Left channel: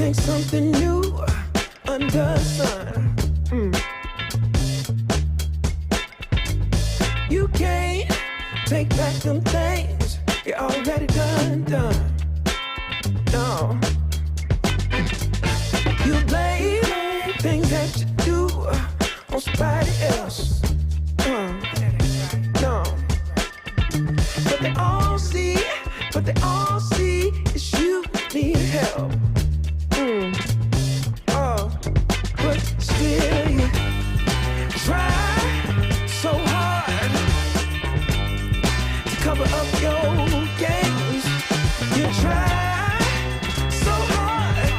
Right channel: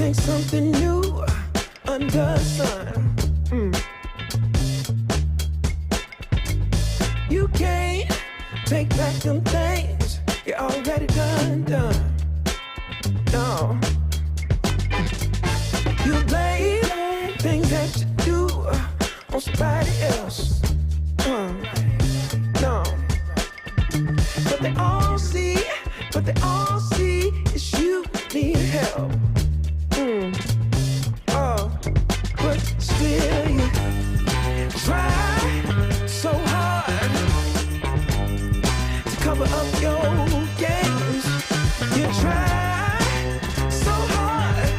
think something new under the sun. You can't take back them things you already done. No. You blame things that you do on somebody else. No. But they all see is you need help. But still you try so hard to cover up your games. You try so hard,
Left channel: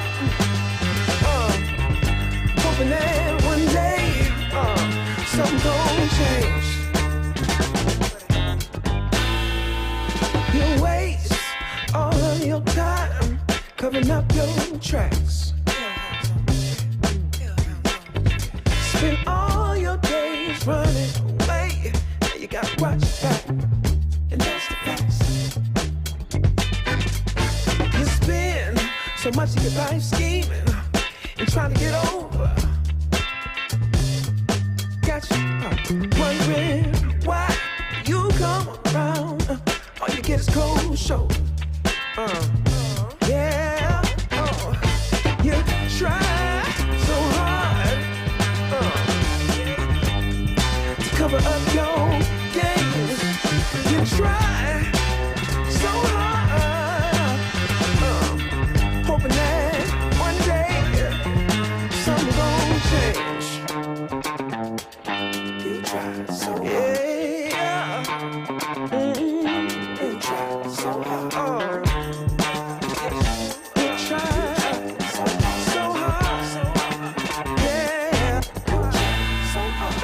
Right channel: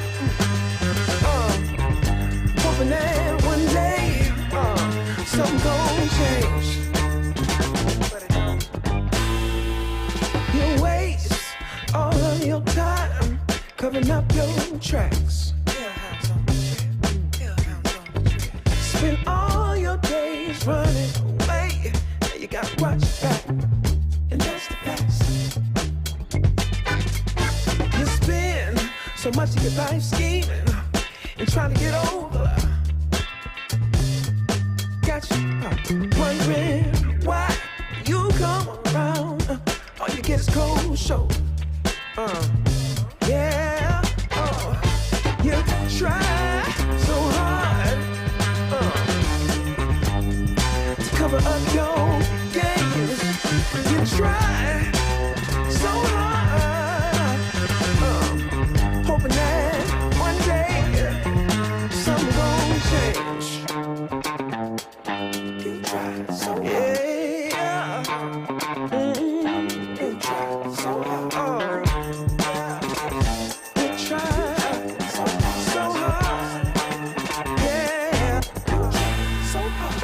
hoping that one day something gon' change. You waste all of your time covering up your tracks. Spend all your days running away. You gotta watch your back, and that's the facts. You spend so much of your life scheming and trying to get over. Got you wondering why you come around. All you get is cold shoulder. Yeah, you try so hard to cover up your games. You try so hard, hoping that one day something gon' change. You try so hard. Yeah. You try so hard. You try so hard. Yeah. You try so hard.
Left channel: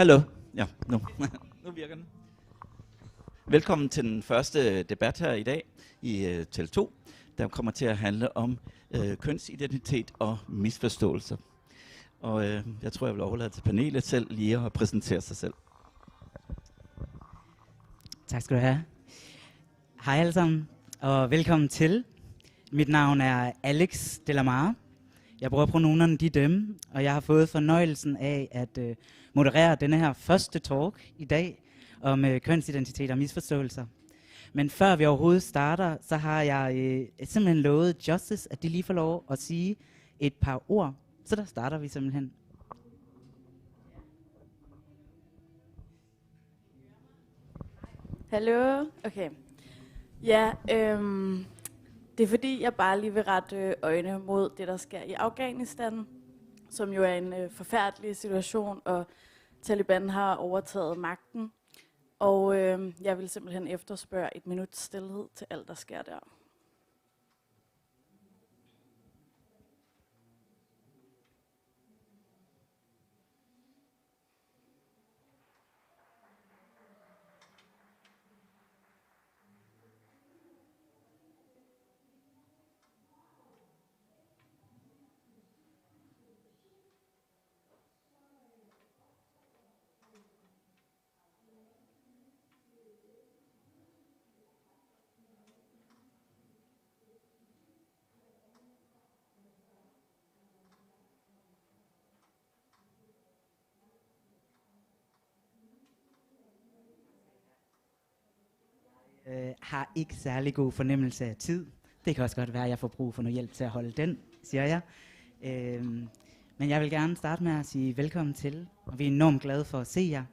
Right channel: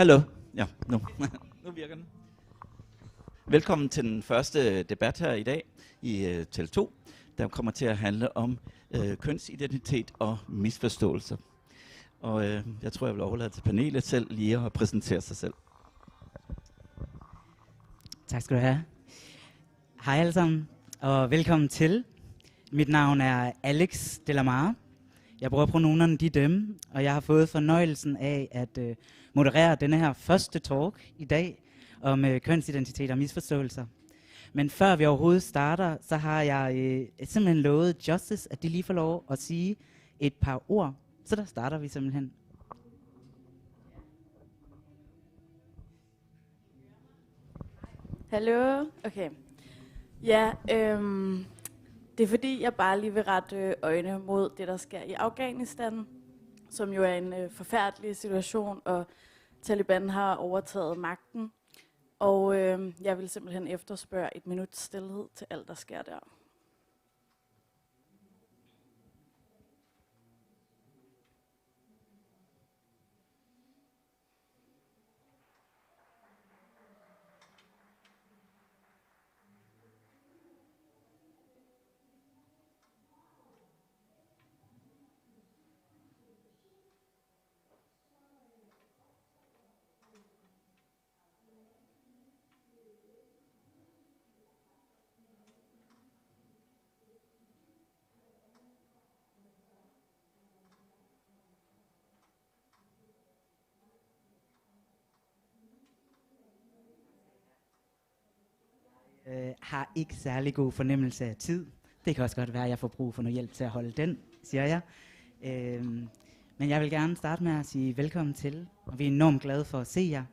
Hallo. Ja, nu. Nu virker den. Velkommen til den første debat her i dag i Tele2, der kommer til at handle om kønsidentitet og misforståelser. Og jeg tror, jeg vil overlade til panelet selv lige at præsentere sig selv. Tak skal du have. Hej alle sammen, og velkommen til. Mit navn er Alex Delamare. Jeg bruger pronomerne de dem, og jeg har fået fornøjelsen af at moderere denne her første talk i dag om kønsidentitet og misforståelser. Men før vi overhovedet starter, så har jeg simpelthen lovet Justice, at de lige får lov at sige et par ord. Så der starter vi simpelthen. Hallo? Okay. Ja, det er fordi, jeg bare lige vil rette øjne mod det, der sker i Afghanistan, som jo er en forfærdelig situation, og Taliban har overtaget magten. Og jeg vil simpelthen efterspørge et minuts stilhed til alt, der sker der. Har ikke særlig god fornemmelse af tid. Det kan også godt være, at jeg får brug for noget hjælp til at holde den, siger jeg. Men jeg vil gerne starte med at sige velkommen til, og vi er enormt glade for at se jer.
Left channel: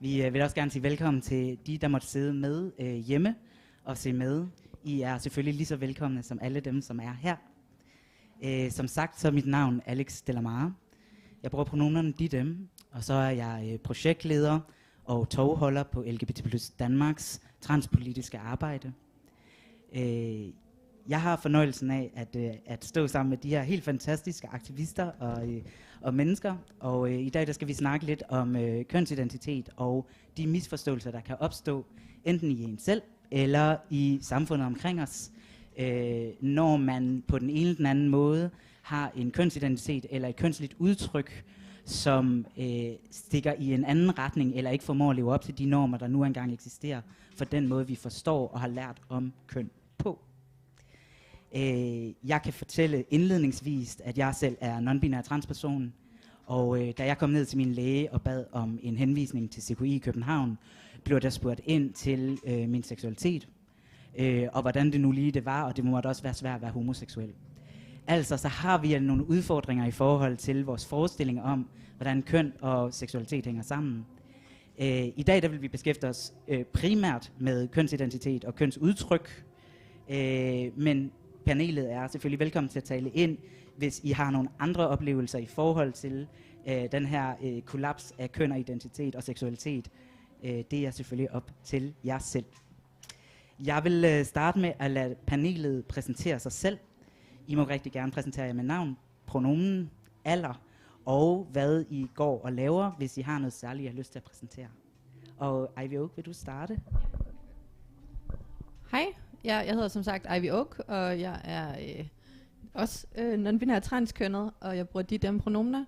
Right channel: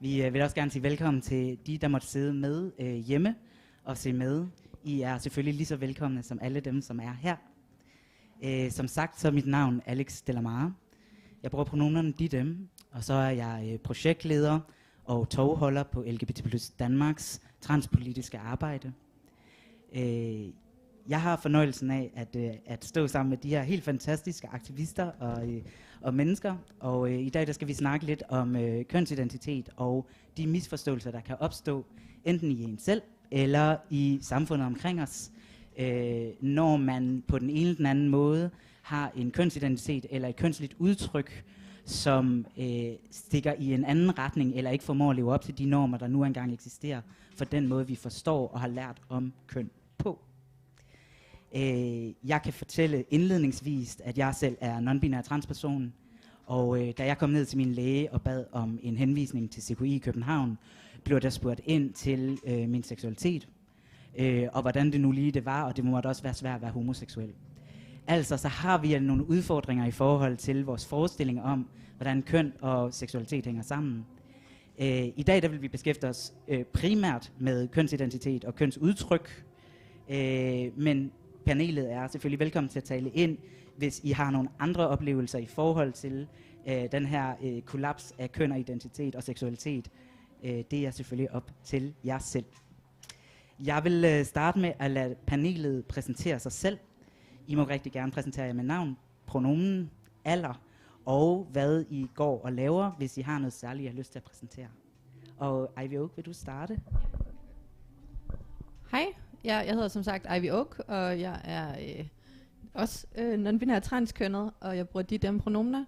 Vi vil også gerne sige velkommen til de, der måtte sidde med hjemme og se med. I er selvfølgelig lige så velkomne som alle dem, som er her. Som sagt, så er mit navn Alex Delamare. Jeg bruger pronomerne de dem, og så er jeg projektleder og tovholder på LGBT+ Danmarks transpolitiske arbejde. Jeg har fornøjelsen af at stå sammen med de her helt fantastiske aktivister og mennesker, og i dag der skal vi snakke lidt om kønsidentitet og de misforståelser, der kan opstå, enten i en selv eller i samfundet omkring os, når man på den ene eller den anden måde har en kønsidentitet eller et kønsligt udtryk, som stikker i en anden retning, eller ikke formår at leve op til de normer, der nu engang eksisterer, for den måde, vi forstår og har lært om køn på. Jeg kan fortælle indledningsvis, at jeg selv er non-binær transperson, og da jeg kom ned til min læge og bad om en henvisning til CKI i København, blev der spurgt ind til min seksualitet, og hvordan det nu lige det var, og det måtte også være svært at være homoseksuel. Altså, så har vi nogle udfordringer i forhold til vores forestillinger om, hvordan køn og seksualitet hænger sammen. I dag der vil vi beskæftige os primært med kønsidentitet og kønsudtryk, men panelet er selvfølgelig velkommen til at tale ind, hvis I har nogle andre oplevelser i forhold til den her kollaps af køn og identitet og seksualitet. Det er selvfølgelig op til jer selv. Jeg vil starte med at lade panelet præsentere sig selv. I må rigtig gerne præsentere jer med navn, pronomen, alder og hvad I går og laver, hvis I har noget særligt, I har lyst til at præsentere. Og Ivy Oak, vil du starte? Hej, jeg hedder som sagt Ivy Oak, og jeg er også non-binær transkønnet, og jeg bruger de dem pronomener.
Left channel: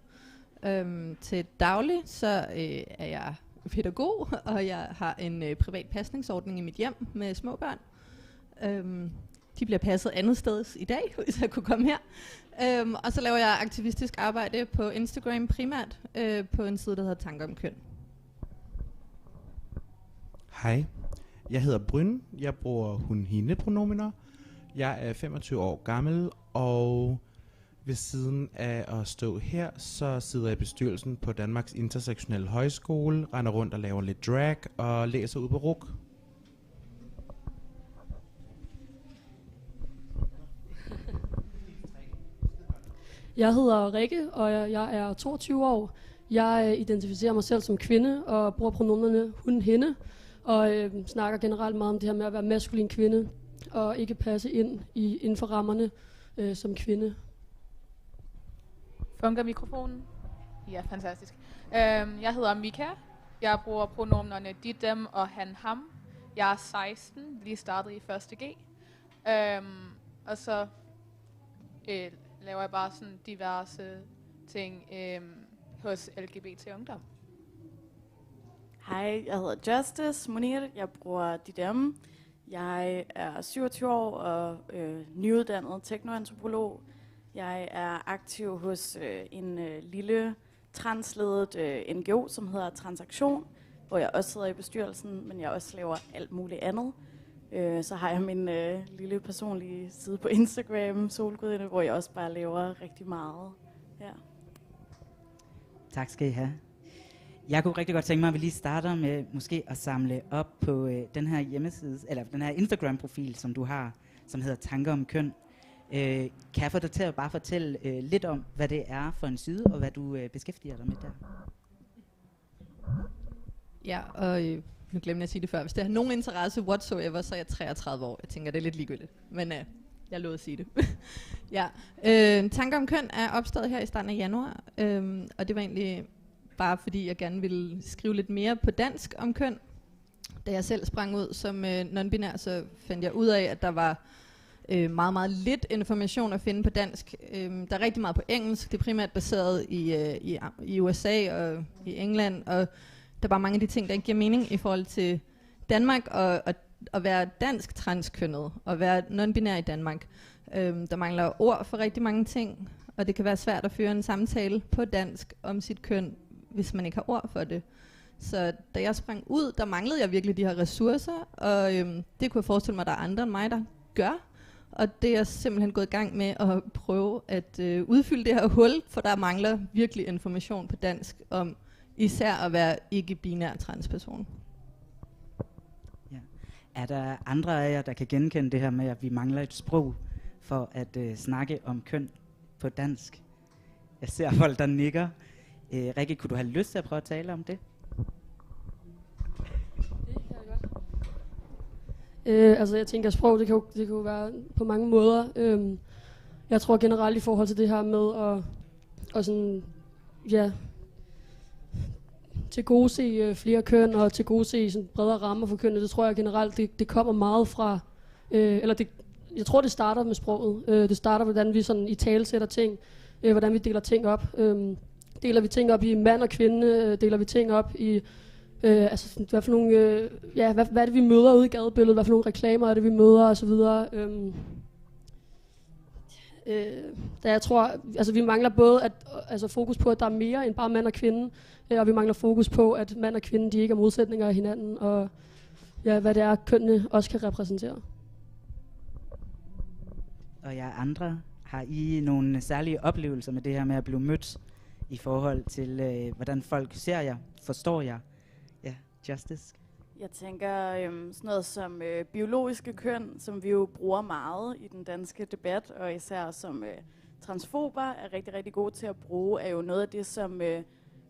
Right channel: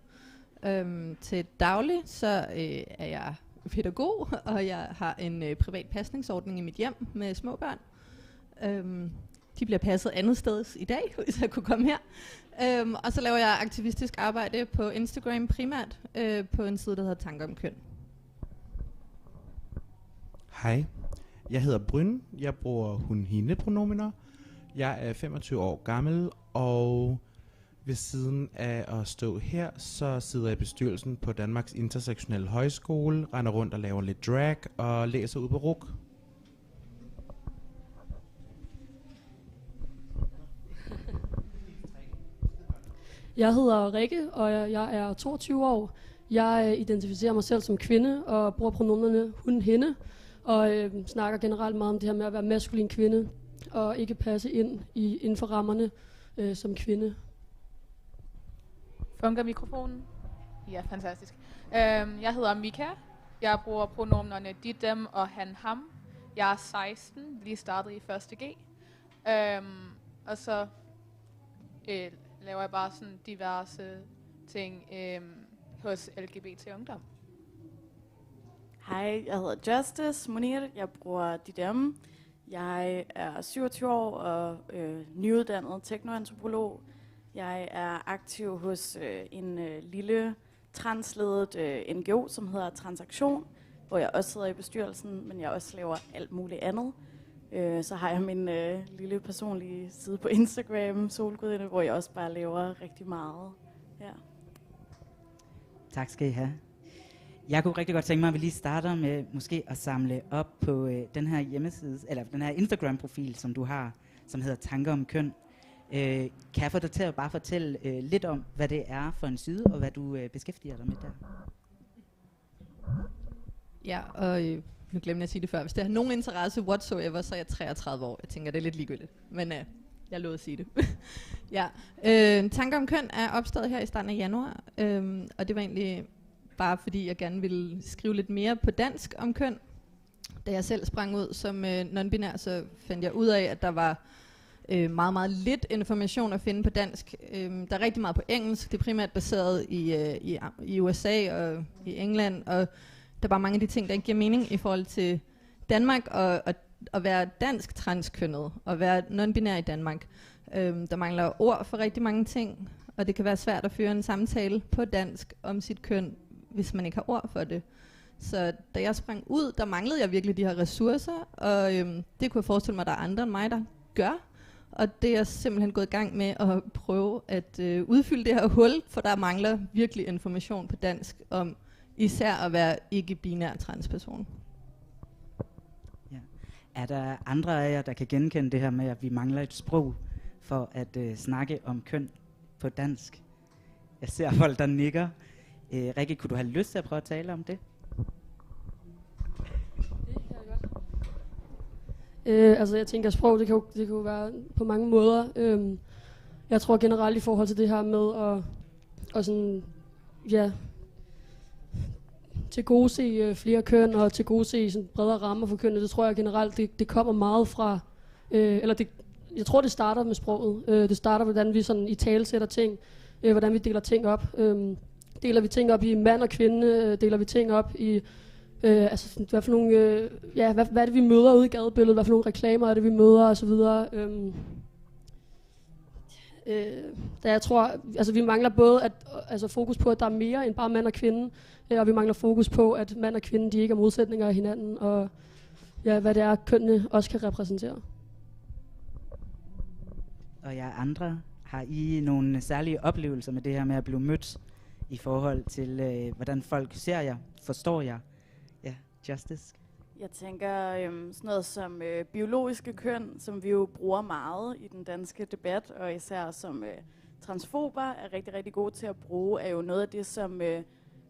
Til daglig, så er jeg pædagog, og jeg har en privat pasningsordning i mit hjem med små børn. De bliver passet andet sted i dag, hvis jeg kunne komme her. Og så laver jeg aktivistisk arbejde på Instagram primært, på en side, der hedder Tanker om Køn. Hej, jeg hedder Bryn. Jeg bruger hun-hende-pronomener. Jeg er 25 år gammel, og ved siden af at stå her, så sidder jeg i bestyrelsen på Danmarks Intersektionelle Højskole, render rundt og laver lidt drag og læser ud på RUK. Jeg hedder Rikke, og jeg er 22 år. Jeg identificerer mig selv som kvinde og bruger pronomerne hun-hende, og snakker generelt meget om det her med at være maskulin kvinde og ikke passe ind inden for rammerne som kvinde. Fungerer mikrofonen? Ja, fantastisk. Jeg hedder Mika, Jeg bruger pronomenerne de, dem og han, ham. Jeg er 16, lige startet i 1. G. Og så laver jeg bare sådan diverse ting hos LGBT Ungdom. Hej, jeg hedder Justice Munir. Jeg bruger de, dem. Jeg er 27 år og nyuddannet teknoantropolog. Jeg er aktiv hos en lille transledet NGO, som hedder Transaktion, hvor jeg også sidder i bestyrelsen, men jeg også laver alt muligt andet. Så har jeg min lille personlige side på Instagram, Solgudinde, hvor jeg også bare laver rigtig meget. Ja. Tak skal I have. Jeg kunne rigtig godt tænke mig, at vi lige starter med måske at samle op på den her hjemmeside, eller den her Instagram-profil, som du har, som hedder Tanker om køn. Kan jeg få dig til at bare fortælle lidt om, hvad det er for en side, og hvad du beskæftiger dig med der? Ja, og nu glemte jeg at sige det før. Hvis det har nogen interesse whatsoever, så er jeg 33 år. Jeg tænker, det er lidt ligegyldigt. Men jeg lovede at sige det. Ja. Tanker om køn er opstået her i starten af januar. Og det var egentlig bare fordi, jeg gerne ville skrive lidt mere på dansk om køn. Da jeg selv sprang ud som non-binær, så fandt jeg ud af, at der var meget, meget lidt information at finde på dansk. Der er rigtig meget på engelsk. Det er primært baseret i USA og i England. Og der er bare mange af de ting, der ikke giver mening i forhold til Danmark og at være dansk transkønnet og være non-binær i Danmark. Der mangler ord for rigtig mange ting, og det kan være svært at føre en samtale på dansk om sit køn, hvis man ikke har ord for det. Så da jeg sprang ud, der manglede jeg virkelig de her ressourcer, og det kunne jeg forestille mig, at der er andre end mig, der gør. Og det er jeg simpelthen gået i gang med at prøve at udfylde det her hul, for der mangler virkelig information på dansk om især at være ikke-binær transperson. Ja. Er der andre af jer, der kan genkende det her med, at vi mangler et sprog for at snakke om køn på dansk? Jeg ser folk, der nikker. Rikke, kunne du have lyst til at prøve at tale om det? Altså jeg tænker, at sprog det kan jo være på mange måder. Jeg tror generelt i forhold til det her med at sådan, ja, til gode se flere køn og til gode se sådan bredere rammer for kønnet, det tror jeg generelt, det kommer meget fra, jeg tror det starter med sproget. Det starter, hvordan vi sådan italesætter ting, hvordan vi deler ting op. Deler vi ting op i mand og kvinde, deler vi ting op i, altså hvad for nogle, hvad er det vi møder ude i gadebilledet, hvad for nogle reklamer er det vi møder og så videre. Da jeg tror, altså vi mangler både fokus på, at der er mere end bare mand og kvinde, og vi mangler fokus på, at mand og kvinde de ikke er modsætninger af hinanden, og ja, hvad det er, kønnene også kan repræsentere. Og jer andre, har I nogle særlige oplevelser med det her med at blive mødt i forhold til, hvordan folk ser jer, forstår jer? Ja, Justice? Jeg tænker sådan noget som biologiske køn, som vi jo bruger meget i den danske debat, og især som transfober er rigtig, rigtig gode til at bruge, er jo noget af det, som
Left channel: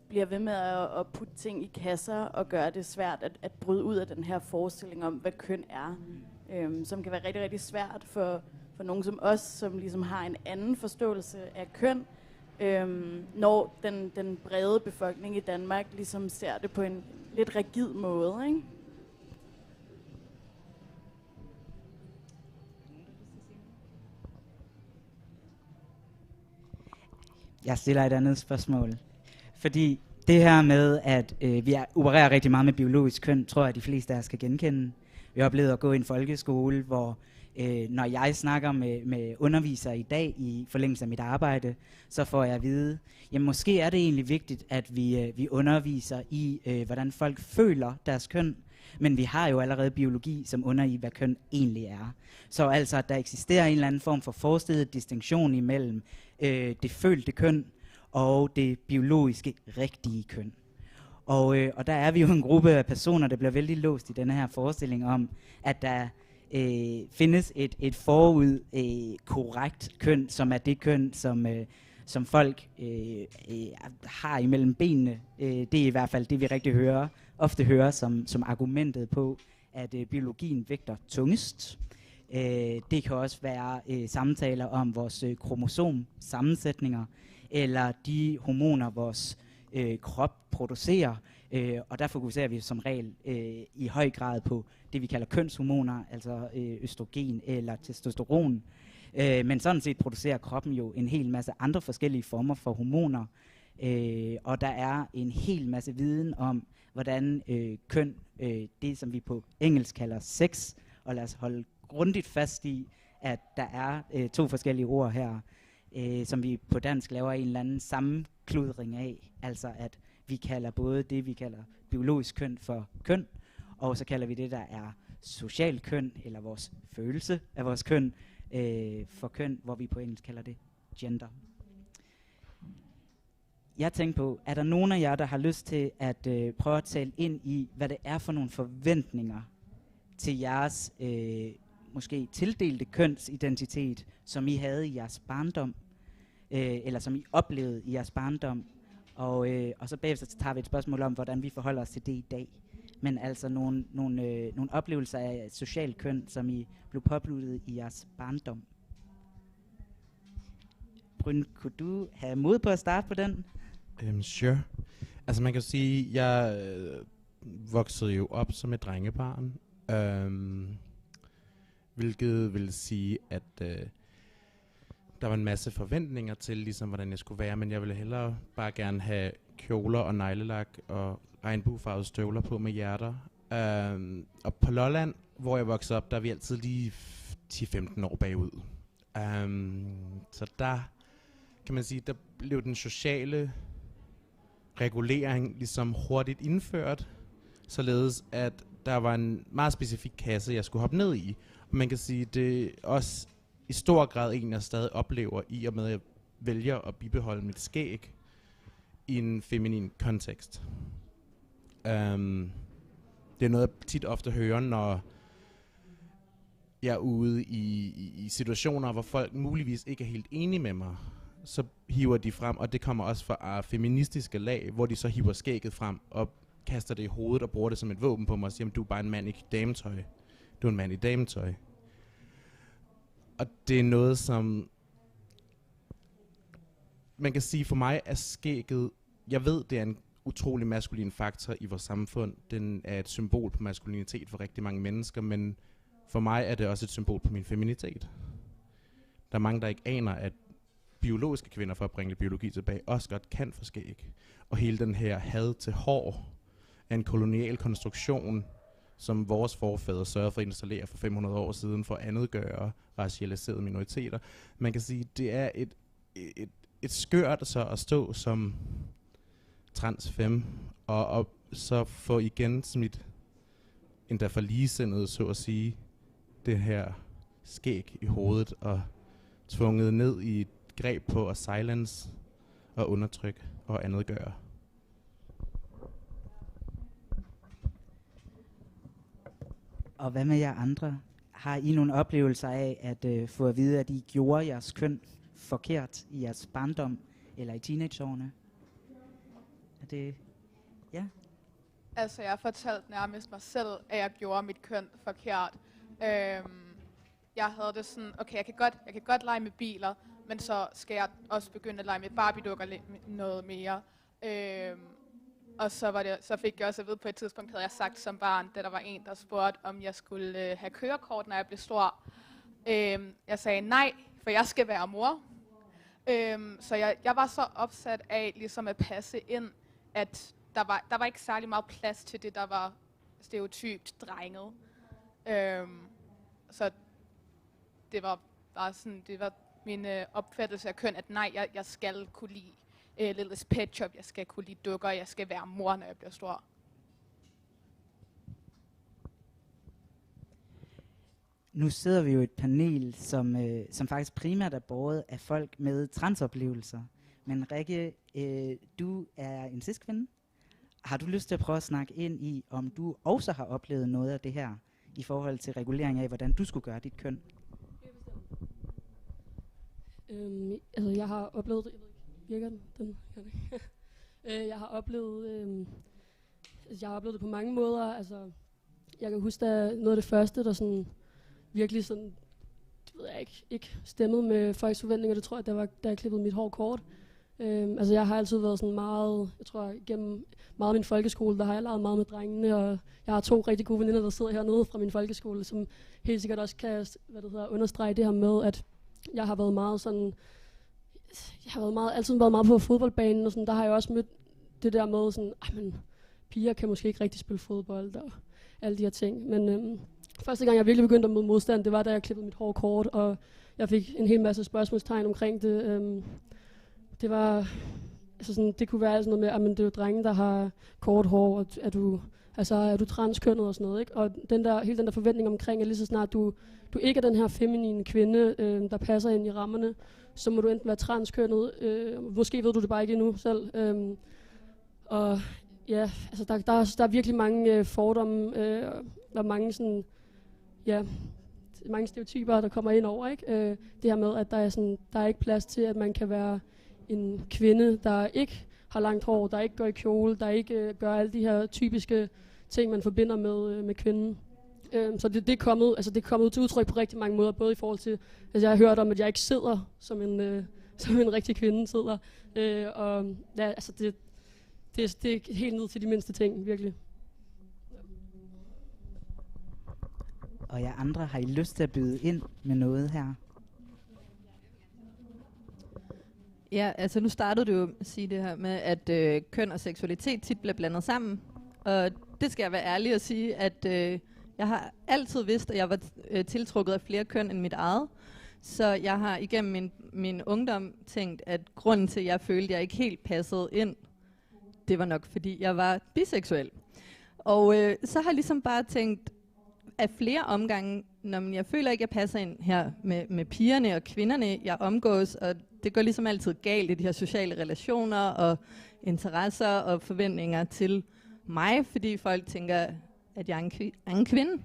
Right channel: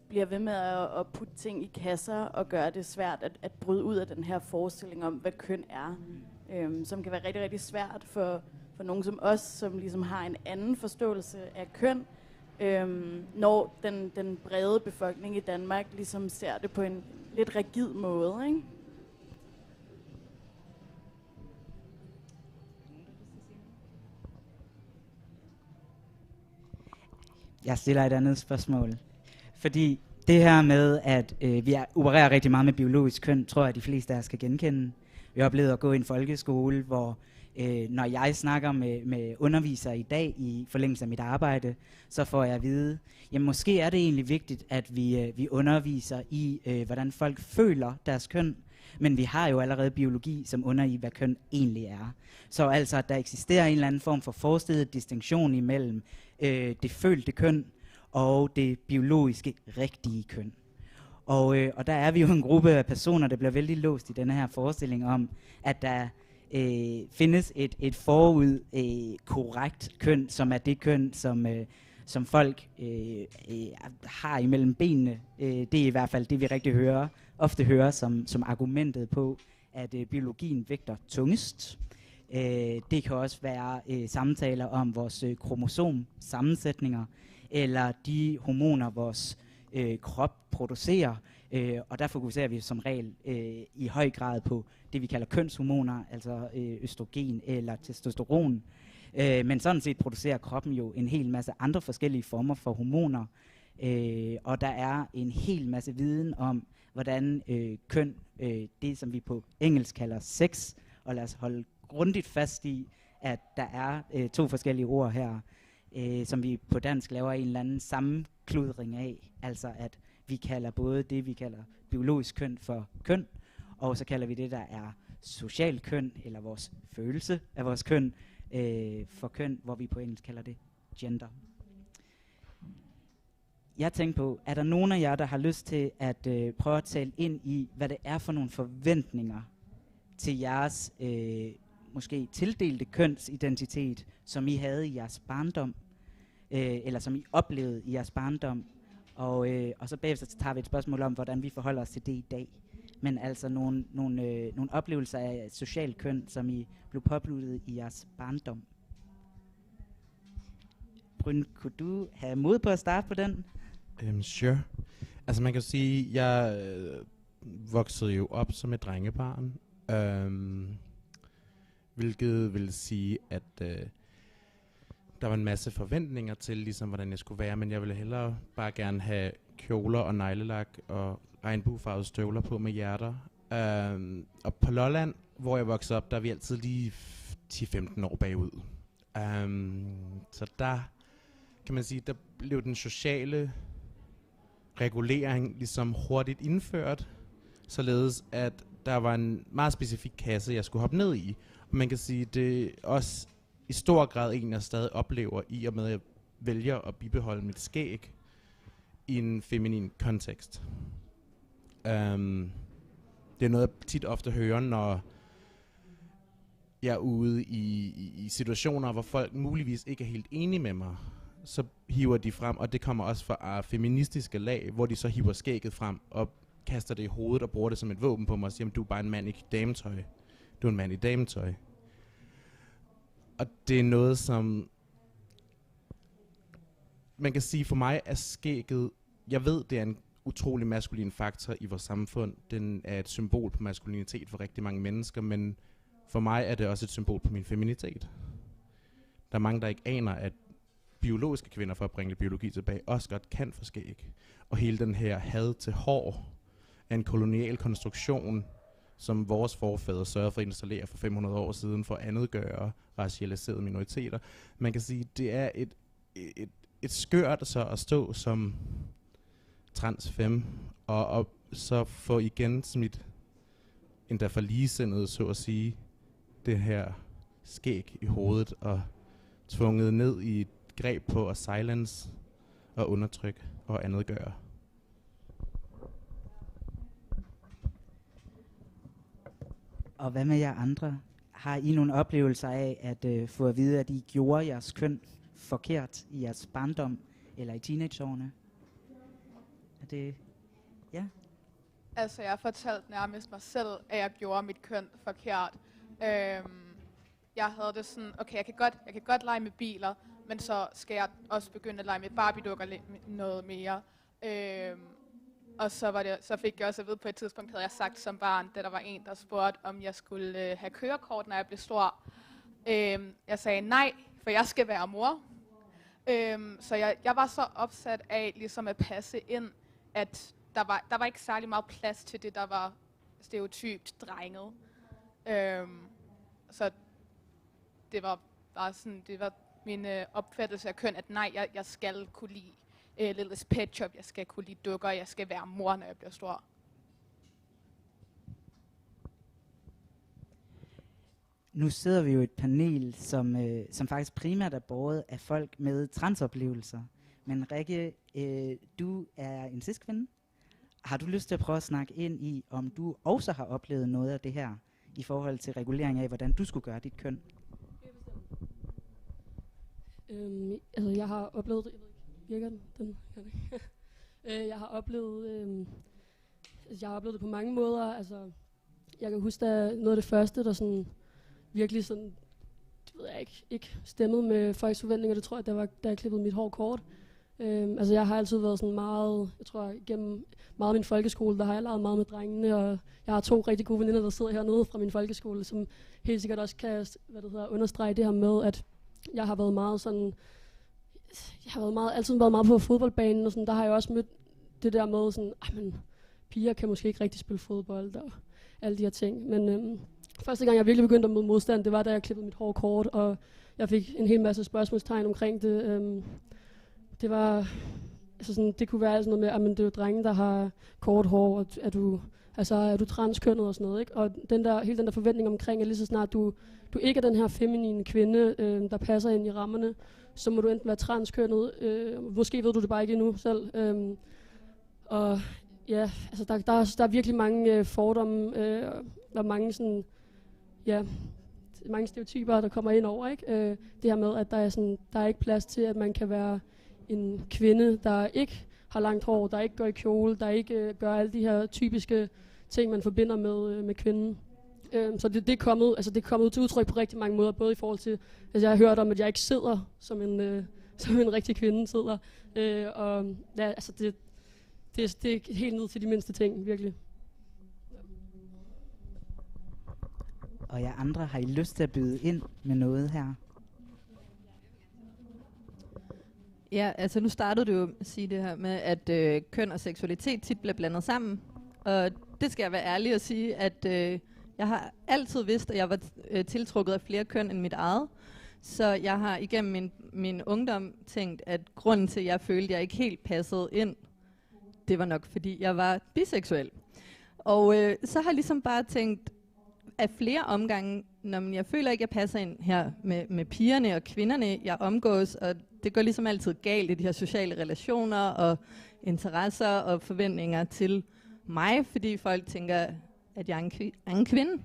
bliver ved med at putte ting i kasser og gøre det svært at bryde ud af den her forestilling om, hvad køn er. Som kan være rigtig, rigtig svært for nogen som os, som ligesom har en anden forståelse af køn, når den brede befolkning i Danmark ligesom ser det på en lidt rigid måde, ikke? Jeg stiller et andet spørgsmål. Fordi det her med, at vi opererer rigtig meget med biologisk køn, tror jeg, at de fleste af os kan genkende. Vi har oplevet at gå i en folkeskole, hvor når jeg snakker med undervisere i dag i forlængelse af mit arbejde, så får jeg at vide, jamen måske er det egentlig vigtigt, at vi underviser i, hvordan folk føler deres køn, men vi har jo allerede biologi, som under i, hvad køn egentlig er. Så altså, at der eksisterer en eller anden form for forestillet distinktion imellem det følte køn og det biologiske rigtige køn. Og der er vi jo en gruppe af personer, der bliver vældig låst i denne her forestilling om, at der findes et forud korrekt køn, som er det køn, som folk har imellem benene. Det er i hvert fald det, vi rigtig ofte hører som argumentet på, at biologien vægter tungest. Det kan også være samtaler om vores kromosomsammensætninger, eller de hormoner, vores krop producerer, Og der fokuserer vi som regel i høj grad på det, vi kalder kønshormoner, altså østrogen eller testosteron. Men sådan set producerer kroppen jo en hel masse andre forskellige former for hormoner. Og der er en hel masse viden om, hvordan køn, det som vi på engelsk kalder sex, og lad os holde grundigt fast i, at der er 2 forskellige ord her, som vi på dansk laver en eller anden sammenkludring af. Altså at vi kalder både det, vi kalder biologisk køn for køn, og så kalder vi det, der er social køn, eller vores følelse af vores køn, for køn, hvor vi på engelsk kalder det gender. Jeg tænker på, er der nogen af jer, der har lyst til at prøve at tale ind i, hvad det er for nogle forventninger til jeres måske tildelte kønsidentitet, som I havde i jeres barndom, eller som I oplevede i jeres barndom, og så bagefter tager vi et spørgsmål om, hvordan vi forholder os til det i dag. Men altså nogle oplevelser af social køn, som I blev påbluttet i jeres barndom. Bryn, kunne du have mod på at starte på den? Sure. Altså man kan sige, jeg voksede jo op som et drengebarn, hvilket vil sige, at der var en masse forventninger til, ligesom hvordan jeg skulle være, men jeg ville hellere bare gerne have kjoler og neglelak og regnbuefarvede støvler på med hjerter. Og på Lolland, hvor jeg voksede op, der er vi altid lige 10-15 år bagud. Så der kan man sige, der blev den sociale regulering ligesom hurtigt indført, således at der var en meget specifik kasse, jeg skulle hoppe ned i. Og man kan sige, det er også i stor grad en, jeg stadig oplever i og med, at jeg vælger at bibeholde mit skæg i en feminin kontekst. Det er noget, jeg tit ofte hører, når jeg er ude i situationer, hvor folk muligvis ikke er helt enige med mig. Så hiver de frem, og det kommer også fra feministiske lag, hvor de så hiver skægget frem og kaster det i hovedet og bruger det som et våben på mig og siger, du er bare en mand i dametøj. Du er en mand i dametøj. Og det er noget, som man kan sige for mig er skægget. Jeg ved, det er en utrolig maskulin faktor i vores samfund. Den er et symbol på maskulinitet for rigtig mange mennesker, men for mig er det også et symbol på min feminitet. Der er mange, der ikke aner, at biologiske kvinder, for at bringe biologi tilbage, også godt kan få skæg. Og hele den her had til hår er en kolonial konstruktion, som vores forfædre sørgede for at installere for 500 år siden for at andetgøre racialiserede minoriteter. Man kan sige, det er et skørt så at stå som transfem, og så få igen smidt endda for ligesindede, så at sige, det her skæg i hovedet og tvunget ned i et greb på at silence og undertrykke og andetgøre. Og hvad med jer andre? Har I nogle oplevelser af at få at vide, at I gjorde jeres køn forkert i jeres barndom eller i teenageårene? Er det... Ja? Altså, jeg har fortalt nærmest mig selv, at jeg gjorde mit køn forkert. Jeg havde det sådan, okay, jeg kan godt lege med biler, men så skal jeg også begynde at lege med Barbie-dukker noget mere. Og så fik jeg også at vide, på et tidspunkt havde jeg sagt som barn, da der var en, der spurgte, om jeg skulle have kørekort, når jeg blev stor. Jeg sagde nej, for jeg skal være mor. Så jeg var så opsat af ligesom at passe ind, at der var ikke særlig meget plads til det, der var stereotypt drenget. Så det var bare sådan, det var min opfattelse af køn, at nej, jeg skal kunne lide Little Pet Shop, jeg skal kunne lide dukker, jeg skal være mor, når jeg bliver stor. Nu sidder vi jo i et panel, som faktisk primært er båret af folk med transoplevelser. Men Rikke, du er en cis-kvinde. Har du lyst til at prøve at snakke ind i, om du også har oplevet noget af det her, i forhold til regulering af, hvordan du skulle gøre dit køn? Altså, jeg har oplevet, jeg ved ikke, virker den? Jeg har oplevet, det på mange måder. Altså, jeg kan huske, at noget af det første, der sådan virkelig sådan, det ved jeg ikke stemmede med folks forventninger. Det tror jeg, da jeg klippede mit hår kort. Altså jeg har altid været sådan meget, jeg tror gennem meget af min folkeskole, der har jeg leget meget med drengene, og jeg har 2 rigtig gode veninder, der sidder hernede fra min folkeskole, som helt sikkert også kan understrege det her med, at jeg har været meget sådan, altid været meget på fodboldbanen, og sådan, der har jeg også mødt det der med sådan, men piger kan måske ikke rigtig spille fodbold, og alle de her ting. Men første gang jeg virkelig begyndte at møde modstand, det var da jeg klippede mit hår kort, og jeg fik en hel masse spørgsmålstegn omkring det. Det var, altså sådan, det kunne være sådan noget med, at det er jo drenge, der har kort hår, og er du transkønnet og sådan noget, ikke? Og hele den der forventning omkring, at lige så snart du ikke er den her feminine kvinde, der passer ind i rammerne, så må du enten være transkønnet, måske ved du det bare ikke endnu selv. Og ja, altså der er virkelig mange fordomme, og mange sådan, ja, mange stereotyper, der kommer ind over, ikke? Det her med, at der er ikke plads til, at man kan være en kvinde, der ikke har langt hår, der ikke går i kjole, der ikke gør alle de her typiske ting, man forbinder med kvinden. Så det er kommet til udtryk på rigtig mange måder, både i forhold til, altså jeg har hørt om, at jeg ikke sidder som en rigtig kvinde sidder, og ja, altså det er helt ned til de mindste ting, virkelig. Og jer andre, har I lyst til at byde ind med noget her? Ja, altså nu startede du jo at sige det her med, at køn og seksualitet tit bliver blandet sammen. Og det skal jeg være ærlig at sige, at jeg har altid vidst, at jeg var tiltrukket af flere køn end mit eget. Så jeg har igennem min ungdom tænkt, at grunden til, at jeg følte, at jeg ikke helt passede ind, det var nok, fordi jeg var biseksuel. Og så har jeg ligesom bare tænkt, af flere omgange, jeg føler ikke, at jeg passer ind her med pigerne og kvinderne, jeg omgås, og det går ligesom altid galt i de her sociale relationer og interesser og forventninger til mig, fordi folk tænker, at jeg er en kvinde.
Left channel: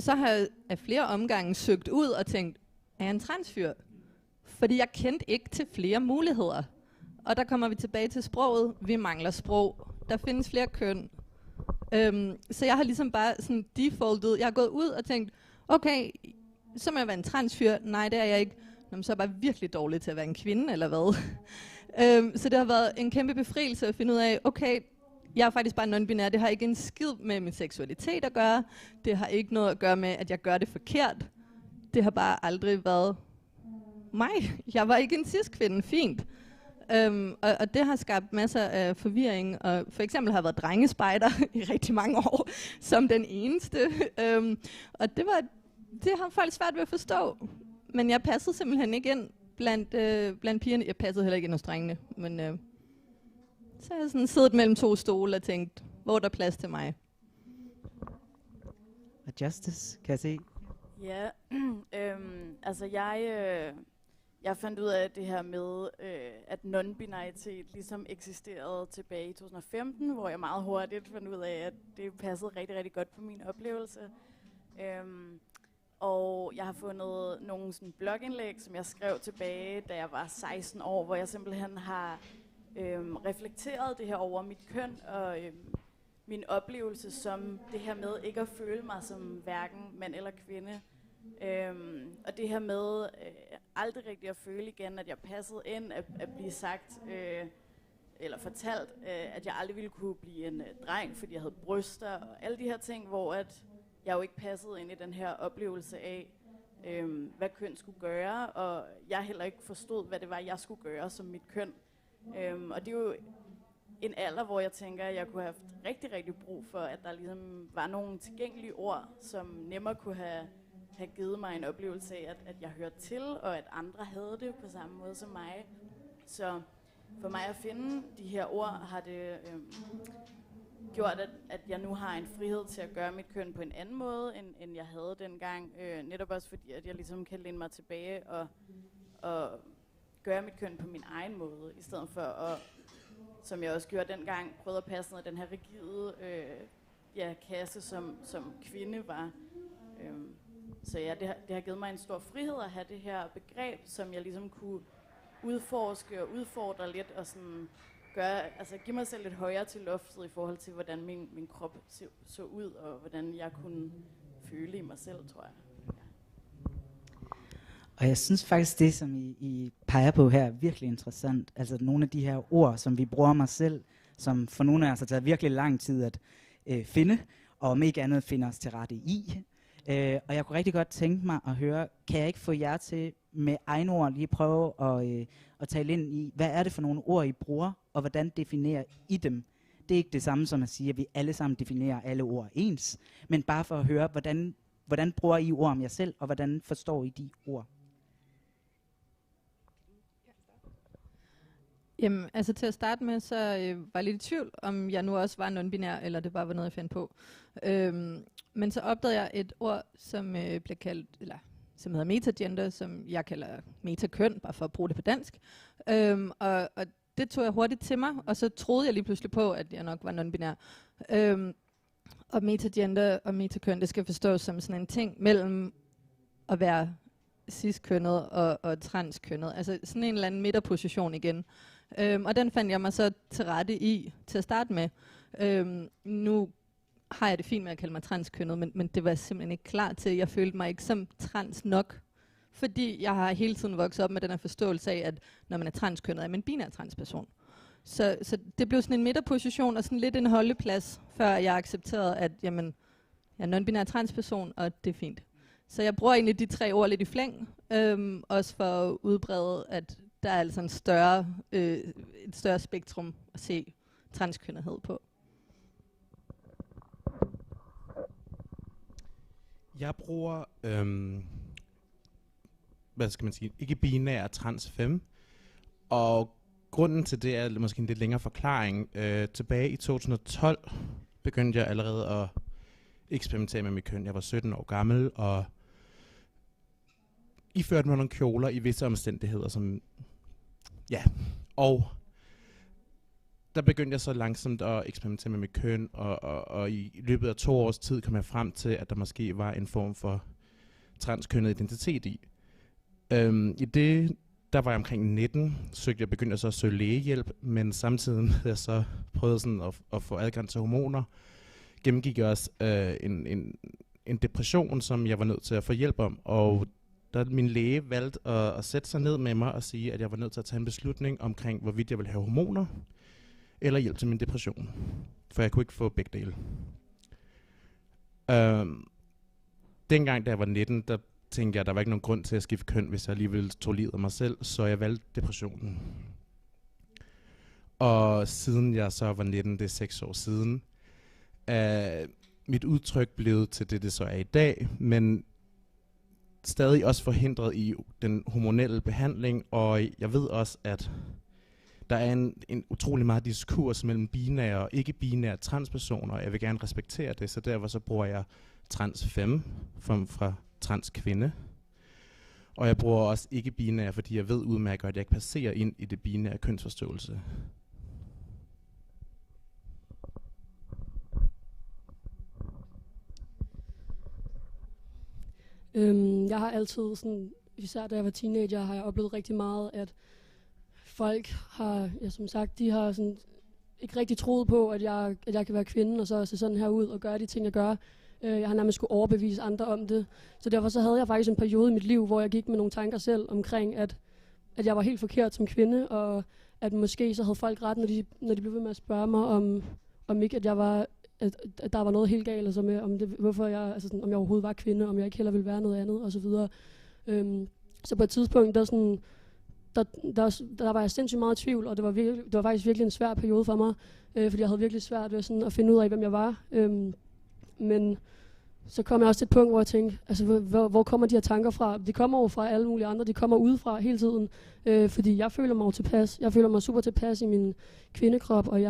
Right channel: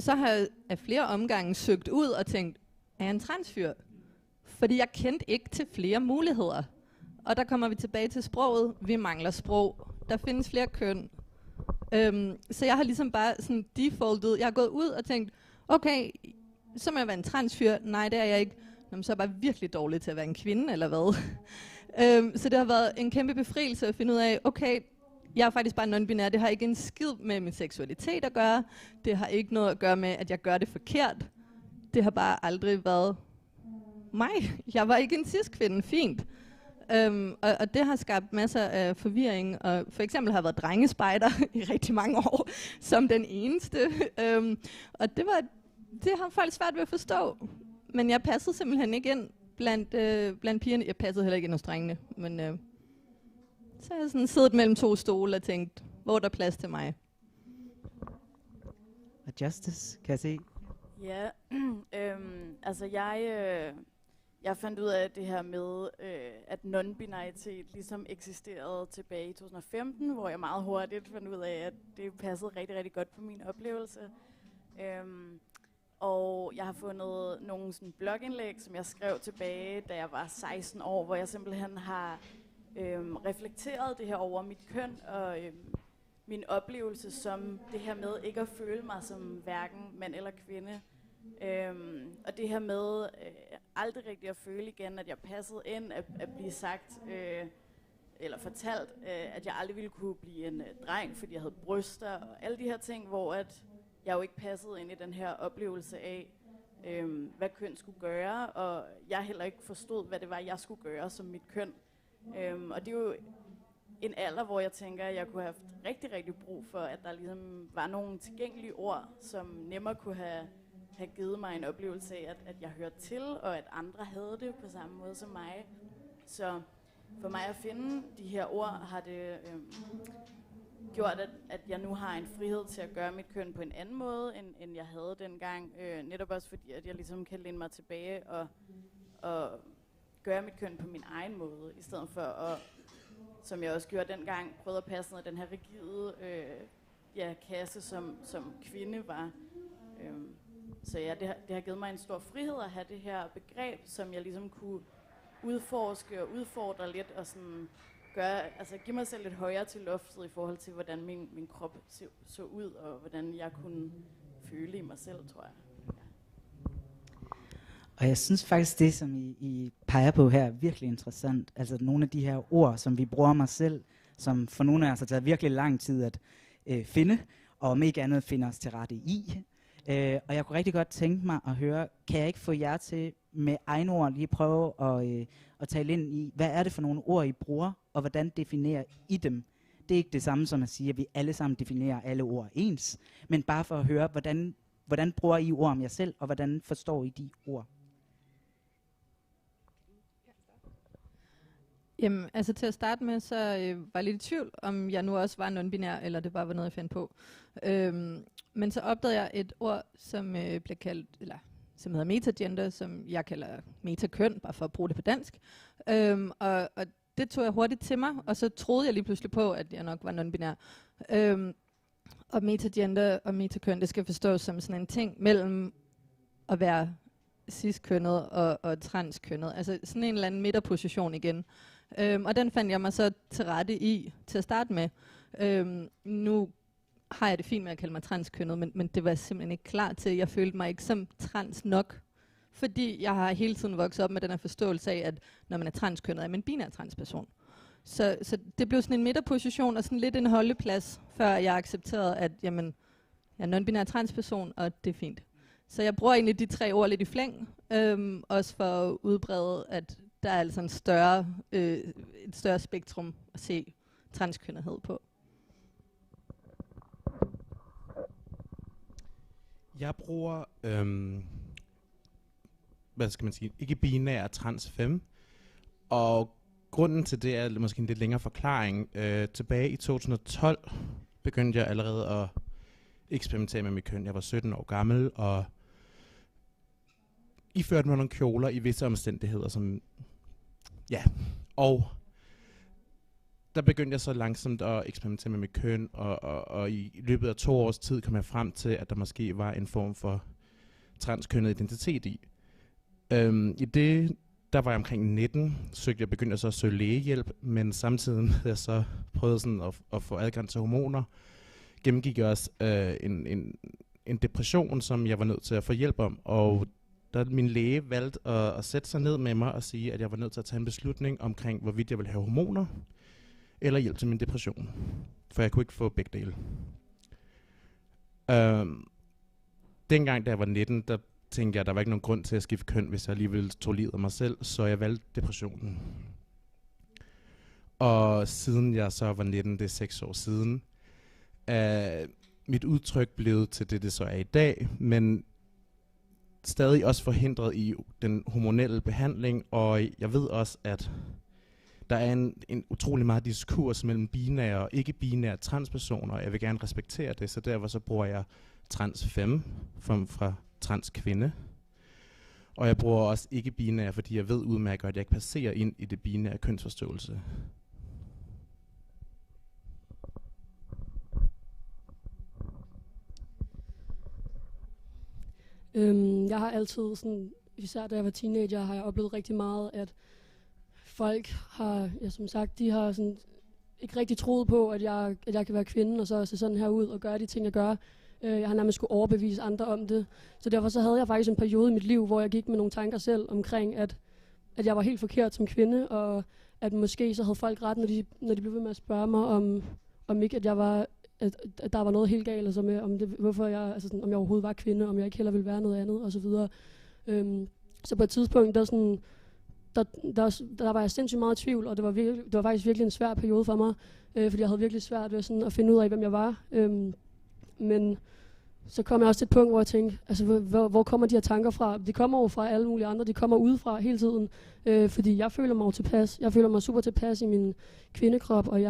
Så har jeg af flere omgange søgt ud og tænkt, er jeg en transfyr? Fordi jeg kendte ikke til flere muligheder. Og der kommer vi tilbage til sproget. Vi mangler sprog. Der findes flere køn. Så jeg har ligesom bare sådan defaultet. Jeg har gået ud og tænkt, okay, så må jeg være en transfyr. Nej, det er jeg ikke. Nå, så er jeg bare virkelig dårlig til at være en kvinde, eller hvad? Så det har været en kæmpe befrielse at finde ud af, okay, jeg er faktisk bare non-binær. Det har ikke en skid med min seksualitet at gøre. Det har ikke noget at gøre med, at jeg gør det forkert. Det har bare aldrig været mig. Jeg var ikke en cis-kvinde. Fint. Og det har skabt masser af forvirring. Og for eksempel har jeg været drengespejder i rigtig mange år, som den eneste. Og det har folk svært ved at forstå. Men jeg passede simpelthen ikke ind blandt pigerne. Jeg passede heller ikke ind hos drengene. Men så har jeg sådan siddet mellem 2 stole og tænkt, hvor er der plads til mig? Og Justice, kan jeg se? Ja, altså jeg fandt ud af det her med, at non-binaritet ligesom eksisterede tilbage i 2015, hvor jeg meget hurtigt fandt ud af, at det passede rigtig, rigtig godt på min oplevelse. Og jeg har fundet nogle sådan blogindlæg, som jeg skrev tilbage, da jeg var 16 år, hvor jeg simpelthen har reflekteret det her over mit køn og min oplevelse som det her med ikke at føle mig som hverken mand eller kvinde. Og det her med aldrig rigtig at føle igen, at jeg passede ind, at blive sagt eller fortalt, at jeg aldrig ville kunne blive en dreng, fordi jeg havde bryster og alle de her ting, hvor at jeg jo ikke passede ind i den her oplevelse af, hvad køn skulle gøre, og jeg heller ikke forstod, hvad det var, jeg skulle gøre som mit køn. Og det er jo en alder, hvor jeg tænker, at jeg kunne have haft rigtig, rigtig brug for, at der ligesom var nogle tilgængelige ord, som nemmere kunne have givet mig en oplevelse af, at jeg hørte til, og at andre havde det på samme måde som mig. Så for mig at finde de her ord, har det gjort, at jeg nu har en frihed til at gøre mit køn på en anden måde, end jeg havde dengang. Netop også fordi, at jeg ligesom kan læne mig tilbage og gøre mit køn på min egen måde, i stedet for at, som jeg også gjorde dengang, prøvede at passe ned den her rigide kasse, som kvinde var. Så ja, det har givet mig en stor frihed at have det her begreb, som jeg ligesom kunne udforske og udfordre lidt, og sådan give mig selv lidt højere til loftet i forhold til, hvordan min krop så ud, og hvordan jeg kunne føle i mig selv, tror jeg. Ja. Og jeg synes faktisk, det som I peger på her er virkelig interessant. Altså nogle af de her ord, som vi bruger mig selv, som for nogle af os har taget virkelig lang tid at finde, og om ikke andet finde os til rette i. Og jeg kunne rigtig godt tænke mig at høre, kan jeg ikke få jer til med egne ord lige prøve at tale ind i, hvad er det for nogle ord, I bruger, og hvordan definerer I dem? Det er ikke det samme som at sige, at vi alle sammen definerer alle ord ens, men bare for at høre, hvordan bruger I ord om jer selv, og hvordan forstår I de ord? Jamen, altså til at starte med, så var jeg lidt i tvivl, om jeg nu også var non-binær, eller det bare var noget, jeg fandt på. Men så opdagede jeg et ord, som blev kaldt, eller som hedder metagender, som jeg kalder metakøn, bare for at bruge det på dansk. Og det tog jeg hurtigt til mig, og så troede jeg lige pludselig på, at jeg nok var non-binær. Og metagender og metakøn, det skal forstås som sådan en ting mellem at være cis-kønnet og transkønnet. Altså sådan en eller anden midterposition igen. Og den fandt jeg mig så til rette i til at starte med. Nu har jeg det fint med at kalde mig transkønnet, men det var jeg simpelthen ikke klar til. Jeg følte mig ikke som trans nok, fordi jeg har hele tiden vokset op med den her forståelse af, at når man er transkønnet, er man en binær transperson. Så det blev sådan en midterposition og sådan lidt en holdeplads, før jeg accepterede, at jamen, jeg er non-binær transperson, og det er fint. Så jeg bruger egentlig de 3 ord lidt i flæng, også for at udbrede, at der er altså et større spektrum at se transkønnethed på. Jeg bruger, hvad skal man sige, ikke binær trans femme, og grunden til det er måske en lidt længere forklaring. Tilbage i 2012 begyndte jeg allerede at eksperimentere med mit køn. Jeg var 17 år gammel, og iførte mig nogle kjoler i visse omstændigheder, som ja, og der begyndte jeg så langsomt at eksperimentere med mit køn, og i løbet af 2 års tid kom jeg frem til, at der måske var en form for transkønnet identitet i. I det, der var jeg omkring 19, begyndte jeg så at søge lægehjælp, men samtidig havde jeg så prøvet sådan at få adgang til hormoner. Gennemgik jeg også en depression, som jeg var nødt til at få hjælp om, og der min læge valgte at sætte sig ned med mig og sige, at jeg var nødt til at tage en beslutning omkring, hvorvidt jeg ville have hormoner eller hjælp til min depression. For jeg kunne ikke få begge dele. Dengang, da jeg var 19, der tænkte jeg, at der var ikke nogen grund til at skifte køn, hvis jeg alligevel tog livet af mig selv, så jeg valgte depressionen. Og siden jeg så var 19, det er 6 år siden, mit udtryk blev til det så er i dag, men stadig også forhindret i den hormonelle behandling, og jeg ved også, at der er en utrolig meget diskurs mellem binære og ikke-binære transpersoner, og jeg vil gerne respektere det, så derfor så bruger jeg trans femme fra transkvinde. Og jeg bruger også ikke-binære, fordi jeg ved udmærket, at jeg ikke passerer ind i det binære kønsforståelse. Jeg har altid, sådan, især da jeg var teenager, har jeg oplevet rigtig meget, at folk har, ja, som sagt, de har sådan ikke rigtig troet på, at jeg kan være kvinde, og så se sådan her ud og gøre de ting, jeg gør. Jeg har nærmest skulle overbevise andre om det. Så derfor så havde jeg faktisk en periode i mit liv, hvor jeg gik med nogle tanker selv omkring, at jeg var helt forkert som kvinde, og at måske så havde folk ret, når de blev ved med at spørge mig, om ikke at jeg var, at der var noget helt galt, altså med, om jeg overhovedet var kvinde, om jeg ikke heller ville være noget andet, og så videre. Så på et tidspunkt, der var jeg sindssygt meget i tvivl, og det var faktisk virkelig en svær periode for mig, fordi jeg havde virkelig svært ved sådan at finde ud af, hvem jeg var. Men så kom jeg også til et punkt, hvor jeg tænkte, altså hvor kommer de her tanker fra? De kommer jo fra alle mulige andre, de kommer udefra hele tiden, fordi jeg føler mig jo tilpas. Jeg føler mig super tilpas i min kvindekrop, og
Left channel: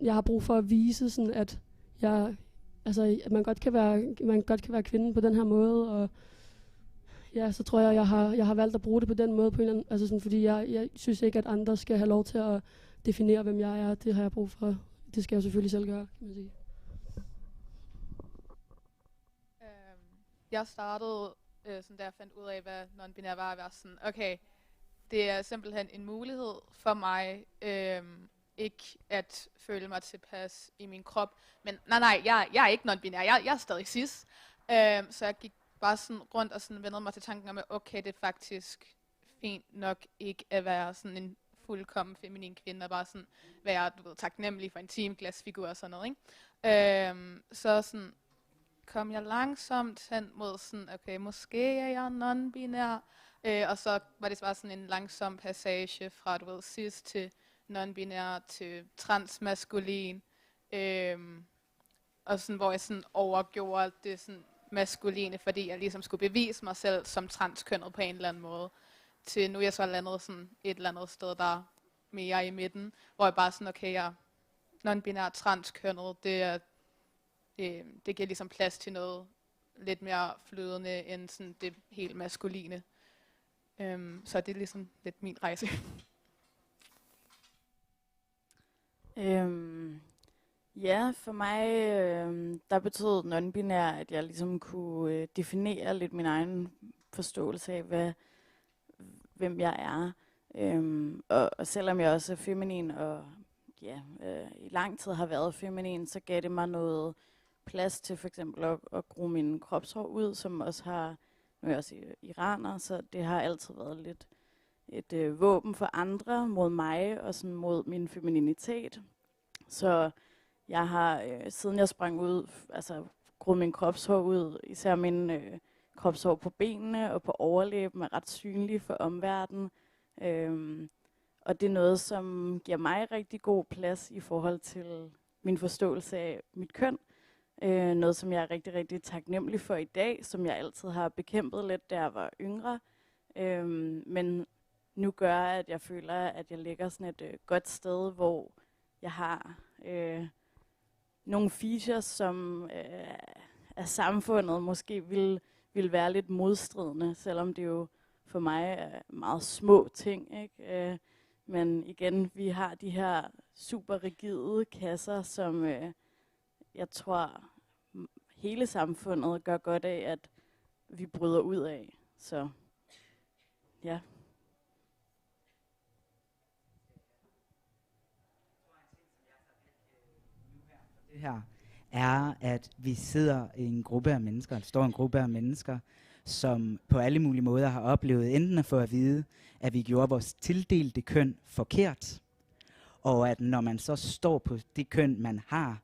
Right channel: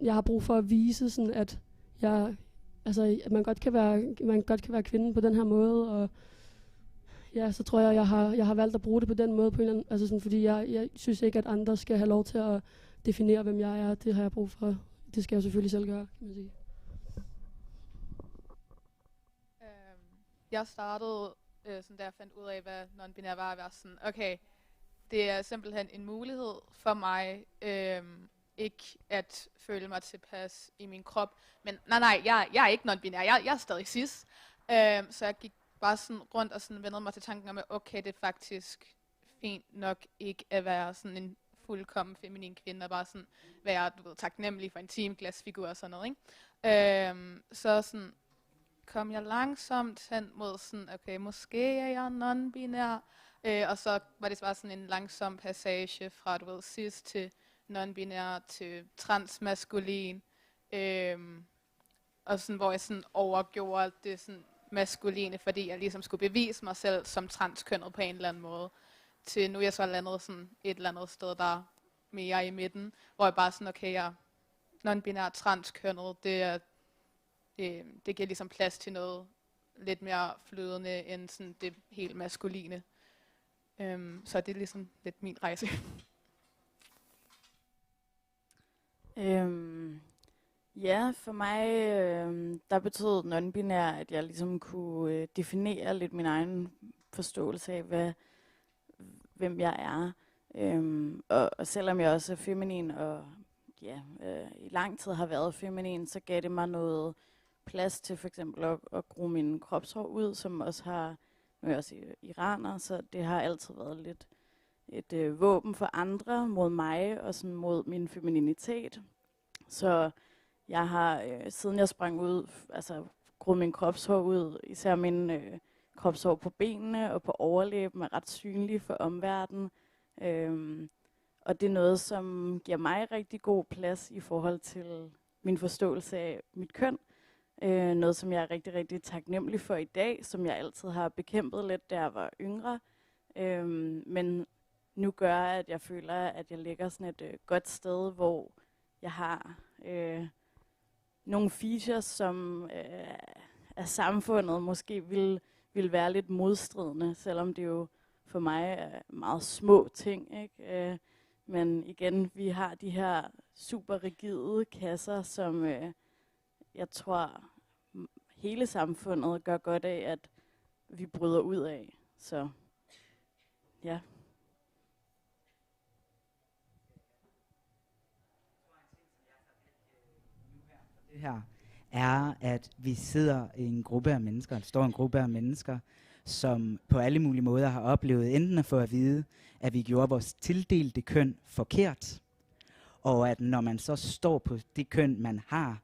jeg har brug for at vise sådan, at man godt kan være kvinde på den her måde, og ja, så tror jeg har valgt at bruge det på den måde, på en eller anden, altså sådan, fordi jeg synes ikke, at andre skal have lov til at definere, hvem jeg er. Det har jeg brug for. Det skal jeg selvfølgelig selv gøre, kan man sige. Jeg startede, sådan da jeg fandt ud af, hvad non-binær var, at være sådan, okay, det er simpelthen en mulighed for mig, ikke at føle mig tilpas i min krop. Men nej, jeg er ikke non-binær, jeg er stadig cis. Så jeg gik bare sådan rundt og sådan vendede mig til tanken om, at okay, det er faktisk fint nok ikke at være sådan en fuldkommen feminin kvinde, og bare sådan være, du ved, taknemmelig for en teamglasfigur og sådan noget, ikke? Så sådan kom jeg langsomt hen mod sådan, okay, måske er jeg non-binær, og så var det bare sådan en langsom passage fra, du ved, cis til non-binær til transmaskulin, og sådan, hvor jeg sådan overgjorde det sådan maskuline, fordi jeg ligesom skulle bevise mig selv som transkønnet på en eller anden måde, til nu er jeg så landet sådan et eller andet sted, der er mere i midten, hvor jeg bare sådan, okay, jeg er non-binær transkønnet, det giver ligesom plads til noget lidt mere flydende end sådan det helt maskuline. Så det er ligesom lidt min rejse. Ja, for mig, der betød non-binær, at jeg ligesom kunne definere lidt min egen forståelse af, hvem jeg er. Og selvom jeg også er feminin, og i lang tid har været feminin, så gav det mig noget plads til for eksempel at gro min kropshår ud, som også har, nu er jeg også iraner, så det har altid været lidt et våben for andre mod mig, og sådan mod min femininitet. Så jeg har, siden jeg sprang ud, altså groet min kropshår ud, især min kropshår på benene og på overlæben er ret synlige for omverdenen. Og det er noget, som giver mig rigtig god plads i forhold til min forståelse af mit køn. Noget, som jeg er rigtig, rigtig taknemmelig for i dag, som jeg altid har bekæmpet lidt, da jeg var yngre. Men nu gør, at jeg føler, at jeg ligger sådan et godt sted, hvor jeg har nogle features, som af samfundet måske vil være lidt modstridende, selvom det jo for mig er meget små ting, ikke? Men igen, vi har de her super rigide kasser, som jeg tror hele samfundet gør godt af, at vi bryder ud af. Så ja. Det her er, at vi sidder i en gruppe af mennesker, der står en gruppe af mennesker, som på alle mulige måder har oplevet enten at få at vide, at vi gjorde vores tildelte køn forkert, og at når man så står på det køn, man har,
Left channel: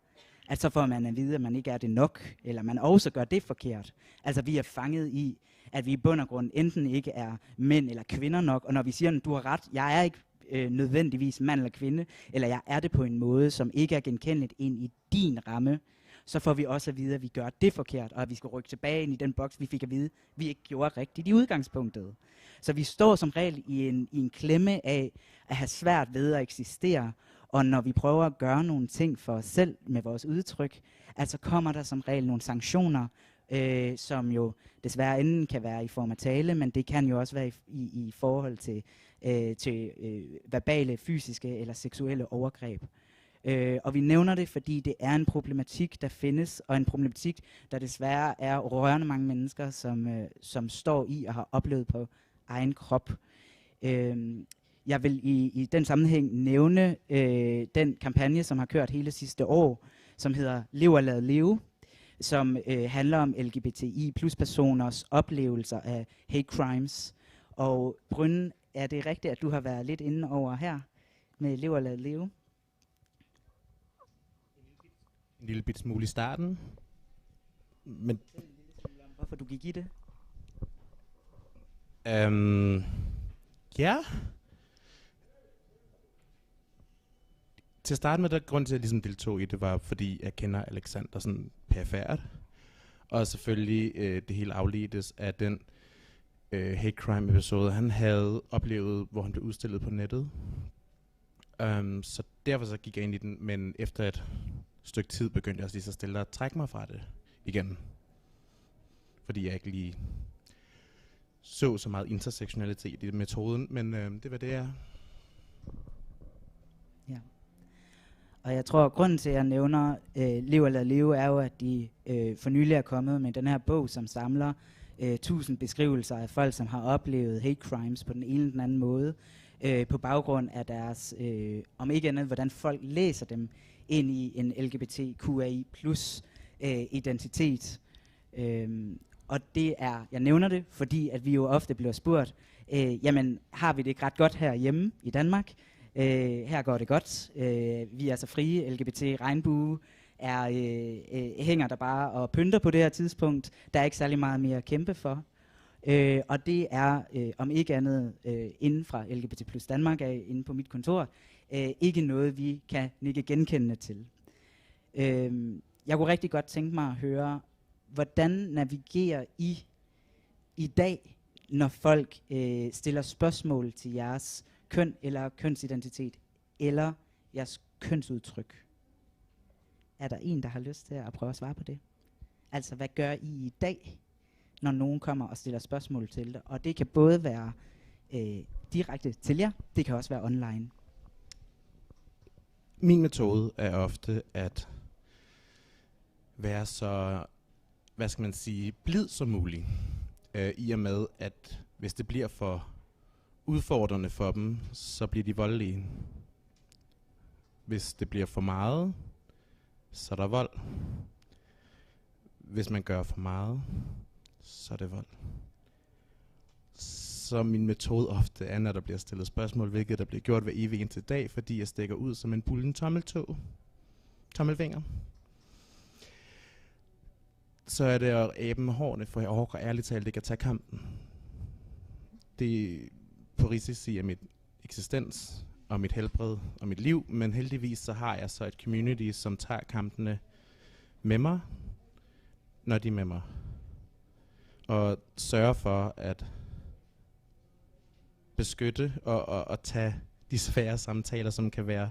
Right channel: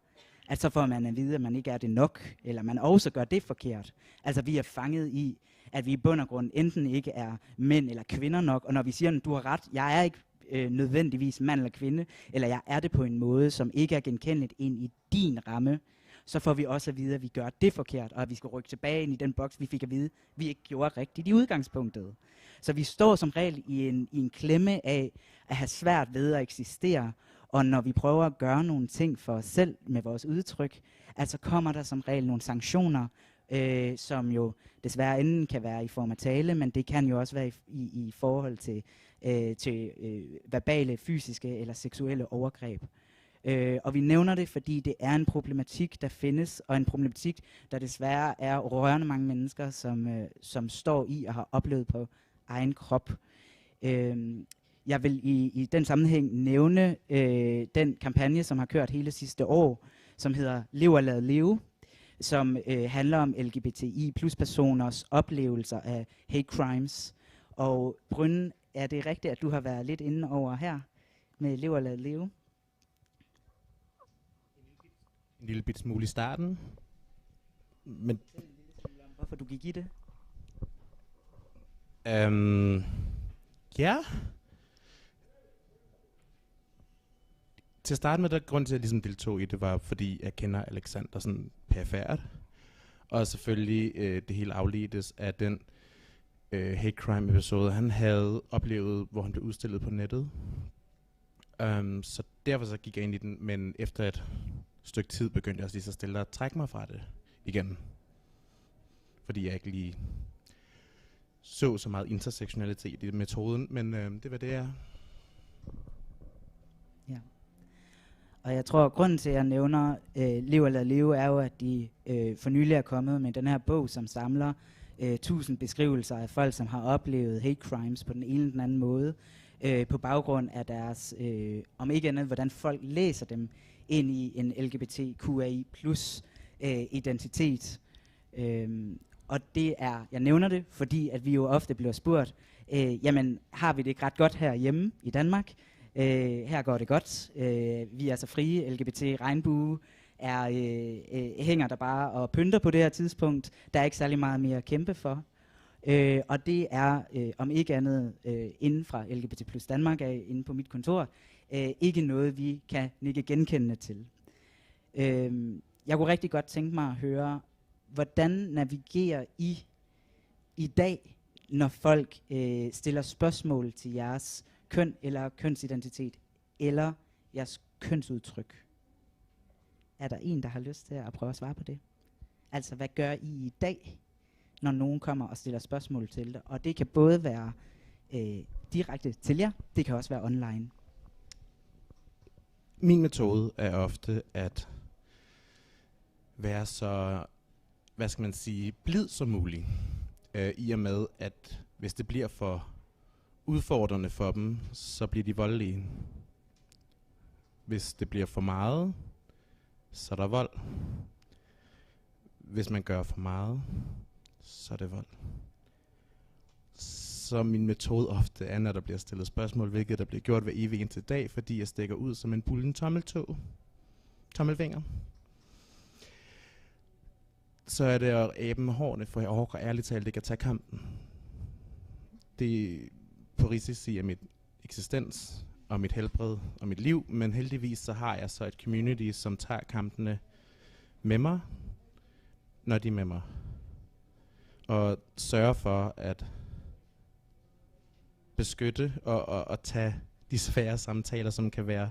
at så får man at vide, at man ikke er det nok, eller man også gør det forkert. Altså vi er fanget i, at vi i bund og grund enten ikke er mænd eller kvinder nok, og når vi siger, at du har ret, jeg er ikke nødvendigvis mand eller kvinde, eller jeg er det på en måde, som ikke er genkendeligt ind i din ramme, så får vi også at vide, at vi gør det forkert, og at vi skal rykke tilbage ind i den boks, vi fik at vide, at vi ikke gjorde rigtigt i udgangspunktet. Så vi står som regel i en klemme af at have svært ved at eksistere, og når vi prøver at gøre nogle ting for os selv med vores udtryk, altså kommer der som regel nogle sanktioner, som jo desværre enten kan være i form af tale, men det kan jo også være i forhold til verbale, fysiske eller seksuelle overgreb. Og vi nævner det, fordi det er en problematik, der findes, og en problematik, der desværre er rørende mange mennesker, som står i og har oplevet på egen krop. Jeg vil i den sammenhæng nævne den kampagne, som har kørt hele sidste år, som hedder Lev og lad leve, som handler om LGBTI plus personers oplevelser af hate crimes. Og Brynne, er det rigtigt, at du har været lidt inde over her med Lev og lad leve? En lille bit smule i starten. Men hvorfor du gik i det? Ja. Til at starte med, der grund til, at jeg ligesom deltog i det, var fordi jeg kender Alexander sådan perifært. Og selvfølgelig det hele afledtes af den hate crime episode, han havde oplevet, hvor han blev udstillet på nettet. Så derfor så gik jeg ind i den, men efter et stykke tid begyndte jeg også lige så stille at trække mig fra det igen. Fordi jeg ikke lige så meget intersektionalitet i metoden, men det var det, jeg... Ja. Og jeg tror, at grunden til, at jeg nævner Lev og lad leve, er jo, at de for nylig er kommet med den her bog, som samler 1000 beskrivelser af folk, som har oplevet hate crimes på den ene eller den anden måde, på baggrund af deres, om ikke andet, hvordan folk læser dem ind i en LGBTQI plus identitet. Og det er, jeg nævner det, fordi at vi jo ofte bliver spurgt, jamen har vi det ikke ret godt herhjemme i Danmark? Her går det godt. Vi er så frie, LGBT, regnbue, hænger der bare og pynter på det her tidspunkt. Der er ikke særlig meget mere at kæmpe for. Og det er, om ikke andet, inden fra LGBT plus Danmark, inde på mit kontor, ikke noget, vi kan nikke genkendende til. Jeg kunne rigtig godt tænke mig at høre, hvordan navigerer I dag, når folk stiller spørgsmål til jeres køn eller kønsidentitet, eller jeres kønsudtryk? Er der en, der har lyst til at prøve at svare på det? Altså, hvad gør I dag, når nogen kommer og stiller spørgsmål til det? Og det kan både være direkte til jer, det kan også være online. Min metode er ofte at være så, hvad skal man sige, blid som muligt. I og med, at hvis det bliver for udfordrende for dem, så bliver de voldelige. Hvis det bliver for meget, så er der vold. Hvis man gør for meget, så er det vold. Så min metode ofte er, når der bliver stillet spørgsmål, hvilket der bliver gjort hver evig eneste dag, fordi jeg stikker ud som en bullen tommelfinger. Så er det at æbe med hårene, for jeg overgår ærligt talt ikke at tage kampen. Det er på risici af mit eksistens og mit helbred og mit liv, men heldigvis så har jeg så et community, som tager kampene med mig, når de er med mig. Og sørger for at beskytte og tage de svære samtaler, som kan være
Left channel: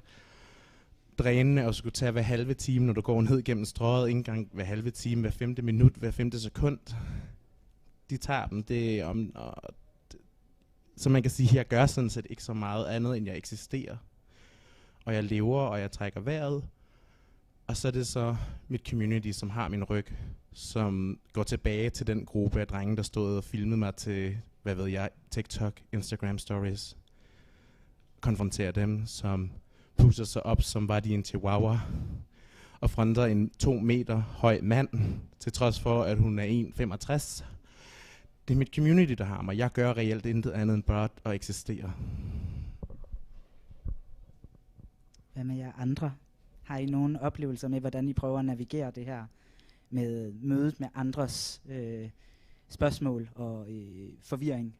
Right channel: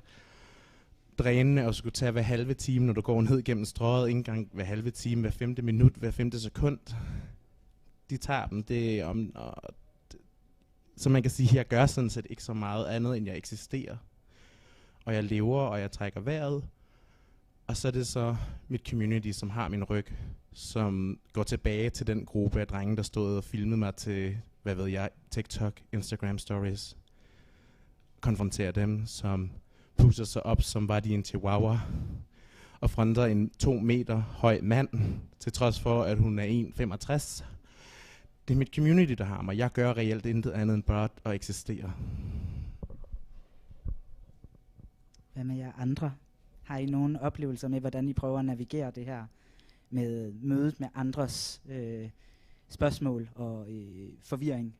drænende og skulle tage hver halve time, når du går ned gennem strøget, ikke engang hver halve time, hver 5. minut, hver 5. sekund. De tager dem. Så man kan sige, at jeg gør sådan set ikke så meget andet, end jeg eksisterer. Og jeg lever, og jeg trækker vejret. Og så er det så mit community, som har min ryg, som går tilbage til den gruppe af drenge, der stod og filmede mig til, hvad ved jeg, TikTok, Instagram stories. Konfronterer dem, som pusser sig op, som var de en chihuahua, og fronter en 2 meter høj mand, til trods for, at hun er 1,65. Det er mit community, der har mig. Jeg gør reelt intet andet end bare at eksistere. Hvad med jer andre? Har I nogle oplevelser med, hvordan I prøver at navigere det her med mødet med andres spørgsmål og forvirring?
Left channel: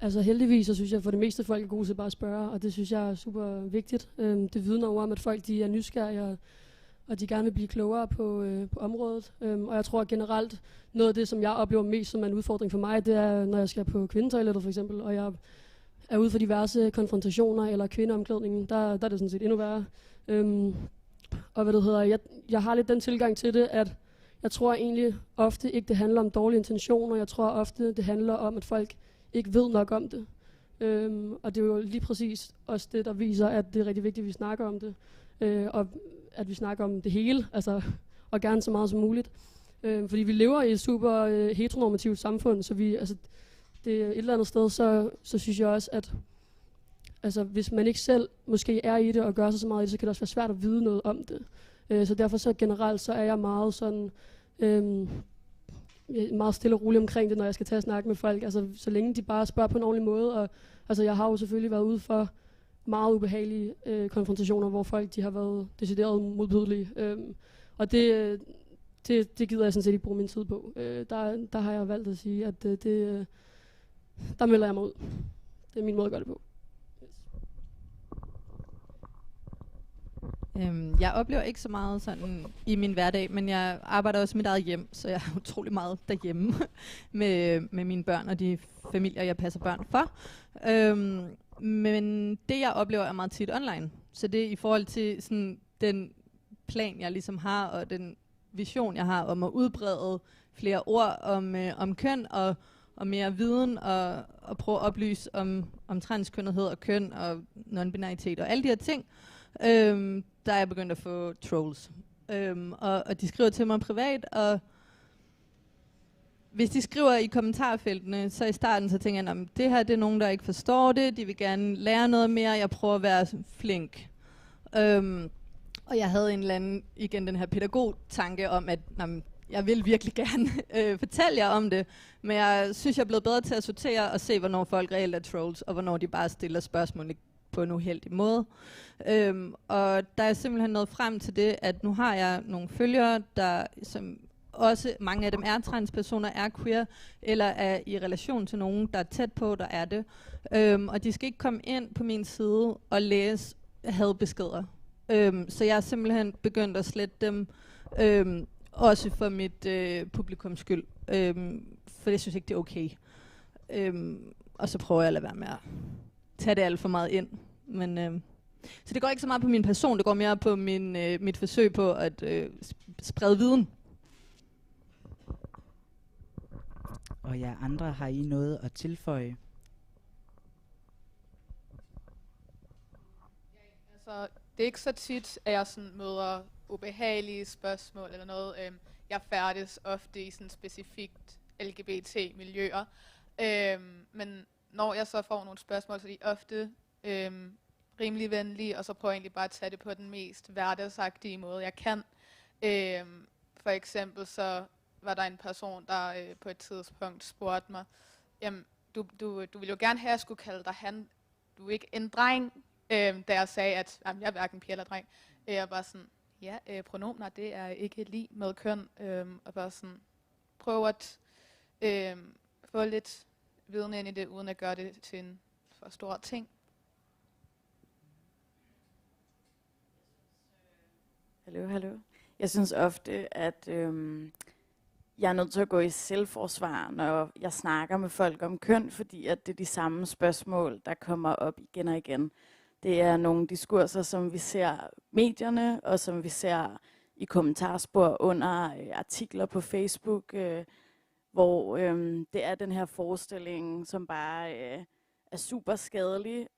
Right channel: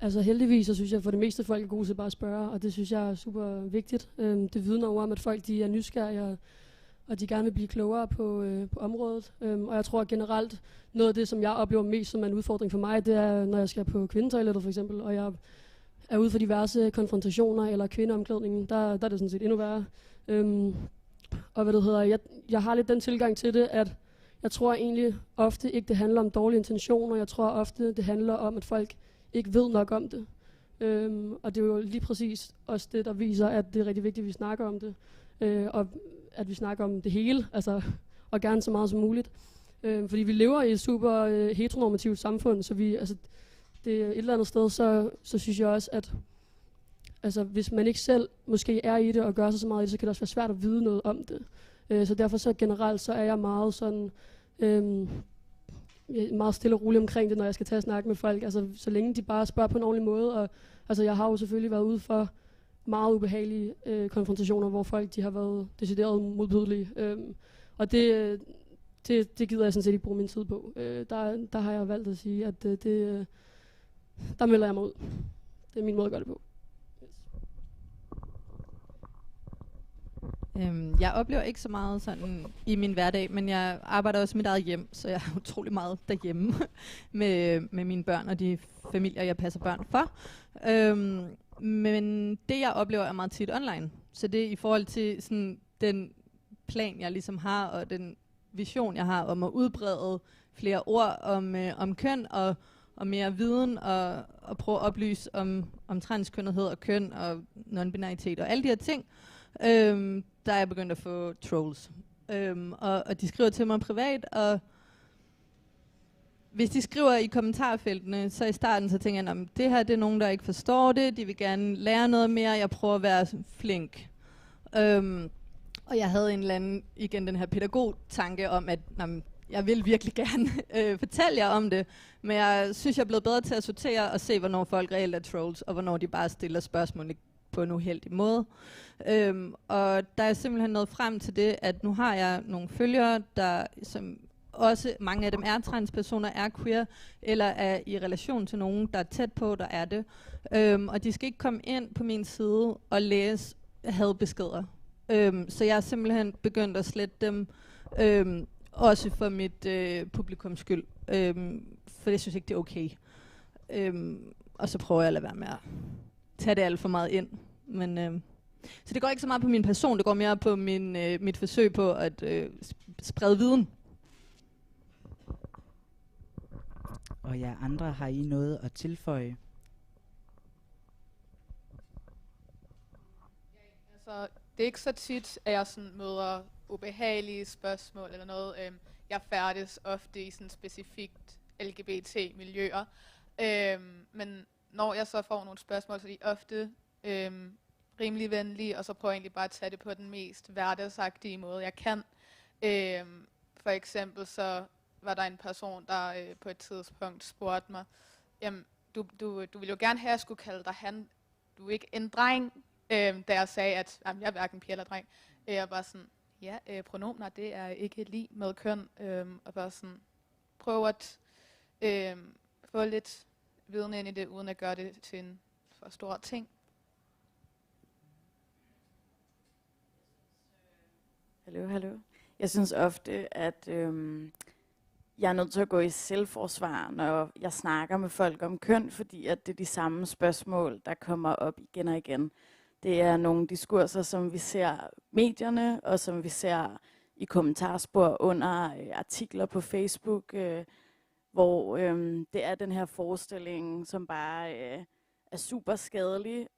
Altså heldigvis, så synes jeg for det meste folk er gode til bare at spørge, og det synes jeg er super vigtigt. Det vidner over om, at folk de er nysgerrige, og de gerne vil blive klogere på området. Og jeg tror generelt, noget af det, som jeg oplever mest som en udfordring for mig, det er, når jeg skal på kvindetoilettet for eksempel, og jeg er ude for diverse konfrontationer eller kvindeomklædningen, der er det sådan set endnu værre. Og hvad det hedder, jeg har lidt den tilgang til det, at jeg tror egentlig ofte ikke, det handler om dårlige intentioner. Jeg tror ofte, det handler om, at folk ikke ved nok om det. Og det er jo lige præcis også det, der viser, at det er rigtig vigtigt, at vi snakker om det. Og at vi snakker om det hele, altså, og gerne så meget som muligt. Fordi vi lever i et super heteronormativt samfund, så vi, altså, det er et eller andet sted, så synes jeg også, at altså, hvis man ikke selv måske er i det og gør sig så meget i det, så kan det også være svært at vide noget om det. Så derfor så generelt, så er jeg meget sådan, meget stille og rolig omkring det, når jeg skal tage og snakke med folk. Altså, så længe de bare spørger på en ordentlig måde. Og, altså, jeg har jo selvfølgelig været ude for meget ubehagelige konfrontationer, hvor folk de har været decideret modbydelige. Og det gider jeg sådan set ikke bruge min tid på. Der har jeg valgt at sige, at der melder jeg mig ud. Det er min måde at gøre det på. Jeg oplever ikke så meget sådan i min hverdag, men jeg arbejder også i mit eget hjem, så jeg er utrolig meget derhjemme med mine børn og de familier, jeg passer børn for. Men det, jeg oplever, er meget tit online. Så det er i forhold til sådan, den plan, jeg ligesom har, og den vision, jeg har om at udbrede flere ord om køn og mere viden og prøve at oplyse om transkønnethed og køn og non-binaritet og alle de her ting. Der er jeg begyndt at få trolls. Og de skriver til mig privat, og hvis de skriver i kommentarfeltene, så i starten så tænker jeg, det her det er nogen, der ikke forstår det, de vil gerne lære noget mere, jeg prøver at være flink. Og jeg havde en eller anden, igen den her pædagog-tanke om, at jeg vil virkelig gerne fortælle jer om det, men jeg synes, jeg er blevet bedre til at sortere og se, hvornår folk reelt er trolls, og hvornår de bare stiller spørgsmål på en uheldig måde. Og der er simpelthen nået frem til det, at nu har jeg nogle følgere, der som også mange af dem er transpersoner, er queer, eller er i relation til nogen, der er tæt på, der er det. Og de skal ikke komme ind på min side og læse hadbeskeder. Så jeg er simpelthen begyndt at slette dem, også for mit publikums skyld. For jeg synes ikke, det er okay. Og så prøver jeg at lade være med at tage det alt for meget ind. Men, så det går ikke så meget på min person, det går mere på mit forsøg på at sprede viden. Og jer andre, har I noget at tilføje? Altså, det er ikke så tit, at jeg sådan møder ubehagelige spørgsmål eller noget. Jeg færdes ofte i sådan specifikt LGBT-miljøer. Men når jeg så får nogle spørgsmål, så er de ofte rimelig venlige, og så prøver jeg egentlig bare at tage det på den mest hverdagsagtige måde, jeg kan. For eksempel så var der en person, der på et tidspunkt spurgte mig, jamen, du ville jo gerne have, at jeg skulle kalde dig han. Du er ikke en dreng, da jeg sagde, at jeg er hverken pige eller dreng. Jeg var sådan, ja, pronomener, det er ikke lige med køn. Og bare sådan, prøve at få lidt viden ind i det, uden at gøre det til en for stor ting. Hallo. Jeg synes ofte, at jeg er nødt til at gå i selvforsvar, når jeg snakker med folk om køn, fordi at det er de samme spørgsmål, der kommer op igen og igen. Det er nogle diskurser, som vi ser medierne, og som vi ser i kommentarspor under artikler på Facebook, hvor det er den her forestilling, som bare er super skadelig,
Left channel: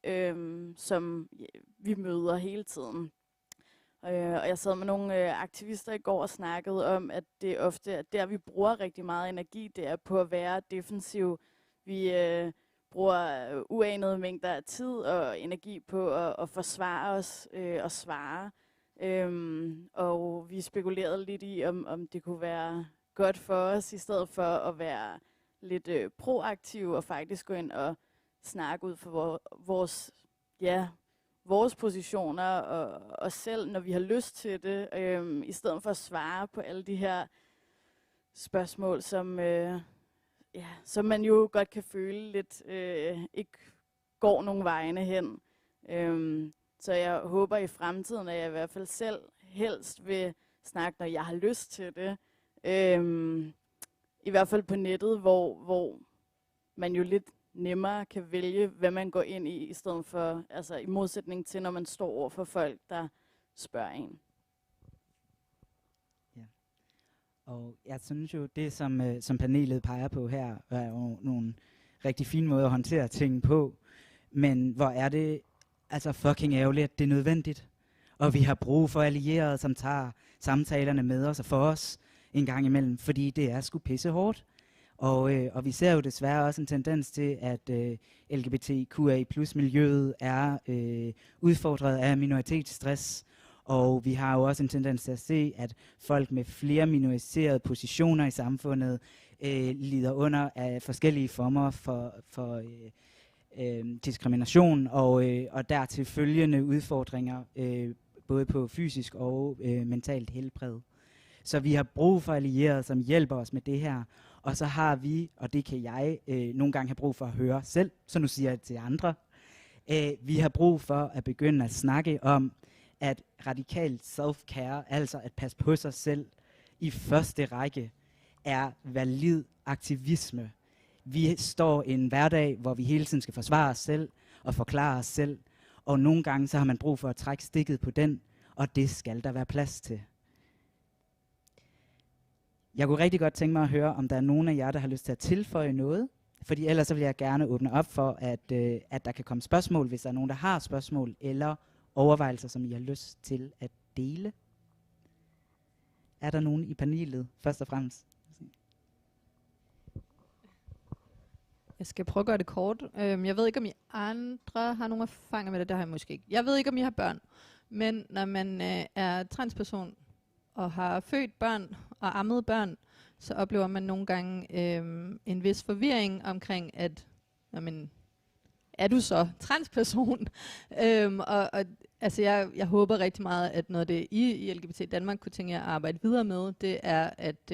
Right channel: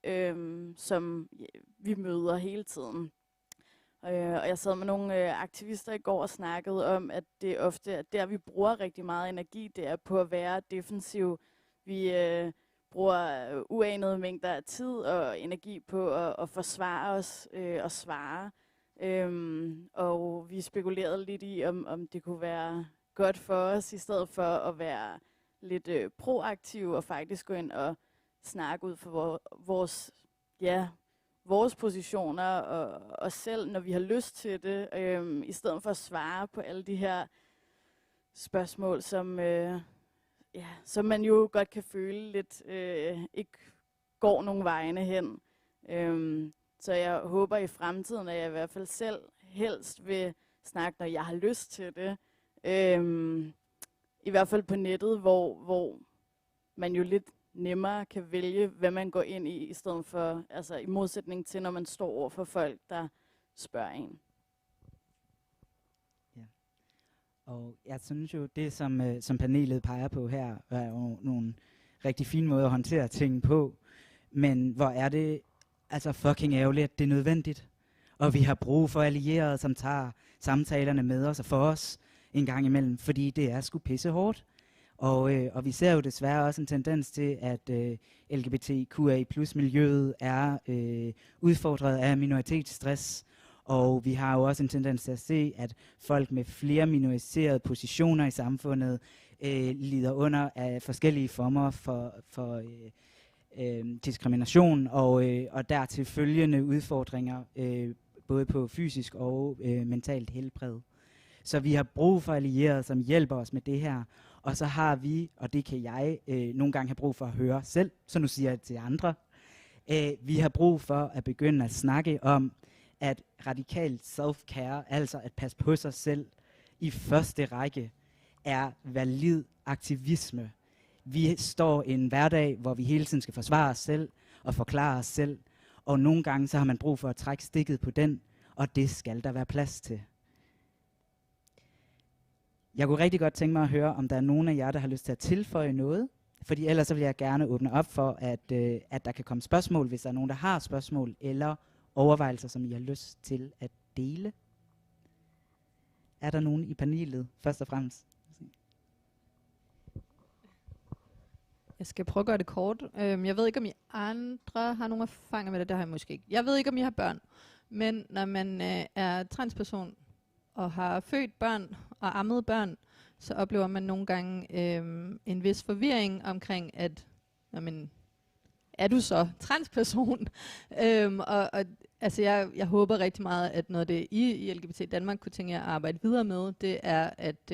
som vi møder hele tiden. Og jeg sad med nogle aktivister i går og snakkede om, at det ofte er der, vi bruger rigtig meget energi, det er på at være defensiv. Vi bruger uanede mængder af tid og energi på at forsvare os og svare. Og vi spekulerede lidt i, om det kunne være godt for os, i stedet for at være lidt proaktive og faktisk gå ind og snakke ud for vores positioner og os selv, når vi har lyst til det, i stedet for at svare på alle de her spørgsmål, som man jo godt kan føle lidt ikke går nogen vegne hen. Så jeg håber i fremtiden, at jeg i hvert fald selv helst vil snakke, når jeg har lyst til det. I hvert fald på nettet, hvor man jo lidt nemmere kan vælge, hvad man går ind i stedet for, altså i modsætning til, når man står over for folk, der spørger en. Ja. Og jeg synes jo, det som panelet peger på her, er jo nogle rigtig fine måder at håndtere ting på. Men hvor er det altså fucking ærgerligt, at det er nødvendigt. Og vi har brug for allierede, som tager samtalerne med os og for os en gang imellem, fordi det er sgu pisse hårdt. Og vi ser jo desværre også en tendens til, at LGBTQI plus miljøet er udfordret af minoritetsstress. Og vi har jo også en tendens til at se, at folk med flere minoriserede positioner i samfundet lider under af forskellige former for diskrimination og dertil følgende udfordringer, både på fysisk og mentalt helbred. Så vi har brug for allierede, som hjælper os med det her. Og så har vi, og det kan jeg nogle gange have brug for at høre selv, så nu siger jeg det til andre, vi har brug for at begynde at snakke om, at radikalt self-care, altså at passe på sig selv, i første række er valid aktivisme. Vi står i en hverdag, hvor vi hele tiden skal forsvare os selv og forklare os selv, og nogle gange så har man brug for at trække stikket på den, og det skal der være plads til. Jeg kunne rigtig godt tænke mig at høre, om der er nogen af jer, der har lyst til at tilføje noget. Fordi ellers så vil jeg gerne åbne op for, at der kan komme spørgsmål, hvis der er nogen, der har spørgsmål, eller overvejelser, som I har lyst til at dele. Er der nogen i panelet, først og fremmest? Jeg skal prøve at gøre det kort. Jeg ved ikke, om I andre har nogle erfaringer med det. Det har jeg måske ikke. Jeg ved ikke, om I har børn. Men når man er transperson og har født børn og ammet børn, så oplever man nogle gange en vis forvirring omkring, at jamen, er du så transperson? Altså jeg håber rigtig meget, at noget af det i LGBT Danmark kunne tænke jer at arbejde videre med, det er at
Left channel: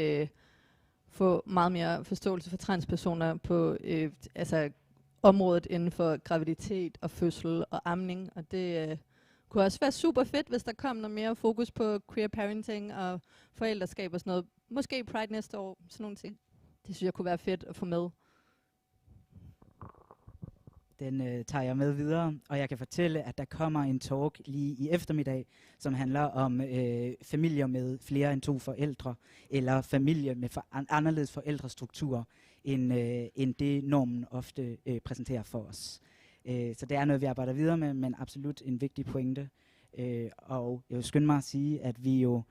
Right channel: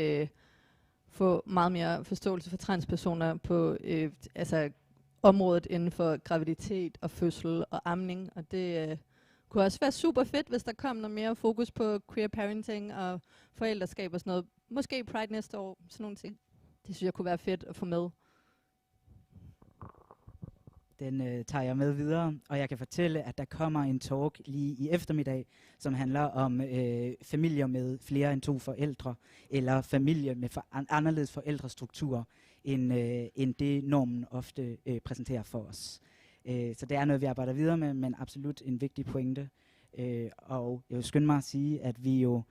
få meget mere forståelse for transpersoner på altså området inden for graviditet og fødsel og amning, og det kunne også være super fedt, hvis der kom noget mere fokus på queer parenting og forældreskab og sådan noget. Måske Pride næste år, sådan nogle ting. Det synes jeg kunne være fedt at få med. Den tager jeg med videre, og jeg kan fortælle, at der kommer en talk lige i eftermiddag, som handler om familier med flere end 2 forældre, eller familier med anderledes forældrestrukturer, end det normen ofte præsenterer for os. Så det er noget, vi arbejder videre med, men absolut en vigtig pointe. Og jeg vil skynde mig at sige, at vi jo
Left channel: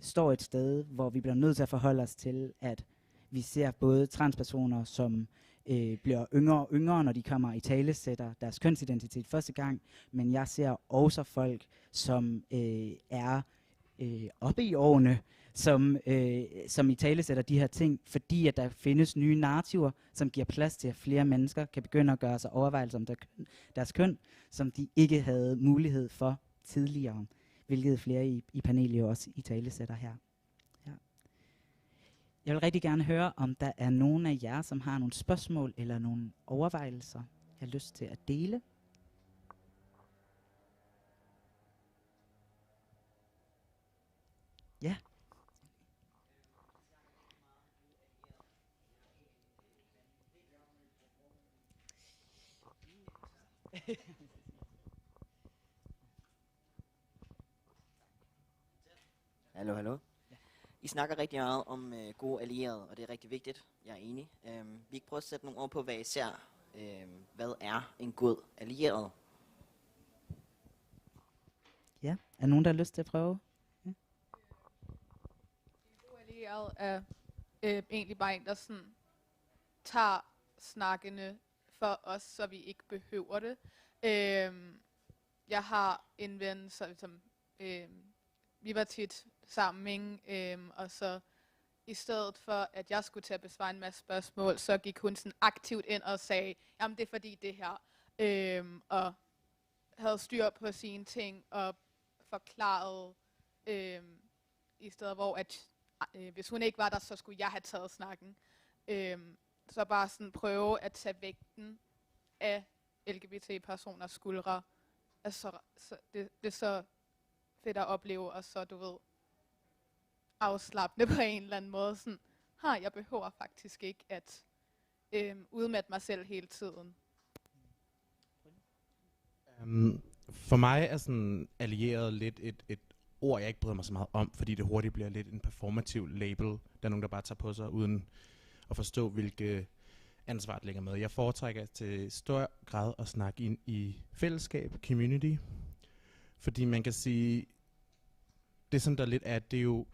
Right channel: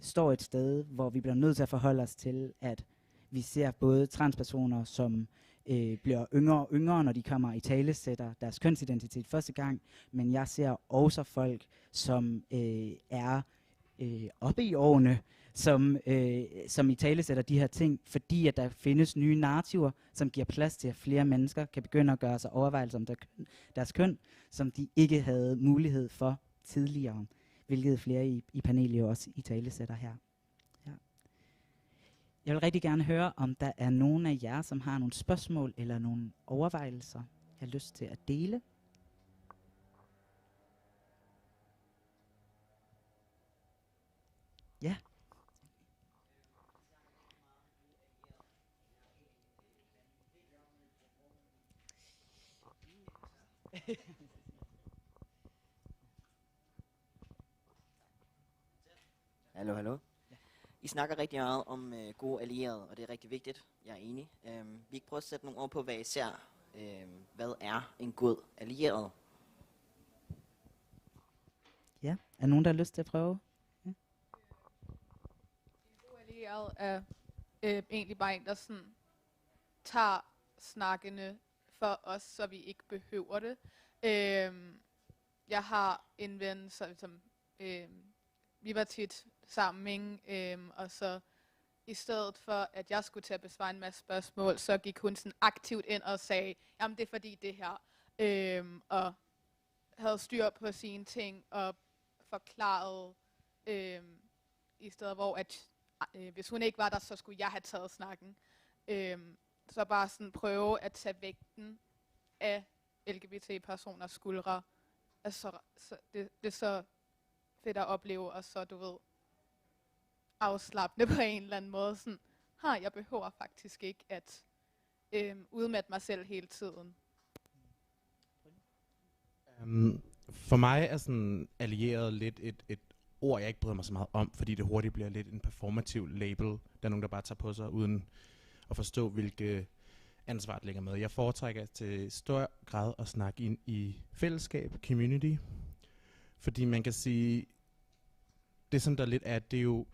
står et sted, hvor vi bliver nødt til at forholde os til, at vi ser både transpersoner, som bliver yngre og yngre, når de kommer i talesætter deres kønsidentitet første gang, men jeg ser også folk, som er oppe i årene, som i talesætter de her ting, fordi at der findes nye narrativer, som giver plads til, at flere mennesker kan begynde at gøre sig overvejelser om deres køn, som de ikke havde mulighed for tidligere, hvilket flere i panelet jo også i talesætter her. Ja. Jeg vil rigtig gerne høre, om der er nogen af jer, som har nogle spørgsmål eller nogle overvejelser, jeg har lyst til at dele. Ja. Hallo, hallo. I snakker rigtig meget om gode allierede, og det er rigtig vigtigt. Jeg er enig. Vi kan prøve at sætte nogle ord på, hvad I ser. Hvad er en god allieret? Ja, er nogen, der har lyst til at prøve? Ja. En god allieret er egentlig bare en, der sådan tager snakkene for os, så vi ikke behøver det. Jeg har en ven, som vi var tit sammen, og så i stedet for, at jeg skulle til at besvare en masse spørgsmål, så gik hun sådan aktivt ind og sagde, jamen det er fordi det her, og havde styr på sine ting, og forklarede, i stedet hvor, at hvis hun ikke var der, så skulle jeg have taget snakken. Så bare sådan prøve at tage vægten af LGBT-personers skuldre. Altså, det er så fedt at opleve, og så, du ved, afslappende på en eller anden måde. Sådan, jeg behøver faktisk ikke at udmatte mig selv hele tiden. For mig er sådan allieret lidt et ord, jeg ikke bryder mig så meget om, fordi det hurtigt bliver lidt en performativ label. Der er nogen, der bare tager på sig, uden at forstå, hvilke ansvar det ligger med. Jeg foretrækker til stor grad at snakke ind i fællesskab, community, fordi man kan sige, det som der lidt er, det er jo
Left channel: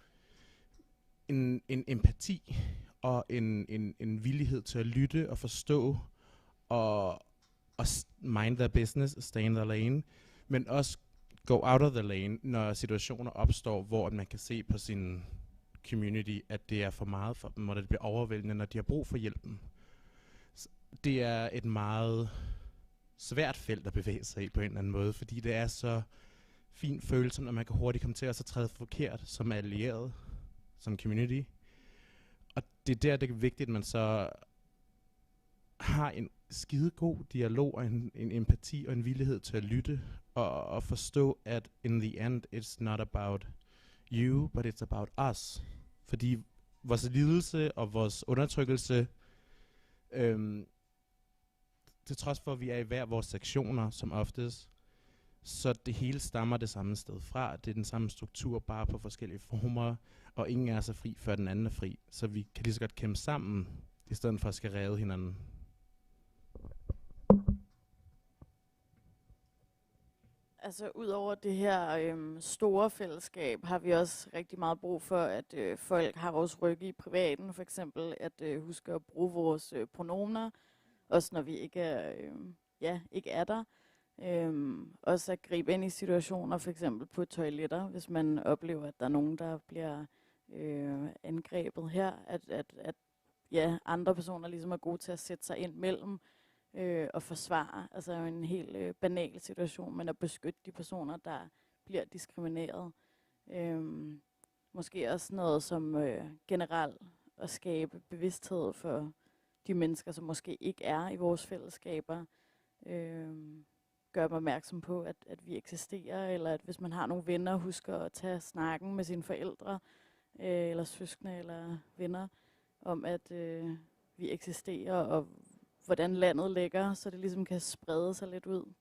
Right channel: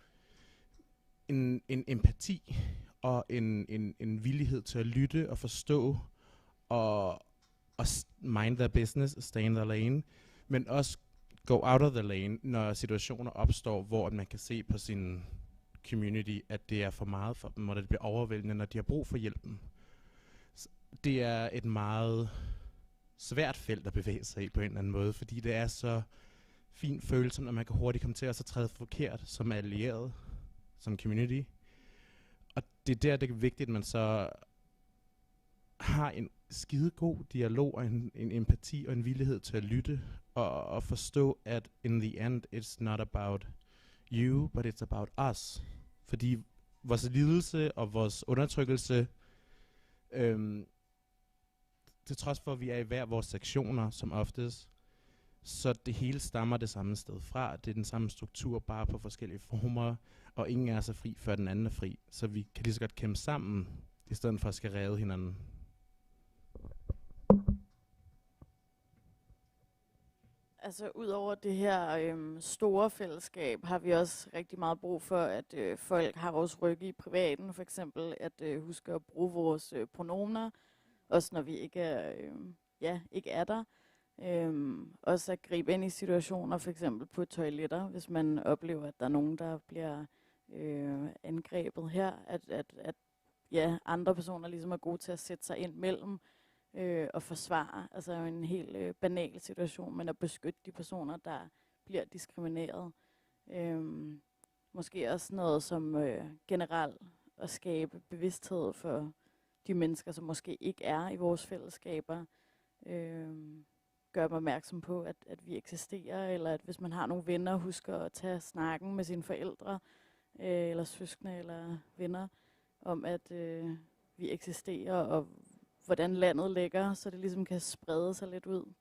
en empati og en villighed til at lytte og forstå og mind their business, stay in their lane, men også go out of the lane, når situationer opstår, hvor man kan se på sin community, at det er for meget for dem, og det bliver overvældende, når de har brug for hjælpen. Det er et meget svært felt at bevæge sig i på en eller anden måde, fordi det er så fin følelse, når man kan hurtigt komme til at så træde forkert som allieret, som community. Og det er det er vigtigt, at man så har en skide god dialog og en empati og en villighed til at lytte og forstå, at in the end, it's not about you, but it's about us. Fordi vores lidelse og vores undertrykkelse, til trods for, at vi er i hver vores sektioner som oftest, så det hele stammer det samme sted fra. Det er den samme struktur, bare på forskellige former, og ingen er så fri, før den anden er fri. Så vi kan lige så godt kæmpe sammen, i stedet for at skal redde hinanden. Altså ud over det her store fællesskab, har vi også rigtig meget brug for, at folk har vores rygge i privaten. For eksempel at huske at bruge vores pronomener, også når vi ikke er, ikke er der. Også at gribe ind i situationer, for eksempel på toiletter, hvis man oplever, at der er nogen, der bliver angrebet her, at ja, andre personer ligesom er gode til at sætte sig ind mellem og forsvare. Altså en helt banal situation, men at beskytte de personer, der bliver diskrimineret. Måske også noget som generelt at skabe bevidsthed for de mennesker, som måske ikke er i vores fællesskaber. Gør dem opmærksom på, at vi eksisterer, eller at hvis man har nogle venner, husker at tage snakken med sine forældre, eller søskende, eller venner, om at vi eksisterer, og hvordan landet ligger, så det ligesom kan sprede sig lidt ud.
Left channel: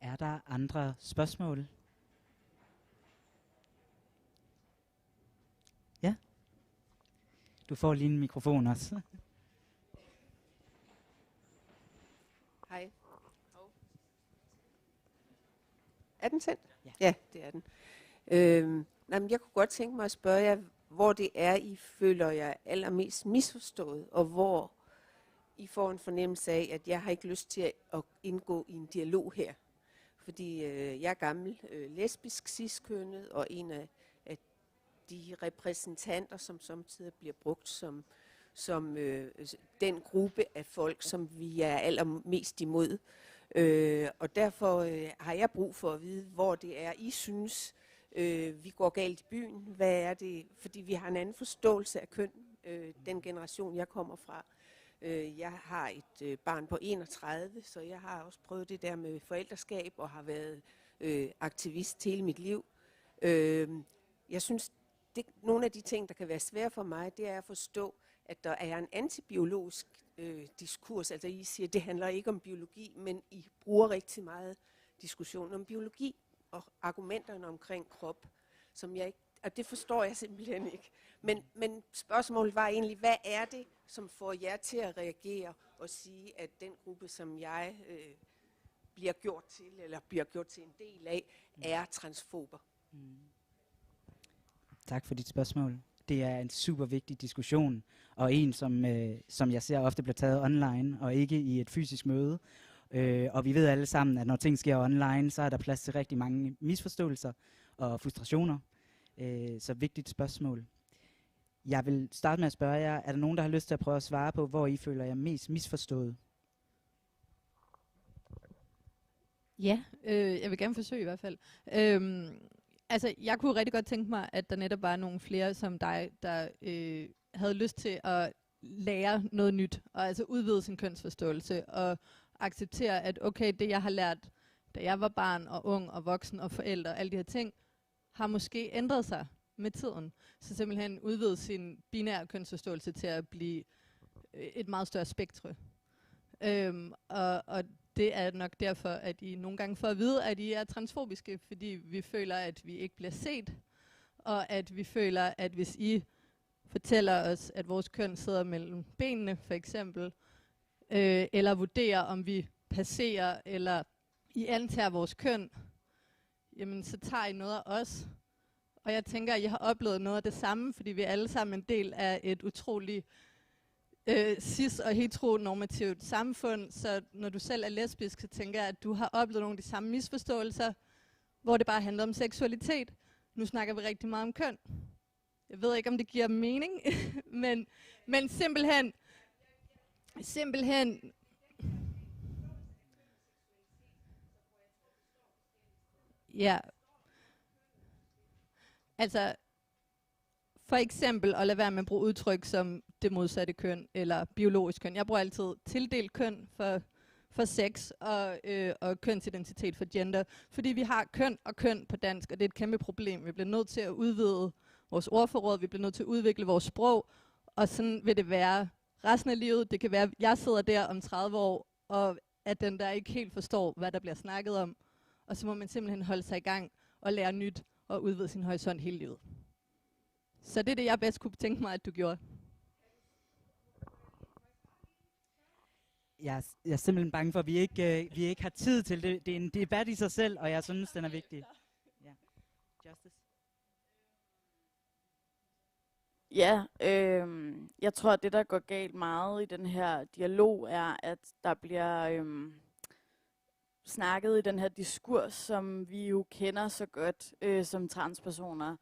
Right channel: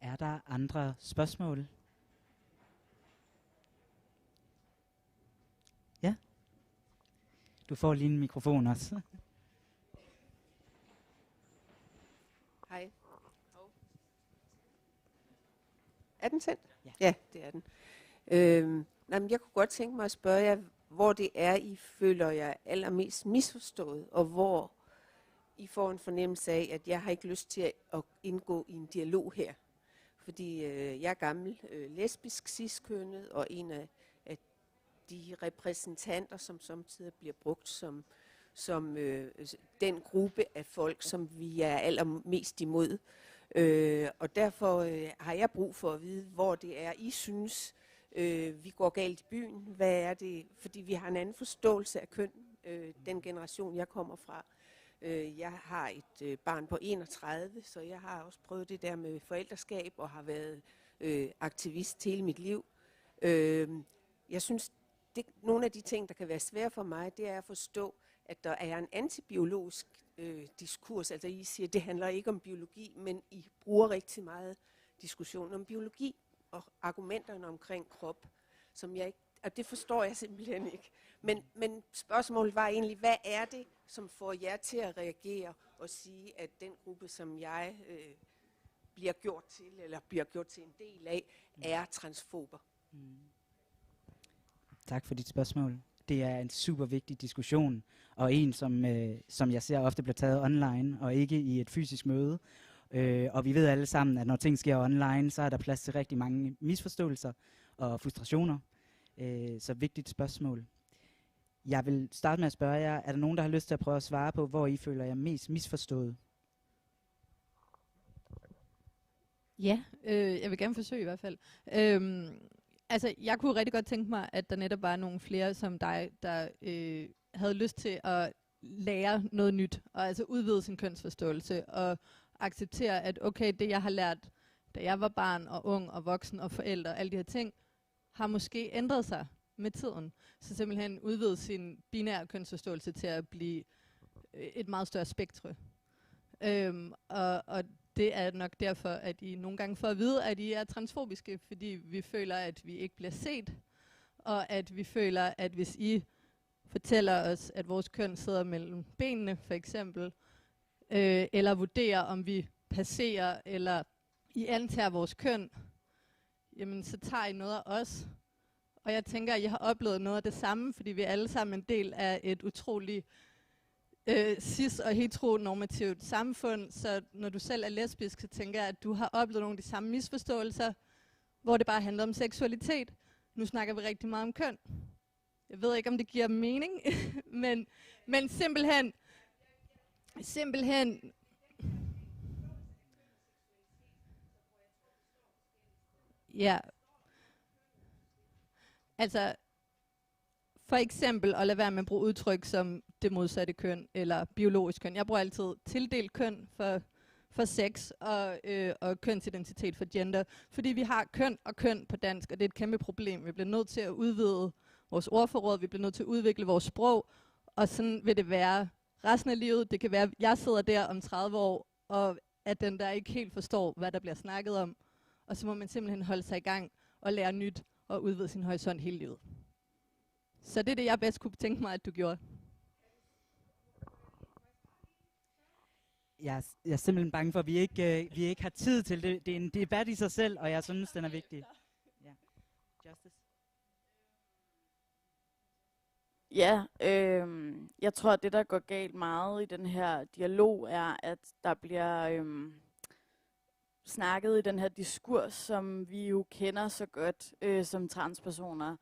Er der andre spørgsmål? Ja? Du får lige en mikrofon også. Hej. Er den sendt? Ja. Ja, det er den. Jeg kunne godt tænke mig at spørge jer, hvor det er, I føler jer allermest misforstået, og hvor I får en fornemmelse af, at jeg har ikke lyst til at indgå i en dialog her. Fordi jeg er gammel, lesbisk, cis-kønnet, og en af de repræsentanter, som samtidig bliver brugt som den gruppe af folk, som vi er allermest imod. Og derfor har jeg brug for at vide, hvor det er, I synes, vi går galt i byen. Hvad er det? Fordi vi har en anden forståelse af køn, den generation, jeg kommer fra. Jeg har et barn på 31, så jeg har også prøvet det der med forældreskab og har været aktivist hele mit liv. Jeg synes, nogle af de ting, der kan være svære for mig, det er at forstå, at der er en antibiologisk diskurs. Altså I siger, at det handler ikke om biologi, men I bruger rigtig meget diskussion om biologi og argumenterne omkring krop, som jeg ikke, og det forstår jeg simpelthen ikke. Men spørgsmålet var egentlig, hvad er det, som får jer til at reagere og sige, at den gruppe, som jeg bliver gjort til en del af, er transfober? Tak for dit spørgsmål. Det er en super vigtig diskussion, og en, som jeg ser ofte bliver taget online, og ikke i et fysisk møde. Og vi ved alle sammen, at når ting sker online, så er der plads til rigtig mange misforståelser og frustrationer. Så vigtigt spørgsmål. Jeg vil starte med at spørge jer, er der nogen, der har lyst til at prøve at svare på, hvor I føler jer mest misforstået? Ja, jeg vil gerne forsøge i hvert fald. Altså, jeg kunne rigtig godt tænke mig, at der netop var nogle flere som dig, der havde lyst til at lære noget nyt, og altså udvide sin kønsforståelse, og acceptere, at okay, det jeg har lært, da jeg var barn og ung og voksen og forælder, alle de her ting, har måske ændret sig med tiden. Så simpelthen udvide sin binære kønsforståelse til at blive et meget større spektre. Og det er nok derfor, at I nogle gange får at vide, at I er transfobiske, fordi vi føler, at vi ikke bliver set, og at vi føler, at hvis I fortæller os, at vores køn sidder mellem benene, for eksempel, eller vurderer, om vi passerer, eller I antager vores køn, jamen så tager I noget af os. Og jeg tænker, at I har oplevet noget af det samme, fordi vi er alle sammen en del af et utroligt cis- og heteronormativt samfund, så når du selv er lesbisk, så tænker jeg, at du har oplevet nogle af de samme misforståelser, hvor det bare handler om seksualitet. Nu snakker vi rigtig meget om køn. Jeg ved ikke, om det giver mening, men simpelthen, ja, altså, for eksempel at lade være med at bruge udtryk som det modsatte køn, eller biologisk køn. Jeg bruger altid tildelt køn for sex, og kønsidentitet for gender, fordi vi har køn og køn på dansk, og det er et kæmpe problem. Vi bliver nødt til at udvide vores ordforråd, vi bliver nødt til at udvikle vores sprog, og sådan vil det være resten af livet. Det kan være, at jeg sidder der om 30 år, og at den der ikke helt forstår, hvad der bliver snakket om, og så må man simpelthen holde sig i gang og lære nyt og udvide sin horisont hele livet. Så det er det, jeg bedst kunne tænke mig, at du gjorde. Jeg er simpelthen bange for, at vi ikke har tid til det. Det er en debat i sig selv, og jeg synes, den er vigtig. Ja. Justice. Ja, jeg tror, at det, der går galt meget i den her dialog, er, at der bliver snakket i den her diskurs, som vi jo kender så godt som transpersoner,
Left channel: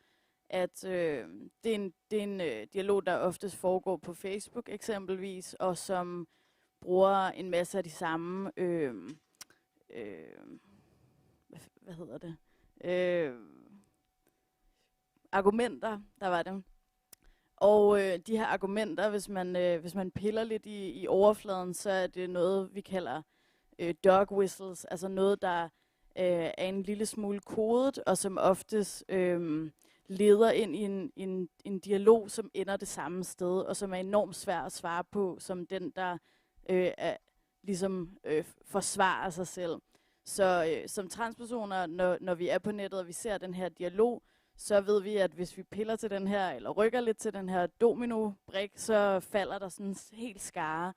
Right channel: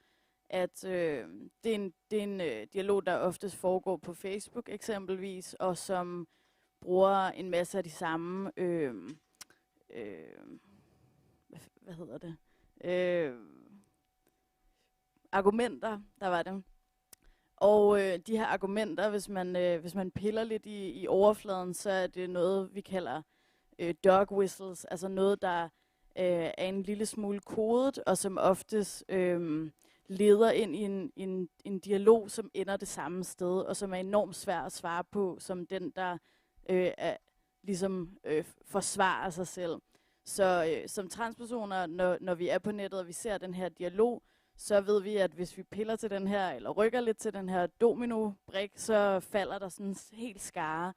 at det er en dialog, der oftest foregår på Facebook eksempelvis, og som bruger en masse af de samme, hvad hedder det, argumenter, der var det. Og de her argumenter, hvis man piller lidt i overfladen, så er det noget, vi kalder dog whistles, altså noget, der er en lille smule kodet, og som oftest leder ind i en dialog, som ender det samme sted, og som er enormt svær at svare på, som den, der forsvarer sig selv. Så som transpersoner, når vi er på nettet, og vi ser den her dialog, så ved vi, at hvis vi piller til den her, eller rykker lidt til den her domino-brik, så falder der sådan en helt skare.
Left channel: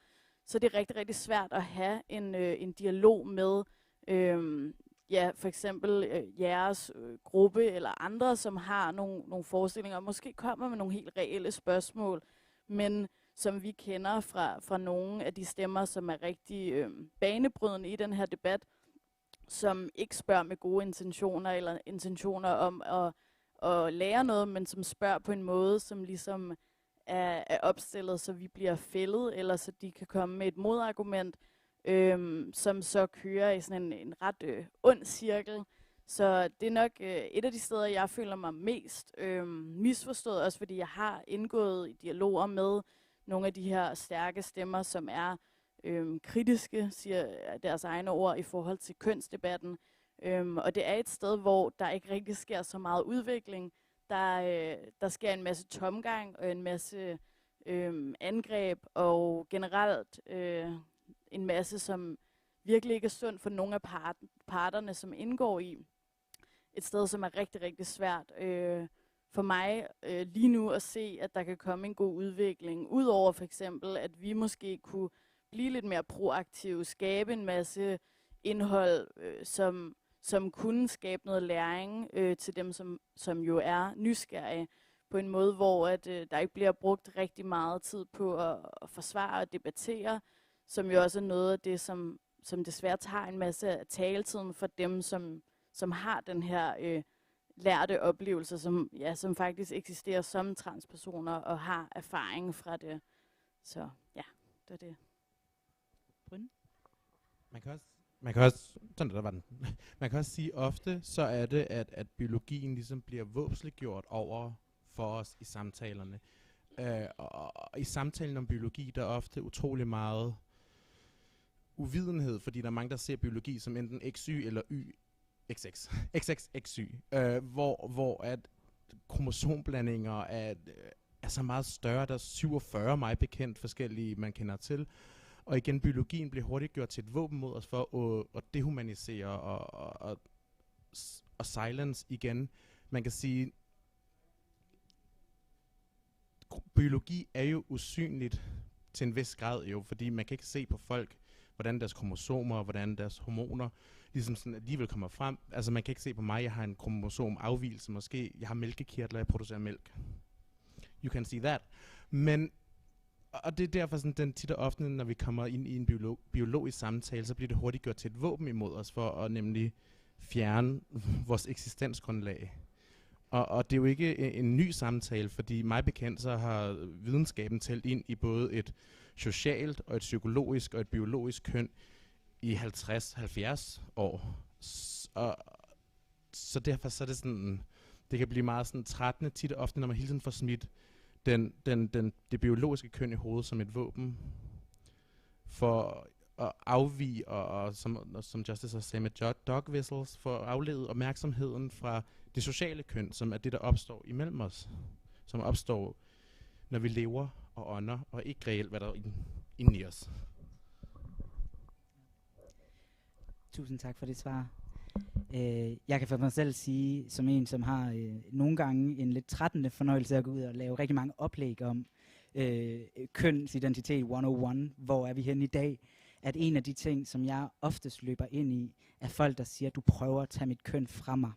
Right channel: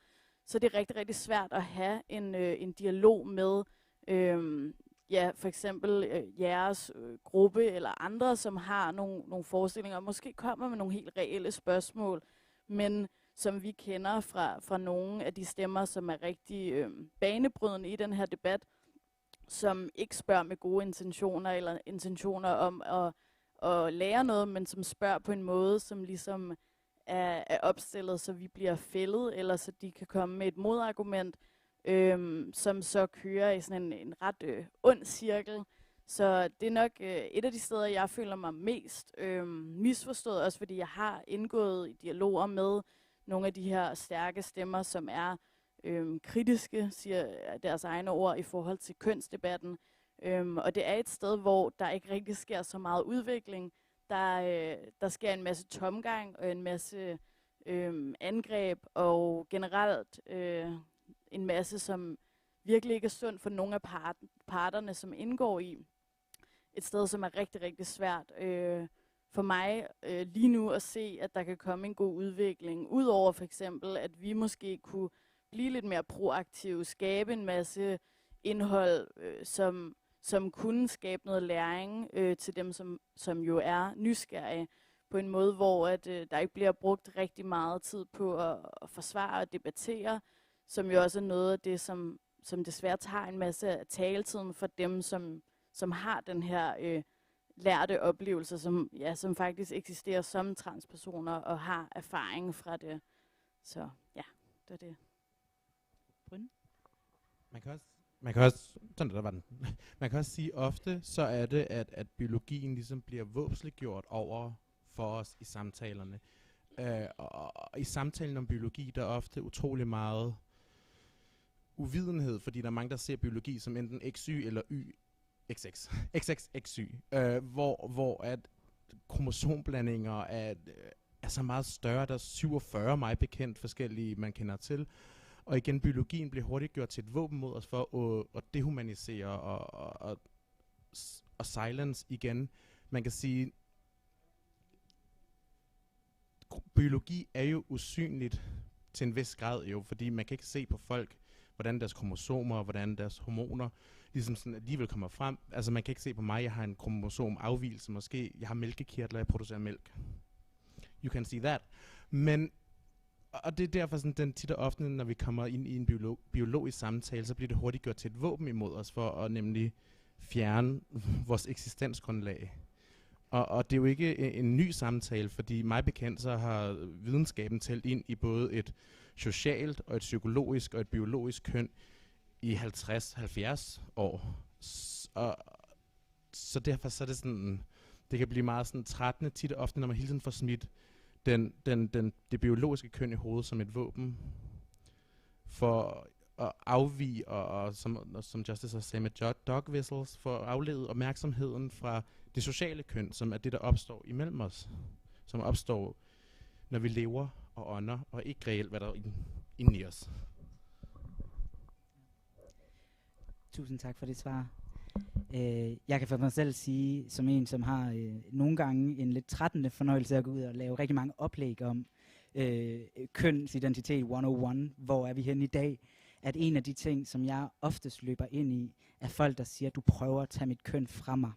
Så det er rigtig, rigtig svært at have en dialog med for eksempel jeres gruppe eller andre, som har nogle forestillinger, og måske kommer med nogle helt reelle spørgsmål, men som vi kender fra nogle af de stemmer, som er rigtig banebrydende i den her debat, som ikke spørger med gode intentioner, eller intentioner om at lære noget, men som spørger på en måde, som ligesom er opstillet, så vi bliver fældet, eller så de kan komme med et modargument, som så kører i sådan en ret ond cirkel. Så det er nok et af de steder, jeg føler mig mest misforstået, også fordi jeg har indgået i dialoger med nogle af de her stærke stemmer, som er kritiske, siger deres egne ord, i forhold til kønsdebatten. Og det er et sted, hvor der ikke rigtig sker så meget udvikling. Der sker en masse tomgang og en masse angreb, og generelt en masse, som virkelig ikke er sundt for nogle af parterne, som indgår i. Et sted, som er rigtig, rigtig svært for mig lige nu at se, at der kan komme en god udvikling. Udover for eksempel, at vi måske kunne blive lidt mere proaktive, skabe en masse indhold, som kunne skabe noget læring til dem, som jo er nysgerrige, på en måde, hvor der ikke bliver brugt rigtig meget tid på at forsvare og debattere, som jo også er noget af det, som desværre tager en masse af taletiden for dem, som har den her lærte oplevelse, som faktisk eksisterer som transpersoner og har erfaring fra det. Så ja, det er det. Brynne? Man kan også, sådan der var den. Man kan også sige ofte, så er det, at biologien ligesom bliver våbensliggjort over for os i samtalerne. Og i samtalen om biologi, der er ofte utrolig meget uvidenhed, fordi der er mange, der ser biologi som enten XY eller XXXY, hvor at kromosomblandinger er så meget større. Der er 47 mig bekendt forskellige, man kender til. Og igen, biologien bliver hurtigt gjort til et våben mod os for at dehumanisere og silence igen. Man kan sige, biologi er jo usynligt til en vis grad jo, fordi man kan ikke se på folk, hvordan deres kromosomer, hvordan deres hormoner ligesom sådan alligevel kommer frem. Altså man kan ikke se på mig, jeg har en kromosomafvigelse måske, jeg har mælkekirtler, jeg producerer mælk. You can see that. Men og det er derfor sådan, den tit og ofte, når vi kommer ind i en biologisk samtale, så bliver det hurtigt gjort til et våben imod os, for at nemlig fjerne vores eksistensgrundlag. Og det er jo ikke en ny samtale, fordi mig bekendt, så har videnskaben talt ind i både et socialt, og et psykologisk, og et biologisk køn i 50-70 år. Så derfor så er det sådan, det kan blive meget sådan trættende tit og ofte, når man hele tiden får smidt det biologiske køn i hovedet som et våben for at afvige, og som Justice har sagt med dog whistles, for at aflede opmærksomheden fra det sociale køn, som er det, der opstår imellem os. Som opstår, når vi lever og ånder, og ikke reelt, hvad der er inde i os. Tusind tak for det svar. Jeg kan for mig selv sige, som en, som har nogle gange en lidt trættende fornøjelse at gå ud og lave rigtig mange oplæg om kønsidentitet 101, hvor er vi henne i dag, at en af de ting, som jeg oftest løber ind i, er folk, der siger, du prøver at tage mit køn fra mig.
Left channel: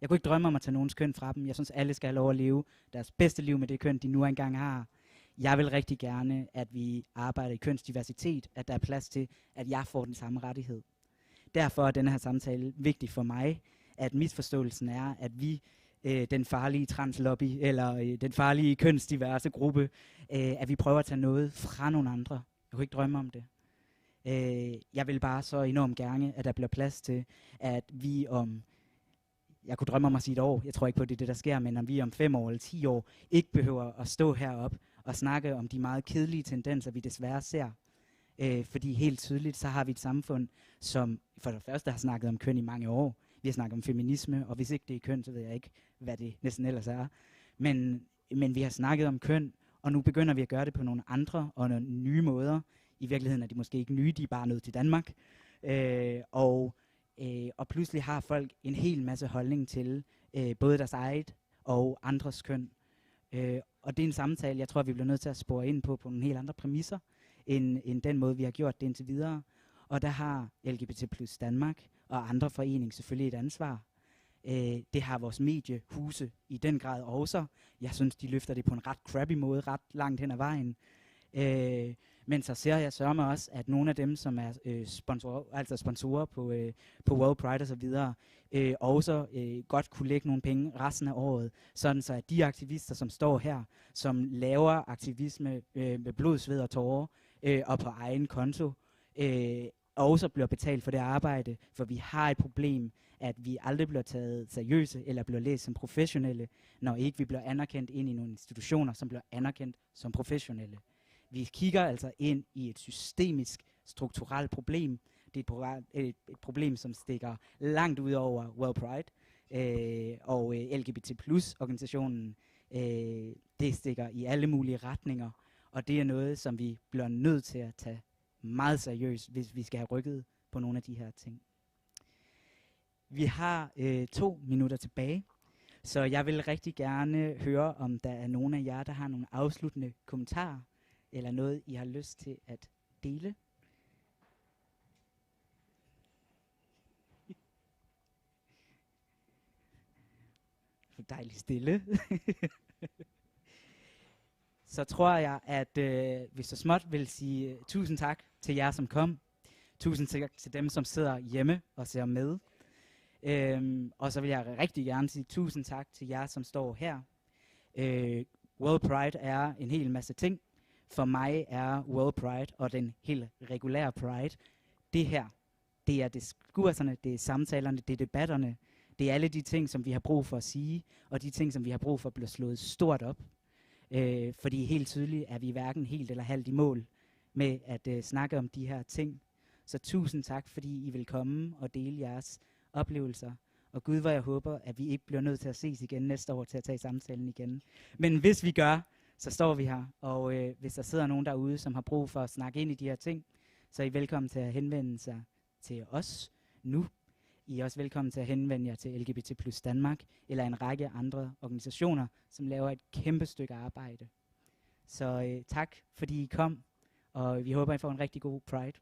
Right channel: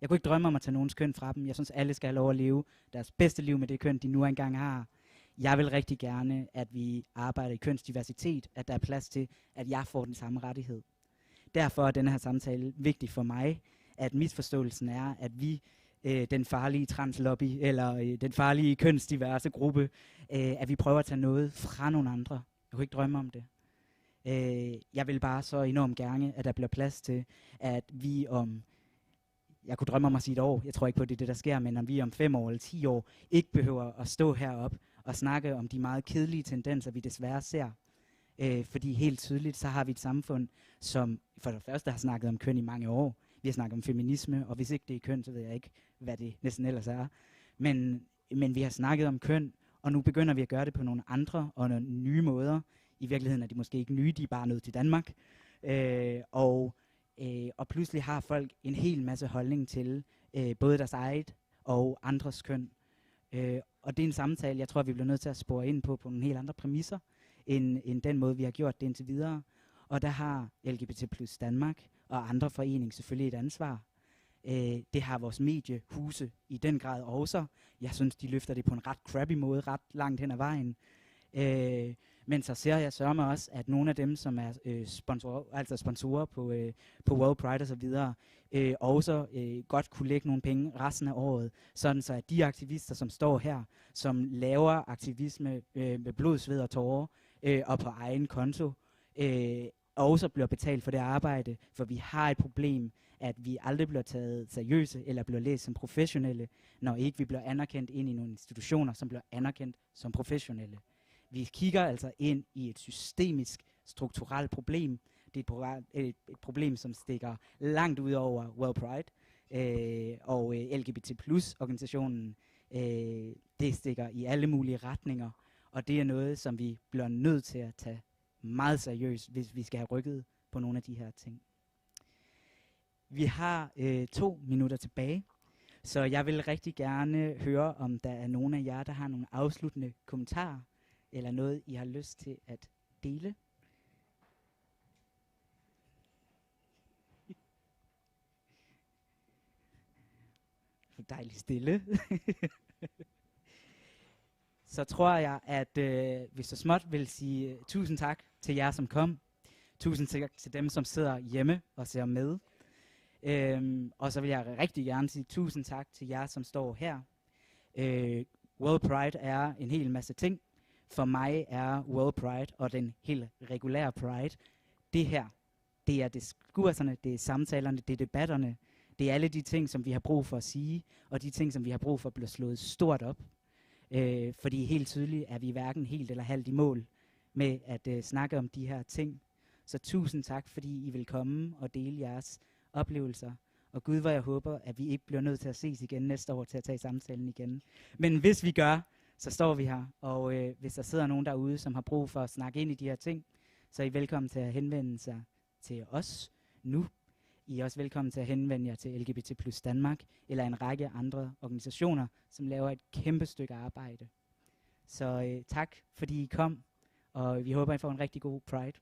Jeg kunne ikke drømme om at tage nogens køn fra dem. Jeg synes, alle skal have lov at leve deres bedste liv med det køn, de nu engang har. Jeg vil rigtig gerne, at vi arbejder i kønsdiversitet, at der er plads til, at jeg får den samme rettighed. Derfor er denne her samtale vigtig for mig, at misforståelsen er, at vi, den farlige translobby, eller den farlige kønsdiverse gruppe, at vi prøver at tage noget fra nogle andre. Jeg kunne ikke drømme om det. Jeg vil bare så enormt gerne, at der bliver plads til, at vi om, jeg kunne drømme om at sige et år, jeg tror ikke på, at det er det, der sker, men om vi om 5 år eller 10 år, ikke behøver at stå heroppe og snakke om de meget kedelige tendenser, vi desværre ser. Fordi helt tydeligt, så har vi et samfund, som for det første har snakket om køn i mange år. Vi har snakket om feminisme, og hvis ikke det er køn, så ved jeg ikke, hvad det næsten ellers er. Men vi har snakket om køn, og nu begynder vi at gøre det på nogle andre og nogle nye måder. I virkeligheden er de måske ikke nye, de er bare nødt til Danmark. Og pludselig har folk en hel masse holdning til både deres eget og andres køn. Og det er en samtale, jeg tror, vi bliver nødt til at spore ind på nogle helt andre præmisser, end den måde, vi har gjort det indtil videre. Og der har LGBT plus Danmark og andre foreninger selvfølgelig et ansvar. Det har vores mediehuse i den grad også. Jeg synes, de løfter det på en ret crappy måde, ret langt hen ad vejen. Men så ser jeg sørme også, at nogle af dem, som er sponsorer på WorldPride og så videre, også godt kunne lægge nogle penge resten af året, sådan så at de aktivister, som står her, som laver aktivisme med blod, sved og tårer og på egen konto, også bliver betalt for det arbejde, for vi har et problem, at vi aldrig bliver taget seriøse eller bliver læst som professionelle, når ikke vi bliver anerkendt ind i nogle institutioner, som bliver anerkendt som professionelle. Vi kigger altså ind i et systemisk, strukturelt problem. Det er et problem, som stikker langt ud over WorldPride og LGBT plus organisationen. Det stikker i alle mulige retninger, og det er noget, som vi bliver nødt til at tage meget seriøst, hvis vi skal have rykket på nogle af de her ting. Vi har 2 minutter tilbage, så jeg vil rigtig gerne høre, om der er nogen af jer, der har nogle afsluttende kommentarer, eller noget, I har lyst til at dele. For dejligt stille. Så tror jeg, at vi så småt vil sige tusind tak til jer, som kom. Tusind tak til dem, som sidder hjemme og ser med. Og så vil jeg rigtig gerne sige tusind tak til jer, som står her. World Pride er en hel masse ting. For mig er World Pride og den helt regulære Pride, det her, det er diskurserne, det er samtalerne, det er debatterne, det er alle de ting, som vi har brug for at sige, og de ting, som vi har brug for at blive slået stort op. Fordi helt tydeligt er vi hverken helt eller halvt i mål med at snakke om de her ting. Så tusind tak, fordi I vil komme og dele jeres oplevelser. Og Gud, hvor jeg håber, at vi ikke bliver nødt til at ses igen næste år til at tage samtalen igen. Men hvis vi gør, så står vi her. Og hvis der sidder nogen derude, som har brug for at snakke ind i de her ting, så er I velkommen til at henvende sig til os nu. I er også velkommen til at henvende jer til LGBT plus Danmark, eller en række andre organisationer, som laver et kæmpe stykke arbejde. Så tak, fordi I kom, og vi håber, I får en rigtig god Pride.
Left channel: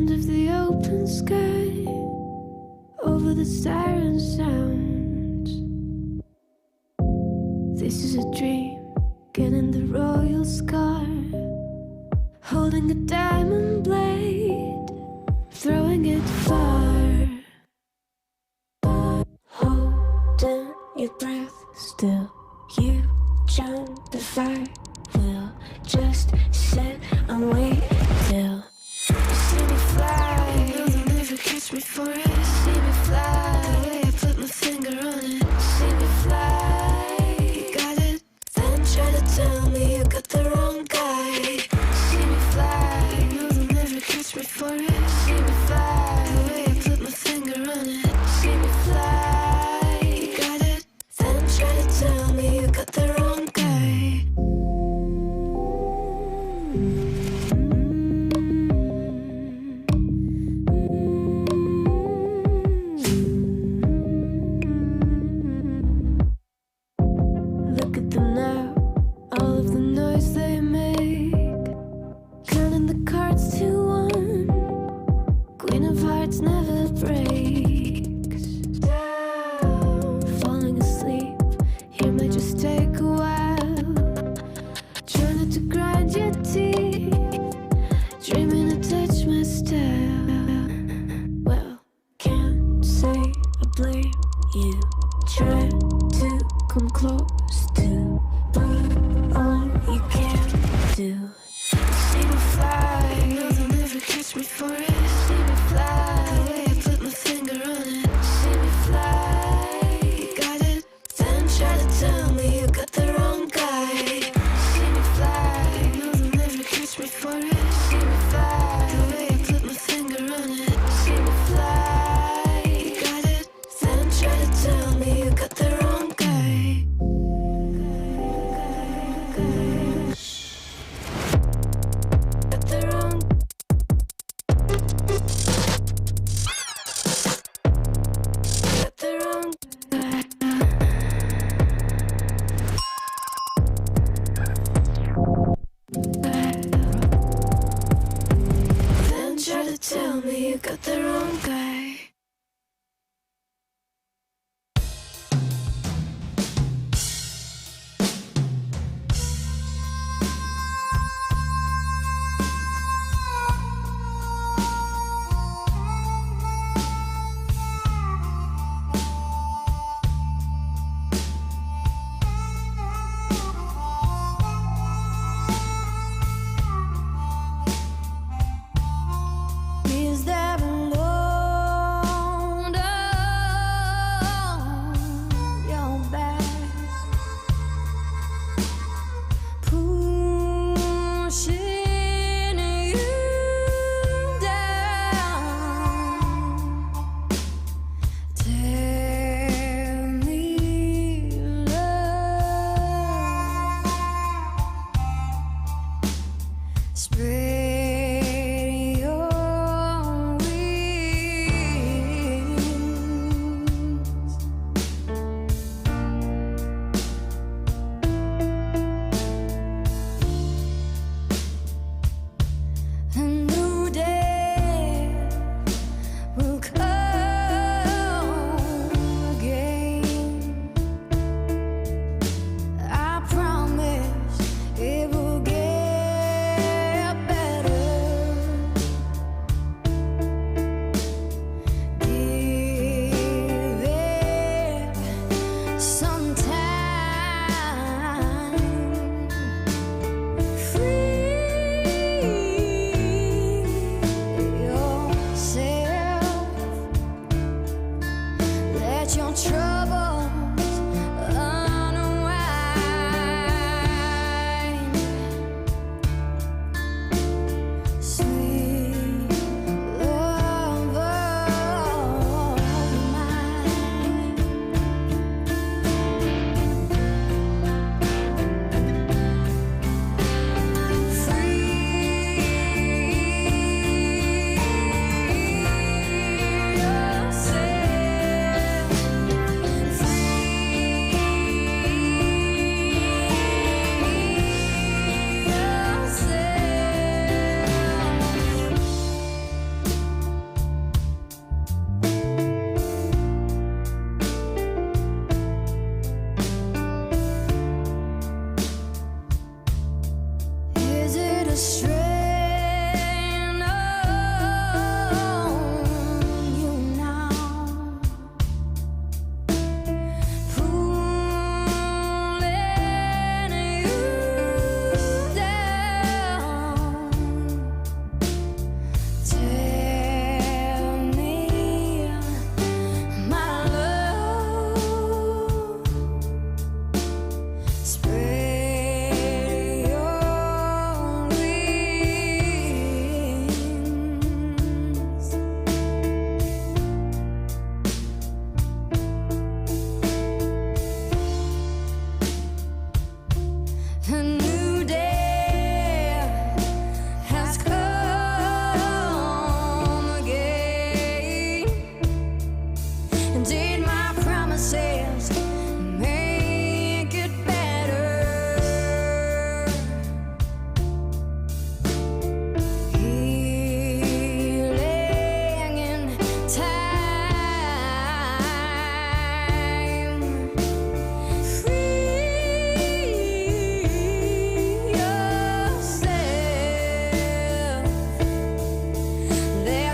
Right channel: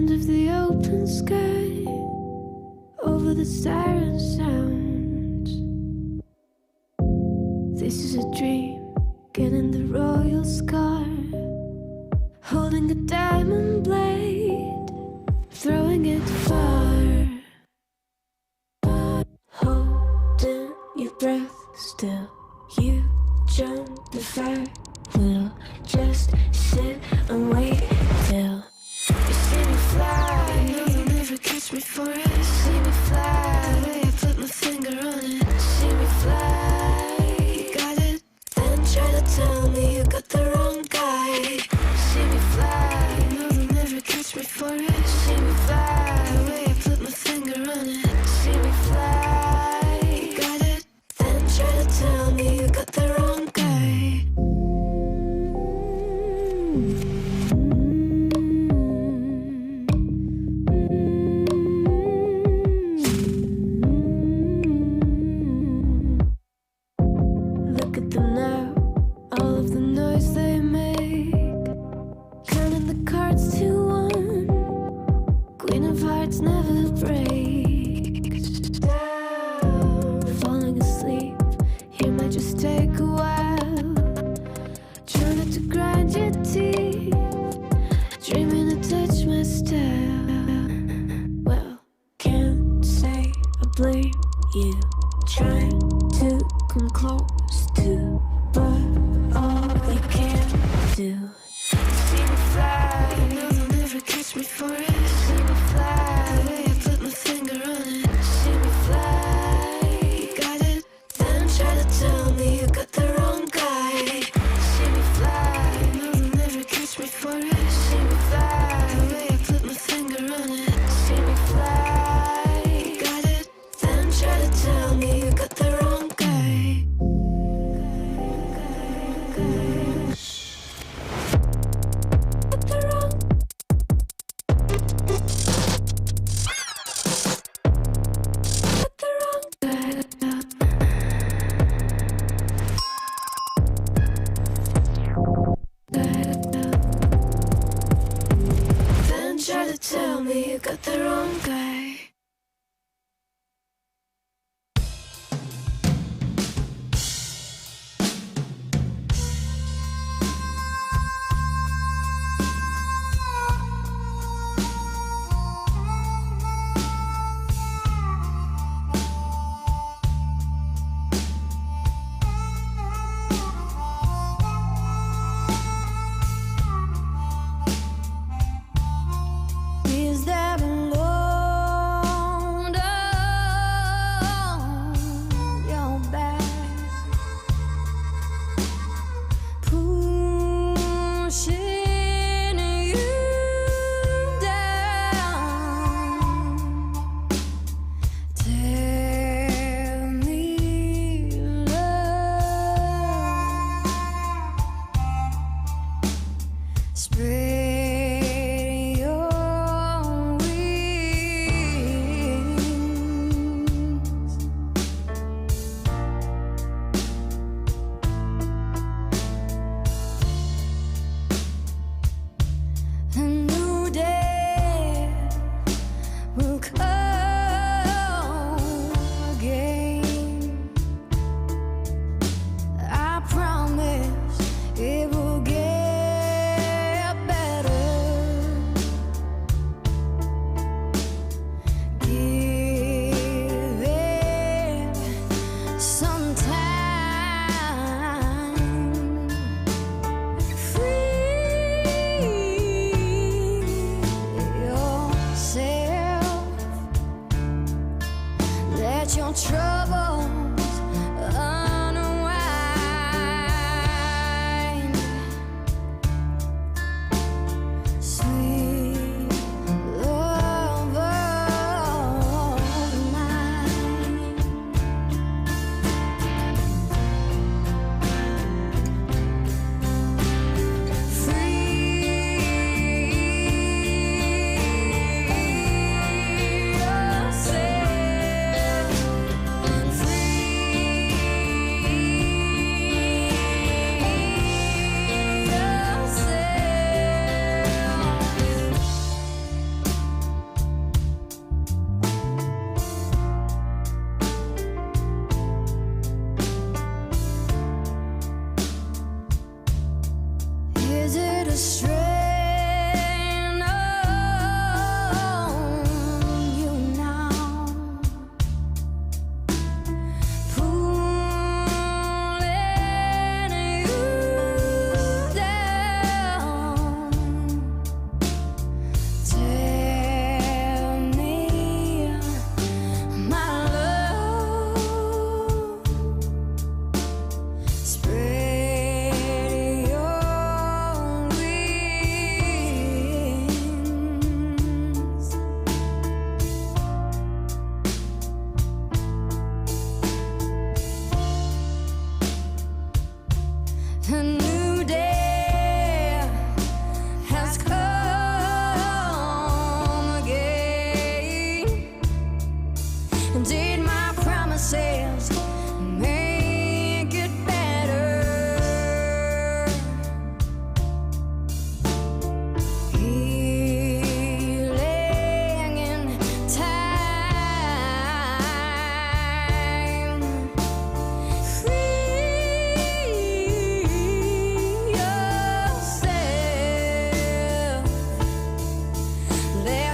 end of the open sky, over the siren sounds. This is a dream, getting the royal scar, holding a diamond blade, throwing it far. Holding your breath still, you join the fire. We'll just sit and wait till you see me fly. You know they'll never catch me for it. See me fly, the way I put my finger on it. See me fly, you got it. Then try to tell me you got the wrong guy. See me fly, you know they'll never catch me for it. See me fly, the way I put my finger on it. See me fly, you got it. Then try to tell me you got the wrong guy. Look at them now, all of the noise they make, counting the cards to one. Queen of Hearts never breaks. Falling asleep, here might just take a while. Try not to grind your teeth, dreaming to touch my style. Well, can't say I blame you. Try to come close to, but all you can do. See me fly, you know they'll never catch me for it. See me fly, the way I put my finger on it. See me fly, you got it. Then try to tell me you got the wrong guy. See me fly, you know they'll never catch me for it. See me fly, the way I put my finger on it. See me fly, you got it. Then try to tell me you got the wrong guy. Got the wrong. Got the wrong guy. Then try to tell me you got the wrong guy. Is there alone on your back, pushing you down? Tell me love, spread your wings. A new day will come again. I promise it will get better.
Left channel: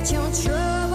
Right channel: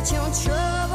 forget your troubles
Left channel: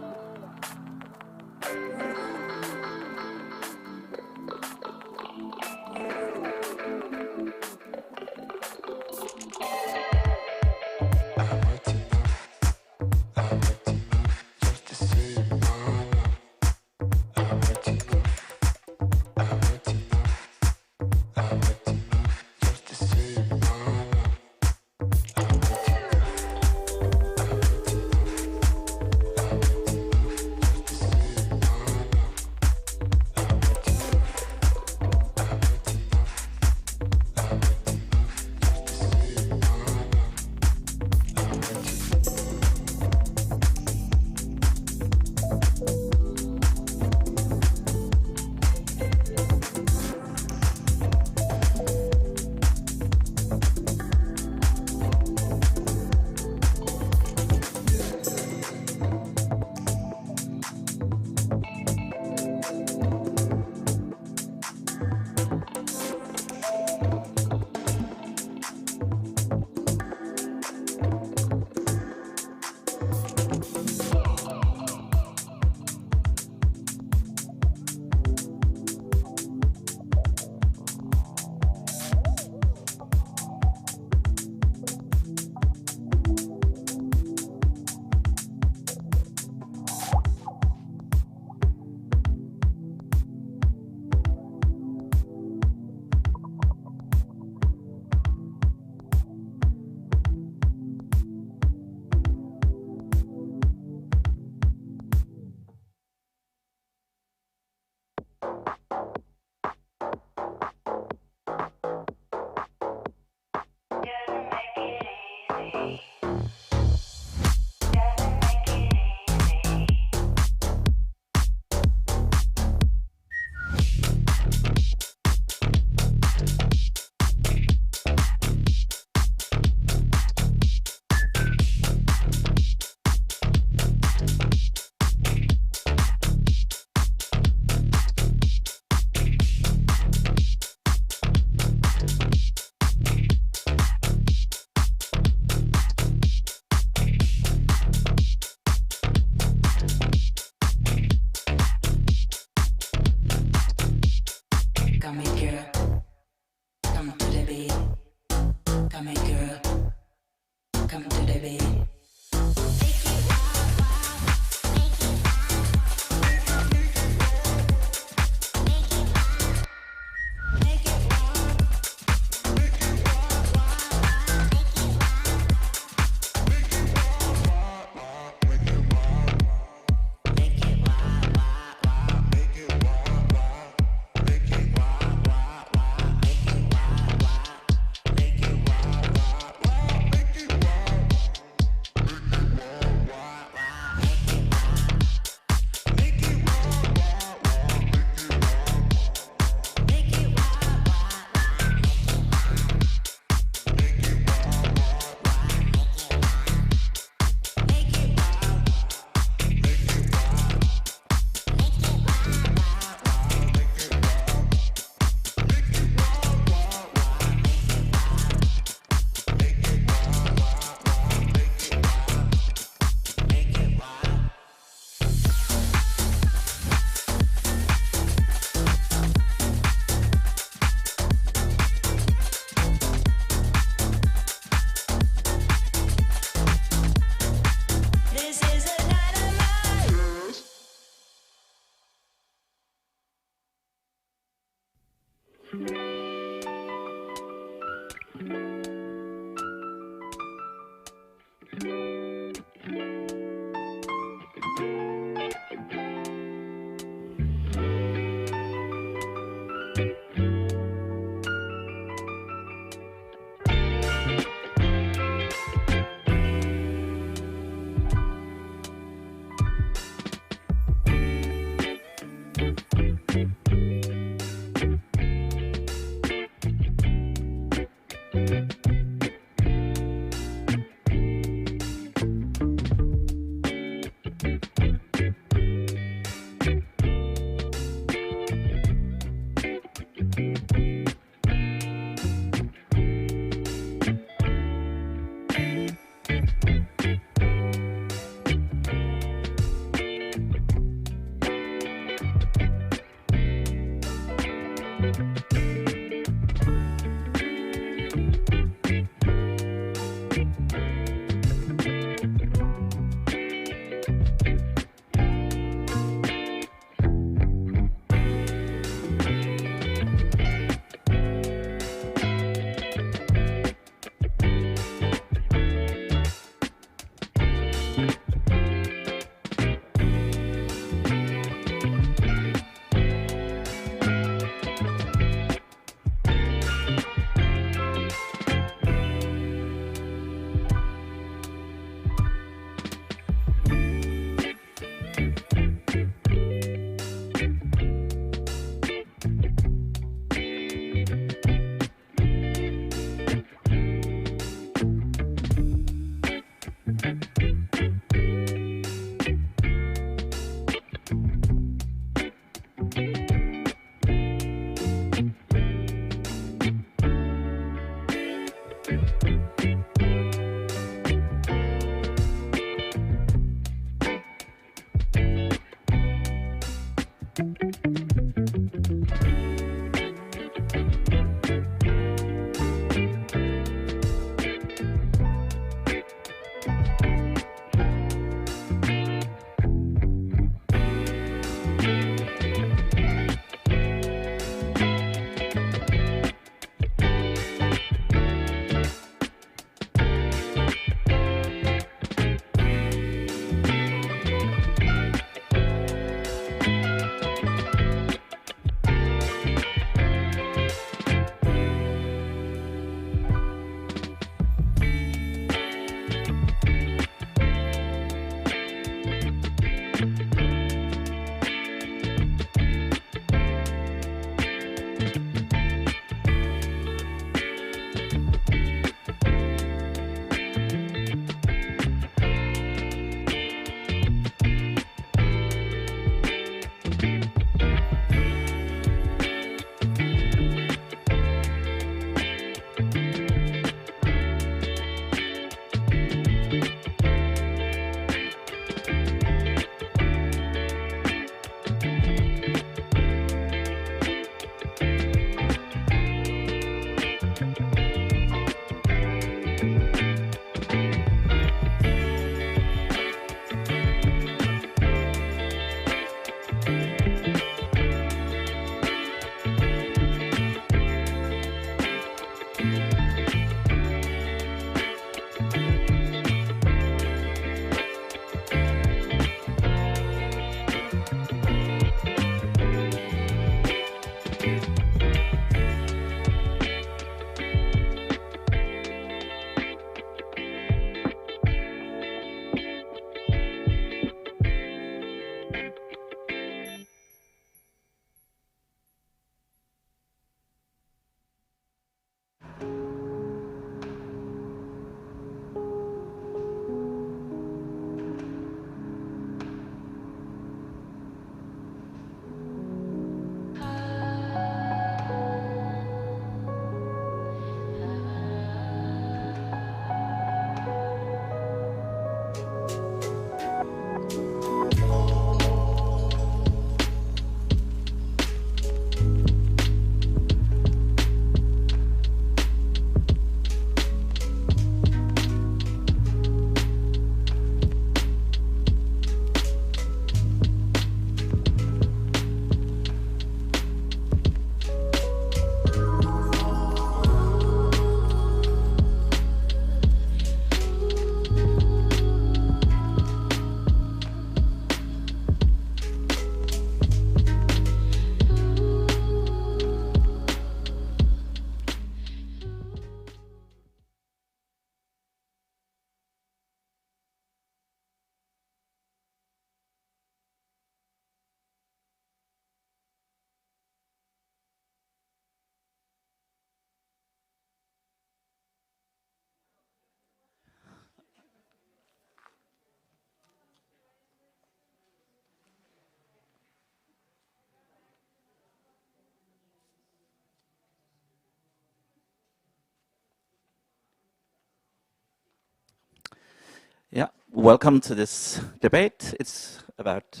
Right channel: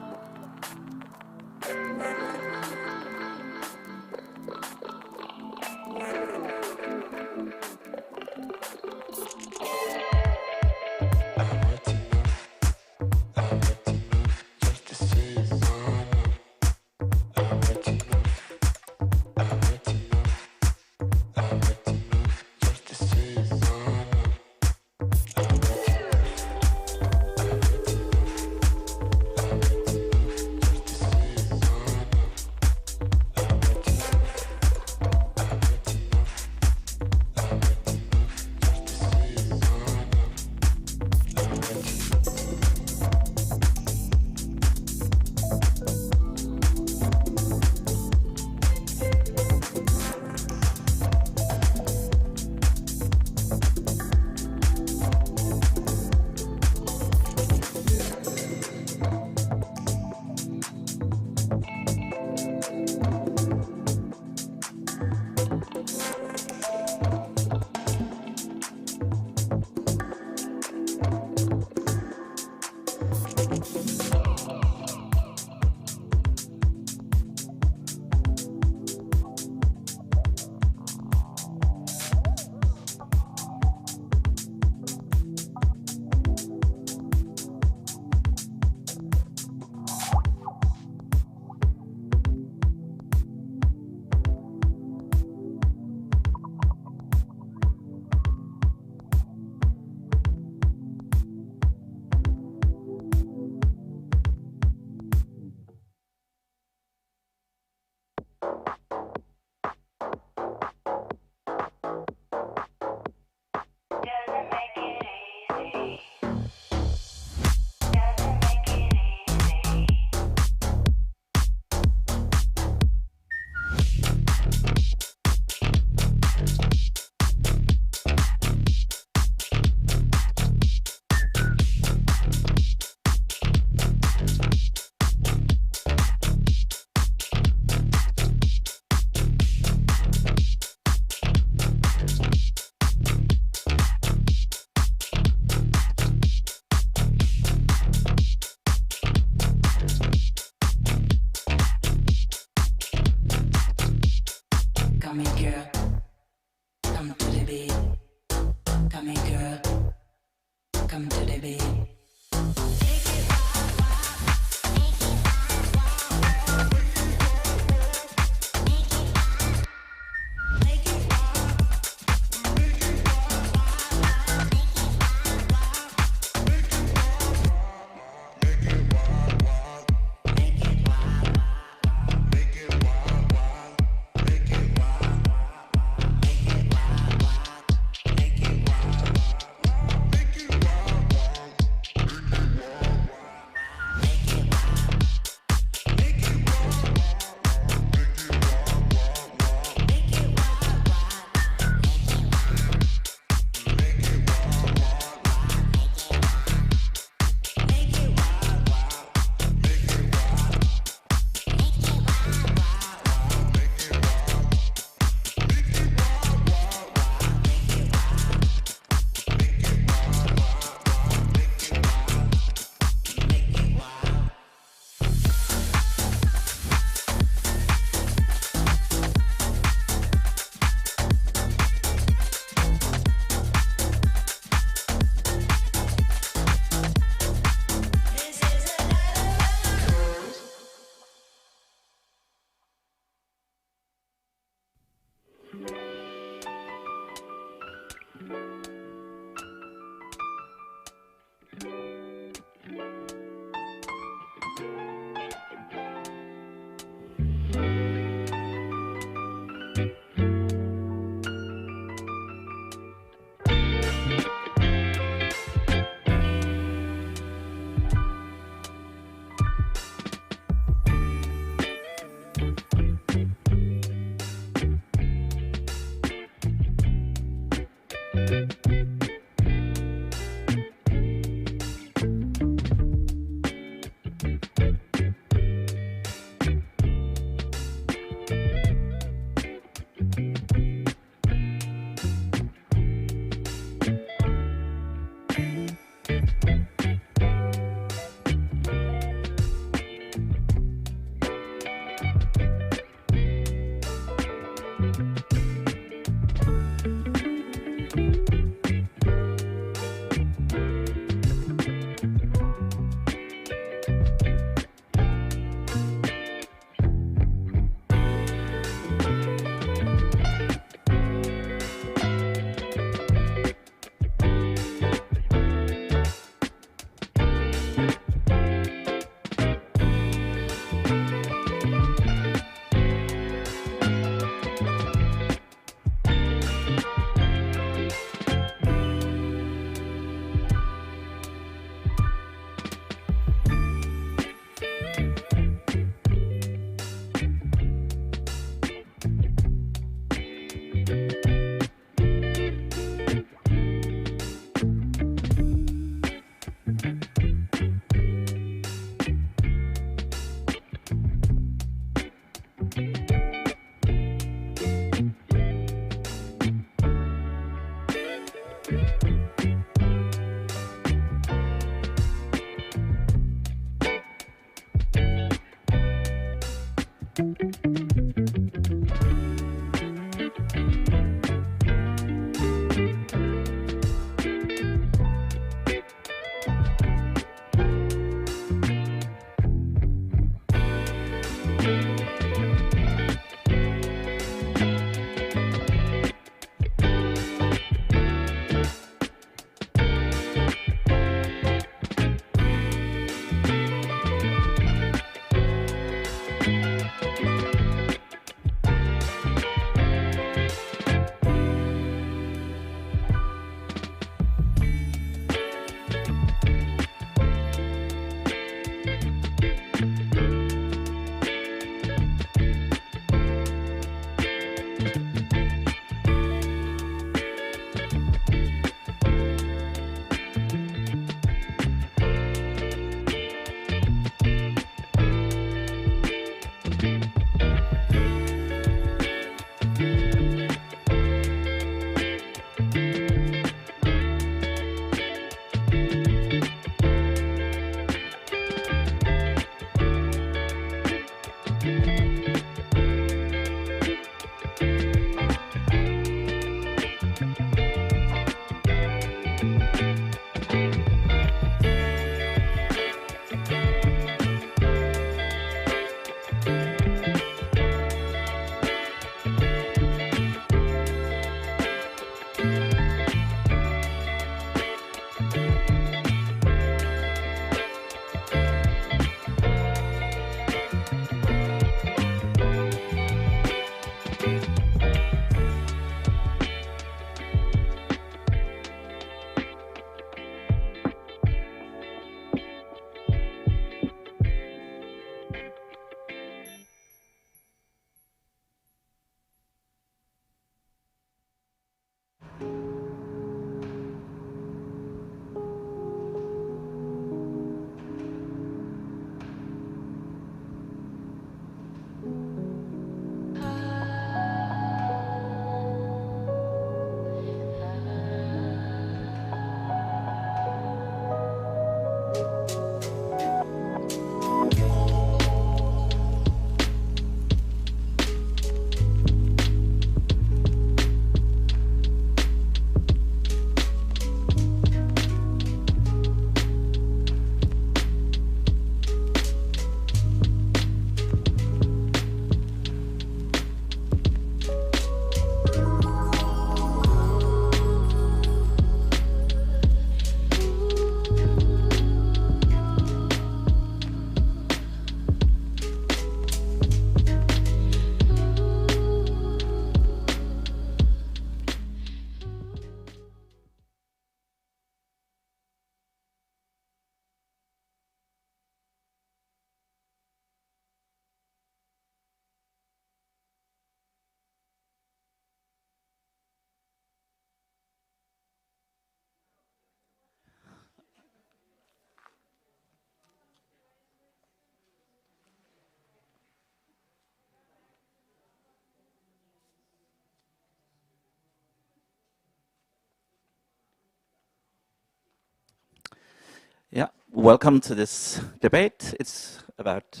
Yeah, welcome to this debate. It's about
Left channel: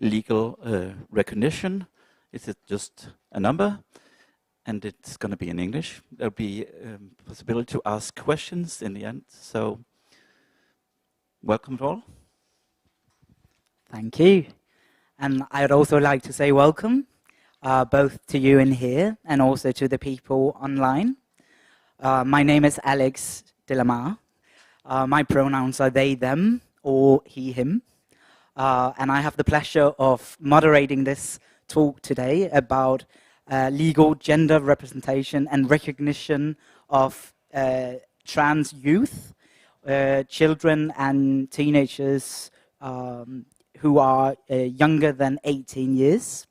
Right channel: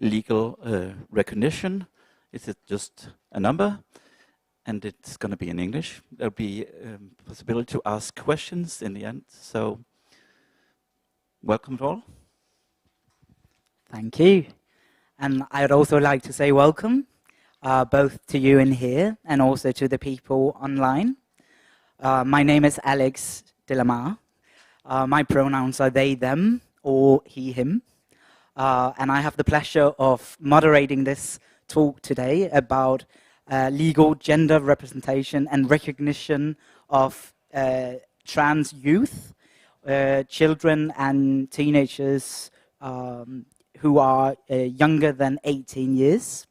legal recognition. Is it just a number? And it's going to be in English. There'll be possibility to ask questions in the end. So, welcome to all. Thank you. And I would also like to say welcome, both to you in here and also to the people online. My name is Alex Delamar. My pronouns are they, them, or he, him. And I have the pleasure of moderating this talk today about legal gender representation and recognition of trans youth, children and teenagers who are younger than 18 years.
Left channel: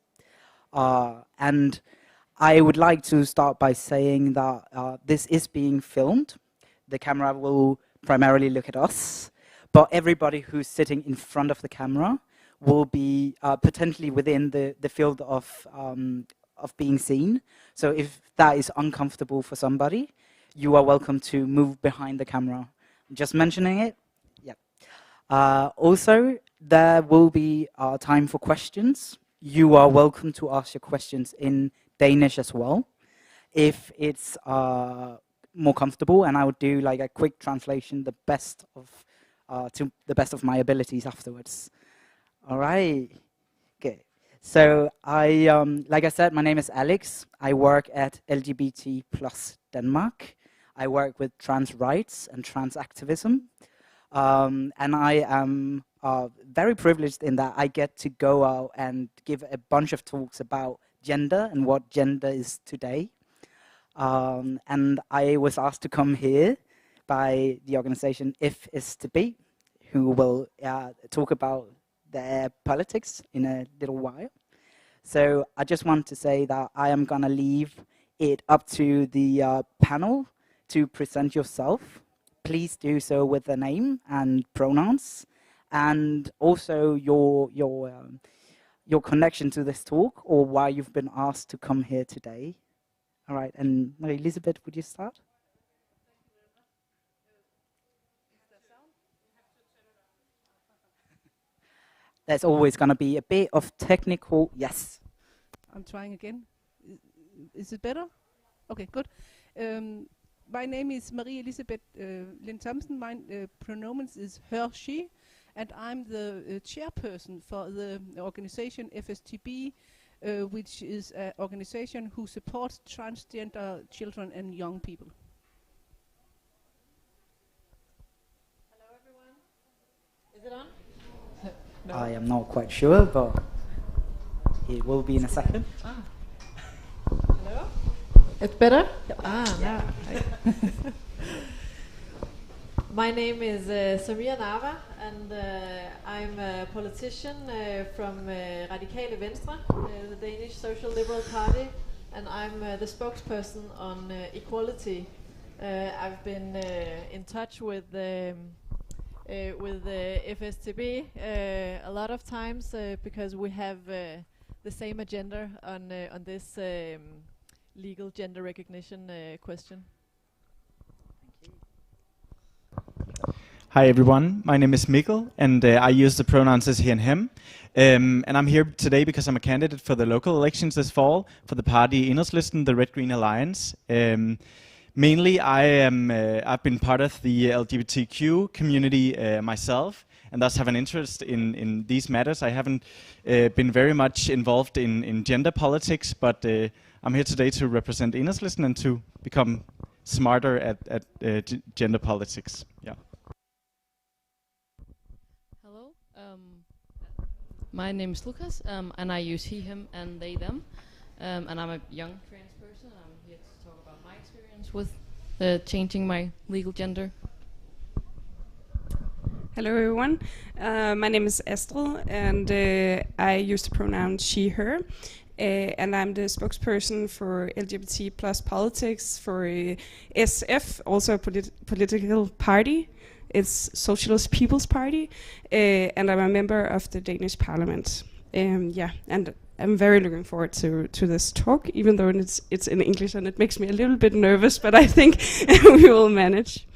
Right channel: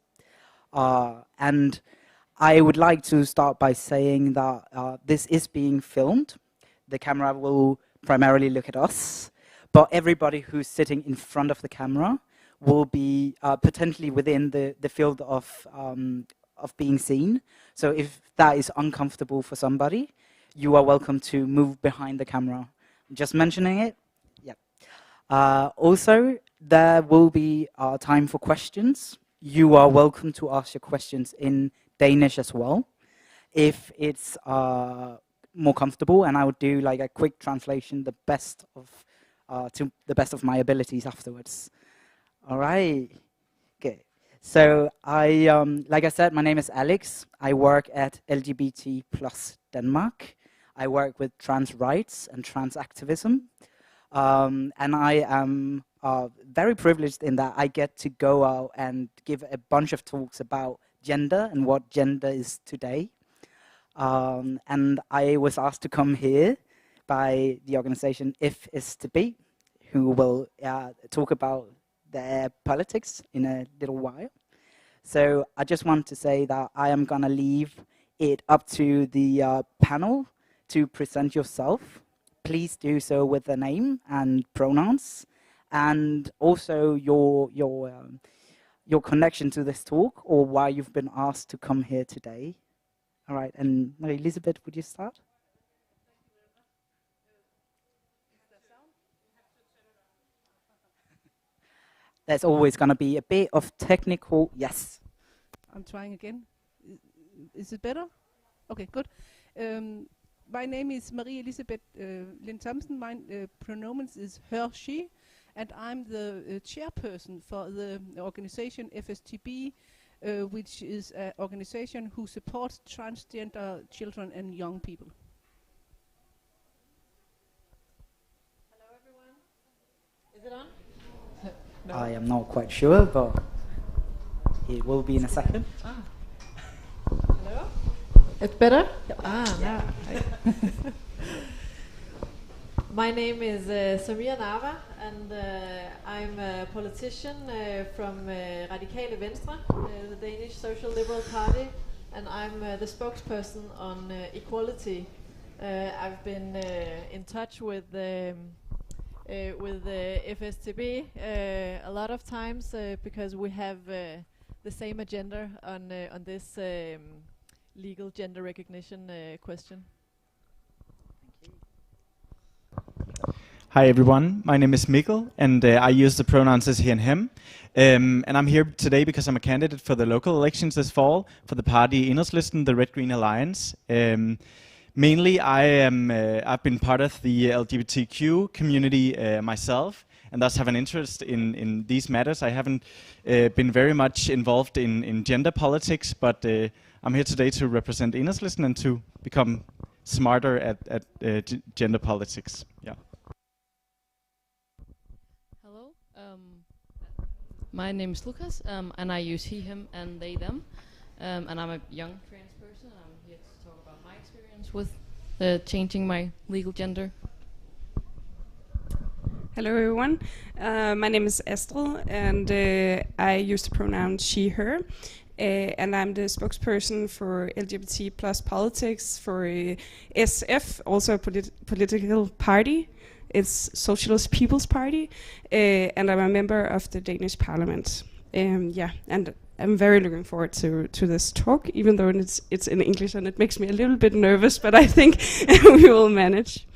And I would like to start by saying that this is being filmed. The camera will primarily look at us, but everybody who's sitting in front of the camera will be potentially within the field of being seen. So if that is uncomfortable for somebody, you are welcome to move behind the camera. Just mentioning it. Yeah. Also, there will be time for questions. You are welcome to ask your questions in Danish as well, if it's more comfortable, and I would do like a quick translation, to the best of my abilities afterwards. All right. Good. So like I said, my name is Alex. I work at LGBT+ Denmark. I work with trans rights and trans activism. And I am very privileged in that I get to go out and give a bunch of talks about gender and what gender is today. And I was asked to come here by the organization If Is To Be, who will talk about their politics in a little while. So I just want to say that I am going to leave it up to the panel to present yourself. Please do so with the name and pronouns, and also your connection to this talk or why you've been asked to come here today. All right, and Marie-Elisabeth, would you start? There's always going to be a bit of technical, yes. I'm trying again. Is it better? Okay, good. My name is Marie-Elisabeth Lind Thomsen. My pronouns is her, she, and I'm the chairperson for the organization FSTB, which is an organization who supports transgender children and young people. Hello everyone. Is it on? No. I am not quite sure, but it will be in a second. Hello? It's better? Yep. Yeah. My name is Samir Nava, and I'm a politician from Radikale Venstre, the Danish Social Liberal Party, and I'm the spokesperson on equality. I've been in touch with the FSTB a lot of times because we have the same agenda on this legal gender recognition question. Hi everyone, my name is Mikkel, and I use the pronouns as he and him. And I'm here today because I'm a candidate for the local elections this fall for the party Enhedslisten, the Red Green Alliance. Mainly, I've been part of the LGBTQ community myself, and thus have an interest in these matters. I haven't been very much involved in gender politics, but I'm here today to represent Enhedslisten and to become smarter at gender politics. Yeah. Hello, my name is Lucas, and I use he, him, and they, them. And I'm a young trans person. I'm here to talk about my experience with changing my legal gender. Hello everyone, my name is Astrid, and I use the pronoun she, her, and I'm the spokesperson for LGBT plus politics for SF, also a political party. It's Socialist People's Party, and I'm a member of the Danish Parliament. Yeah, and I'm very looking forward to this talk, even though it's in English and it makes me a little bit nervous, but I think we will manage.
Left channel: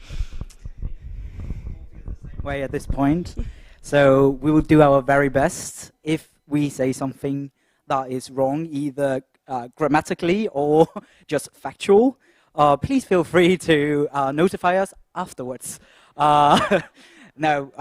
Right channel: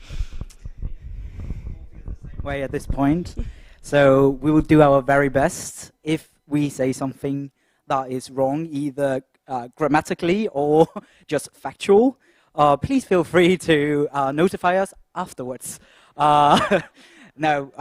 way at this point. So we will do our very best. If we say something that is wrong, either grammatically or just factual, please feel free to notify us afterwards. No,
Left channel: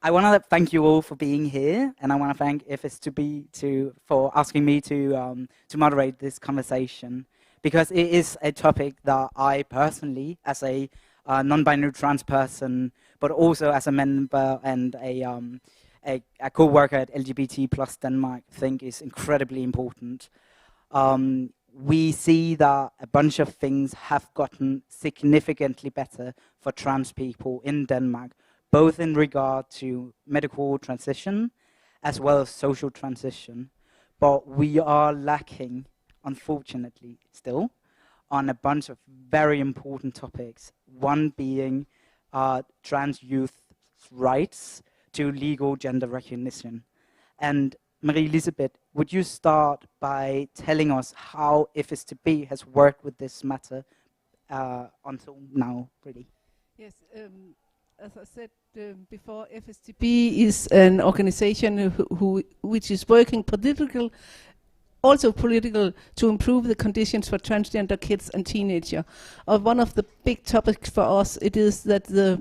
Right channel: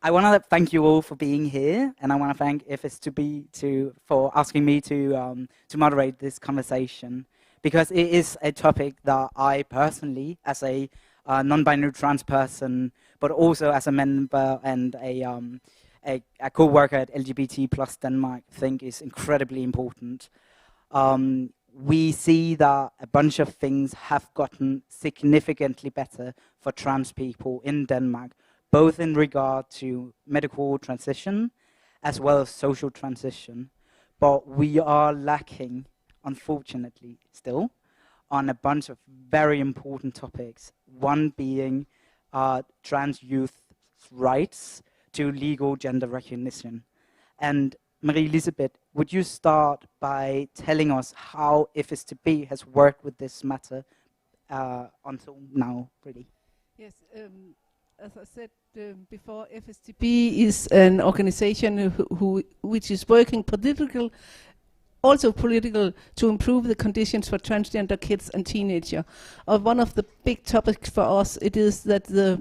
I want to thank you all for being here, and I want to thank FS2B for asking me to moderate this conversation, because it is a topic that I personally, as a non-binary trans person, but also as a member and a co-worker at LGBT plus Denmark, think is incredibly important. We see that a bunch of things have gotten significantly better for trans people in Denmark, both in regard to medical transition as well as social transition. But we are lacking, unfortunately, still, on a bunch of very important topics. One being trans youth's rights to legal gender recognition. And Marie-Elisabeth, would you start by telling us how FS2B has worked with this matter until now, really? Yes, as I said before, FS2B is an organization which is working also political to improve the conditions for transgender kids and teenagers. One of the big topics for us, it is that the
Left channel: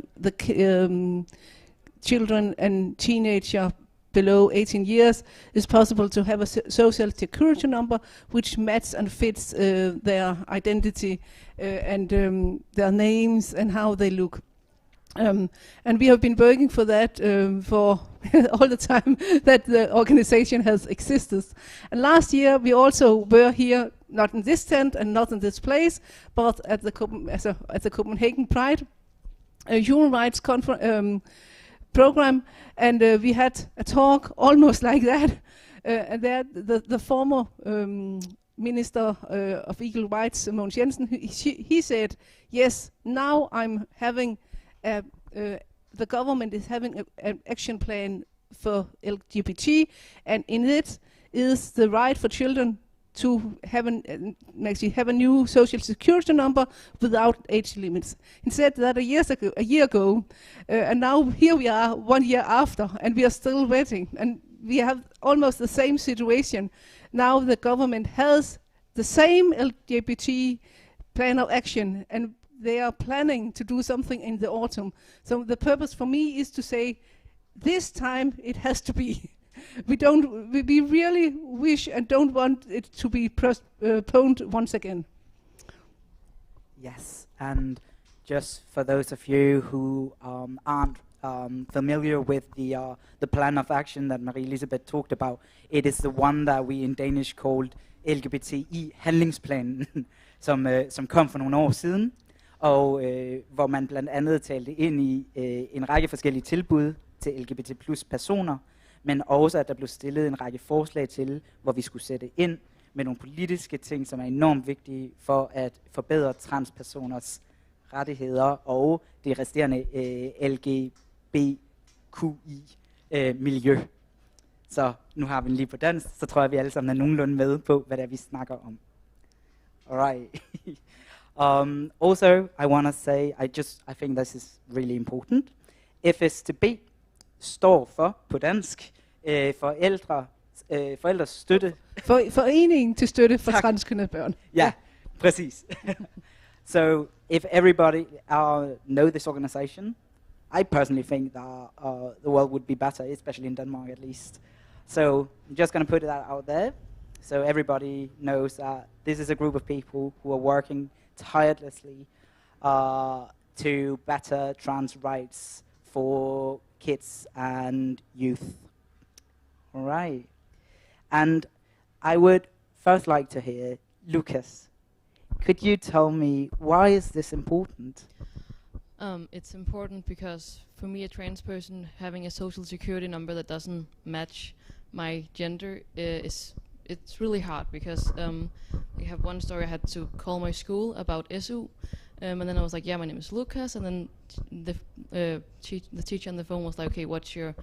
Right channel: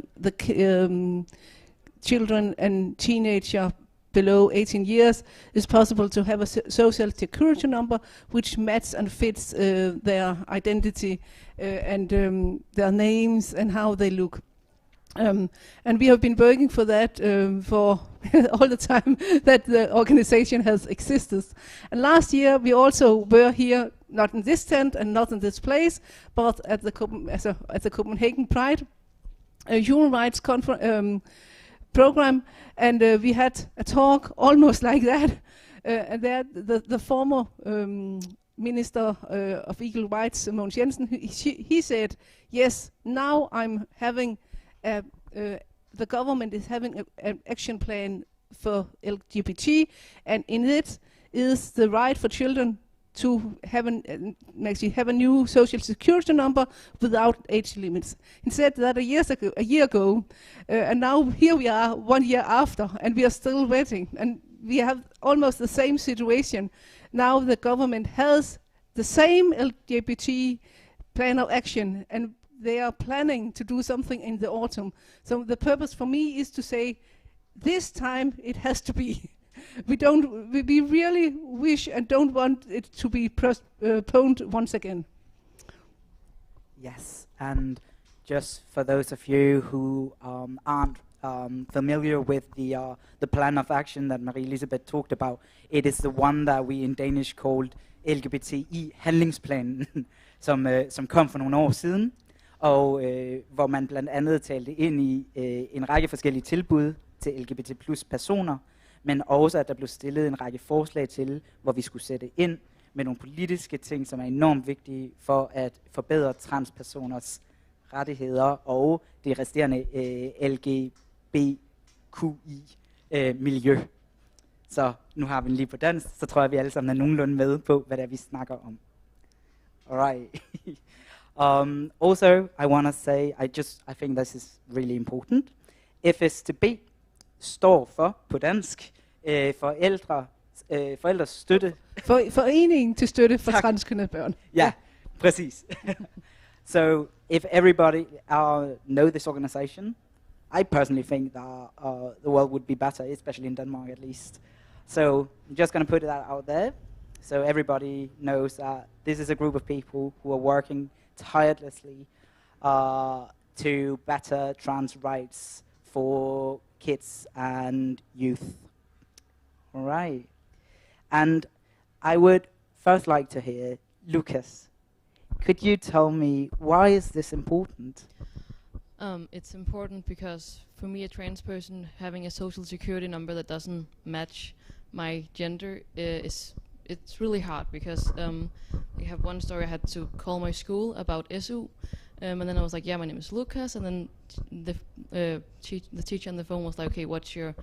children and teenagers below 18 years is possible to have a social security number which matches and fits their identity and their names and how they look. And we have been working for that for all the time that the organization has existed. And last year we also were here, not in this tent and not in this place, but at the Copenhagen Pride human rights program, and we had a talk almost like that. And there, the former Minister of Equal Rights, Mogens Jensen, he said, yes, now I'm having the government is having an action plan for LGBT, and in it is the right for children to have a new social security number without age limits. He said that a year ago, and now here we are 1 year after, and we are still waiting, and we have almost the same situation. Now the government has the same LGBT plan of action, and they are planning to do something in the autumn. So the purpose for me is to say, this time it has to be. We really wish and don't want it to be postponed once again. Yes, and just for those of you who aren't familiar with the plan of action that Marie-Elisabeth talked about, it is the one that we in Danish called LGBTI handlingsplanen, som kom for nogle år siden, og hvor man blandt andet talte ind i en række forskellige tilbud til LGBT plus personer, men også at der blev stillet en række forslag til, hvor vi skulle sætte ind med nogle politiske ting, som er enormt vigtige for at forbedre transpersoners rettigheder og det resterende LGBTQI-miljø. Så nu har vi den lige på dansk, så tror jeg, vi alle sammen er nogenlunde med på, hvad det er, vi snakker om. Alright. Also, I want to say, I think this is really important. FS2B står for, på dansk, forældres støtte. Foreningen til støtte for transkønnede børn. Ja, præcis. So, if everybody know this organization, I personally think that the world would be better, especially in Denmark at least. So, I'm just going to put that out there, so everybody knows that this is a group of people who are working tirelessly to better trans rights for kids and youth. All right. And I would first like to hear, Lucas, could you tell me why is this important? It's important because for me, a trans person, having a social security number that doesn't match my gender it's really hard, because I have one story. I had to call my school about SU, and then I was like, yeah, my name is Lucas, and then the teacher on the phone was like, okay, what's your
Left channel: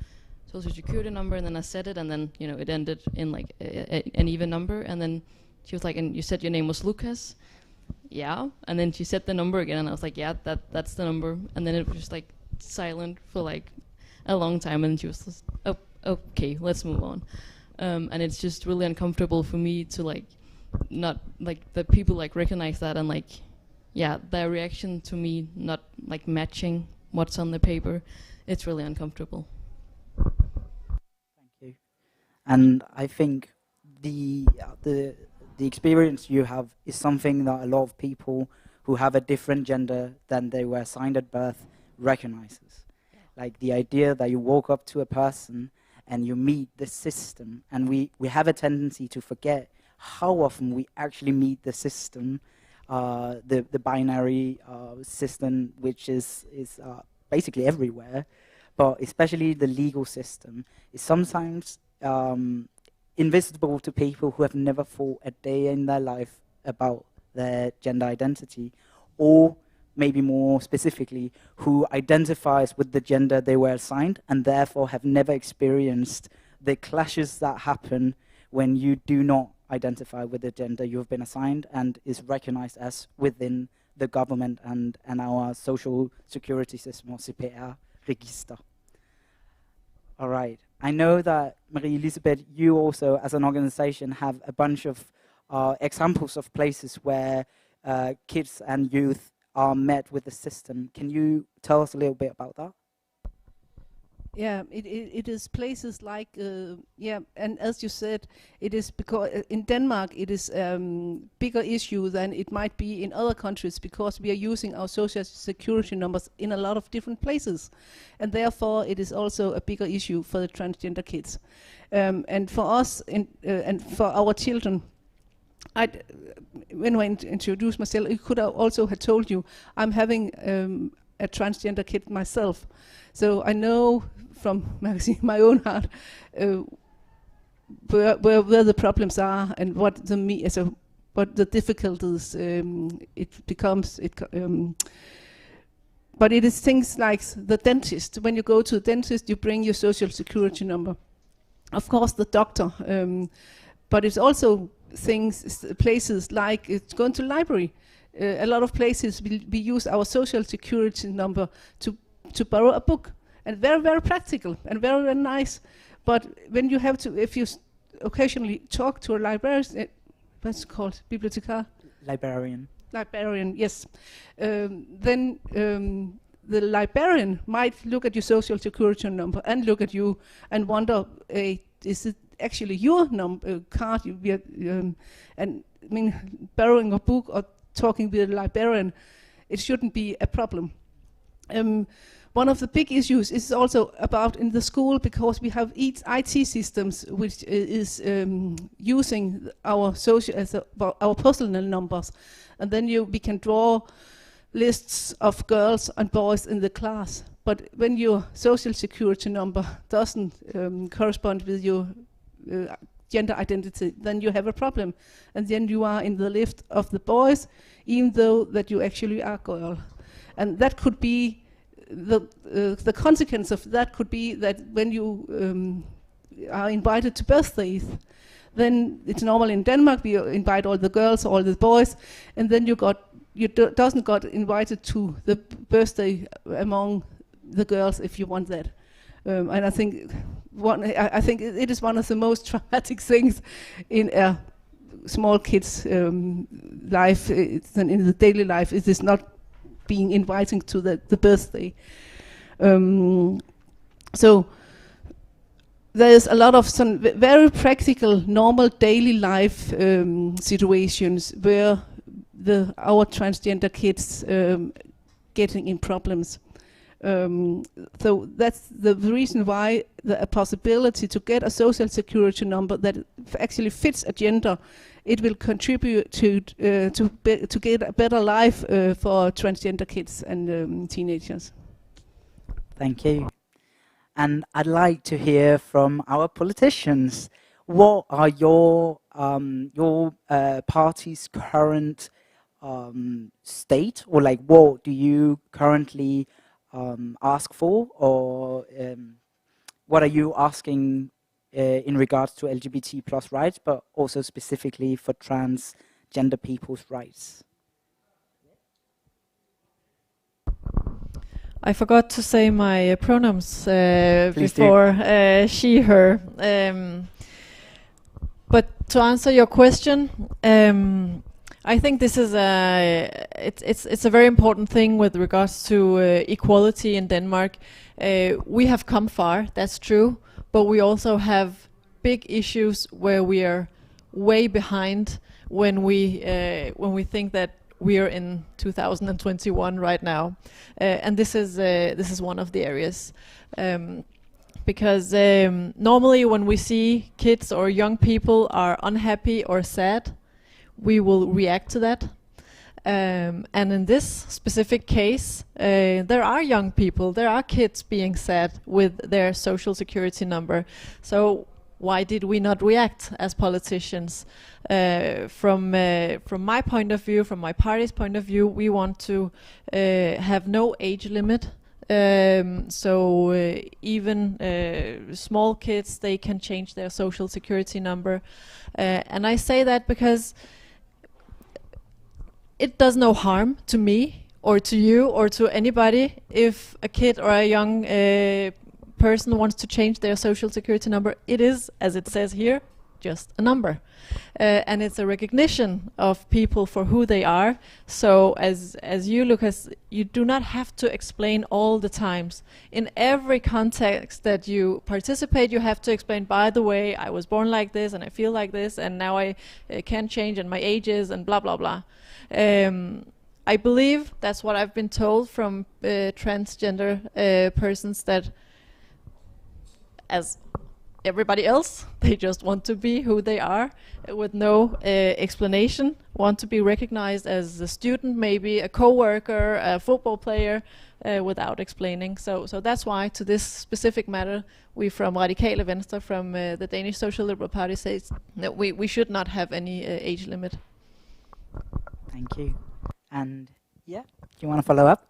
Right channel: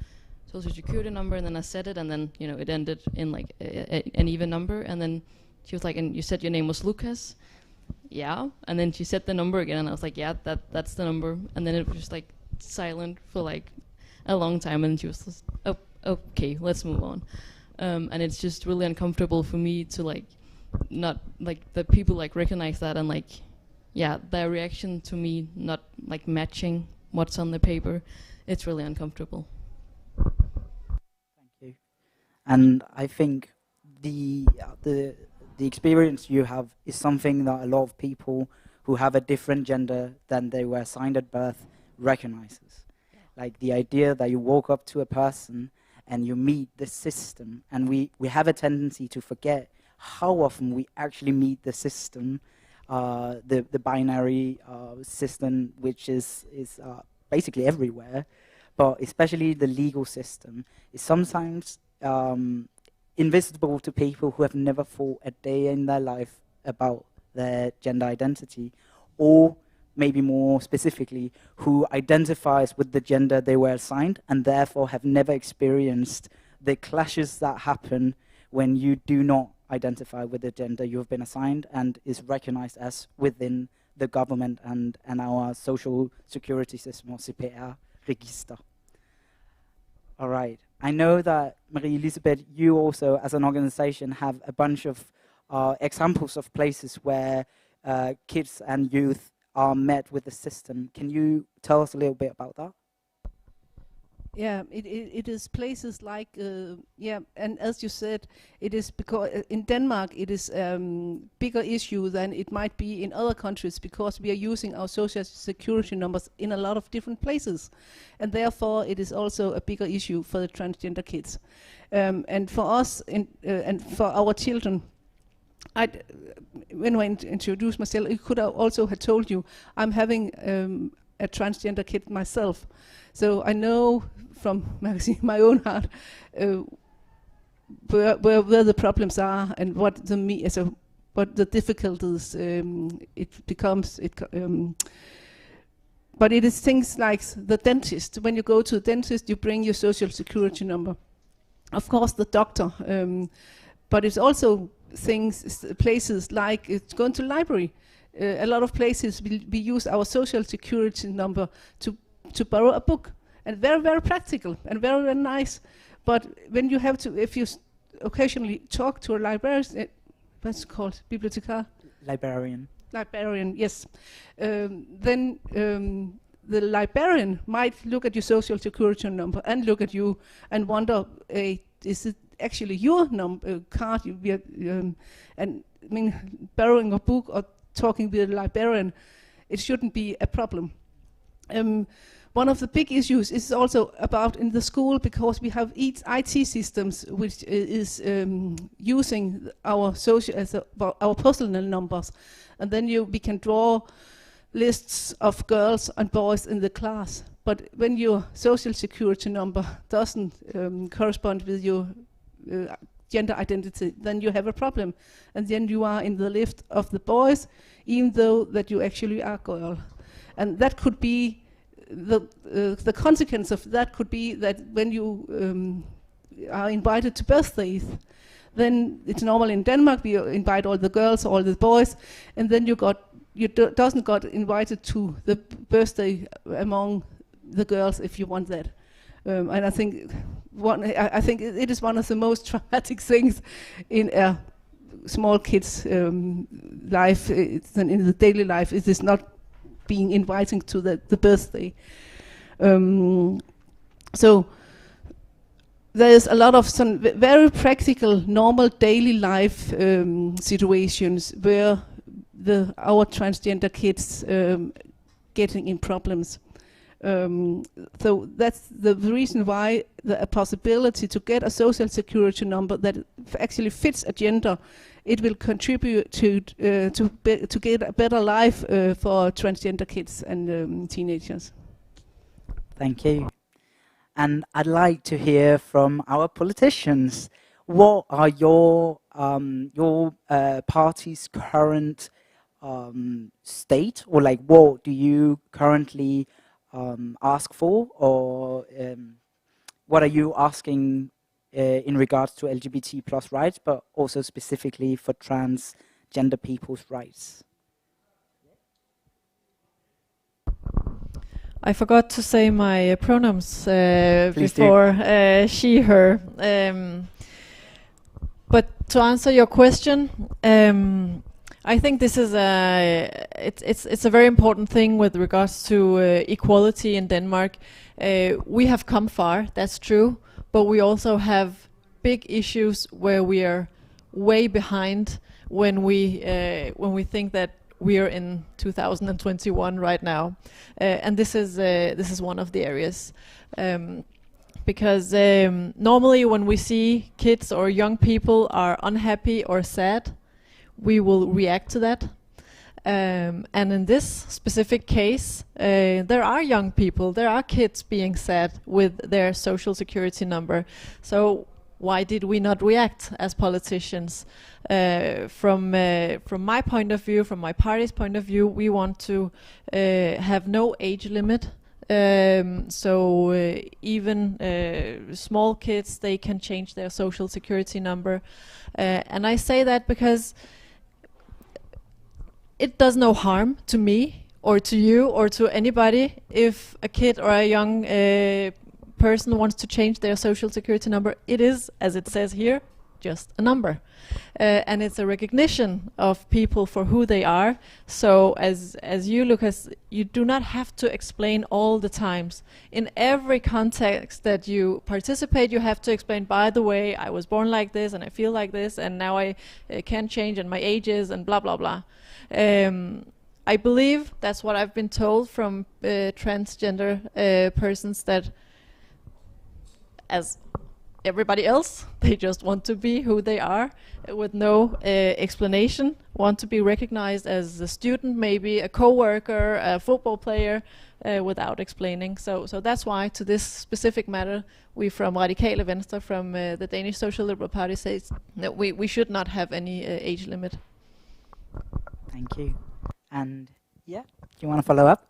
social security number? And then I said it, and then it ended in like an even number, and then she was like, and you said your name was Lucas? Yeah. And then she said the number again, and I was like, yeah, that's the number. And then it was just like silent for like a long time, and she was just, oh, okay, let's move on. And it's just really uncomfortable for me to like not like the people like recognize that, and like their reaction to me not like matching what's on the paper. It's really uncomfortable. Thank you. And I think the experience you have is something that a lot of people who have a different gender than they were assigned at birth recognizes. Like the idea that you walk up to a person and you meet the system, and we have a tendency to forget how often we actually meet the system, the binary system, which is basically everywhere, but especially the legal system is sometimes invisible to people who have never thought a day in their life about their gender identity, or maybe more specifically, who identifies with the gender they were assigned and therefore have never experienced the clashes that happen when you do not identify with the gender you've been assigned and is recognized as within the government and our social security system, or CPR register. All right. I know that, Marie Elisabeth, you also, as an organization, have a bunch of examples of places where kids and youth are met with the system. Can you tell us a little bit about that? Yeah, it is places like, and as you said, it is because in Denmark it is bigger issue than it might be in other countries, because we are using our social security numbers in a lot of different places, and therefore it is also a bigger issue for the transgender kids. And for us, and for our children, when I introduced myself, I could also have told you I'm having a transgender kid myself. So I know from my own heart where the problems are and what the difficulties it becomes. But it is things like the dentist. When you go to the dentist, you bring your social security number. Of course, the doctor. But it's also places like going to library. A lot of places we use our social security number to borrow a book, and very, very practical and very, very nice. But when you have to, if you occasionally talk to a librarian, what's it called, bibliothekar? Librarian, yes. Then the librarian might look at your social security number and look at you and wonder, is it actually your card? And I mean, borrowing a book or talking with a librarian, it shouldn't be a problem. One of the big issues is also about in the school, because we have IT systems which is using our our personal numbers, and then we can draw lists of girls and boys in the class. But when your social security number doesn't correspond with your gender identity, then you have a problem, and then you are in the list of the boys, even though that you actually are a girl. And that could be the consequence of that could be that when you are invited to birthdays, then it's normal in Denmark we invite all the girls, all the boys, and then you doesn't got invited to the birthday among the girls if you want that. And I think it is one of the most traumatic things in a small kid's life, and in the daily life. It is not being inviting to the birthday. So there's a lot of some very practical, normal daily life situations where our transgender kids getting in problems. So that's the reason why a possibility to get a social security number that actually fits a gender, it will contribute to get a better life for transgender kids and teenagers. Thank you. And I'd like to hear from our politicians. What are your party's current state, or like what do you currently ask for, or what are you asking in regards to LGBT plus rights, but also specifically for transgender people's rights? I forgot to say my pronouns Please before she, her. But to answer your question, I think this is it's a very important thing with regards to equality in Denmark. We have come far, that's true, but we also have big issues where we are way behind when we think that we are in 2021 right now, and this is one of the areas. Because normally when we see kids or young people are unhappy or sad, we will react to that. And in this specific case, there are young people, there are kids being sad with their social security number. So why did we not react as politicians? From my point of view, from my party's point of view, we want to have no age limit. So even small kids, they can change their social security number. And I say that because it does no harm to me or to you or to anybody if a kid or a young person wants to change their social security number. It is, as it says here, just a number. And it's a recognition of people for who they are. So as you, Lucas, you do not have to explain all the times. In every context that you participate, you have to explain, by the way, I was born like this and I feel like this and now I can't change and my age is and blah, blah, blah. I believe that's what I've been told from transgender persons, that as everybody else, they just want to be who they are with no explanation, want to be recognized as a student, maybe a co-worker, a football player, without explaining. So that's why to this specific matter, we from Radikale Venstre, from the Danish Social Liberal Party, says that we should not have any age limit. Thank you. And yeah, do you want to follow up?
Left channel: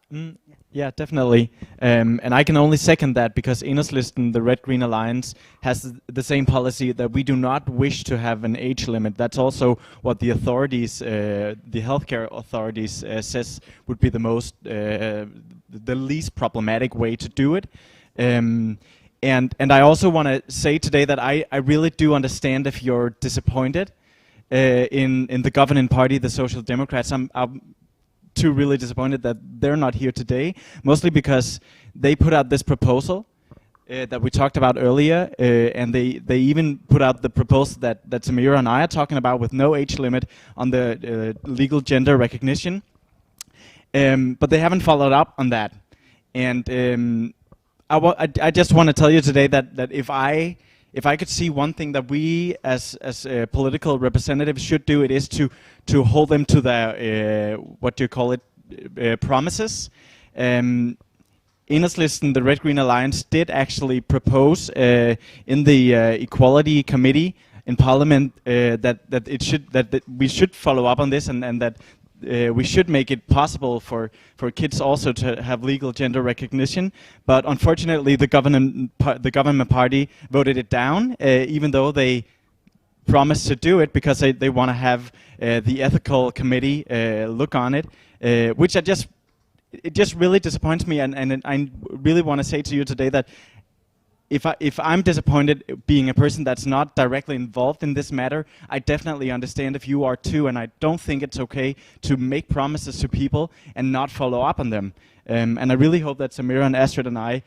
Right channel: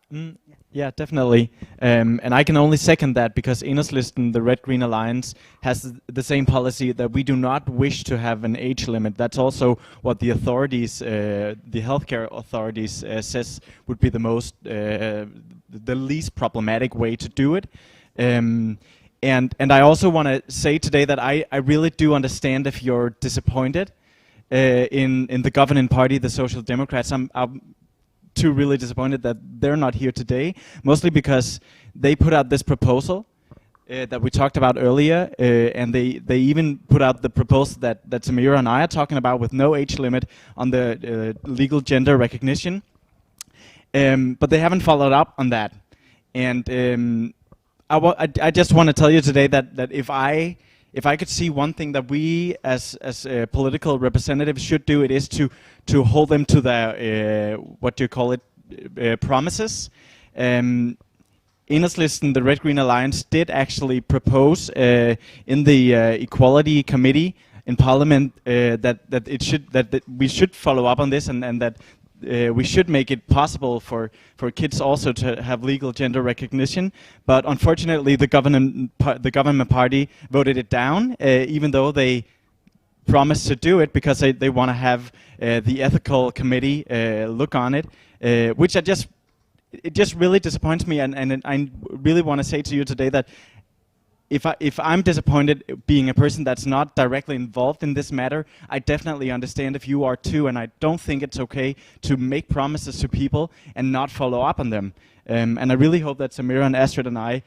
Yeah, definitely. And I can only second that, because Enhedslisten, the Red Green Alliance, has the same policy that we do not wish to have an age limit. That's also what the authorities, the healthcare authorities, says would be the most, the least problematic way to do it. And I also want to say today that I really do understand if you're disappointed in the governing party, the Social Democrats. I'm too really disappointed that they're not here today, mostly because they put out this proposal that we talked about earlier, and they even put out the proposal that Samira and I are talking about, with no age limit on the legal gender recognition. But they haven't followed up on that. And I just want to tell you today that if I could see one thing that we as political representatives should do, it is to hold them to their what do you call it, promises. Enhedslisten, the Red Green Alliance, did actually propose in the Equality Committee in Parliament that we should follow up on this, and that we should make it possible for kids also to have legal gender recognition. But unfortunately, the government party voted it down, even though they promised to do it, because they want to have the ethical committee look on it, which it just really disappoints me. And I really want to say to you today that if I'm disappointed being a person that's not directly involved in this matter, I definitely understand if you are too, and I don't think it's okay to make promises to people and not follow up on them. And I really hope that Samira and Astrid and I,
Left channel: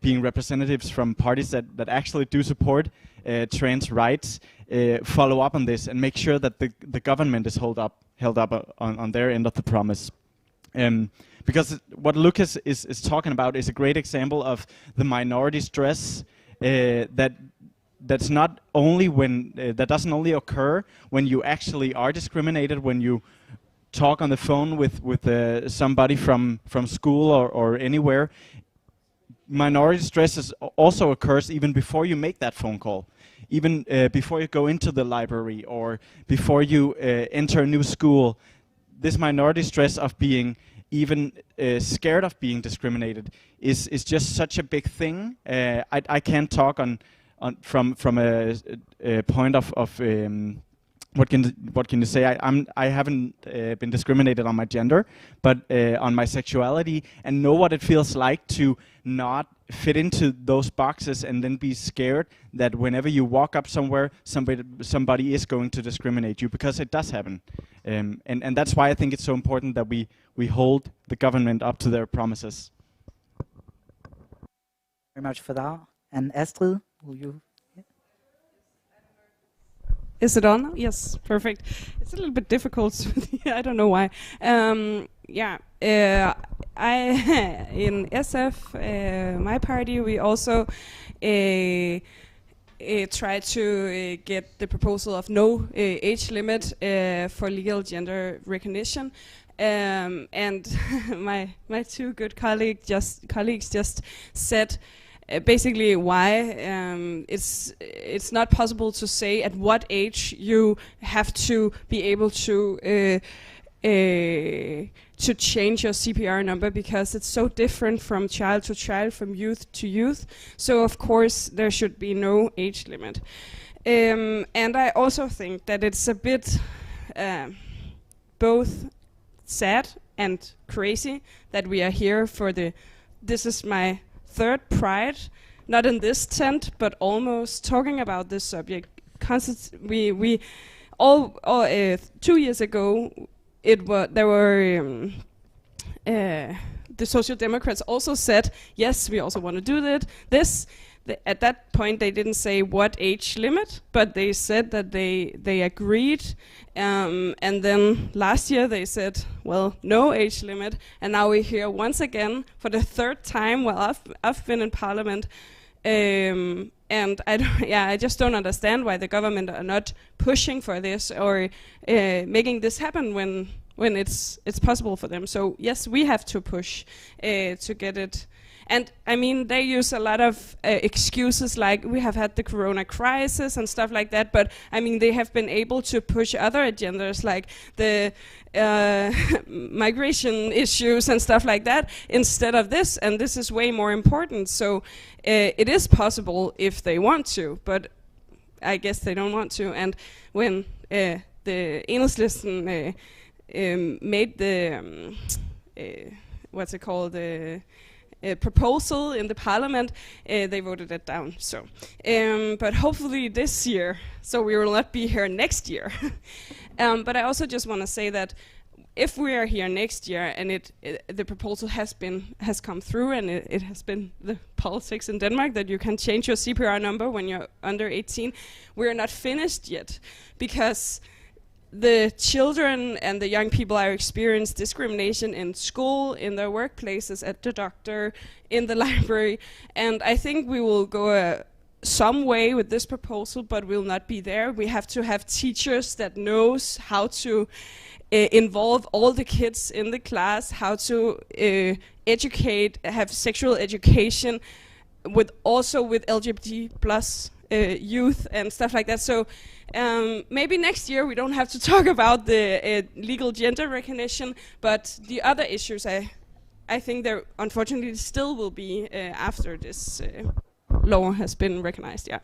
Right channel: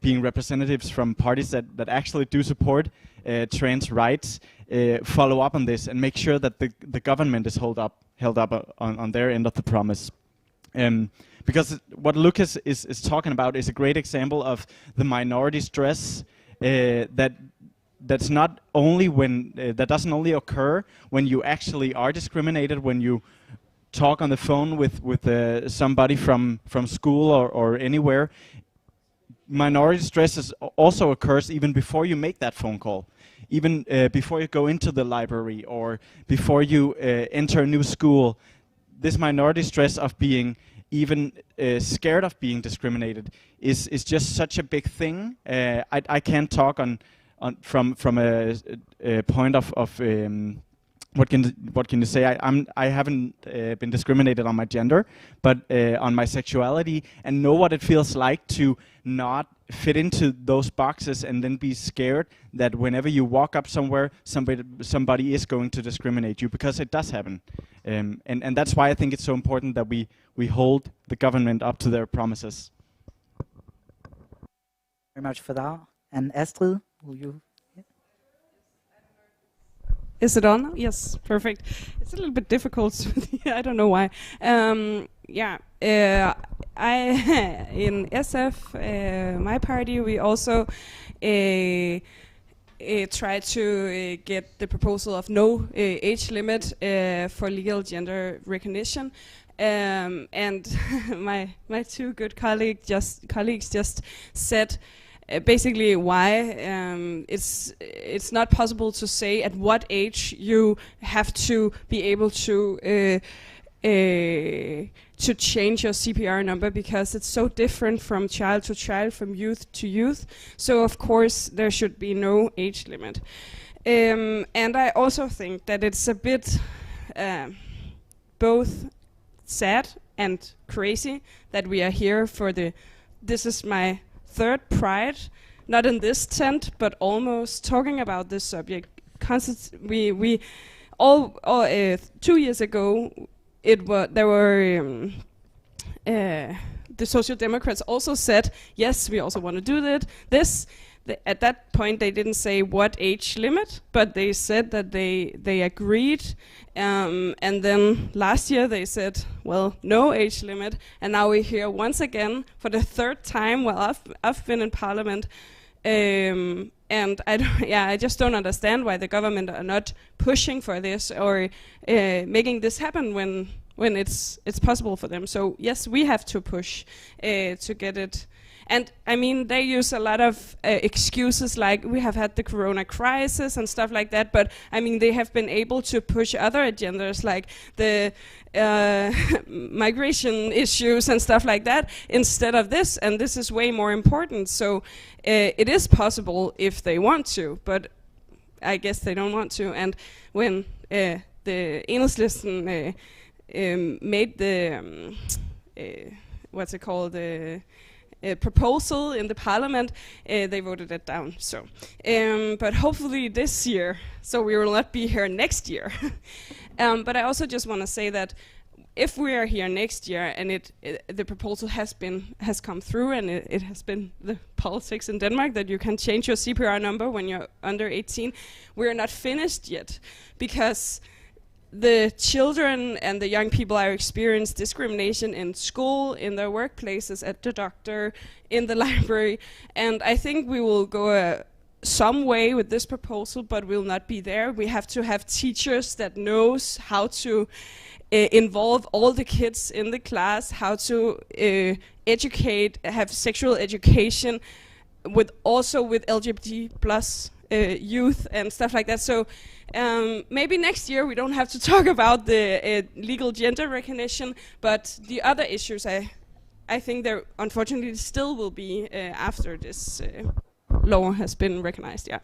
being representatives from parties that actually do support trans rights, follow up on this and make sure that the government is held up on their end of the promise. Because what Lucas is talking about is a great example of the minority stress that's not only when that doesn't only occur when you actually are discriminated, when you talk on the phone with somebody from school or anywhere. Minority stress also occurs even before you make that phone call, even before you go into the library or before you enter a new school. This minority stress of being even scared of being discriminated is just such a big thing. I can't talk from a point of what can you say? I haven't been discriminated on my gender, but on my sexuality, and know what it feels like to not fit into those boxes and then be scared that whenever you walk up somewhere, somebody is going to discriminate you, because it does happen. And that's why I think it's so important that we hold the government up to their promises. Very much for that. And Astrid, will you? Is it on? Yes, perfect. It's a little bit difficult. I don't know why. I in SF, my party, we also try to get the proposal of no age limit for legal gender recognition. And my two good colleagues just said basically why it's not possible to say at what age you have to be able to change your CPR number, because it's so different from child to child, from youth to youth. So of course there should be no age limit. And I also think that it's a bit both sad and crazy that we are here for this is my third Pride, not in this tent, but almost talking about this subject. We all 2 years ago, there were the Social Democrats also said, yes, we also want to do this. At that point, they didn't say what age limit, but they said that they agreed. And then last year they said, well, no age limit. And now we're here once again for the third time while I've been in Parliament. And I just don't understand why the government are not pushing for this or making this happen when it's possible for them. So yes, we have to push to get it. And I mean, they use a lot of excuses, like we have had the corona crisis and stuff like that, but I mean, they have been able to push other agendas like the migration issues and stuff like that instead of this, and this is way more important. So it is possible if they want to, but I guess they don't want to. And when the Enhedslisten made the, what's it called, proposal in the parliament, they voted it down. So, but hopefully this year, so we will not be here next year. But I also just want to say that if we are here next year and the proposal has come through, and it has been the politics in Denmark that you can change your CPR number when you're under 18, we are not finished yet, because the children and the young people are experience discrimination in school, in their workplaces, at the doctor, in the library, and I think we will go some way with this proposal, but we'll not be there. We have to have teachers that knows how to involve all the kids in the class, how to educate, have sexual education, with LGBT plus youth and stuff like that. So maybe next year we don't have to talk about the legal gender recognition, but the other issues I think there unfortunately still will be after this law has been recognized. Yeah.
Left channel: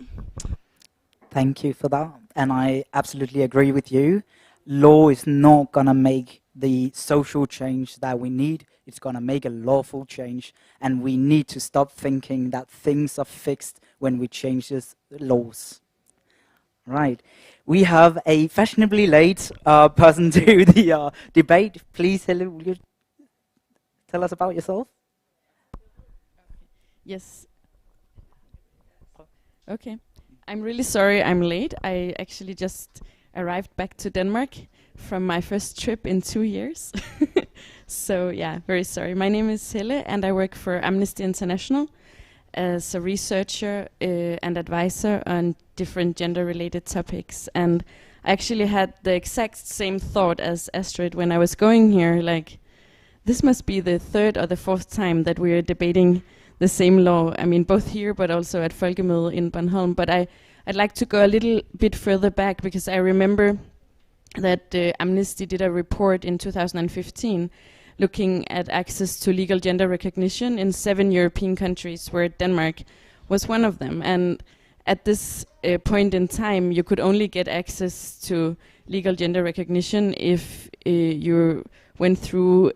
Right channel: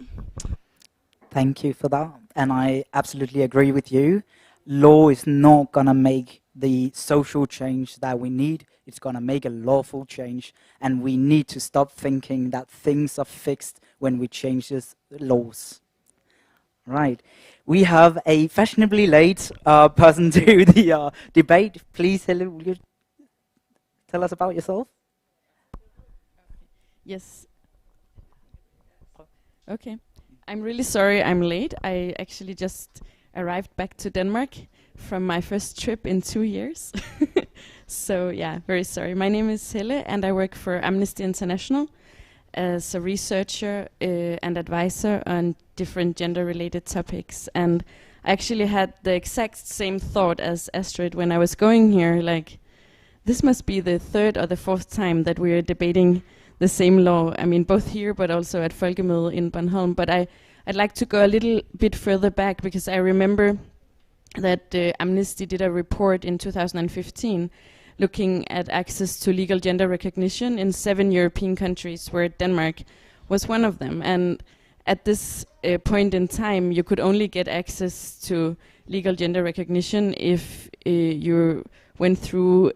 Thank you for that. And I absolutely agree with you. Law is not going to make the social change that we need. It's going to make a lawful change. And we need to stop thinking that things are fixed when we change these laws. Right. We have a fashionably late person to the debate. Please, Helle, will you tell us about yourself? Yes. Okay. I'm really sorry I'm late. I actually just arrived back to Denmark from my first trip in 2 years. So yeah, very sorry. My name is Helle and I work for Amnesty International as a researcher and advisor on different gender-related topics. And I actually had the exact same thought as Astrid when I was going here, like, this must be the third or the fourth time that we are debating the same law. I mean, both here, but also at folkemødet in Bornholm. But I'd like to go a little bit further back, because I remember that Amnesty did a report in 2015 looking at access to legal gender recognition in 7 European countries, where Denmark was one of them. And at this point in time, you could only get access to legal gender recognition if you went through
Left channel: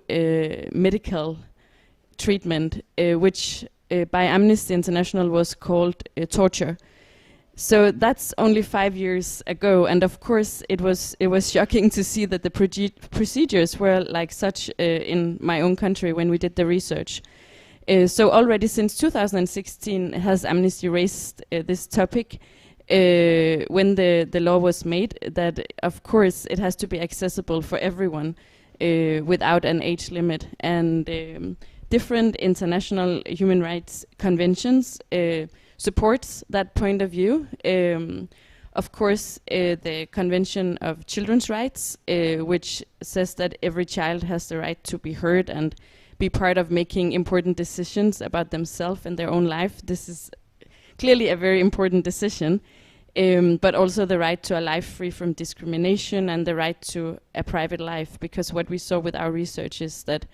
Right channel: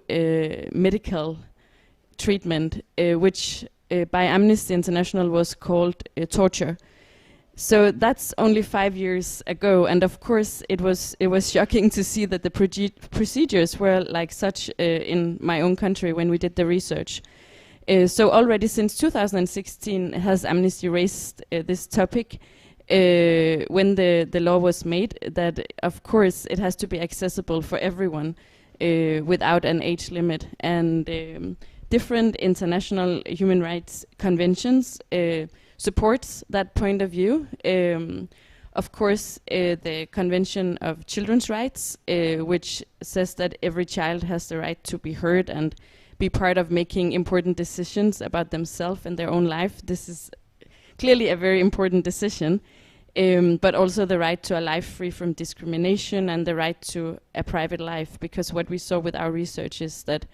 medical treatment, which by Amnesty International was called torture. So that's only 5 years ago, and of course it was shocking to see that the procedures were like such in my own country when we did the research. So already since 2016 has Amnesty raised this topic when the law was made, that of course it has to be accessible for everyone without an age limit, and different international human rights conventions supports that point of view. Of course, the Convention of Children's Rights, which says that every child has the right to be heard and be part of making important decisions about themselves and their own life. This is clearly a very important decision, but also the right to a life free from discrimination and the right to a private life, because what we saw with our research is that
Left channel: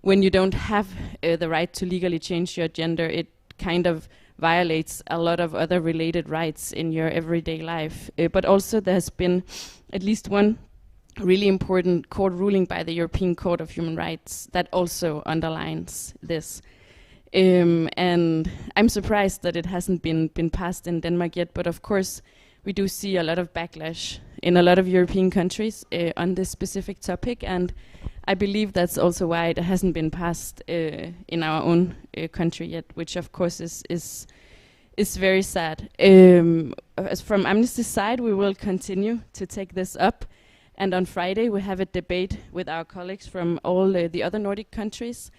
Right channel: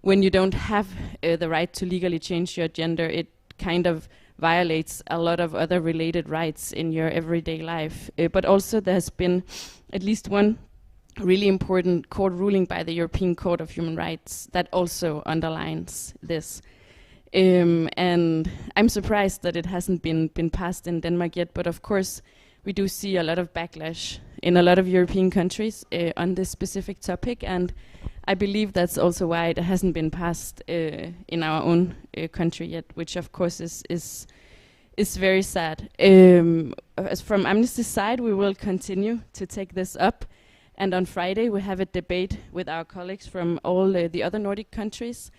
when you don't have the right to legally change your gender, it kind of violates a lot of other related rights in your everyday life. But also there has been at least one really important court ruling by the European Court of Human Rights that also underlines this. And I'm surprised that it hasn't been passed in Denmark yet, but of course we do see a lot of backlash in a lot of European countries on this specific topic, and I believe that's also why it hasn't been passed in our own country yet, which of course is very sad. As from Amnesty's side, we will continue to take this up, and on Friday we have a debate with our colleagues from all the other Nordic countries,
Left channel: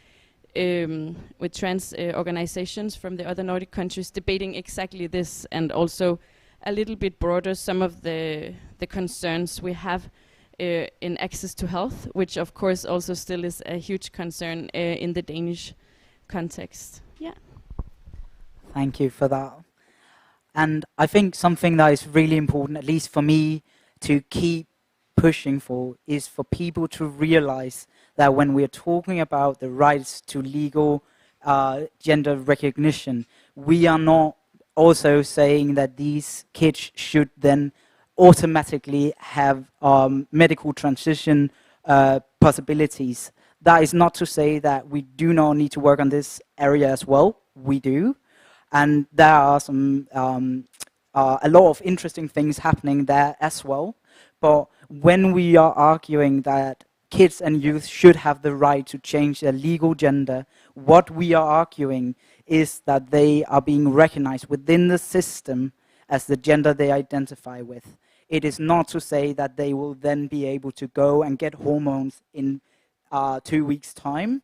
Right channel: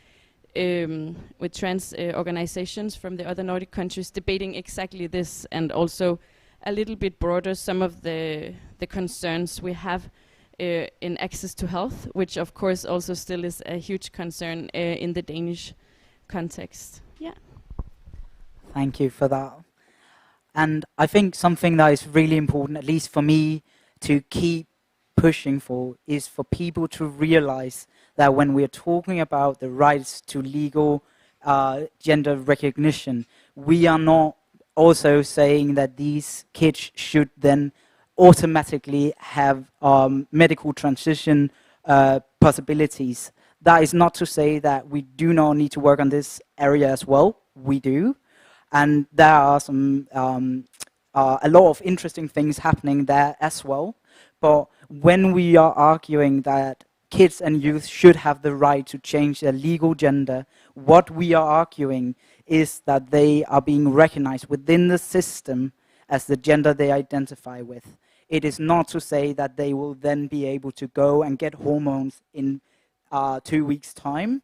with trans organizations from the other Nordic countries, debating exactly this, and also a little bit broader some of the concerns we have in access to health, which of course also still is a huge concern in the Danish context. Yeah. Thank you for that. And I think something that is really important, at least for me, to keep pushing for is for people to realize that when we're talking about the rights to legal gender recognition, we are not also saying that these kids should then automatically have medical transition possibilities. That is not to say that we do not need to work on this area as well. We do. And there are some a lot of interesting things happening there as well. But when we are arguing that kids and youth should have the right to change their legal gender, what we are arguing is that they are being recognized within the system as the gender they identify with. It is not to say that they will then be able to go and get hormones in 2 weeks' time.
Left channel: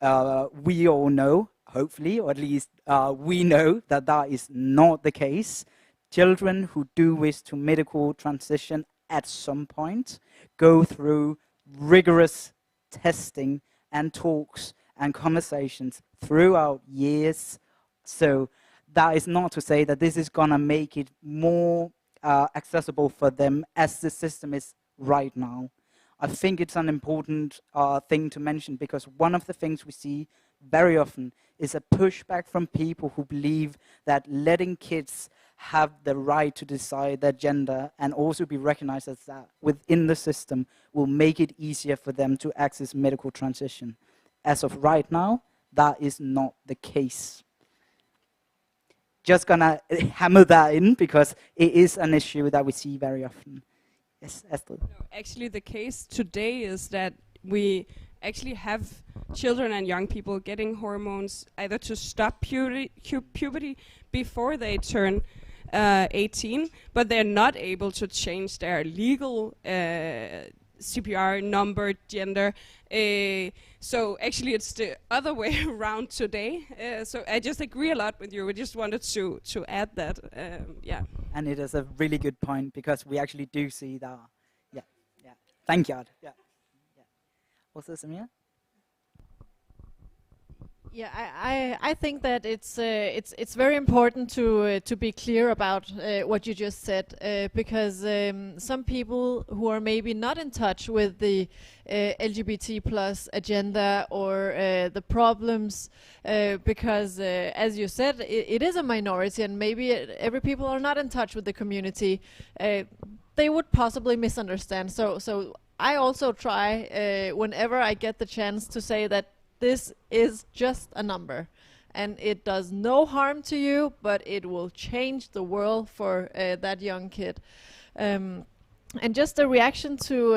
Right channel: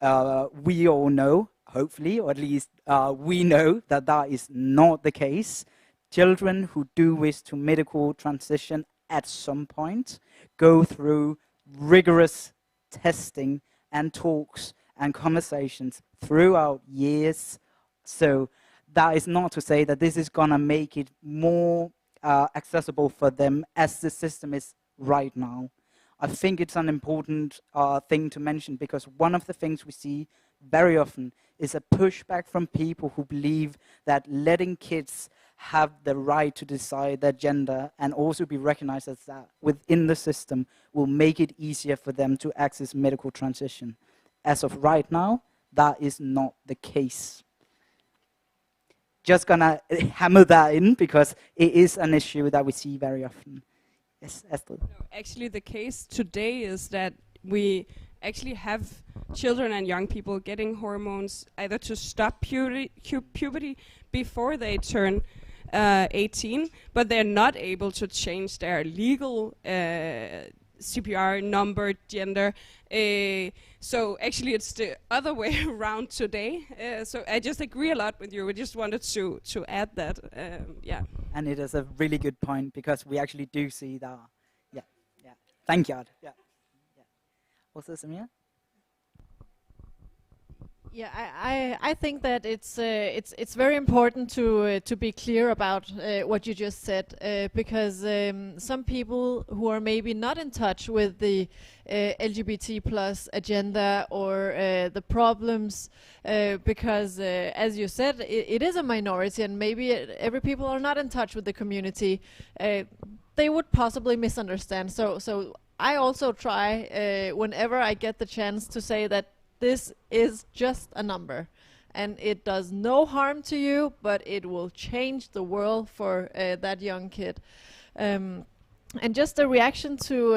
We all know, hopefully, or at least we know that that is not the case. Children who do wish to medical transition at some point go through rigorous testing and talks and conversations throughout years. So that is not to say that this is gonna make it more accessible for them as the system is right now. I think it's an important thing to mention, because one of the things we see very often is a pushback from people who believe that letting kids have the right to decide their gender and also be recognized as that within the system will make it easier for them to access medical transition. As of right now, that is not the case. Just gonna hammer that in because it is an issue that we see very often. Yes, Esther. No, actually, the case today is that we actually have children and young people getting hormones either to stop puberty before they turn 18, but they're not able to change their legal CPR number, gender. So actually it's the other way around today. So I just agree a lot with you. We just wanted to add that. Yeah. And it is a really good point, because we actually do see that. Yeah, yeah. Thank you. Yeah. Yeah. What's this, Samir? Yeah, I think that it's very important to be clear about what you just said, because some people who are maybe not in touch with the LGBT plus agenda or the problems, because as you said, it is a minority, and maybe every people are not in touch with the community. they would possibly misunderstand. So I also try whenever I get the chance to say that this is just a number, and it does no harm to you, but it will change the world for that young kid. And just a reaction to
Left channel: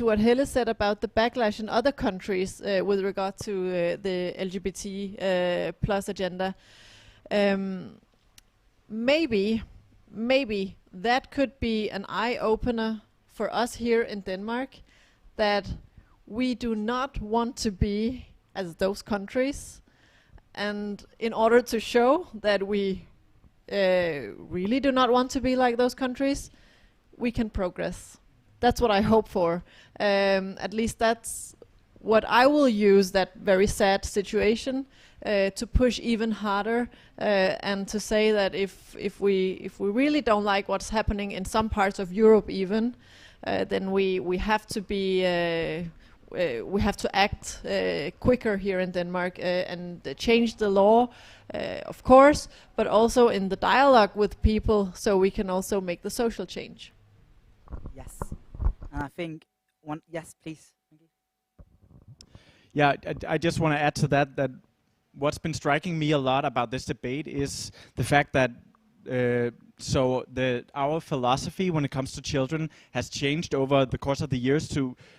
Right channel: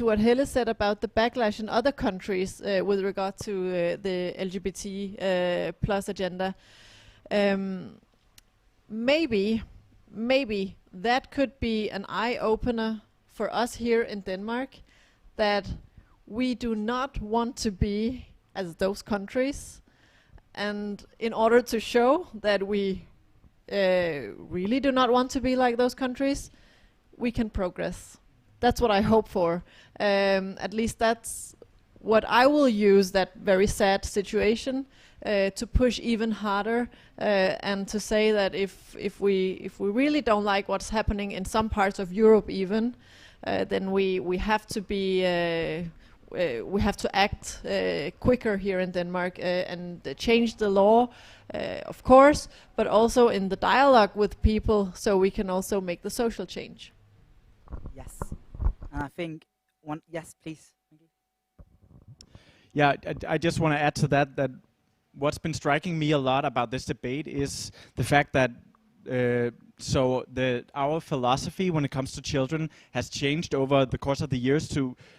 what Helle said about the backlash in other countries with regard to the LGBT plus agenda. Maybe that could be an eye-opener for us here in Denmark, that we do not want to be as those countries, and in order to show that we really do not want to be like those countries, we can progress. That's what I hope for. At least that's what I will use, that very sad situation, to push even harder, and to say that if we really don't like what's happening in some parts of Europe even, then we have to be we have to act quicker here in Denmark and change the law, of course, but also in the dialogue with people, so we can also make the social change. Yes, and I think yes, please. Yeah, I just want to add to that what's been striking me a lot about this debate is the fact that our philosophy when it comes to children has changed over the course of the years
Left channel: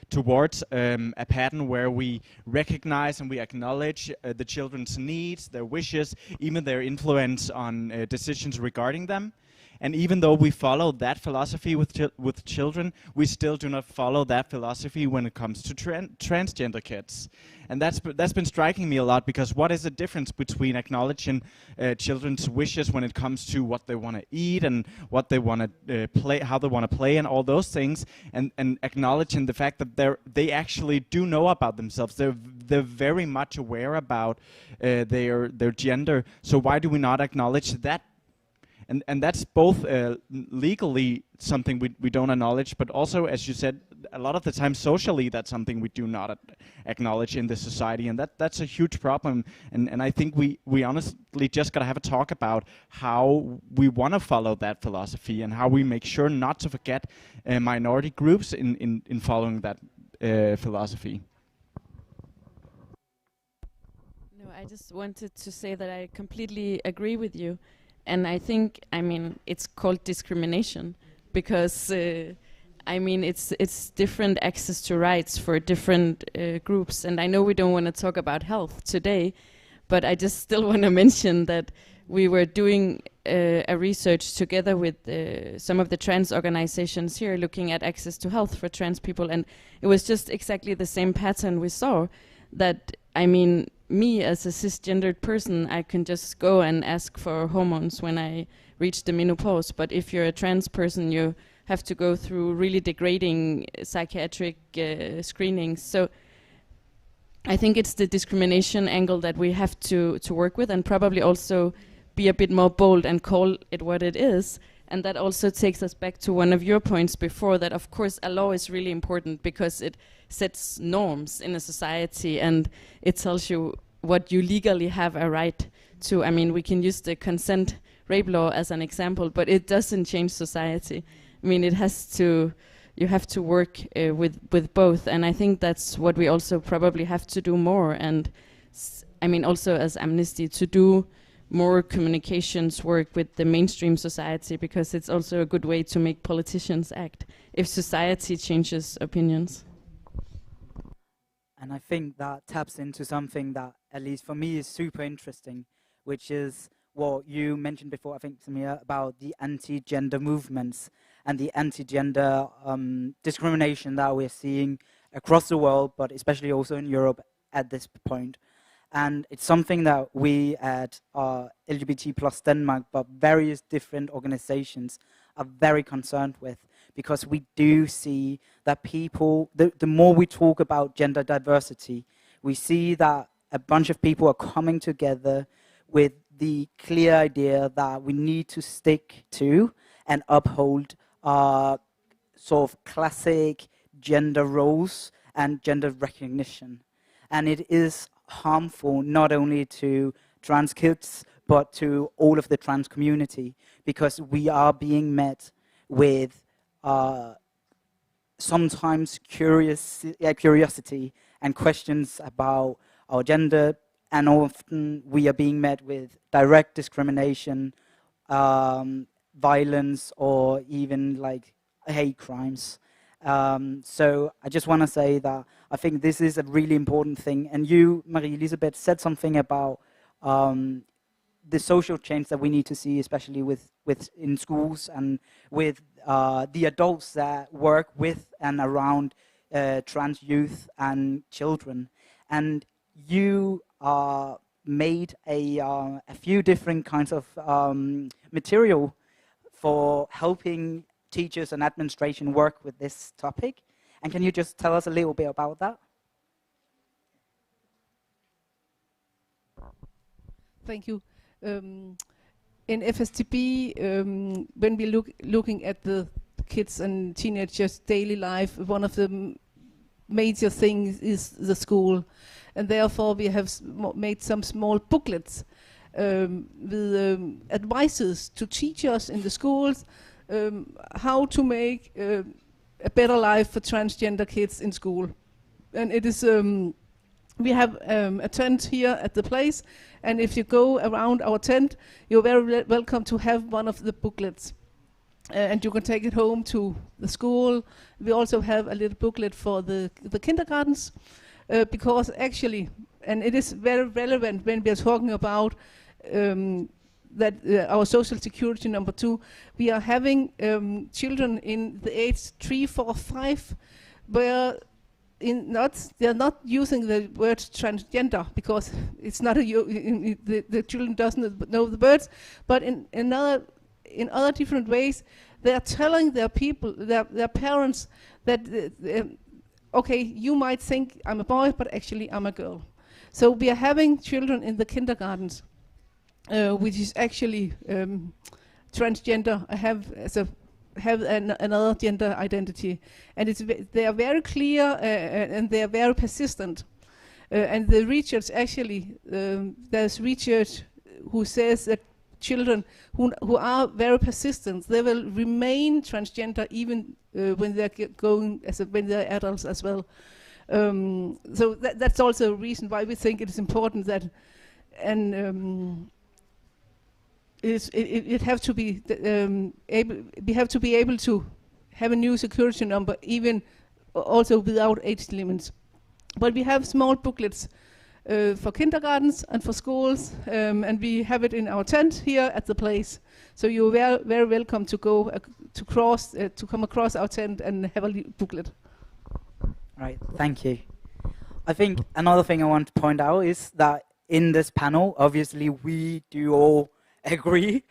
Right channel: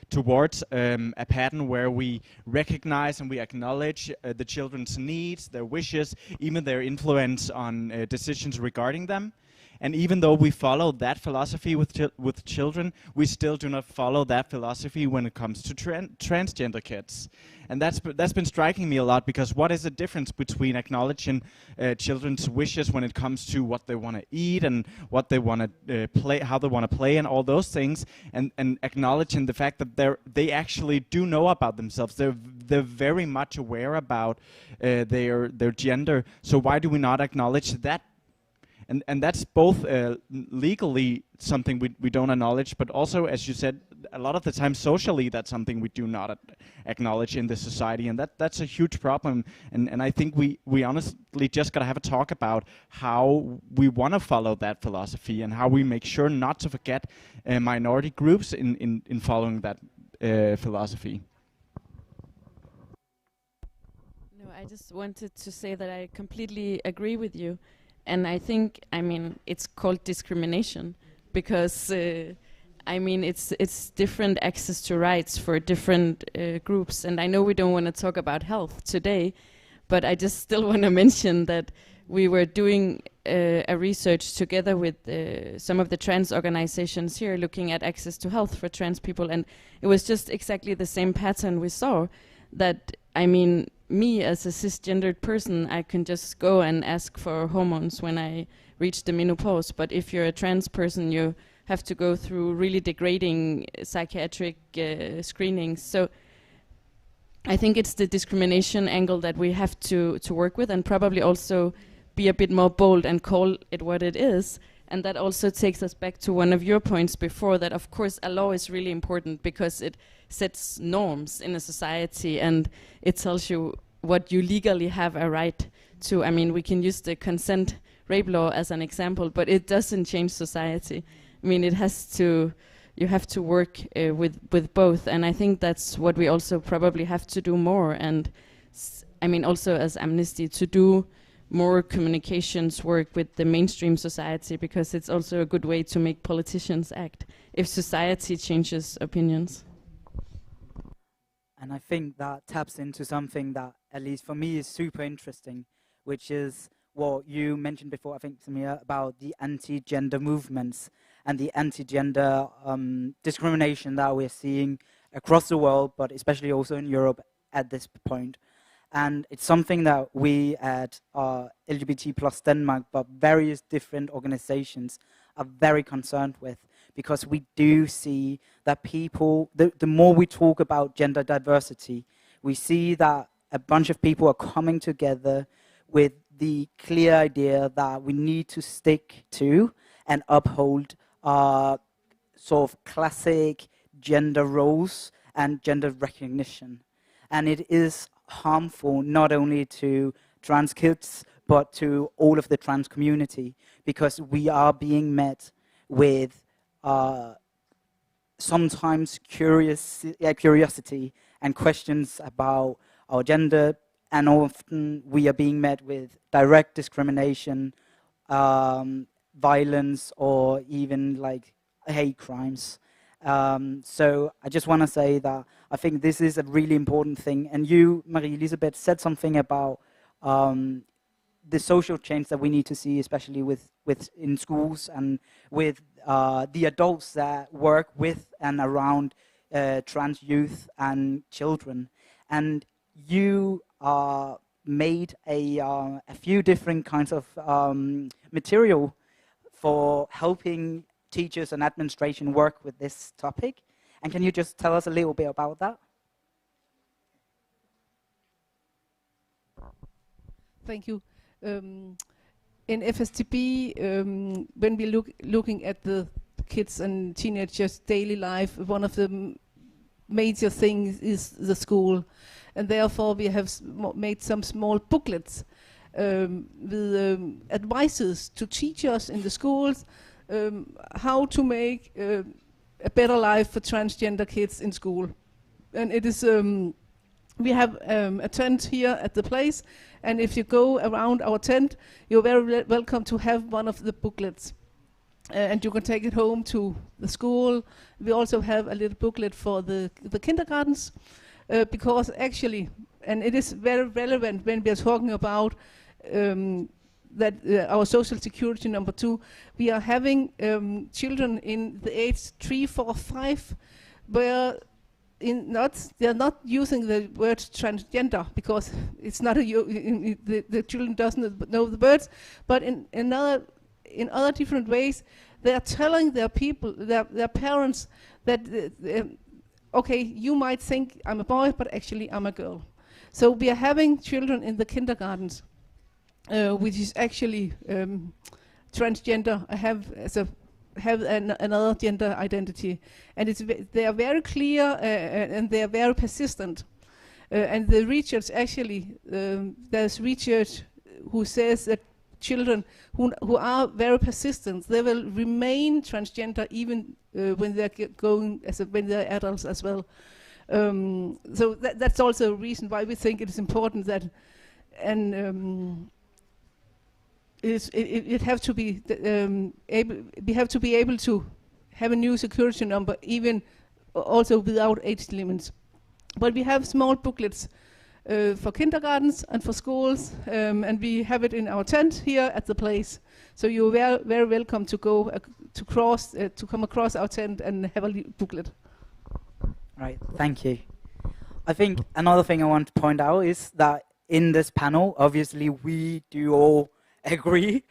towards a pattern where we recognize and we acknowledge the children's needs, their wishes, even their influence on decisions regarding them. And even though we follow that philosophy with children, we still do not follow that philosophy when it comes to transgender kids. And that's been striking me a lot, because what is the difference between acknowledging children's wishes when it comes to what they want to eat and what they want to play, how they want to play, and all those things, and acknowledging the fact that they actually do know about themselves. They're very much aware about their gender. So why do we not acknowledge that? And that's both legally something we don't acknowledge, but also, as you said, a lot of the time socially that's something we do not acknowledge in this society, and that's a huge problem. And I think we honestly just gotta have a talk about how we want to follow that philosophy and how we make sure not to forget minority groups in following that philosophy. No, I just wanted to say that I completely agree with you. And I think, it's called discrimination, because, it's different access to rights for different groups. And I know we don't want to talk about health today, but I just still want to mention that we were doing a research together with some of the trans organizations here, looking at access to health for trans people. And it was just exactly the same pattern we saw, that, me as a cisgendered person, I can just go and ask for hormones when I reach the menopause. But if you're a trans person, you have to go through really degrading psychiatric screenings. So I think it's the discrimination angle that we have to work with, and probably also be a bit more bold and call it what it is. And that also takes us back to one of your points before, that of course a law is really important because it sets norms in a society and it tells you what you legally have a right to. We can use the consent rape law as an example, but it doesn't change society. It has to, you have to work with both, and I think that's what we also probably have to do more. And also as Amnesty, to do more communications work with the mainstream society, because it's also a good way to make politicians act if society changes opinions. And I think that taps into something that, at least for me, is super interesting, which is what you mentioned before, I think, Samir, about the anti-gender movements and the anti-gender discrimination that we're seeing across the world, but especially also in Europe at this point. And it's something that we at LGBT plus Denmark, but various different organizations, are very concerned with, because we do see that people, the more we talk about gender diversity, we see that a bunch of people are coming together with the clear idea that we need to stick to and uphold sort of classic gender roles and gender recognition. And it is harmful not only to trans kids, but to all of the trans community, because we are being met with sometimes curiosity and questions about our gender, and often we are being met with direct discrimination, violence, or even like hate crimes. So I just want to say that I think this is a really important thing. And you, Marie-Elisabeth, said something about the social change that we need to see, especially with in schools and with the adults that work with and around trans youth and children. And you made a few different kinds of material for helping teachers and administration work with this topic. And can you just tell us a little bit about that? Thank you. In FSTB, when we looking at the kids and teenagers' daily life, one of the major things is the school, and therefore we have made some small booklets with advices to teachers in the schools, how to make a better life for transgender kids in school. And it is we have a tent here at the place, and if you go around our tent, you're very welcome to have one of the booklets. And you can take it home to the school. We also have a little booklet for the kindergartens, because actually, and it is very relevant when we are talking about that our social security number 2, we are having children in the age 3, 4, 5, where they're not using the word transgender because it's not the children doesn't know the words, but in other different ways they are telling their parents that okay, you might think I'm a boy, but actually I'm a girl. So we are having children in the kindergartens which is actually transgender, have another gender identity, and they are very clear and they are very persistent. And the research actually, there's research who says that children who are very persistent, they will remain transgender even when they're when they're adults as well. So that's also a reason why we think it is important that, and it have to be we have to be able to have a new security number, even also without age limits. But we have small booklets for kindergartens and for schools, and we have it in our tent here at the place. So you're very, very welcome to go to come across our tent and have a booklet. Right, thank you. I think another thing I want to point out is that in this panel, obviously we do all agree,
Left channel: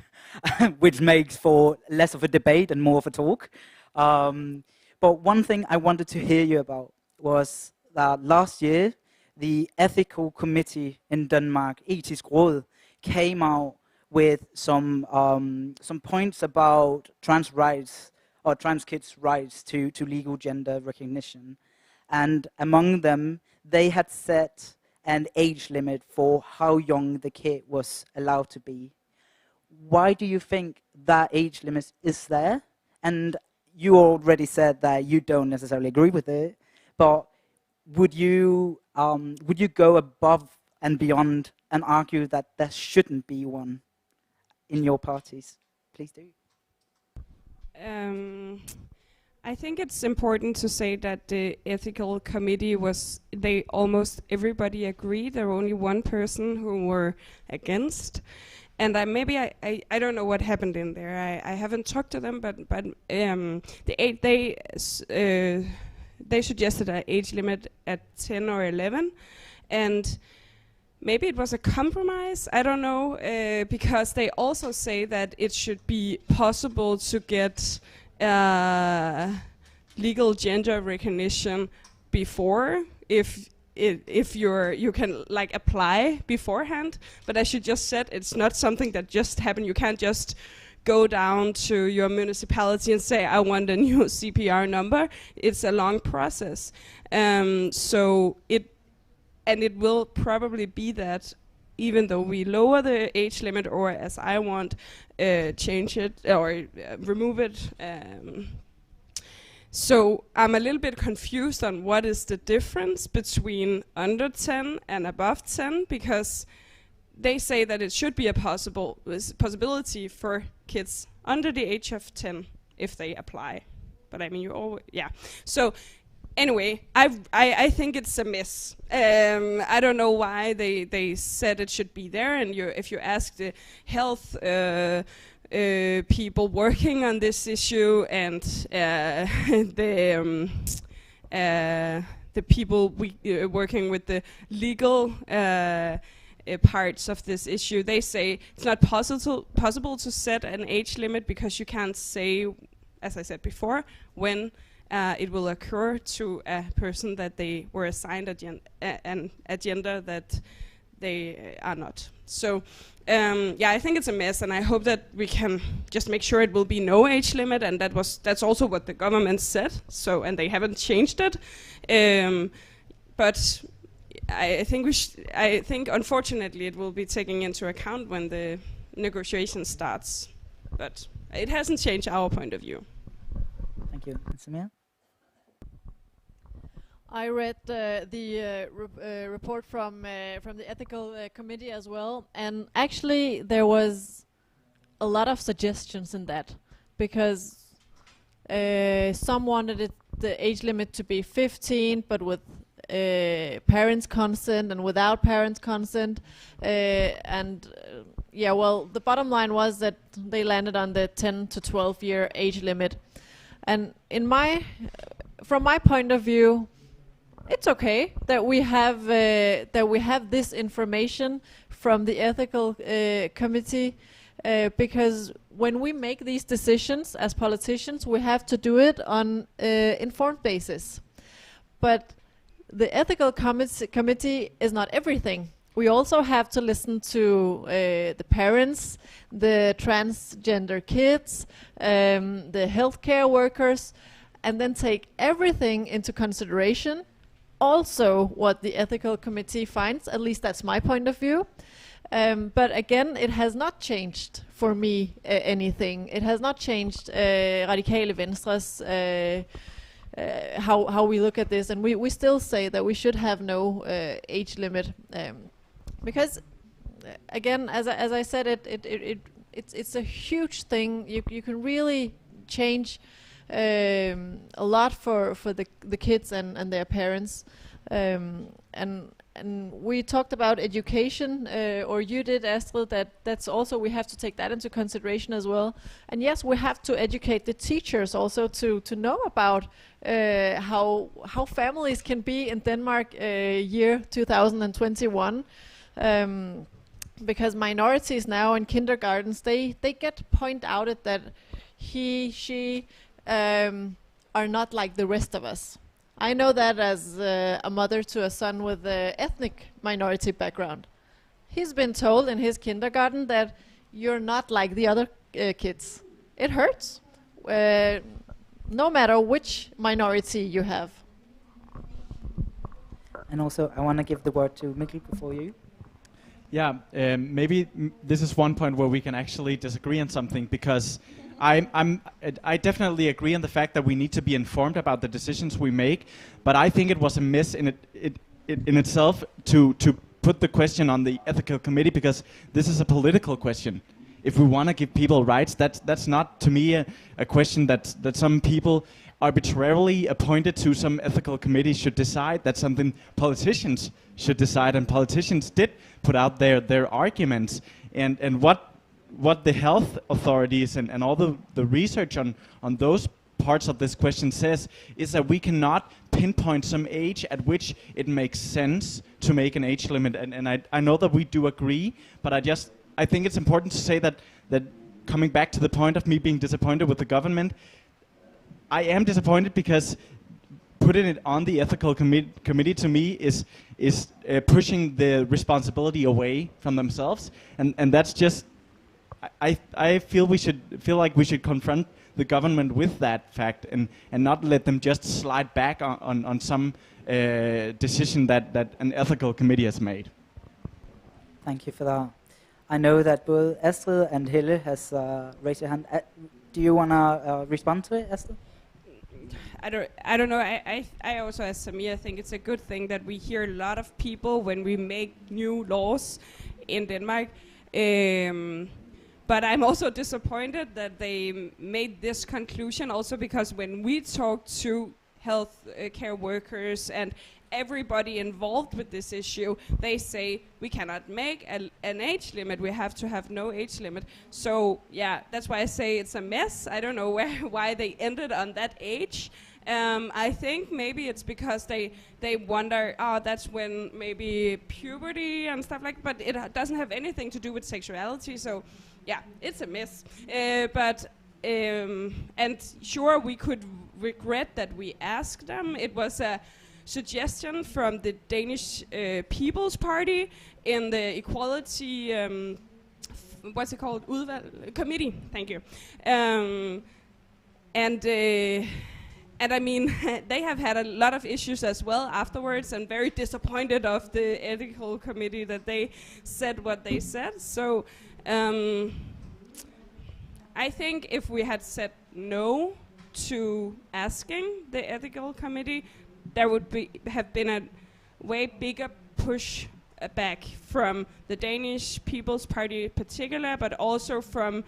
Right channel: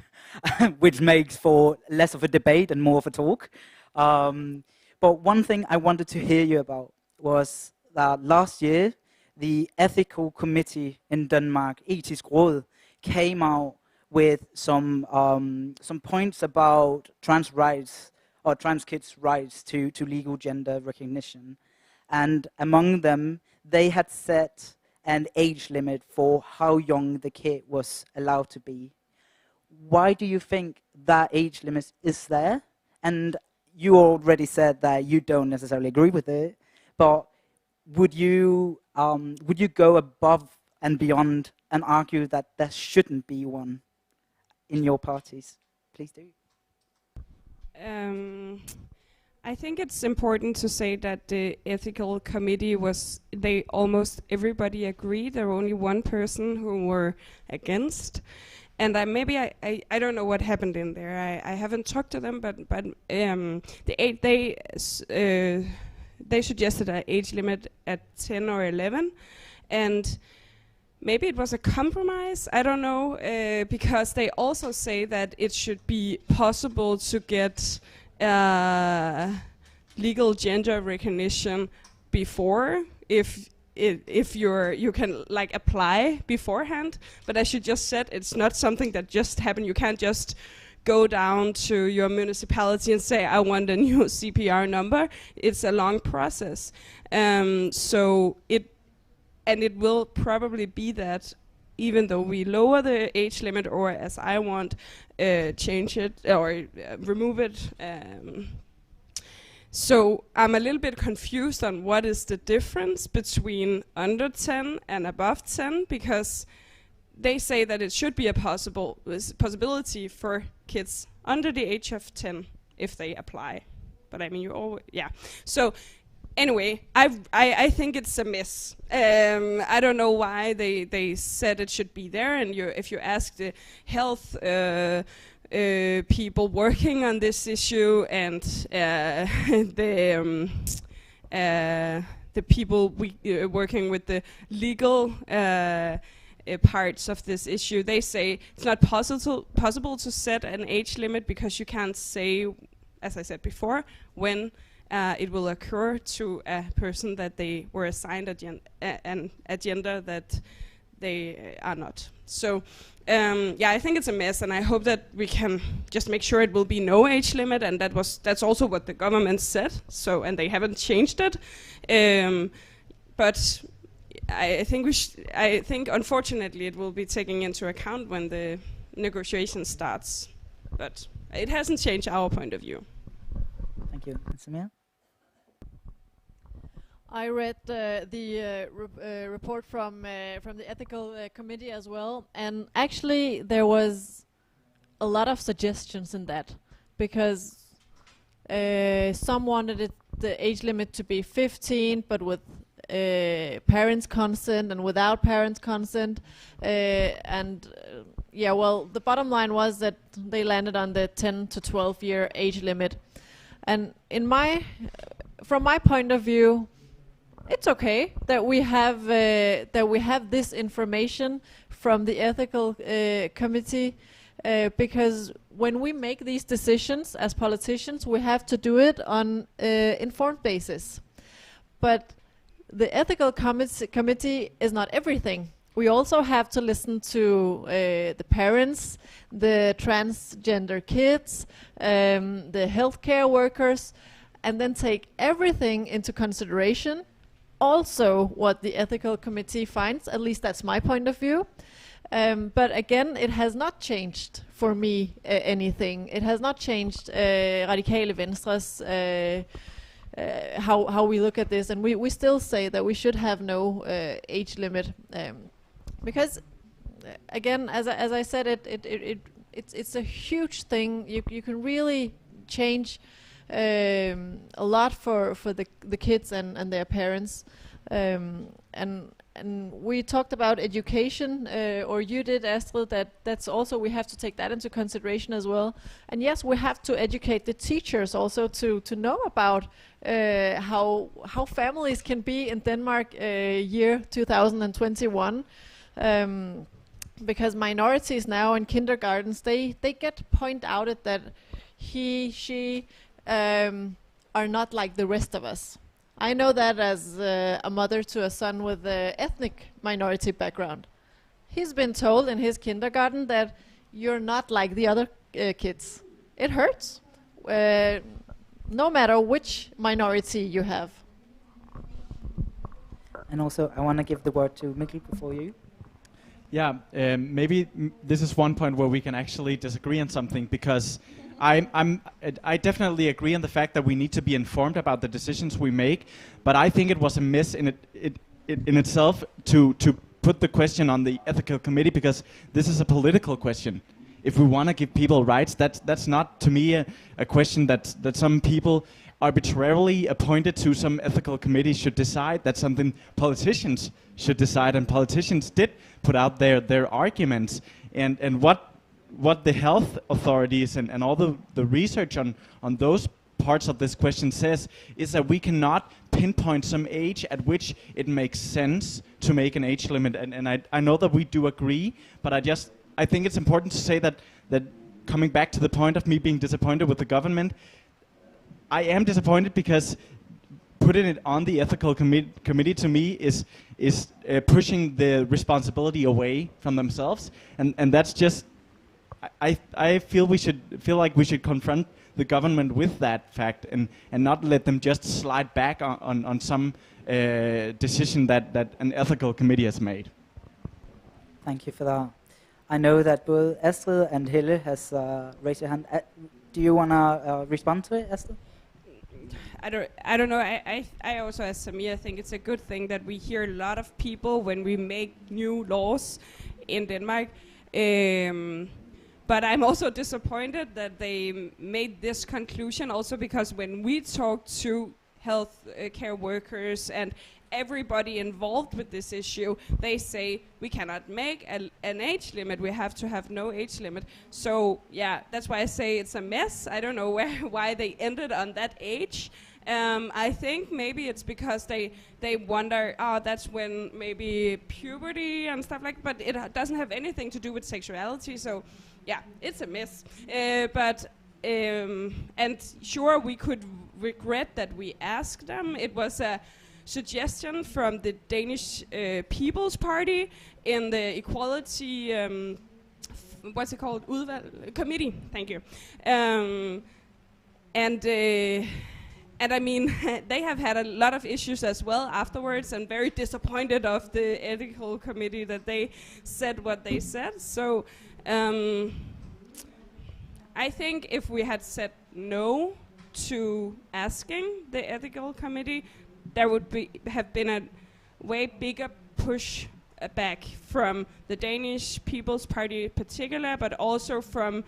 which makes for less of a debate and more of a talk. But one thing I wanted to hear you about was that last year, the ethical committee in Denmark, Etisk Råd, came out with some points about trans rights or trans kids' rights to legal gender recognition. And among them, they had set an age limit for how young the kid was allowed to be. Why do you think that age limit is there? And you already said that you don't necessarily agree with it, but would you go above and beyond and argue that there shouldn't be one in your parties? Please do. I think it's important to say that the ethical committee almost everybody agreed. There were only one person who were against. And I don't know what happened in there. I haven't talked to them, but they suggested an age limit at 10 or 11, and maybe it was a compromise. I don't know, because they also say that it should be possible to get legal gender recognition before if you can like apply beforehand. But as you just said, it's not something that just happened. You can't just go down to your municipality and say, I want a new CPR number. It's a long process. So it will probably be that even though we lower the age limit, or as I want, change it or remove it, So I'm a little bit confused on what is the difference between under 10 and above 10, because they say that it should be a possibility for kids under the age of 10 if they apply. But I mean, you always, yeah. So anyway, I think it's a mess. I don't know why they said it should be there, and if you ask the health people working on this issue and the people working with the legal parts of this issue, they say it's not possible to set an age limit because you can't say, as I said before, when it will occur to a person that they were assigned an agenda that they are not. So yeah, I think it's a mess, and I hope that we can just make sure it will be no age limit, and that's also what the government said. So, and they haven't changed it. But I think unfortunately it will be taken into account when the negotiation starts. But it hasn't changed our point of view. Thank you. Samir? I read the report from the ethical committee as well, and actually there was a lot of suggestions in that, because some wanted the age limit to be 15, but with parents' consent and without parents' consent, yeah, well, the bottom line was that they landed on the 10 to 12 year age limit, and from my point of view, it's okay that we have this information from the ethical committee, because when we make these decisions as politicians, we have to do it on informed basis. But the ethical committee is not everything. We also have to listen to the parents, the transgender kids, the healthcare workers, and then take everything into consideration. Also what the ethical committee finds, at least that's my point of view. But again, it has not changed for me anything. It has not changed Radikale Venstres how we look at this, and we still say that we should have no age limit, because again, as I said, it's a huge thing. You can really change a lot for the kids and their parents, and we talked about education, or you did, Astrid, that's also, we have to take that into consideration as well. And yes, we have to educate the teachers also to know about how families can be in Denmark year 2021, because minorities now in kindergartens, they get point out that she are not like the rest of us. I know that as a mother to a son with an ethnic minority background. He's been told in his kindergarten that you're not like the other kids. It hurts, no matter which minority you have. And also, I want to give the word to Mikkel before you. Yeah, maybe this is one point where we can actually disagree on something, because I definitely agree on the fact that we need to be informed about the decisions we make, but I think it was a miss in itself to put the question on the ethical committee, because this is a political question. If we want to give people rights, that's not, to me, a question that some people arbitrarily appointed to some ethical committee should decide. That's something politicians should decide, and politicians did put out their arguments, and what the health authorities and all the research on those parts of this question says is that we cannot pinpoint some age at which it makes sense to make an age limit, and I know that we do agree, but I think it's important to say that coming back to the point of me being disappointed with the government, I am disappointed because putting it on the ethical committee to me is pushing the responsibility away from themselves, and that's just, I feel like we should confront the government with that fact and not let them just slide back on some decision that an ethical committee has made. Thank you for that. I know that both Astrid and Helle has raised their hand. Do you want to respond to it, Astrid? I don't know. I also, as Samir, think it's a good thing that we hear a lot of people when we make new laws in Denmark. But I'm also disappointed that they made this conclusion also because when we talk to health care workers and everybody involved with this issue, they say we cannot make an age limit. We have to have no age limit. So yeah, that's why I say it's a mess. I don't know why they ended on that age. I think maybe it's because they wonder, that's when maybe puberty and stuff like. But it doesn't have anything to do with sexuality. So yeah, it's a mess. And sure, we could regret that we asked them. It was a suggestion from the Danish People's Party in the equality, what's it called? Committee. Thank you. And I mean, they have had a lot of issues as well afterwards, and very disappointed of the ethical committee that they said what they said. So I think if we had said no to asking the ethical committee, there would have been a way bigger push back from the Danish People's Party in particular, but also from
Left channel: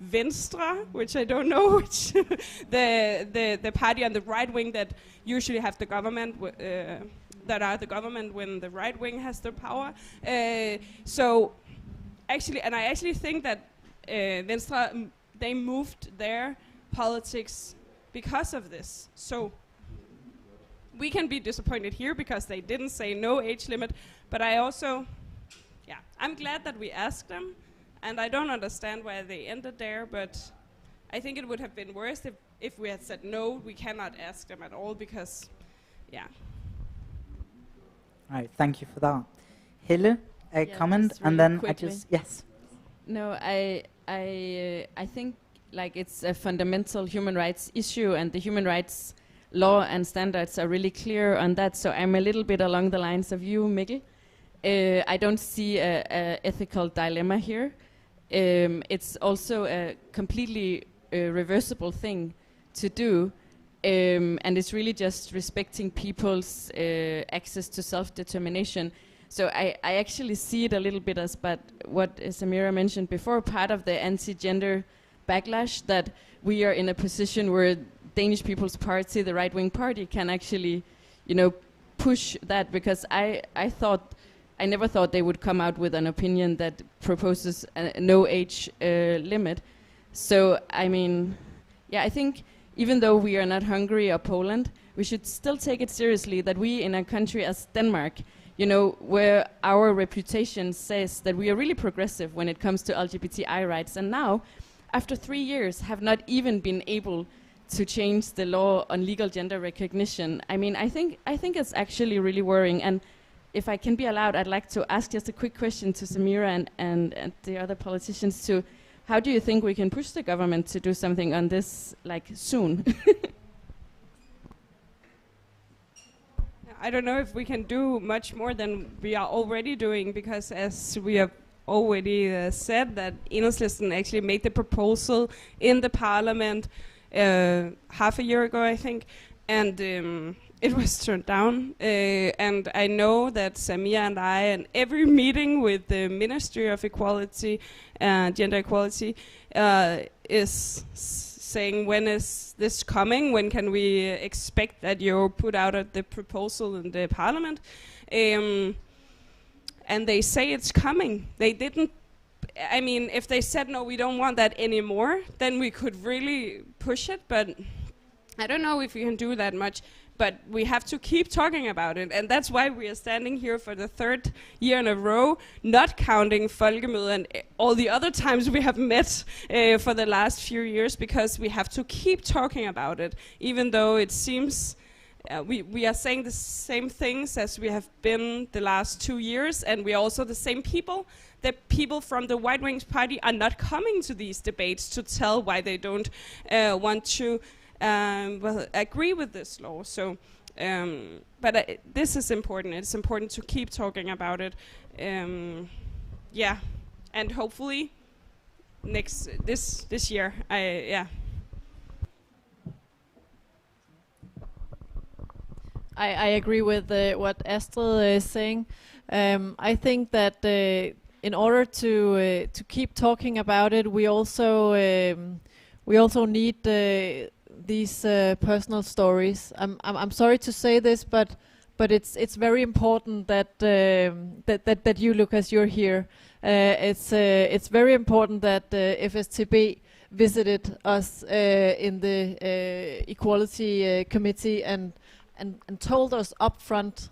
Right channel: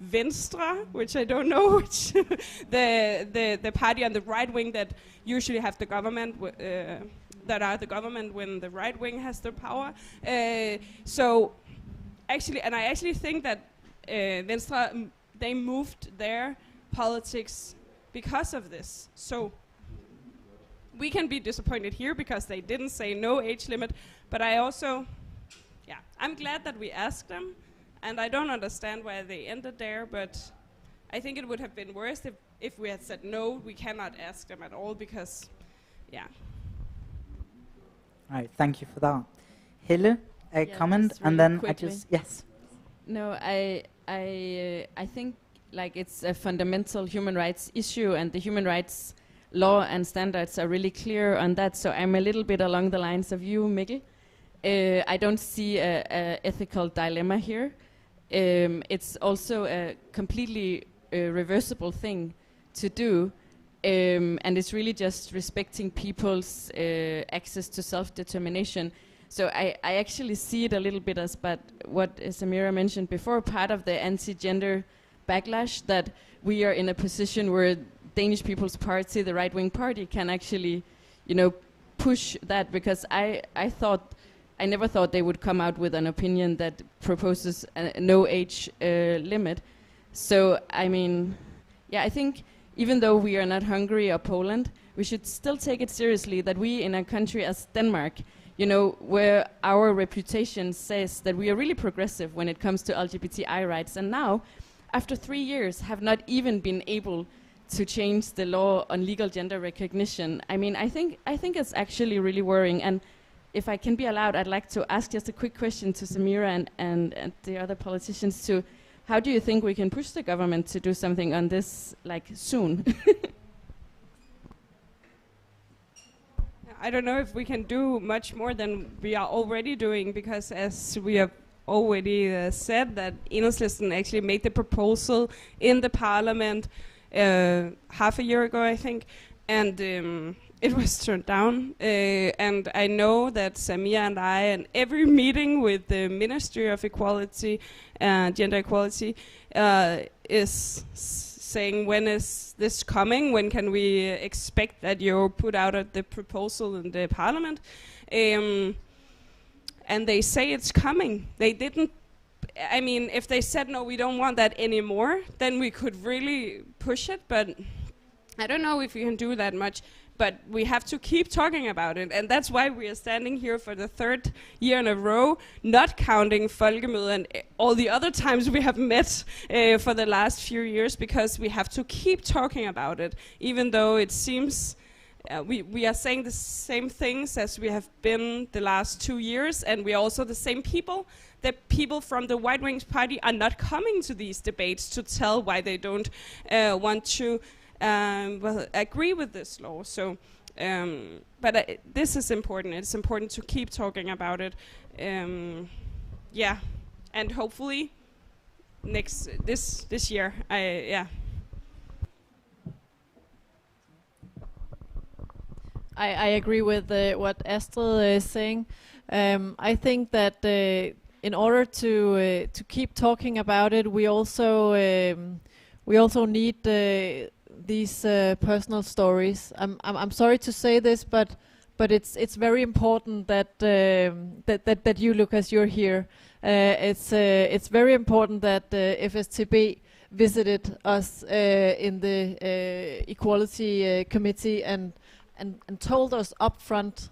Venstre, which I don't know, which the party on the right wing that usually have the government, that are the government when the right wing has the power. So actually, and I actually think that Venstre, they moved their politics because of this. So we can be disappointed here because they didn't say no age limit, but I also, I'm glad that we asked them, and I don't understand why they ended there, but I think it would have been worse if we had said no, we cannot ask them at all, because, Right, thank you for that. Hille, a comment, just and really then quickly. yes. No, I think like it's a fundamental human rights issue, and the human rights law and standards are really clear on that. So I'm a little bit along the lines of you, Mikkel. I don't see a ethical dilemma here. It's also a completely reversible thing to do, and it's really just respecting people's access to self-determination. So I actually see it a little bit as, but what Samira mentioned before, part of the anti-gender backlash, that we are in a position where Danish People's Party, the right-wing party, can actually, push that, because I never thought they would come out with an opinion that proposes a no age limit. So, I mean, I think even though we are not Hungary or Poland, we should still take it seriously that we in a country as Denmark, where our reputation says that we are really progressive when it comes to LGBTI rights, and now, after 3 years, have not even been able to change the law on legal gender recognition. I mean, I think it's actually really worrying. And if I can be allowed, I'd like to ask just a quick question to Samira and the other politicians too. How do you think we can push the government to do something on this, like, soon? I don't know if we can do much more than we are already doing, because as we have already said, that Enhedslisten actually made the proposal in the parliament half a year ago, I think, and it was turned down. And I know that Samia and I, and every meeting with the Ministry of Equality, Gender Equality, is saying, when is this coming? When can we expect that you put out the proposal in the parliament? And they say it's coming. They didn't. I mean, if they said, no, we don't want that anymore, then we could really push it. But I don't know if we can do that much. But we have to keep talking about it. And that's why we are standing here for the 3rd year in a row, not counting folkemødet and all the other times we have met for the last few years, because we have to keep talking about it, even though it seems we are saying the same things as we have been the last 2 years, and we are also the same people. The people from the White Wings Party are not coming to these debates to tell why they don't want to agree with this law. So, but this is important. It's important to keep talking about it. And hopefully this year, I agree with what Astrid is saying. I think that in order to keep talking about it, we also need these personal stories. I'm sorry to say this, but it's very important that that you, Lucas, you're here. It's very important that FSTB visited us in the Equality Committee and told us upfront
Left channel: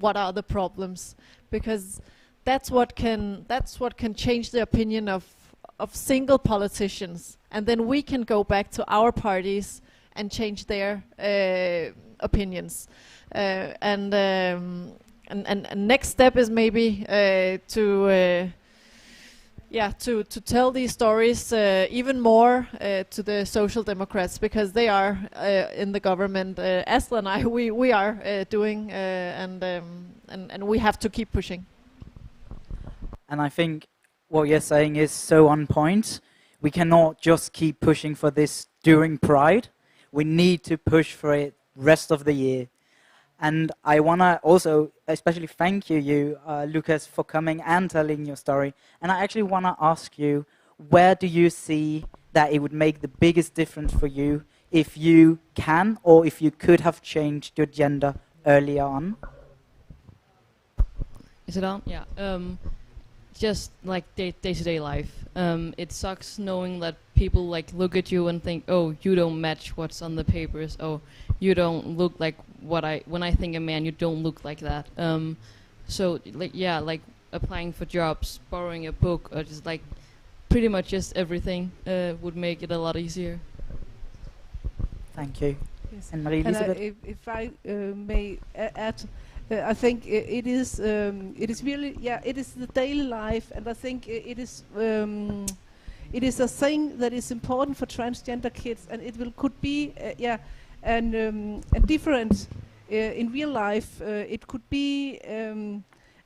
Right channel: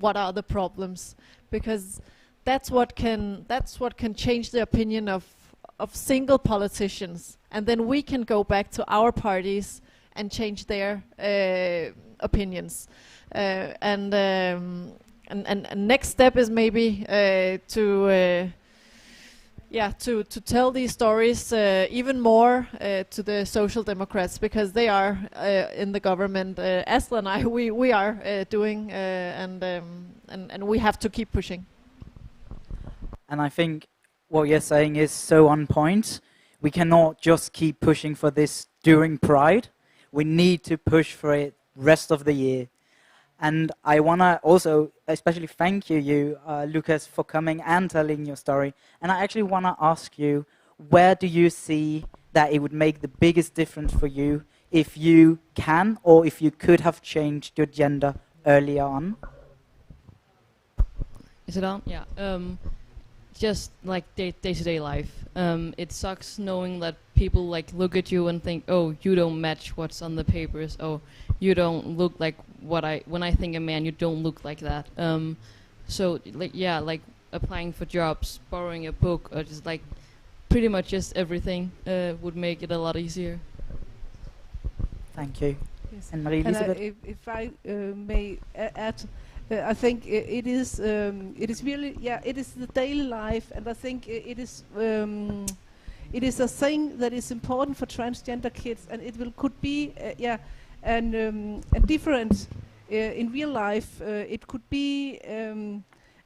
what are the problems, because that's what can change the opinion of single politicians, and then we can go back to our parties and change their opinions. And next step is maybe to tell these stories even more to the Social Democrats, because they are in the government. Astrid and I, we are doing, and we have to keep pushing. And I think what you're saying is so on point. We cannot just keep pushing for this during Pride. We need to push for it rest of the year. And I want to also especially thank you, Lucas, for coming and telling your story. And I actually want to ask you, where do you see that it would make the biggest difference for you if you can, or if you could have changed your gender earlier on? Is it on? Yeah. Just like day-to-day life. It sucks knowing that people like look at you and think, oh, you don't match what's on the papers. Oh, you don't look like when I think a man, you don't look like that. So like applying for jobs, borrowing a book, or just like pretty much just everything would make it a lot easier. Thank you. Yes. And Marie-Elisabeth? If I may add, I think it is really, it is the daily life, and I think it is a thing that is important for transgender kids, and it could be and different in real life. It could be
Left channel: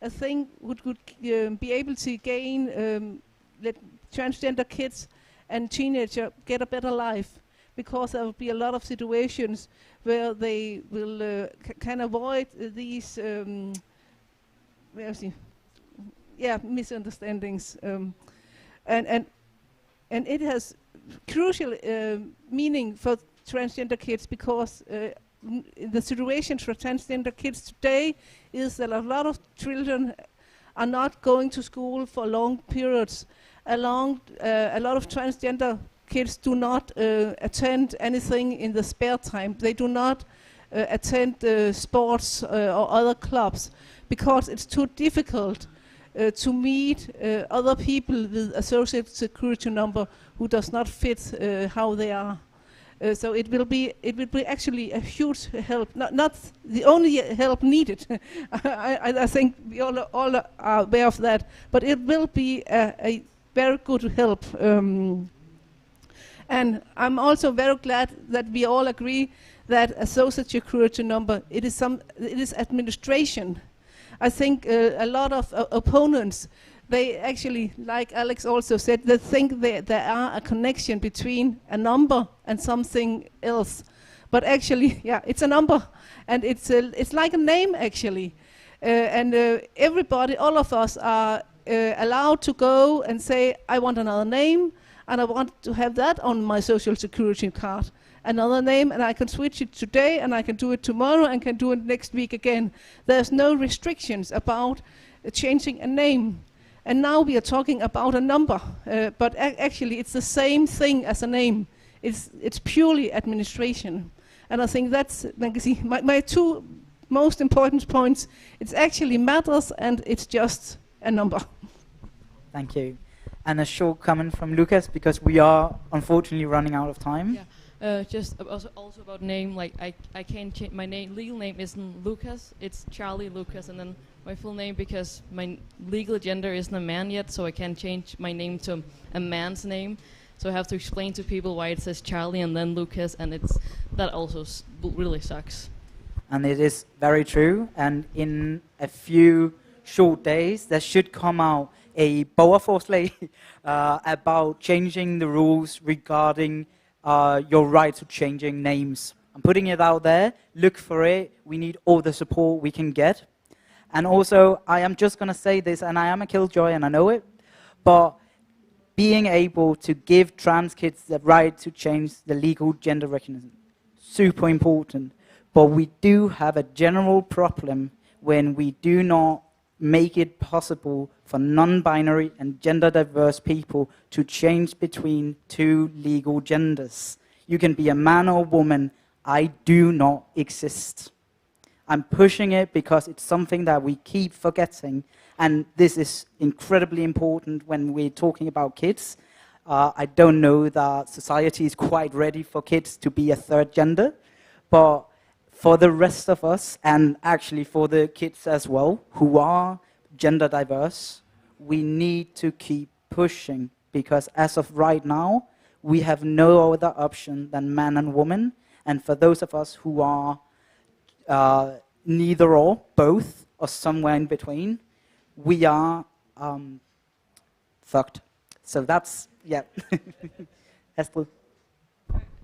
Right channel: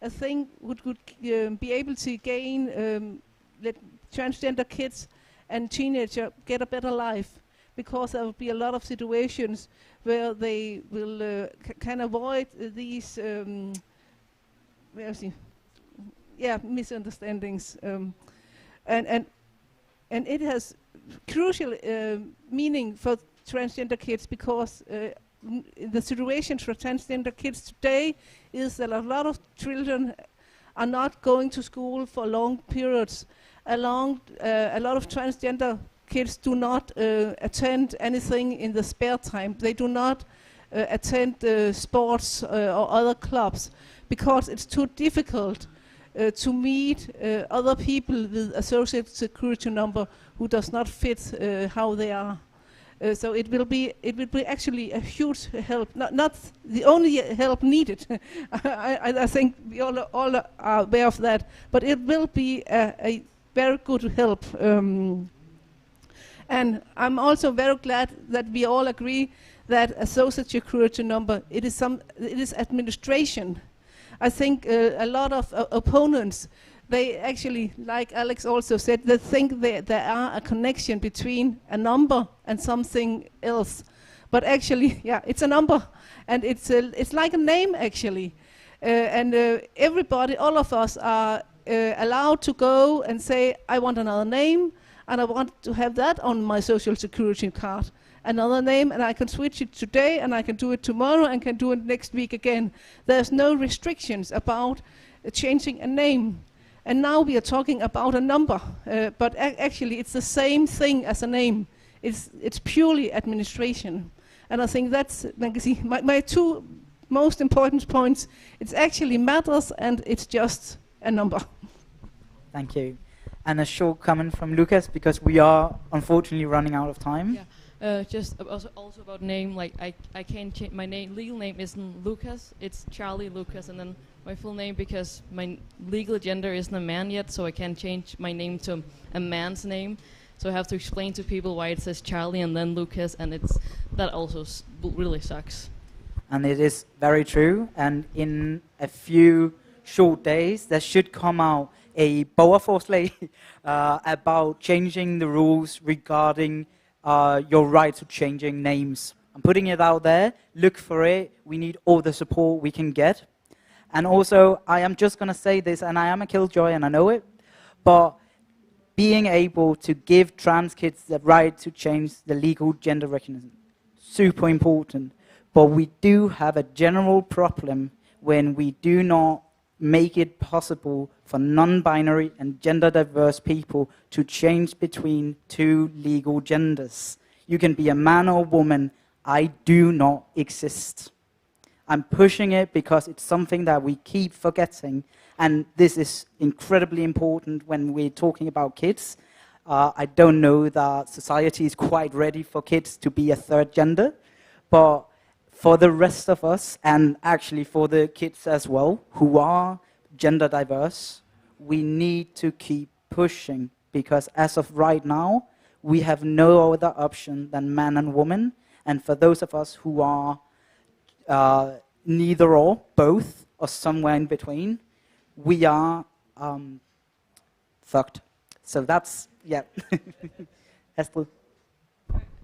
a thing which could be able to gain let transgender kids and teenagers get a better life, because there will be a lot of situations where they will can avoid these misunderstandings, and it has crucial meaning for transgender kids, because the situation for transgender kids today is that a lot of children are not going to school for long periods. A lot of transgender kids do not attend anything in the spare time. They do not attend sports or other clubs, because it's too difficult to meet other people with a social security number who does not fit how they are. So it will be actually a huge help, not the only help needed. I think we all are aware of that, but it will be a very good help. And I'm also very glad that we all agree that a social security number, it is administration. I think a lot of opponents, they actually, like Alex also said, they think there are a connection between a number and something else. But actually, it's a number, and it's like a name actually. And everybody, all of us are allowed to go and say, I want another name, and I want to have that on my social security card. Another name, and I can switch it today, and I can do it tomorrow, and can do it next week again. There's no restrictions about changing a name. And now we are talking about a number, but actually it's the same thing as a name. It's purely administration. And I think that's, like you see, my two most important points. It actually matters, and it's just a number. Thank you. And a short comment from Lucas, because we are unfortunately running out of time. Yeah. Just also about name, like I can't change my name. Legal name isn't Lucas, it's Charlie Lucas, and then my full name, because my legal gender isn't a man yet, so I can't change my name to a man's name. So I have to explain to people why it says Charlie and then Lucas, and that also really sucks. And it is very true. And in a few short days, there should come out a borgerforslag about changing the rules regarding your right to changing names I'm putting it out there. Look for it. We need all the support we can get. And also, I am just going to say this, and I am a killjoy, and I know it, but being able to give trans kids the right to change the legal gender recognition, super important. But we do have a general problem when we do not make it possible for non-binary and gender-diverse people to change between two legal genders. You can be a man or woman. I do not exist. I'm pushing it because it's something that we keep forgetting, and this is incredibly important when we're talking about kids. I don't know that society is quite ready for kids to be a third gender, but for the rest of us, and actually for the kids as well, who are gender diverse, we need to keep pushing, because as of right now, we have no other option than man and woman, and for those of us who are neither or, both, or somewhere in between, we are fucked. So that's, yeah. Esther?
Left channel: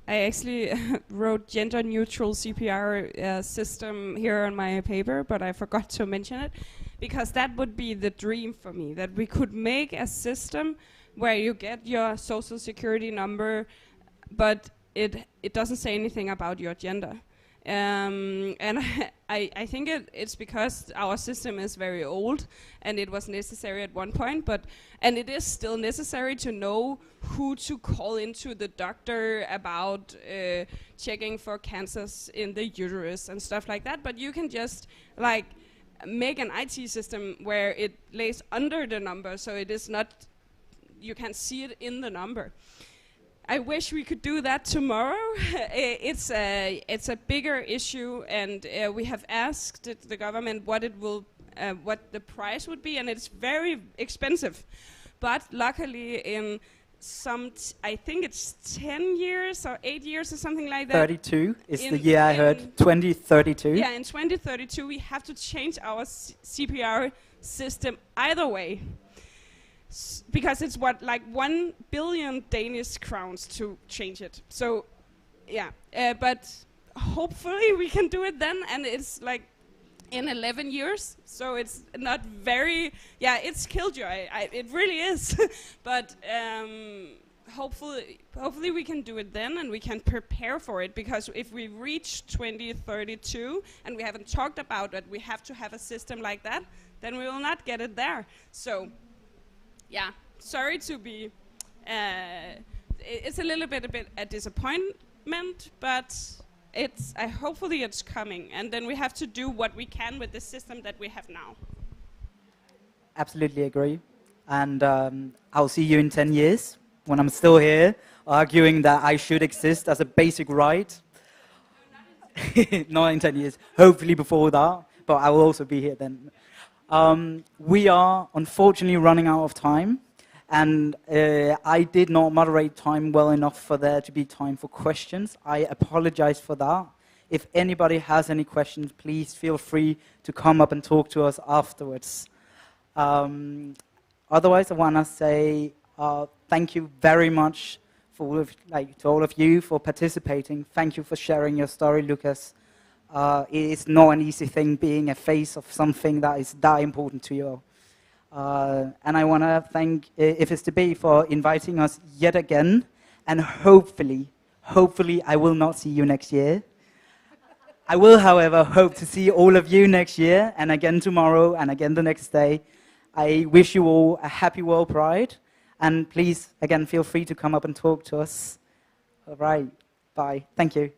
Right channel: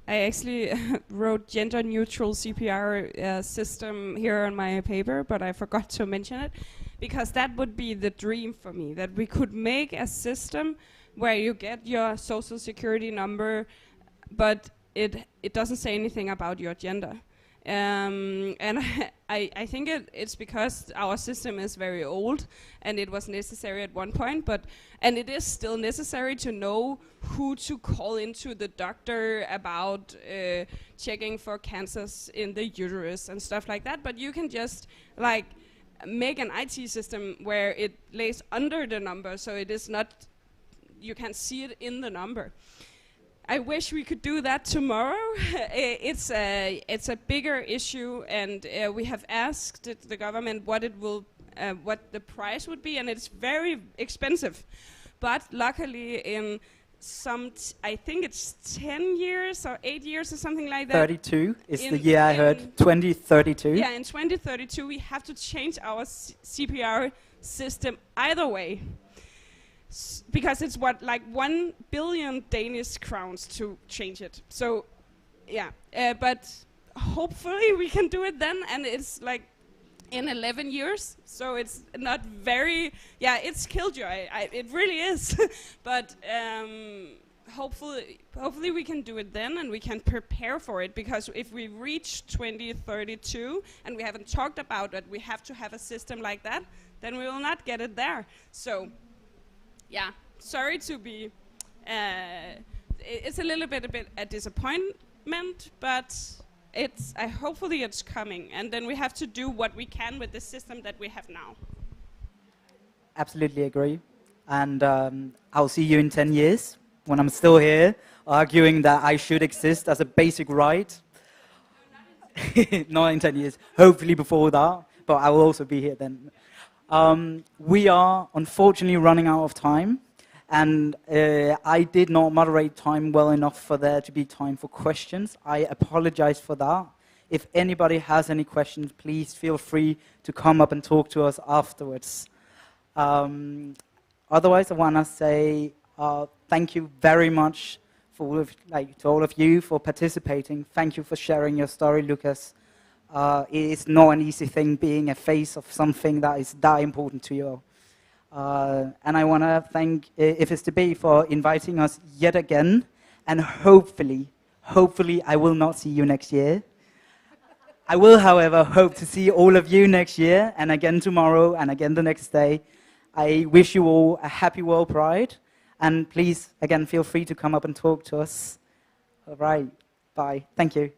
I actually wrote gender-neutral CPR system here on my paper, but I forgot to mention it, because that would be the dream for me, that we could make a system where you get your social security number, but it doesn't say anything about your gender. And I think it's because our system is very old, and it was necessary at one point, and it is still necessary to know who to call into the doctor about checking for cancers in the uterus and stuff like that. But you can just like make an IT system where it lays under the number, so it is not, you can see it in the number. I wish we could do that tomorrow. It's a bigger issue, and we have asked the government what the price would be, and it's very expensive. But luckily, in I think it's 10 years or 8 years or something like that. 32 is the year I heard. 2032. Yeah, in 2032 we have to change our CPR system either way. Because it's like 1 billion Danish crowns to change it. So, yeah, but hopefully we can do it then, and it's like in 11 years, so it's not very, yeah, it's killjoy, it really is. But hopefully we can do it then, and we can prepare for it, because if we reach 2032 and we haven't talked about that we have to have a system like that, then we will not get it there. So, yeah, sorry to be, it's a little bit a disappointment, but hopefully it's coming, and then we have to do what we can with the system that we have now. Absolutely agree. And I'll see you in 10 years, when I'm still here, arguing that I should exist as a basic right. Not in 10 years, hopefully before that, but I will also be here then. We are unfortunately running out of time, and I did not moderate time well enough for there to be time for questions. I apologize for that. If anybody has any questions, please feel free to come up and talk to us afterwards. Otherwise, I want to say thank you very much to all of you for participating. Thank you for sharing your story, Lucas. It's not an easy thing being a face of something that is that important to you. And I want to thank IFSTB for inviting us yet again. And hopefully I will not see you next year. I will, however, hope to see all of you next year, and again tomorrow, and again the next day. I wish you all a happy World Pride. And please, again, feel free to come up and talk to us. All right. Bye. Thank you.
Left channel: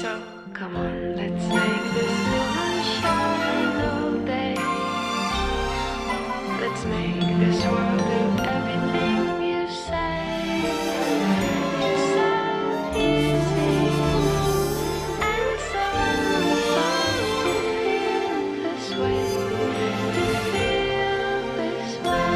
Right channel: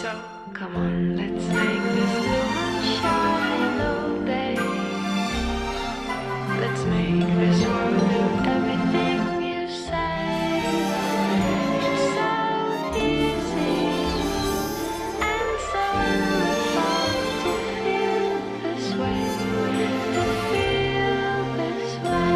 So come on, let's make this moment shine all day. Let's make this world do everything you say. It's so easy and so fun to feel this way. To feel this way.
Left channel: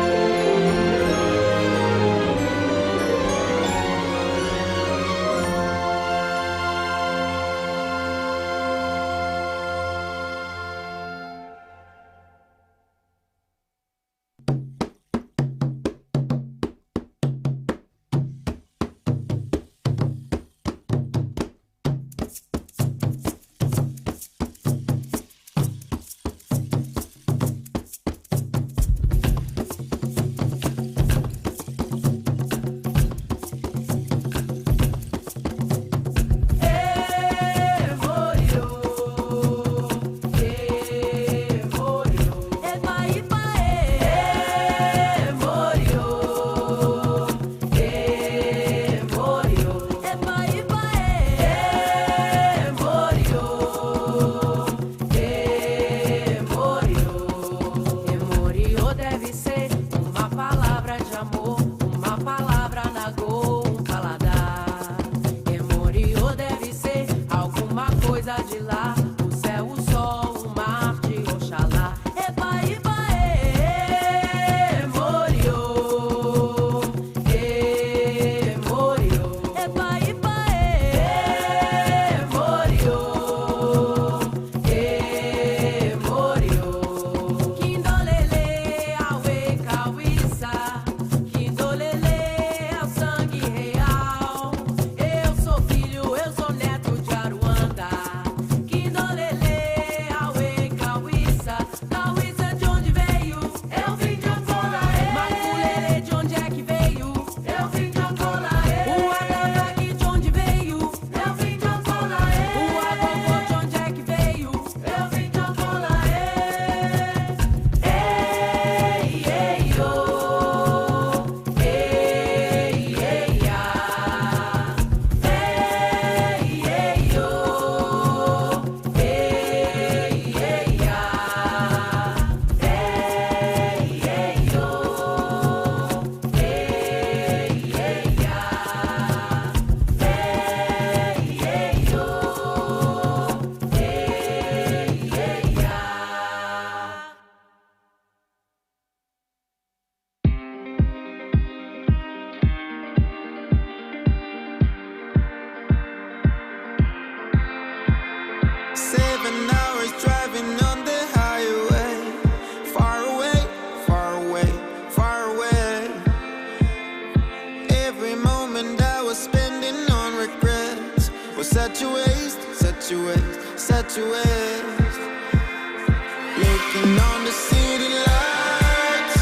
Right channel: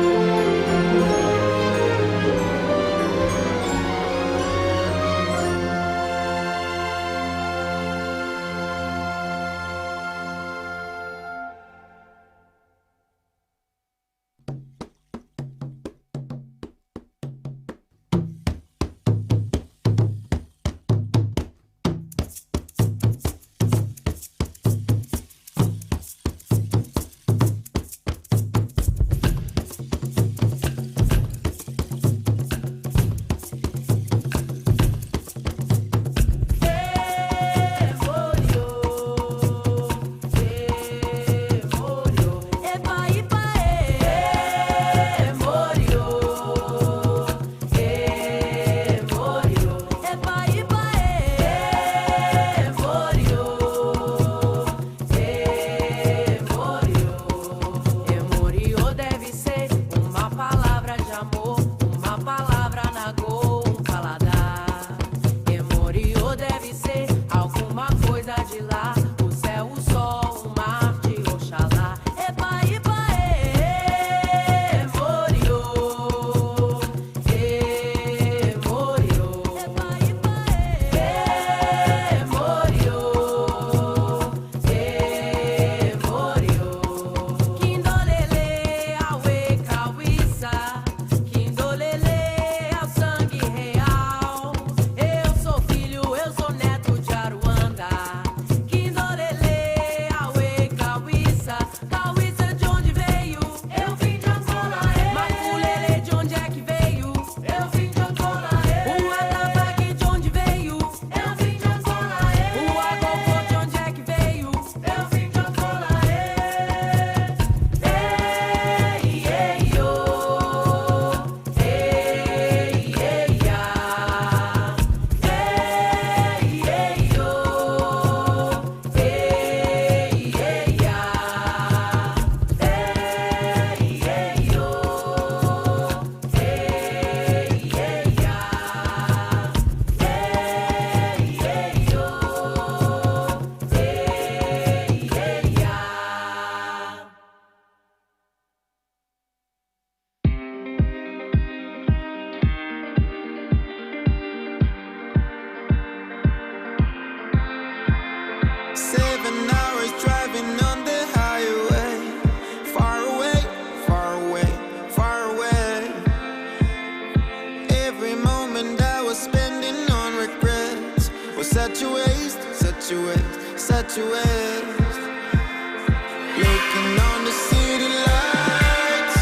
Looking on the city lights,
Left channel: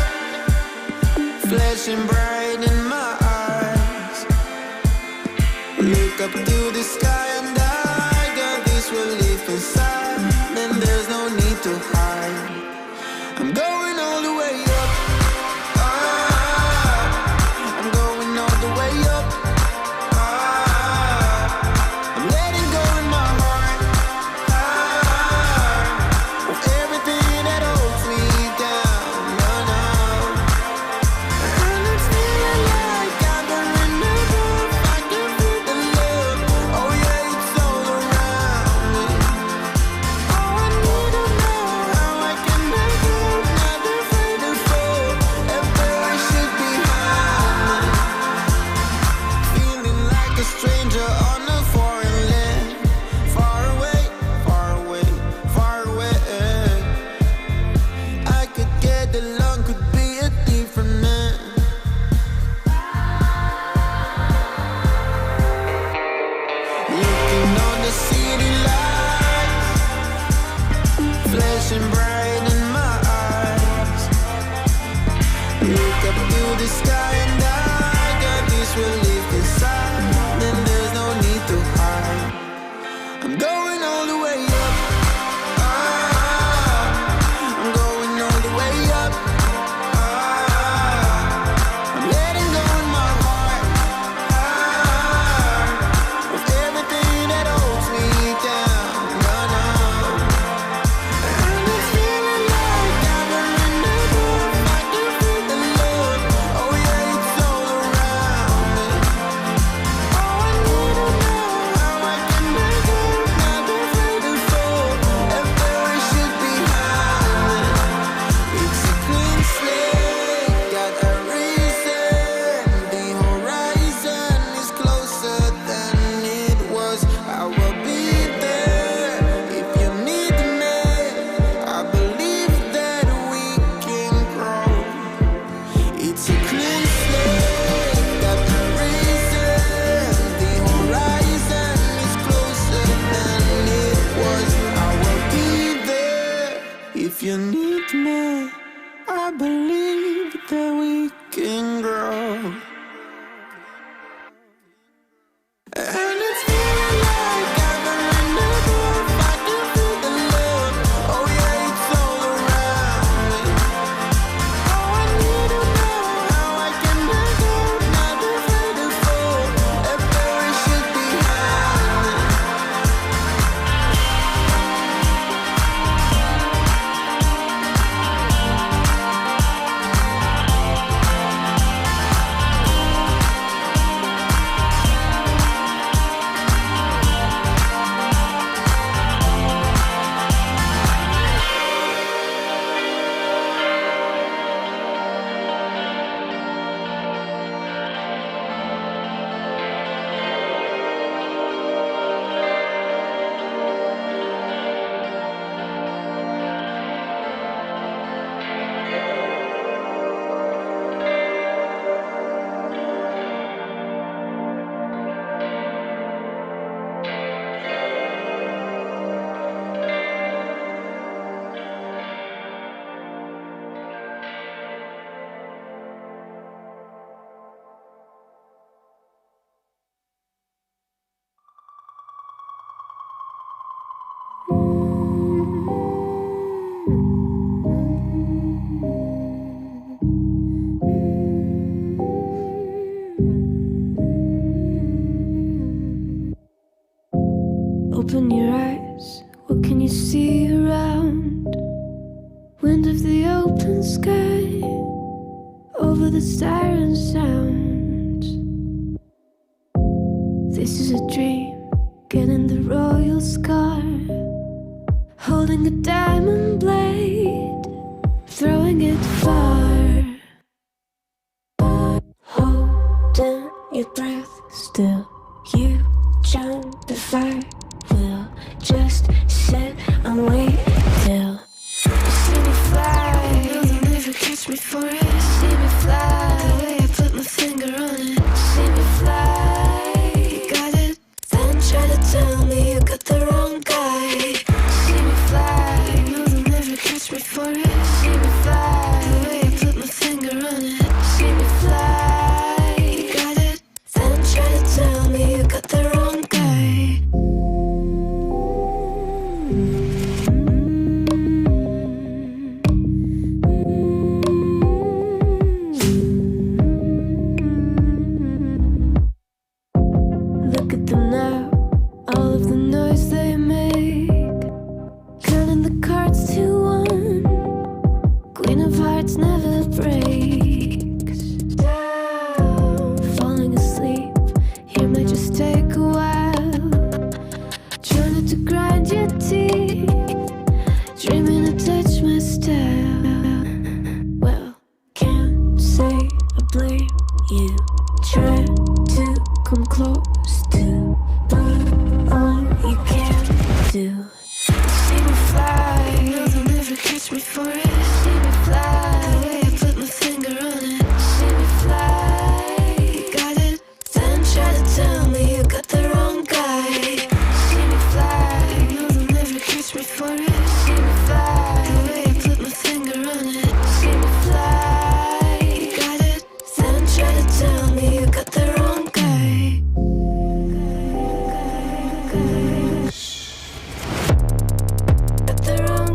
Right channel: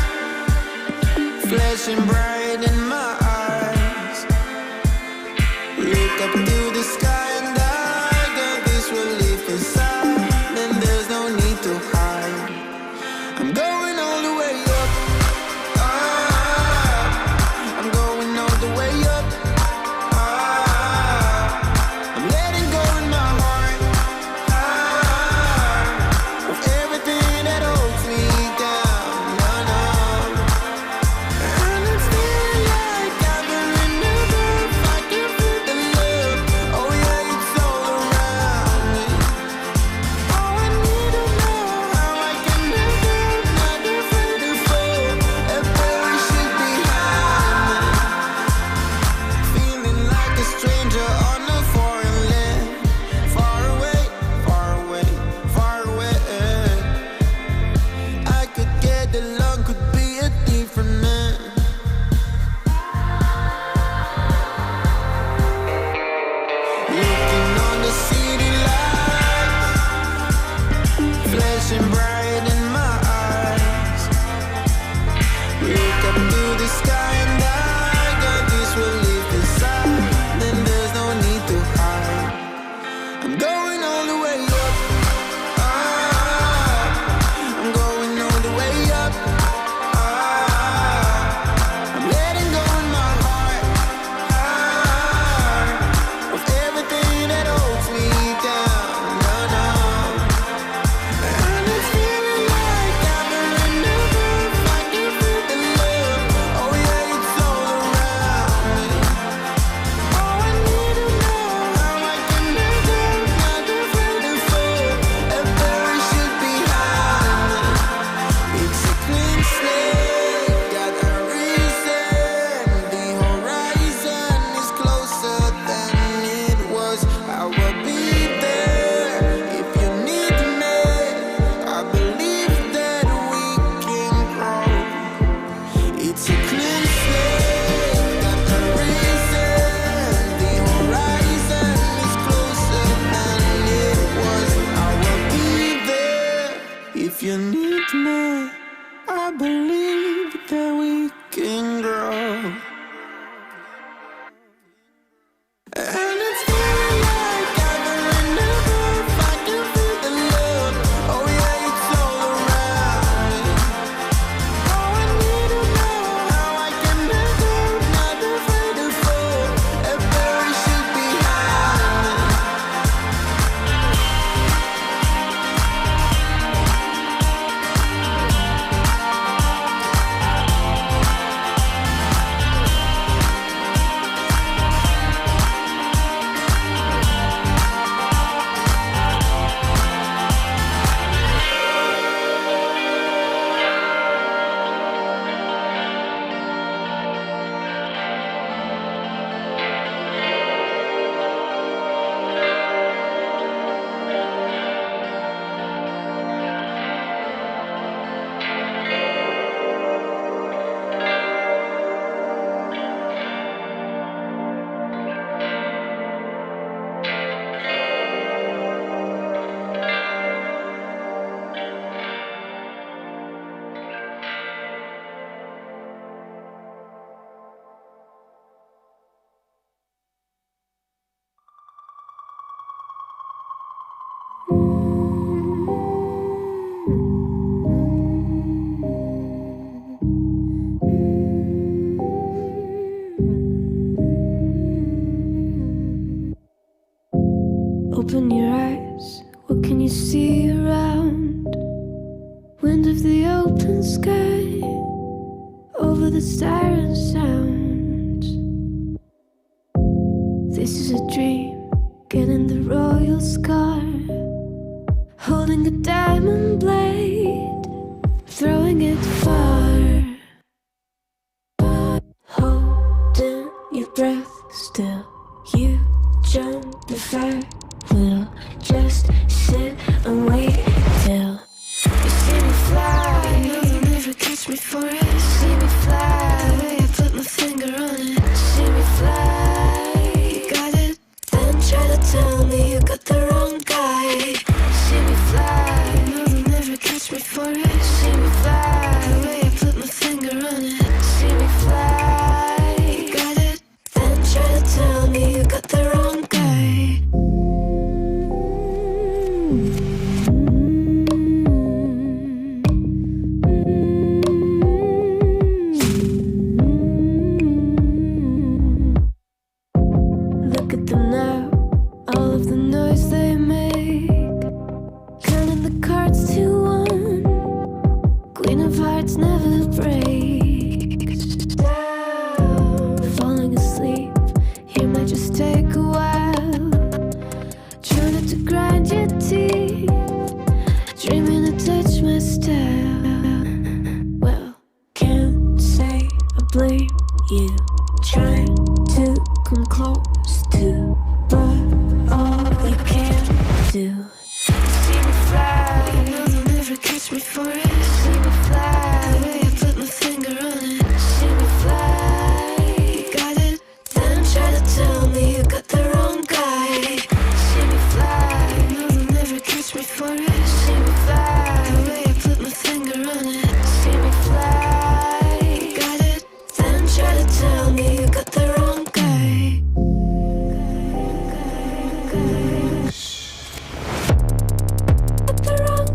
flashing bright in my eyes. Look up to the sky and I got this relief inside. Then there's no need to hide. I'm going all the way up. I'm going all the way up. I'm letting go in my heart of everything that holds me down. No, no. And it's feeling like I'm going above. I can feel the love. Oh yeah, it's all around me. Oh, I need to know how I can make it. Not afraid to fall. Embarrassing behind me. Feeling like a stranger on a foreign land. Far away, far away, far away. I could get along, could be a different man. Looking on the city lights, flashing bright in my eyes. Look up to the sky and I got this relief inside. Then there's no need Open your eyes, what can you see around? Wind of the open sky, over the siren sound. This is a dream, getting the royal scar, holding a diamond blade, throwing it far. Holding your breath still, you join the fire. We'll just sit and wait till you see me fly. You'll never catch me for it. See me fly, the way I put my finger on it. See me fly, you got it. Then try to tell me you got the wrong guy. See me fly, you'll never catch me for it. See me fly, the way I put my finger on it. See me fly, you got it. Then try to tell me you got the wrong guy. Look at them now, all of the noise they make, counting the cards to one. Queen of hearts never breaks down. Falling asleep, here might just take a while. Trying to grind your teeth, dreaming to touch my style. Well, can't say I blame you. Try to come close to, but all you can do. See me fly, you'll never catch me for it. See me fly, the way I put my finger on it. See me fly, you got it. Then try to tell me you got the wrong guy. See me fly, you'll never catch me for it. See me fly, the way I put my finger on it. See me fly, you got it. Then try to tell me you got the wrong guy. Got the wrong.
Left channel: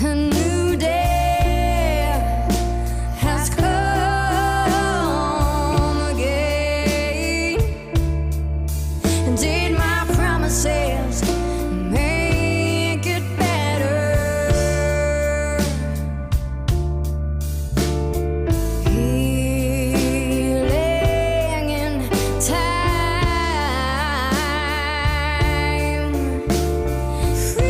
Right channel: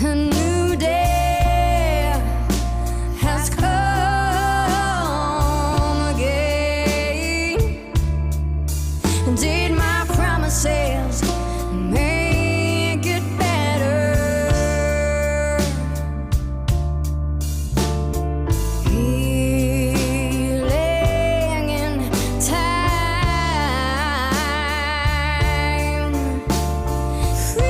A new day has come again. Did my promises make it better? Healing in time, free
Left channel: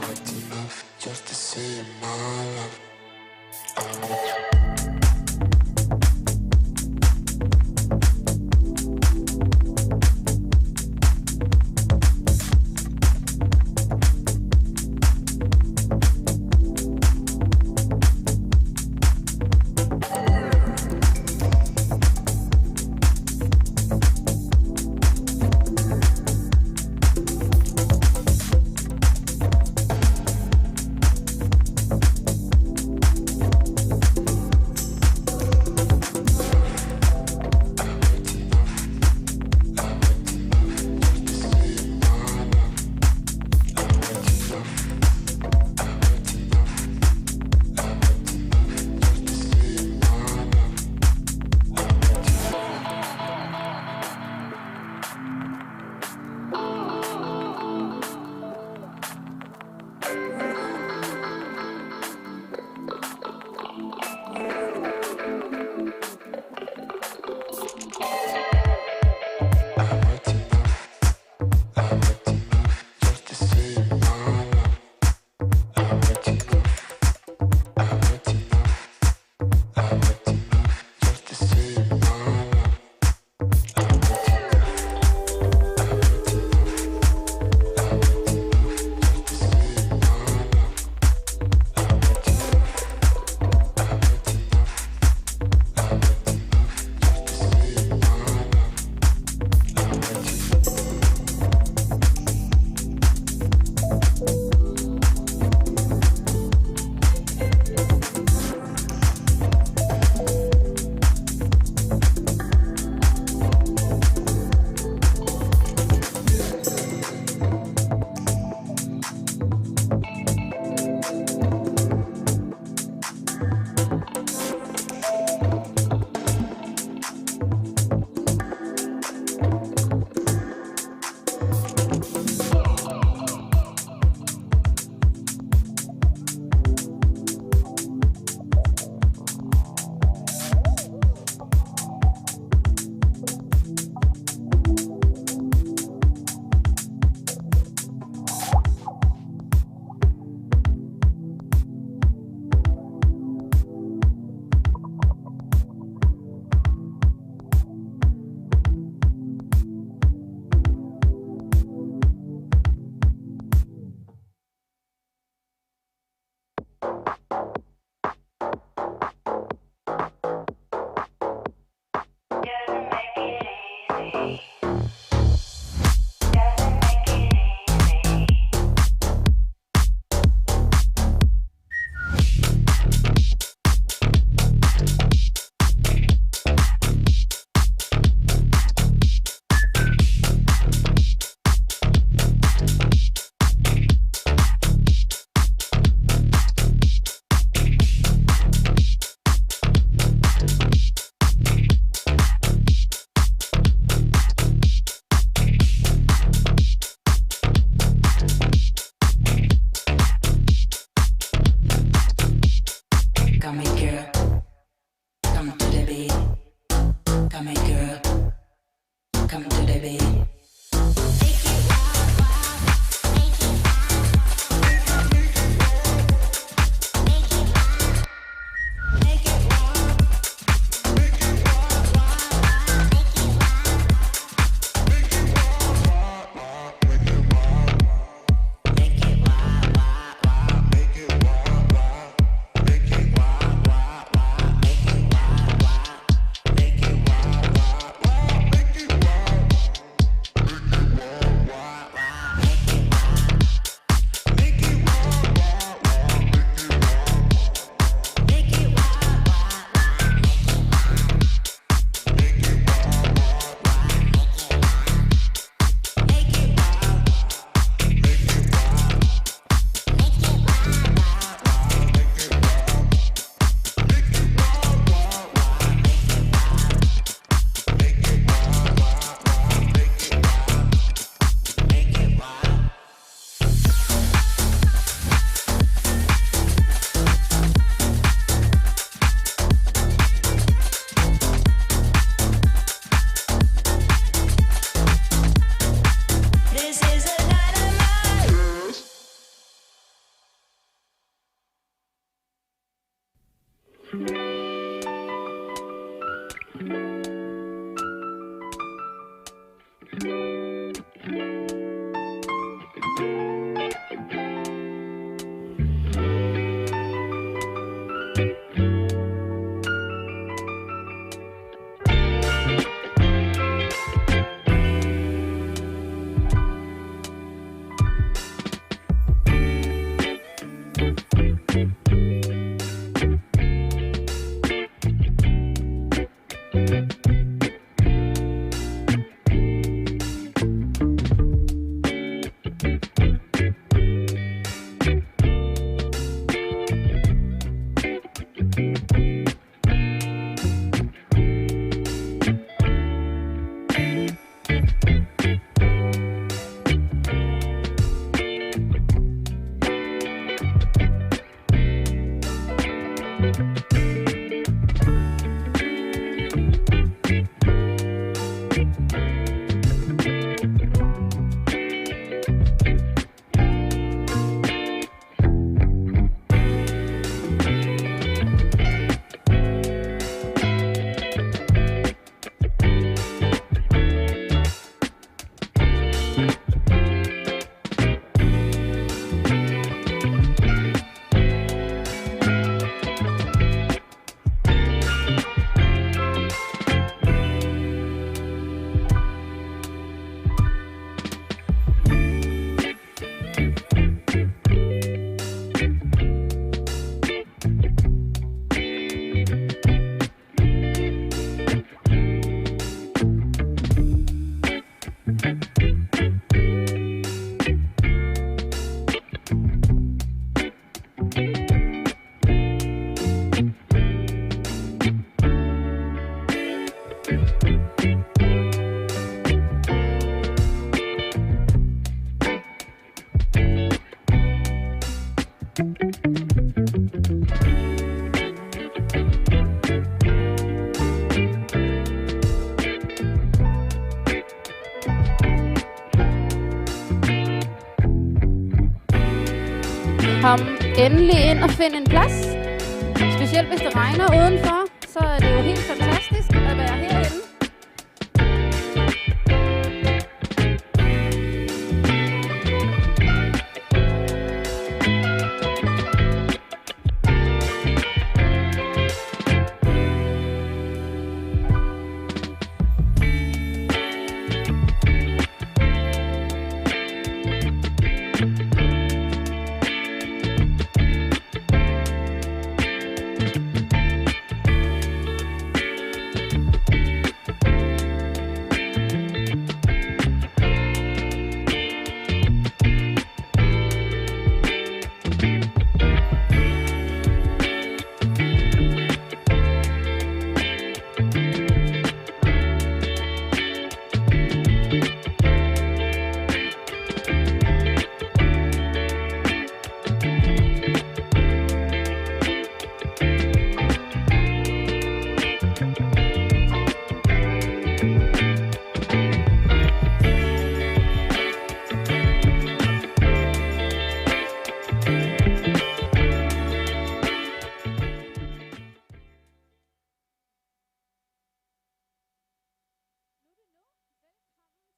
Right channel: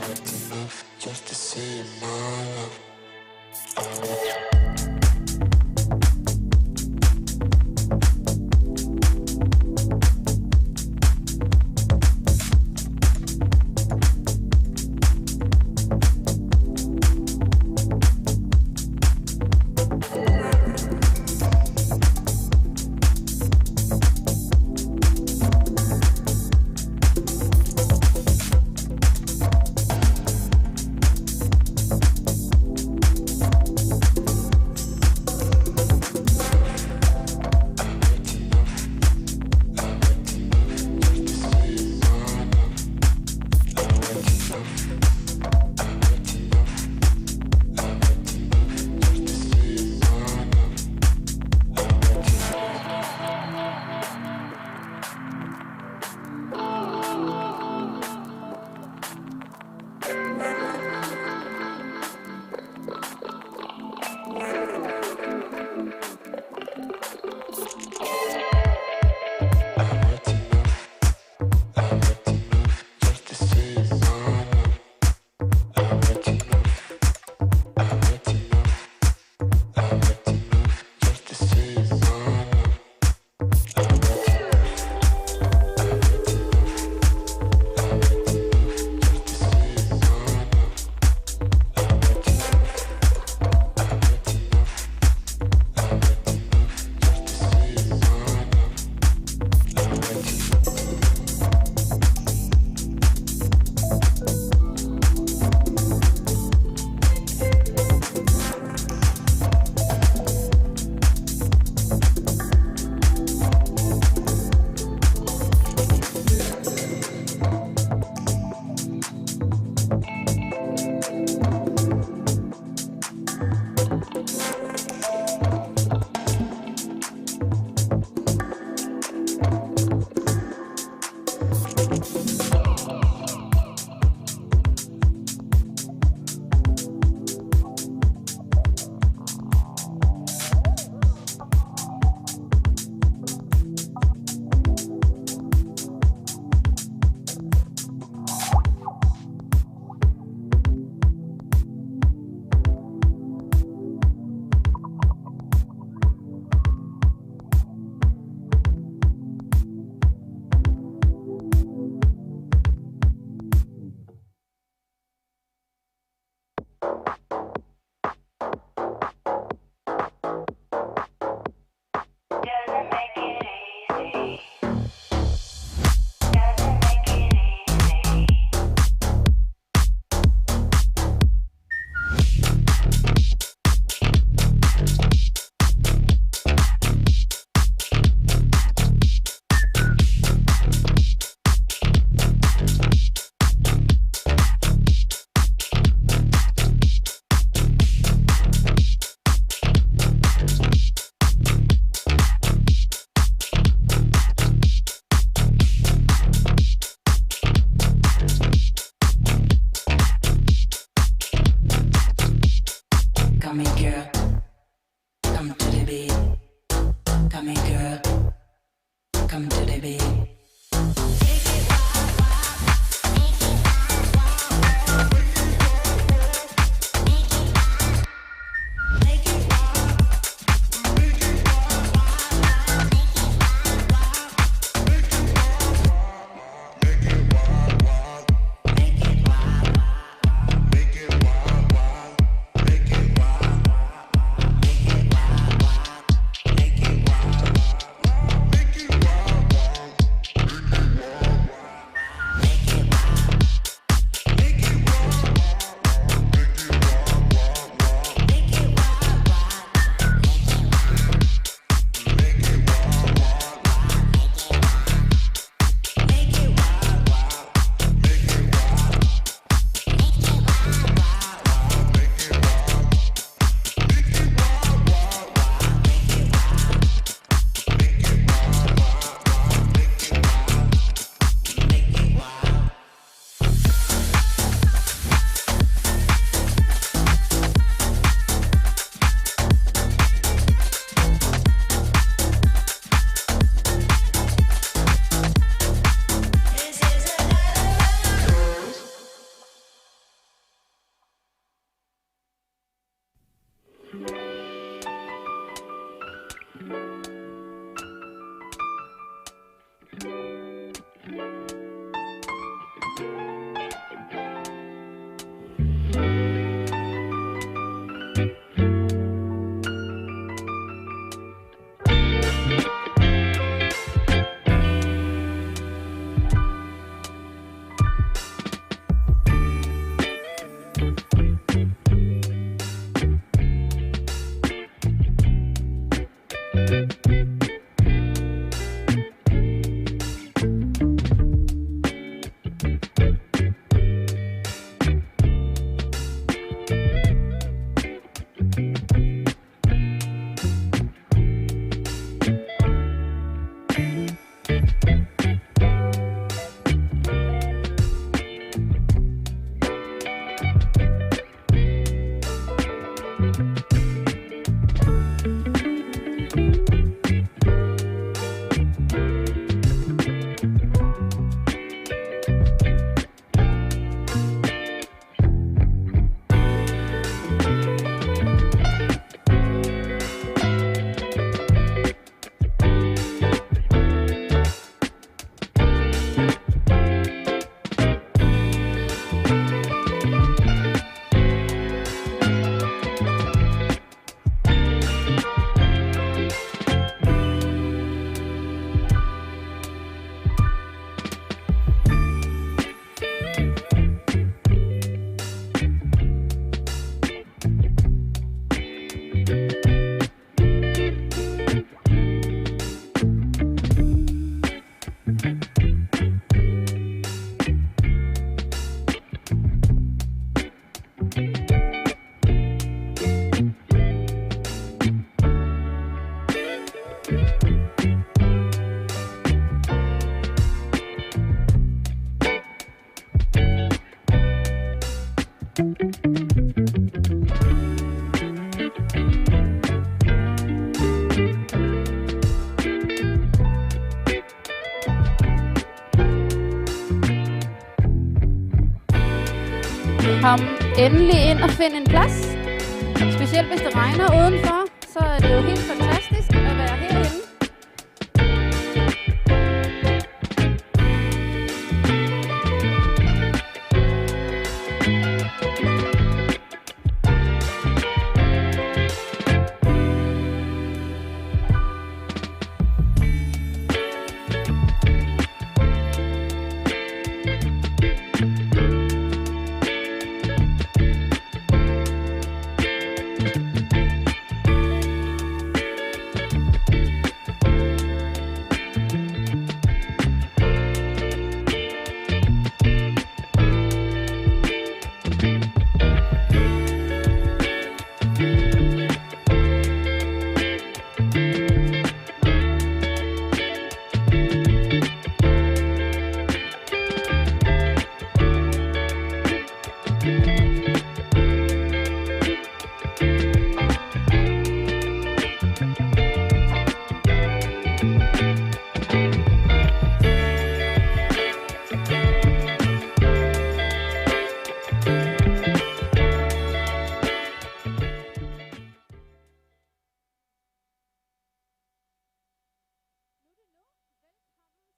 worth enough just to say you're my love. Kom endelig ind og find en plads. Specielt hvis det regner udenfor, så er det jo helt fantastisk at være herinde.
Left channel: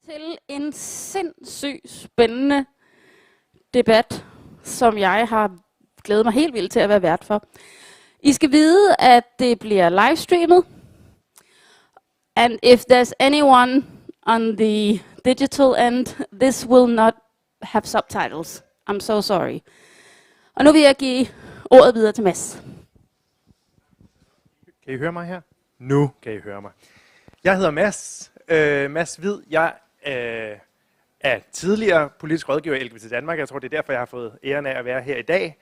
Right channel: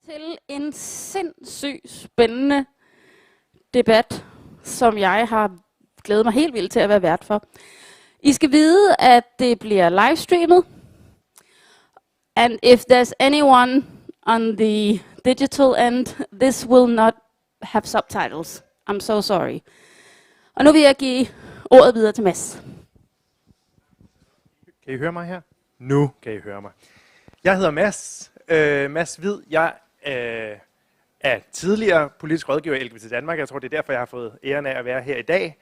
Til en sindssygt spændende debat, som jeg har glædet mig helt vildt til at være vært for. I skal vide, at det bliver livestreamet. And if there's anyone on the digital end, this will not have subtitles. I'm so sorry. Og nu vil jeg give ordet videre til Mads. Kan I høre mig her? Nu kan I høre mig. Jeg hedder Mads. Mads Hvid. Jeg er tidligere politisk rådgiver i LGBT Danmark. Jeg tror, det er derfor, jeg har fået æren af at være her i dag.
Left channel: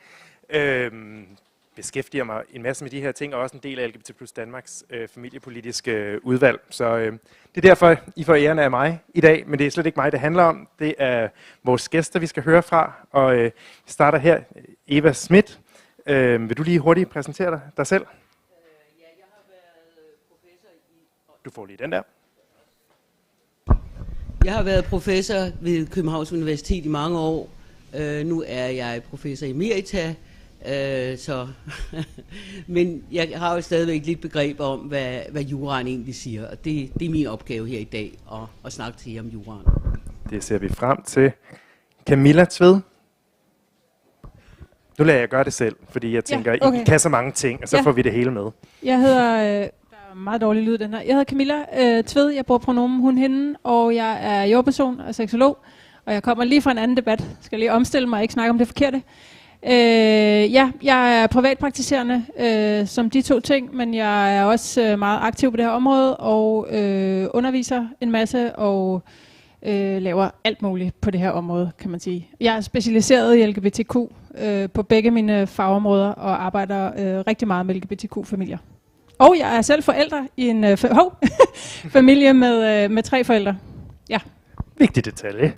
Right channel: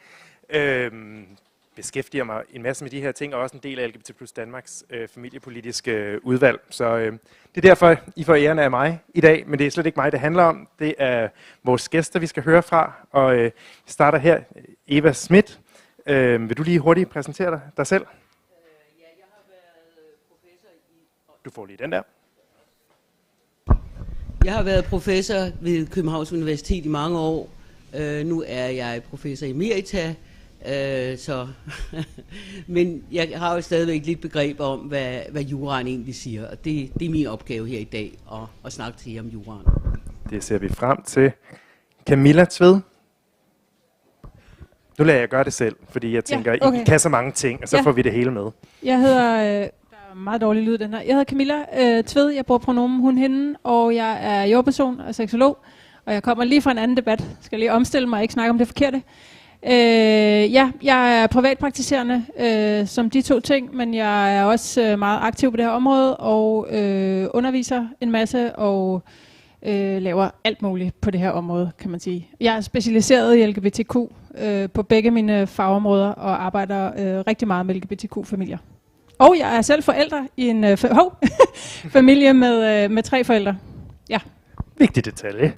Beskæftiger mig en masse med de her ting, og også en del af LGBT plus Danmarks familiepolitiske udvalg. Så det er derfor, I får æren af mig i dag, men det er slet ikke mig, det handler om. Det er vores gæster, vi skal høre fra, og vi starter her. Eva Schmidt, vil du lige hurtigt præsentere dig selv? Ja, jeg har været professor i... Du får lige den der. Jeg har været professor ved Københavns Universitet i mange år. Nu er jeg professor emerita Men jeg har jo stadigvæk lidt begreb om, hvad juraen egentlig siger, og det er min opgave her i dag, at snakke til jer om juraen. Det ser vi frem til. Camilla Tved? Nu lader jeg gøre det selv, fordi jeg tænker, I kan så mange ting, og så får vi det hele med. Jeg hedder, der er meget dårlig lyd den her. Jeg hedder Camilla Tved, jeg bruger pronomen hun, hende, og jeg er jordperson og seksolog, og jeg kommer lige fra en anden debat. Skal lige omstille mig og ikke snakke om det forkerte. Jeg er privatpraktiserende som de to ting, men jeg er også meget aktiv på det her område og underviser en masse og laver alt muligt på det her område, kan man sige. Jeg er specialiseret i LGBTQ på begge mine fagområder og arbejder rigtig meget med LGBTQ-familier. Og jeg er selv forælder i en familie med 3 forældre. Ja. Vigtig detalje.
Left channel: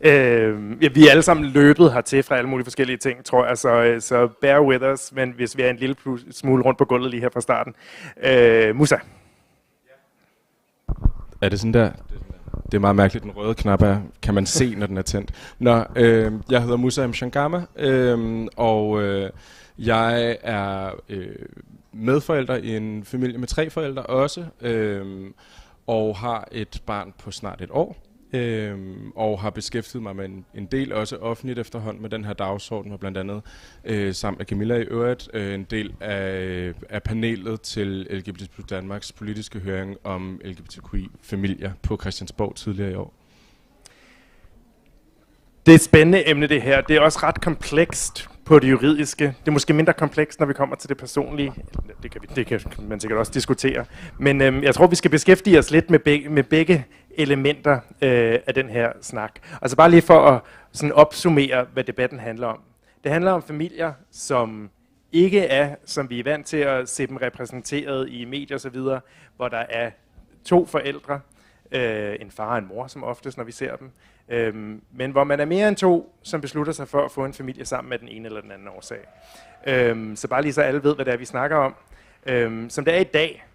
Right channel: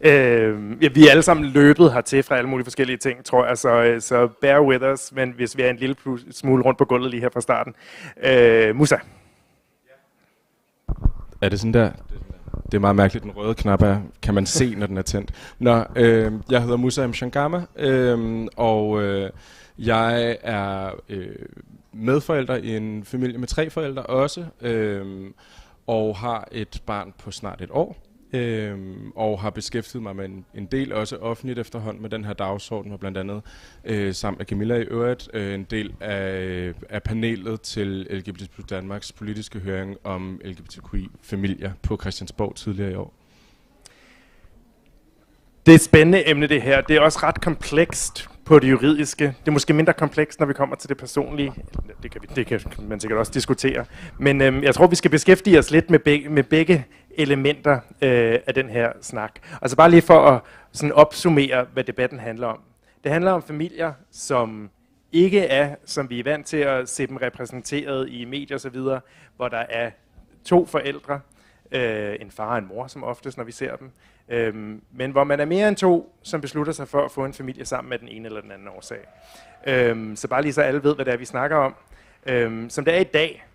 Vi er alle sammen løbet hertil fra alle mulige forskellige ting, tror jeg, så bear with us, men hvis vi er en lille smule rundt på gulvet lige her fra starten. Musa? Er det sådan der? Det er meget mærkeligt, den røde knap er, kan man se, når den er tændt. Jeg hedder Musa Mshangama, og jeg er medforælder i en familie med 3 forældre også, og har et barn på snart 1 år. Og har beskæftiget mig med en del også offentligt efterhånden med den her dagsorden, og blandt andet sammen med Camilla i øvrigt en del af panelet til LGBT+ Danmarks politiske høring om LGBTQI-familier på Christiansborg tidligere i år. Det er et spændende emne det her. Det er også ret komplekst på det juridiske. Det er måske mindre komplekst, når vi kommer til det personlige. Det kan man sikkert også diskutere. Men jeg tror, vi skal beskæftige os lidt med begge elementer af den her snak. Altså bare lige for at sådan opsummere, hvad debatten handler om. Det handler om familier, som ikke er, som vi er vant til at se dem repræsenteret i medier osv., hvor der er 2 forældre, en far og en mor som oftest, når vi ser dem, men hvor man er mere end 2, som beslutter sig for at få en familie sammen med den ene eller den anden årsag. Så bare lige så alle ved, hvad det er, vi snakker om. Som det er i dag,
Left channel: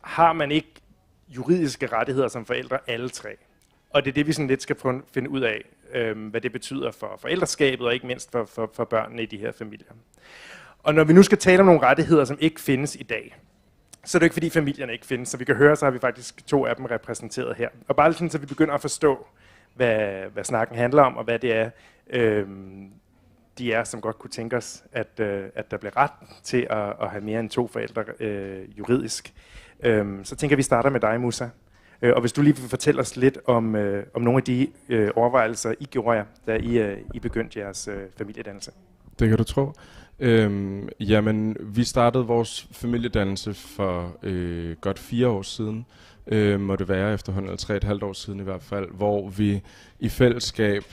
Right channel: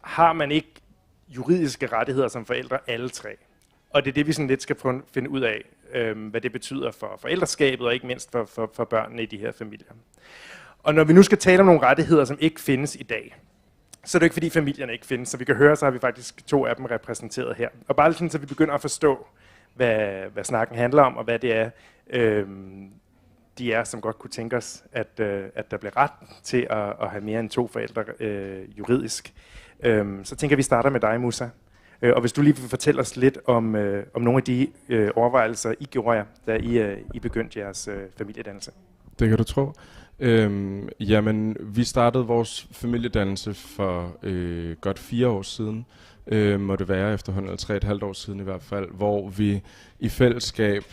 har man ikke juridiske rettigheder som forældre, alle 3. Og det er det, vi sådan lidt skal finde ud af, hvad det betyder for forældreskabet, og ikke mindst for børnene i de her familier. Og når vi nu skal tale om nogle rettigheder, som ikke findes i dag, så er det ikke fordi familierne ikke findes, så vi kan høre, så har vi faktisk 2 af dem repræsenteret her. Og bare sådan, så vi begynder at forstå, hvad snakken handler om, og hvad det er, de er, som godt kunne tænke os, at der bliver ret til at have mere end 2 forældre juridisk. Så tænker vi starter med dig, Musa. Og hvis du lige vil fortælle os lidt om nogle af de overvejelser, I gjorde jer, da I begyndte jeres familiedannelse. Det kan du tro. Jamen, vi startede vores familiedannelse for godt 4 år siden, må det være efterhånden, eller 3,5 år siden i hvert fald, hvor vi i fællesskab,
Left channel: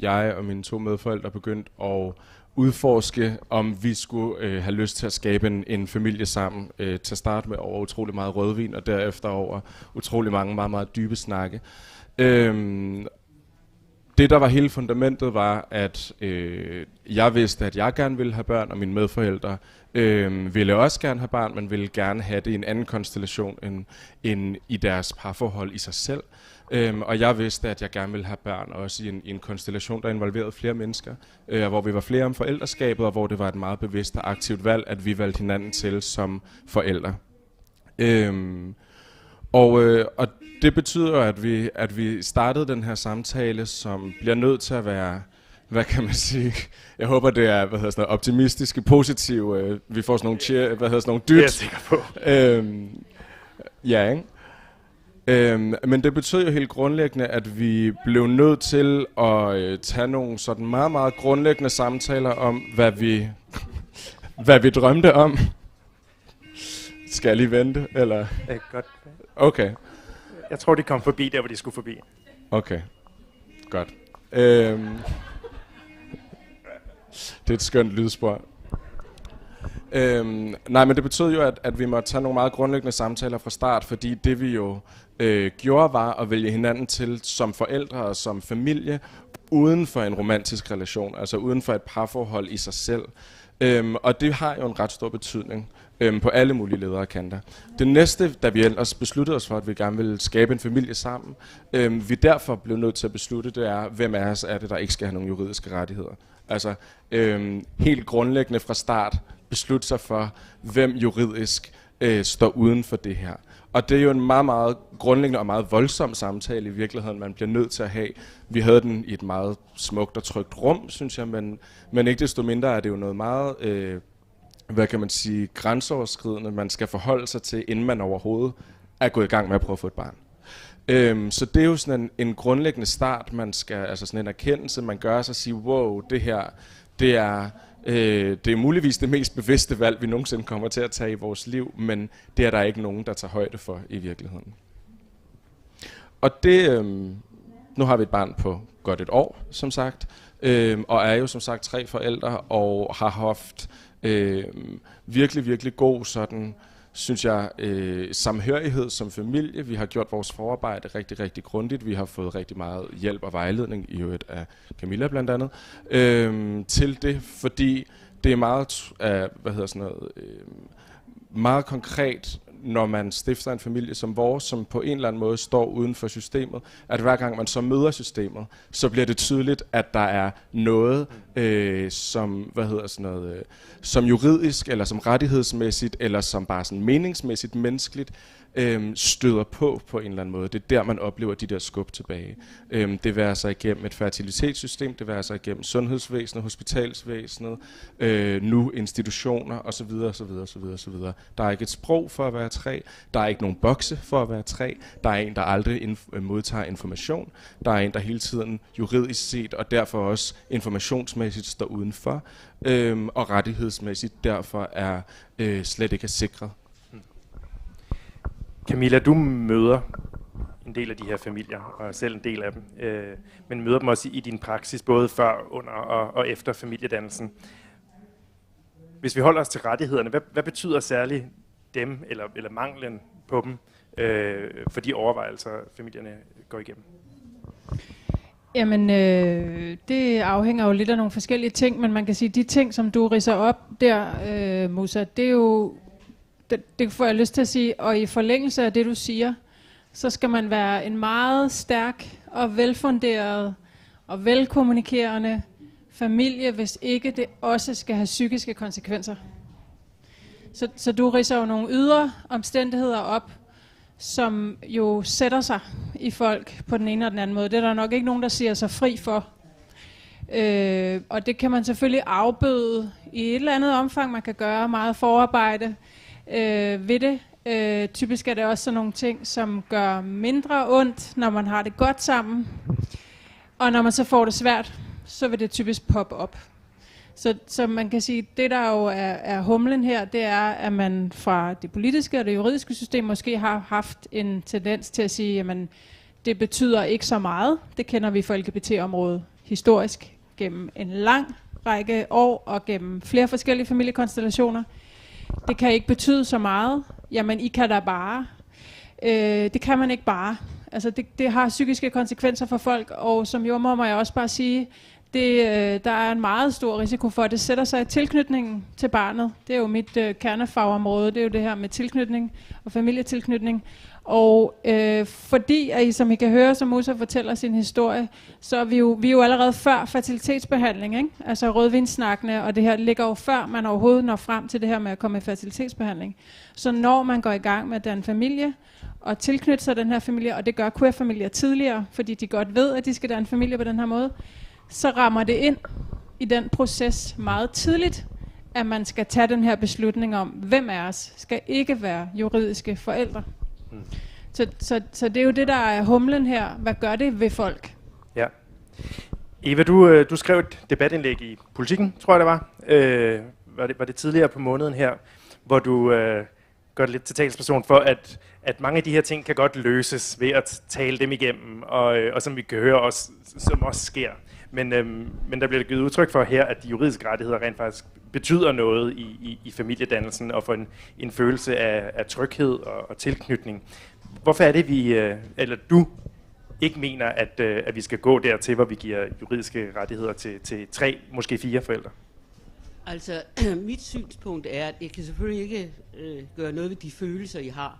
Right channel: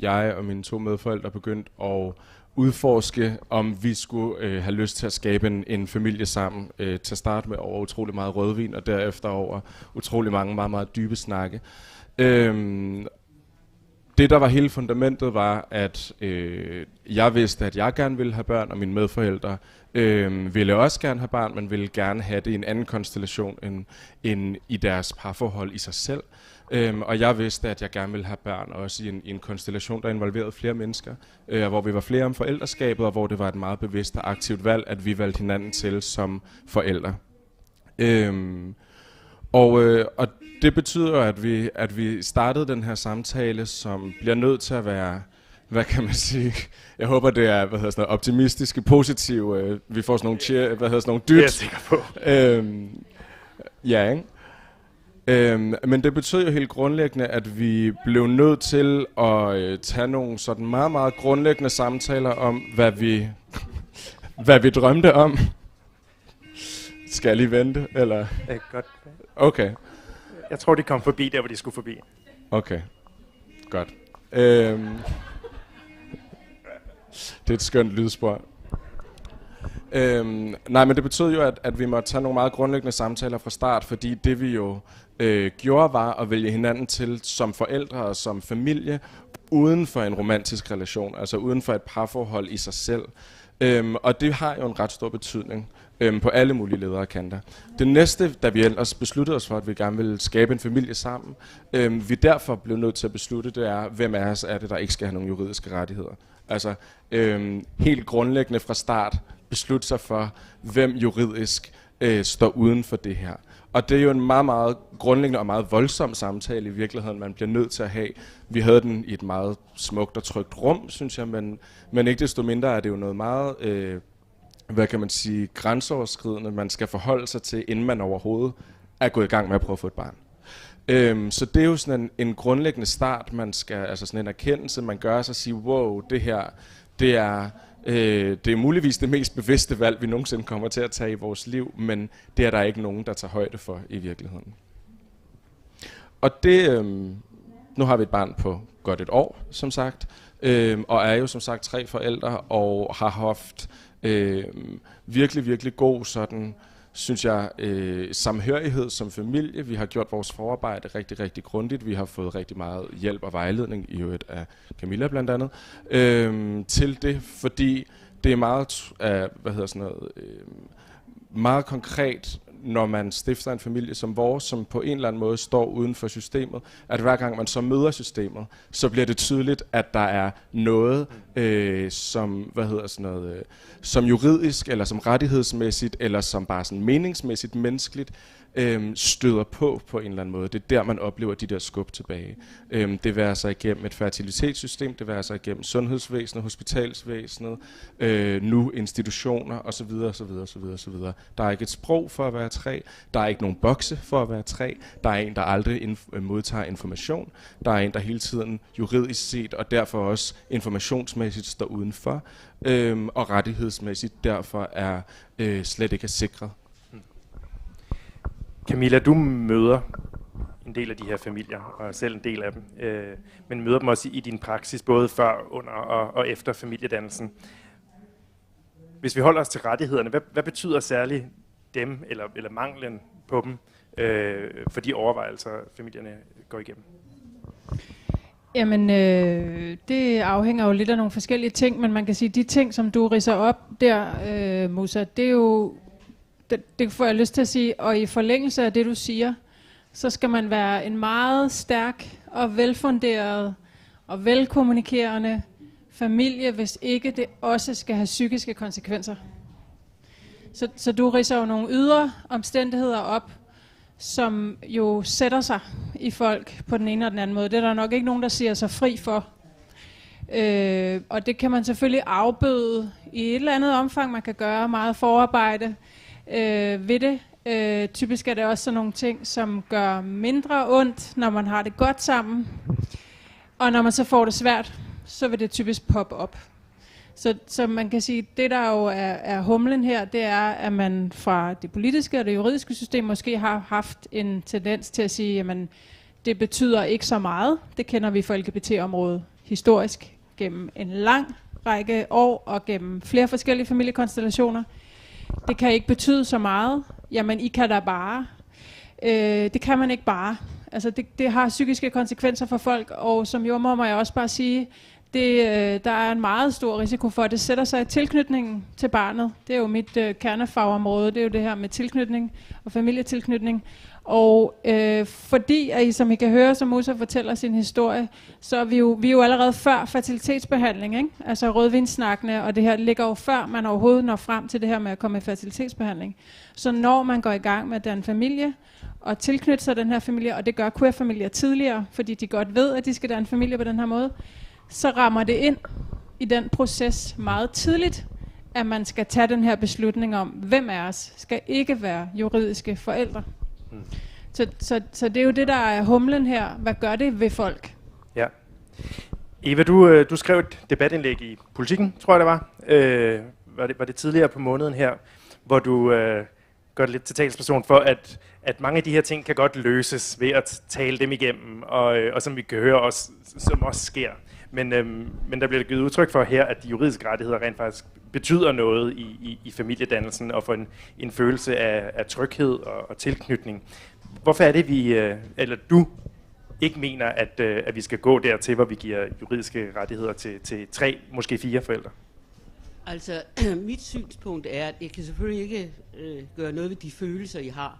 jeg og mine 2 medforældre, begyndte at udforske, om vi skulle have lyst til at skabe en familie sammen. Til at starte med over utrolig meget rødvin, og derefter over utrolig mange meget, meget dybe snakke. Det, der var hele fundamentet, var, at jeg vidste, at jeg gerne ville have børn, og mine medforældre ville også gerne have børn, men ville gerne have det i en anden konstellation end i deres parforhold i sig selv. Og jeg vidste, at jeg gerne ville have børn også i en konstellation, der involverede flere mennesker, hvor vi var flere om forældreskabet, og hvor det var et meget bevidst og aktivt valg, at vi valgte hinanden til som forældre. Og det betyder, at vi startede den her samtale, som bliver nødt til at være, hvad kan man sige, jeg håber det er, optimistiske, positive, vi får sådan nogle dyt. Det er jeg sikker på. Ja, ikke? Men det betød jo helt grundlæggende, at vi blev nødt til at tage nogle sådan meget, meget grundlæggende samtaler om, hvad vi drømte om. Skal jeg lige vente, eller? Godt. Okay. Jeg tror, de kom forbi der, hvor de skulle forbi. Okay, godt. Det er et skønt lydspor. Nej, men det betød jo, at vi måtte tage nogle meget grundlæggende samtaler fra start, fordi det vi jo gjorde var at vælge hinanden til som forældre og som familie, uden for en romantisk relation, altså uden for et parforhold i sig selv. Og det har jo en ret stor betydning på alle mulige ledere og kanter. Det næste, da vi ellers besluttede os for, at vi gerne ville skabe en familie sammen, vi derfor blev nødt til at beslutte, det er, hvem af os er det, der ikke skal have nogle juridiske rettigheder. Altså helt grundlæggende fra start beslutte sig for, hvem juridisk står uden for det her. Og det er jo en meget, meget grundlæggende og meget voldsom samtale i virkeligheden, man bliver nødt til at have. Vi havde den i et meget smukt og trygt rum, synes jeg, men ikke desto mindre er det jo noget meget, hvad kan man sige, grænseoverskridende, man skal forholde sig til, inden man overhovedet er gået i gang med at prøve at få et barn. Så det er jo sådan en grundlæggende start, man skal, altså sådan en erkendelse, man gør sig og sige, wow, det her, det er muligvis det mest bevidste valg, vi nogensinde kommer til at tage i vores liv, men det er der ikke nogen, der tager højde for i virkeligheden. Og det, nu har vi et barn på godt et år, som sagt, og er jo som sagt 3 forældre, og har haft virkelig, virkelig god sådan, synes jeg, samhørighed som familie. Vi har gjort vores forarbejde rigtig, rigtig grundigt. Vi har fået rigtig meget hjælp og vejledning, i øvrigt af Camilla blandt andet, til det, fordi det er meget, meget konkret, når man stifter en familie som vores, som på en eller anden måde står uden for systemet, at hver gang man så møder systemet, så bliver det tydeligt, at der er noget, som juridisk, eller som rettighedsmæssigt, eller som bare sådan meningsmæssigt, menneskeligt, støder på en eller anden måde. Det er der, man oplever de der skub tilbage. Det vil sig igennem et fertilitetssystem, det vil sig igennem sundhedsvæsenet, hospitalsvæsenet, nu institutioner osv. osv. Der er ikke et sprog for at være 3, der er ikke nogen bokse for at være 3, der er en, der aldrig modtager information, der er en, der hele tiden juridisk set, og derfor også informationsmæssigt står udenfor, og rettighedsmæssigt derfor er slet ikke er sikret. Camilla, du møder en del af de her familier, og er selv en del af dem, men møder dem også i din praksis, både før, under og efter familiedannelsen. Hvis vi holder os til rettighederne, hvad betyder særligt dem, eller manglen på dem, for de overvejelser, familierne går igennem? Jamen, det afhænger jo lidt af nogle forskellige ting, men man kan sige, de ting, som du ridser op der, Musa, det er jo, det får jeg lyst til at sige, og i forlængelse af det, du siger, så skal man være en meget stærk og velfunderet og velkommunikerende familie, hvis ikke det også skal have psykiske konsekvenser. Så du ridser jo nogle ydre omstændigheder op, som jo sætter sig i folk på den ene og den anden måde. Det er der nok ikke nogen, der siger sig fri for. Og det kan man selvfølgelig afbøde i et eller andet omfang. Man kan gøre meget forarbejde ved det. Typisk er det også sådan nogle ting, som gør mindre ondt, når man har det godt sammen. Og når man så får det svært, så vil det typisk poppe op. Så man kan sige, det der jo er humlen her, det er, at man fra det politiske og det juridiske system måske har haft en tendens til at sige, jamen det betyder ikke så meget. Det kender vi for LGBT-området historisk gennem en lang række år og gennem flere forskellige familiekonstellationer. Det kan ikke betyde så meget. Jamen I kan da bare. Det kan man ikke bare. Altså det har psykiske konsekvenser for folk, og som jordmor må jeg også bare sige, der er en meget stor risiko for, at det sætter sig i tilknytningen til barnet. Det er jo mit kernefagområde, det er jo det her med tilknytning og familietilknytning. Og fordi, at som I kan høre, som Musa fortæller sin historie, så er vi er jo allerede før fertilitetsbehandling, ikke? Altså rødvinssnakkene, og det her ligger jo før man overhovedet når frem til det her med at komme i fertilitetsbehandling. Så når man går i gang med den familie, og tilknytte sig den her familie, og det gør queer-familier tidligere, fordi de godt ved, at de skal danne familie på den her måde, så rammer det ind i den proces meget tidligt, at man skal tage den her beslutning om, hvem af os skal ikke være juridiske forældre. Så det er jo det, der er humlen her. Hvad gør det ved folk? Ja. Eva, du skrev et debatindlæg i Politiken, tror jeg det var. Var det tidligere på måneden her, hvor du gør det lidt til talsperson for, at mange af de her ting kan godt løses ved at tale dem igennem, og som vi kan høre også, som også sker. Men der bliver givet udtryk for her, at de juridiske rettigheder rent faktisk betyder noget i familiedannelsen og for en følelse af tryghed og tilknytning. Hvorfor er det, eller du ikke mener, at vi skal gå dertil, hvor vi giver juridiske rettigheder til 3, måske 4 forældre? Altså, mit synspunkt er, at jeg kan selvfølgelig ikke gøre noget ved de følelser, I har,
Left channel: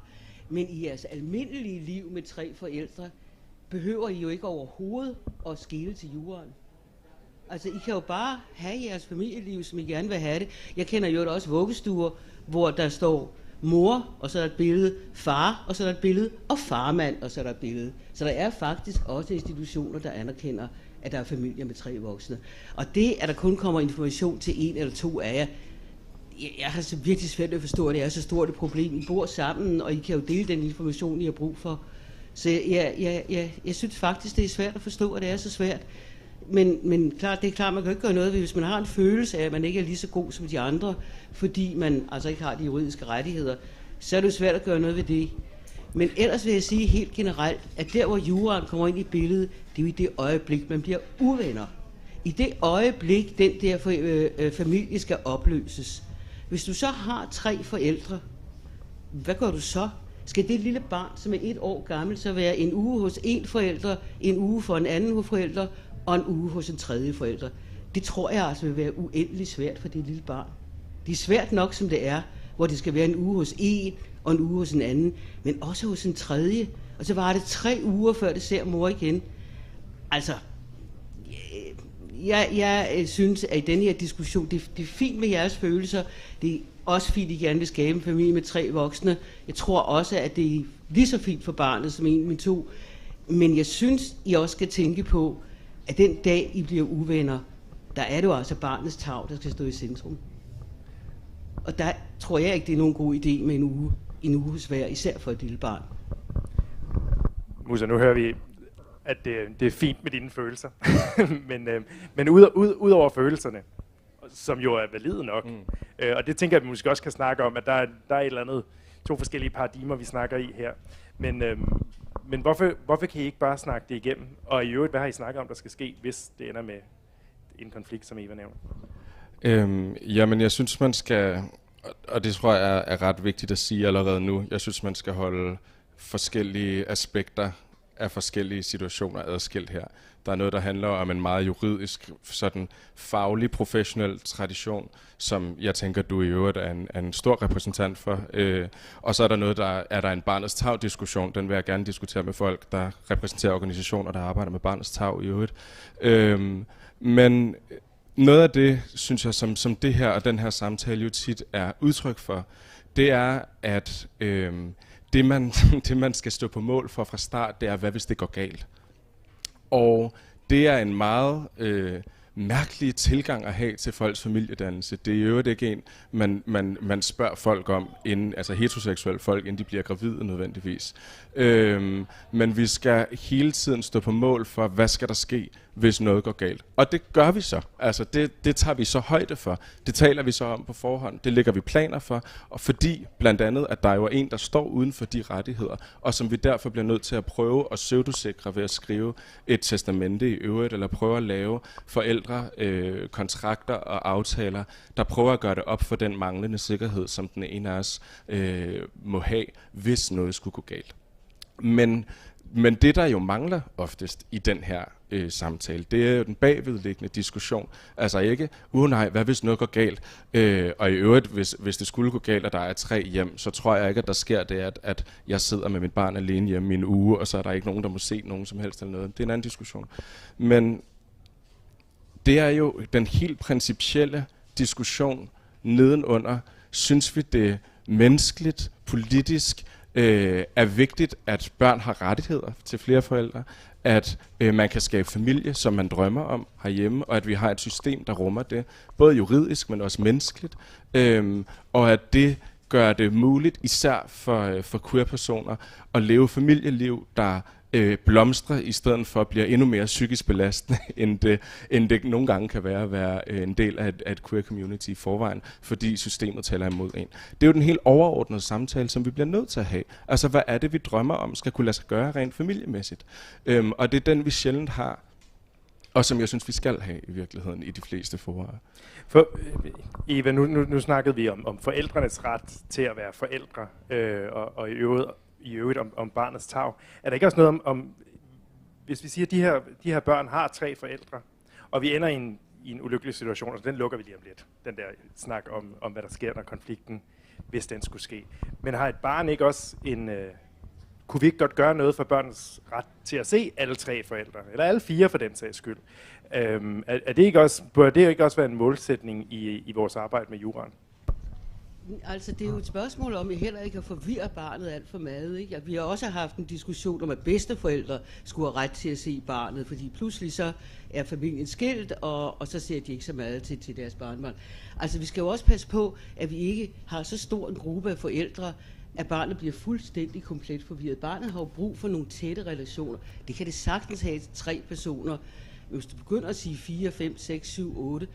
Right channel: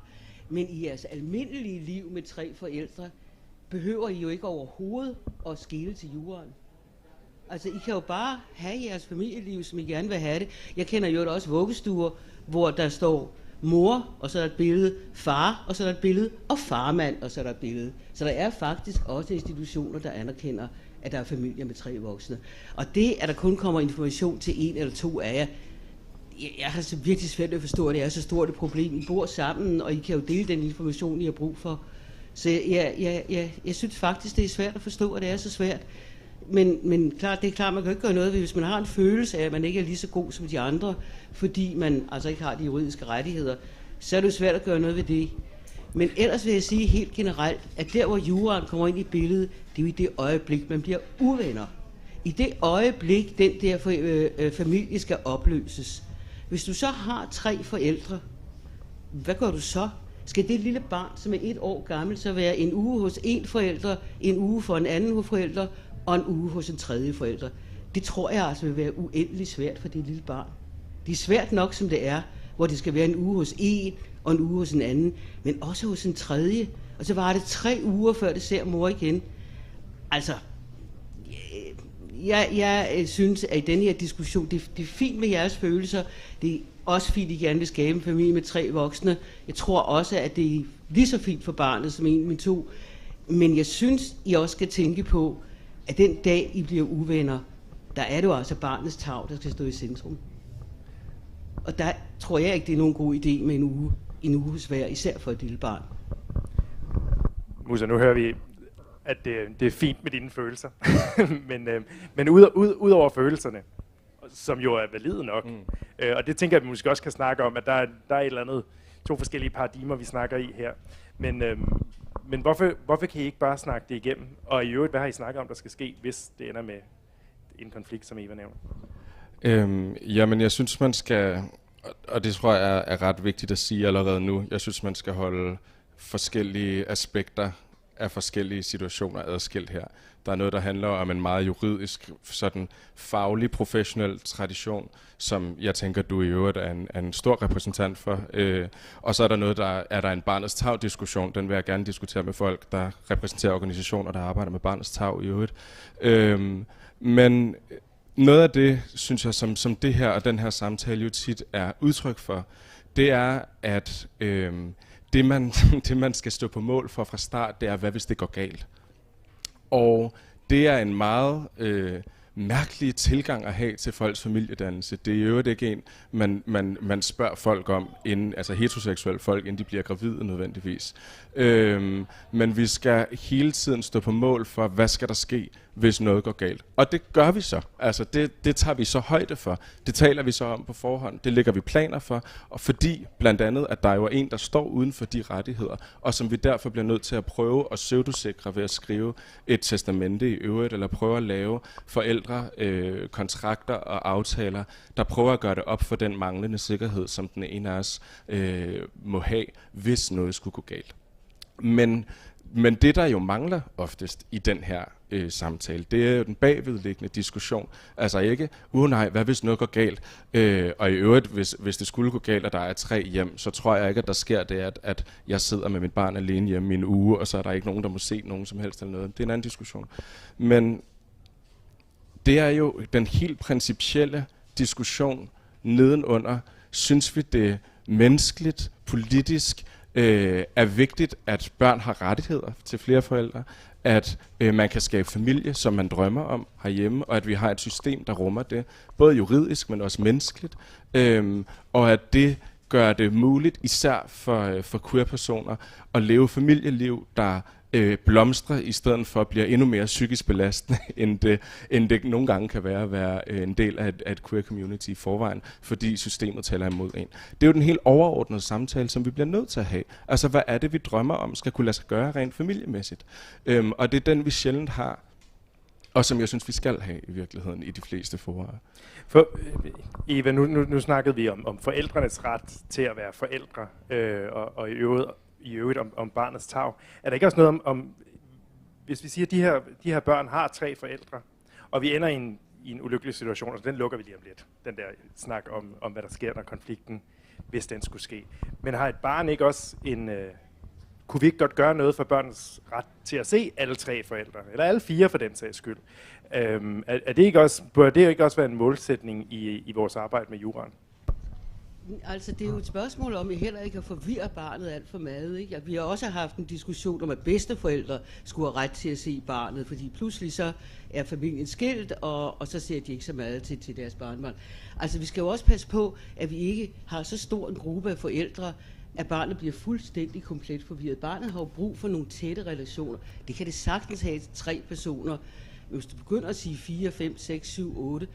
men i jeres almindelige liv med 3 forældre, behøver I jo ikke overhovedet at skele til juraen. Altså, I kan jo bare have jeres familieliv, som I gerne vil have det. Jeg kender jo også vuggestuer, hvor der står mor, og så er der et billede, far, og så er der et billede, og farmand, og så er der et billede. Så der er faktisk også institutioner, der anerkender, at der er familier med 3 voksne. Og det, at der kun kommer information til 1 eller 2 af jer, jeg har så virkelig svært at forstå, at det er så stort et problem. I bor sammen, og I kan jo dele den information, I har brug for. Så jeg synes faktisk, det er svært at forstå, at det er så svært. Men klart, det er klart, man kan ikke gøre noget ved, hvis man har en følelse af, at man ikke er lige så god som de andre, fordi man altså ikke har de juridiske rettigheder, så er det jo svært at gøre noget ved det. Men ellers vil jeg sige helt generelt, at der, hvor juraen kommer ind i billedet, det er jo i det øjeblik, man bliver uvenner. I det øjeblik, den der familie skal opløses. Hvis du så har 3 forældre, hvad gør du så? Skal det lille barn, som er 1 år gammel, så være en uge hos en forælder, en uge for en anden forælder, og en uge hos en tredje forælder? Det tror jeg altså vil være uendelig svært for det lille barn. Det er svært nok, som det er, hvor det skal være en uge hos en, og en uge hos en anden, men også hos en tredje. Og så var det 3 uger, før det ser mor igen. Altså, jeg synes, at i denne her diskussion, det er fint med jeres følelser. Det er også fint, at I gerne vil skabe en familie med 3 voksne. Jeg tror også, at det er lige så fint for barnet som en med 2. Men jeg synes, I også skal tænke på, at den dag, I bliver uvenner, der er det jo altså barnets tarv, der skal stå i centrum. Og der tror jeg ikke, det er nogen god idé med en uge hos hver, især for et lille barn. Musa, nu hører vi, at det er fint med dine følelser. men ud over følelserne, som jo er valide nok, og det tænker jeg, at vi måske også kan snakke om, at der er et eller andet, 2 forskellige paradigmer, vi snakker i her. Men hvorfor kan I ikke bare snakke det igennem? Og i øvrigt, hvad har I snakket om, der skal ske, hvis det ender med en konflikt, som Eva nævner? Jamen, jeg synes, man skal, og det tror jeg er ret vigtigt at sige allerede nu, jeg synes, man skal holde forskellige aspekter af forskellige situationer adskilt her. Der er noget, der handler om en meget juridisk, sådan faglig, professionel tradition, som jeg tænker, du i øvrigt er en stor repræsentant for. Og så er der noget, der er en barnets tarv-diskussion. Den vil jeg gerne diskutere med folk, der repræsenterer organisationer, der arbejder med barnets tarv i øvrigt. Men noget af det, synes jeg, som det her og den her samtale jo tit er udtryk for, det er, at det man skal stå på mål for fra start, det er, hvad hvis det går galt? Og det er en meget mærkelig tilgang at have til folks familiedannelse. Det er jo ikke en, man spørger folk om, inden, altså heteroseksuelle folk, inden de bliver gravide nødvendigvis. Men vi skal hele tiden stå på mål for, hvad skal der ske, hvis noget går galt. Og det gør vi så. Altså det tager vi så højde for. Det taler vi så om på forhånd. Det lægger vi planer for. Og fordi blandt andet, at der jo er en, der står uden for de rettigheder, og som vi derfor bliver nødt til at prøve at pseudosikre ved at skrive et testamente i øvrigt, eller prøve at lave forældre kontrakter og aftaler, der prøver at gøre det op for den manglende sikkerhed, som den ene af os må have, hvis noget skulle gå galt. Men det, der jo mangler oftest i den her samtale, det er jo den bagvedliggende diskussion. Altså ikke, nej, hvad hvis noget går galt? Og i øvrigt, hvis det skulle gå galt, og der er 3 hjem, så tror jeg ikke, at der sker det, at jeg sidder med mit barn alene hjemme i en uge, og så er der ikke nogen, der må se nogen som helst eller noget. Det er en anden diskussion. Men det er jo den helt principielle diskussion nedenunder. Synes vi det menneskeligt, politisk, er vigtigt, at børn har rettigheder til flere forældre, at man kan skabe familie, som man drømmer om herhjemme, og at vi har et system, der rummer det, både juridisk, men også menneskeligt, og at det gør det muligt, især for queer-personer, at leve familieliv, der blomstrer, i stedet for at blive endnu mere psykisk belastende, end det nogle gange kan være at være en del af et queer community i forvejen, fordi systemet taler imod en. Det er jo den helt overordnede samtale, som vi bliver nødt til at have. Altså, hvad er det, vi drømmer om, skal kunne lade sig gøre rent familiemæssigt? Og det er den, vi sjældent har, og som jeg synes, vi skal have i virkeligheden i de fleste forår. For Eva, nu snakkede vi om forældrenes ret til at være forældre, og i øvrigt om barnets tarv. Er der ikke også noget om hvis vi siger, at de her børn har 3 forældre, og vi ender i en ulykkelig situation, og den lukker vi lige om lidt, den der snak om hvad der sker, når konflikten, hvis den skulle ske. Men har et barn ikke også kunne vi ikke godt gøre noget for børnens ret til at se alle 3 forældre, eller alle 4 for den sags skyld? Er det ikke også, bør det ikke også være en målsætning i vores arbejde med juraen? Altså, det er jo et spørgsmål om, at heller ikke at forvirre barnet alt for meget. Ikke? Vi har også haft en diskussion om, at bedsteforældre skulle have ret til at se barnet, fordi pludselig så er familien skilt, og så ser de ikke så meget til deres barnebarn. Altså, vi skal jo også passe på, at vi ikke har så stor en gruppe af forældre, at barnet bliver fuldstændig komplet forvirret. Barnet har jo brug for nogle tætte relationer. Det kan det sagtens have til 3 personer. Hvis du begynder at sige 4, 5, 6, 7, 8,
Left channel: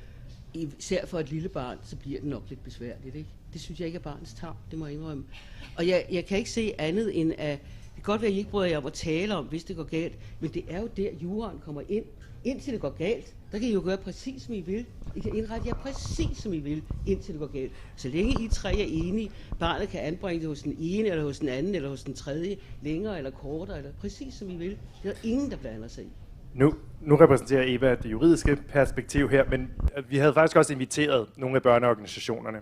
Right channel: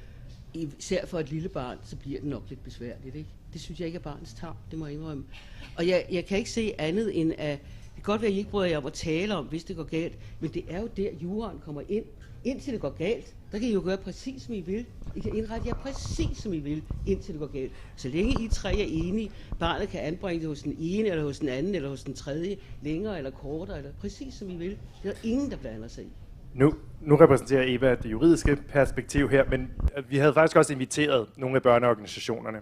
især for et lille barn, så bliver det nok lidt besværligt, ikke? Det synes jeg ikke er barnets tarv, det må jeg indrømme. Og jeg kan ikke se andet end, at det kan godt være, at I ikke bryder jer om at tale om, hvis det går galt, men det er jo der, juraen kommer ind. Indtil det går galt, der kan I jo gøre præcis, som I vil. I kan indrette jer præcis, som I vil, indtil det går galt. Så længe I 3 er enige, barnet kan anbringe det hos den ene, eller hos den anden, eller hos den tredje, længere eller kortere, eller præcis, som I vil. Det er ingen, der blander sig i. Nu repræsenterer Eva det juridiske perspektiv her, men vi havde faktisk også inviteret nogle af børneorganisationerne,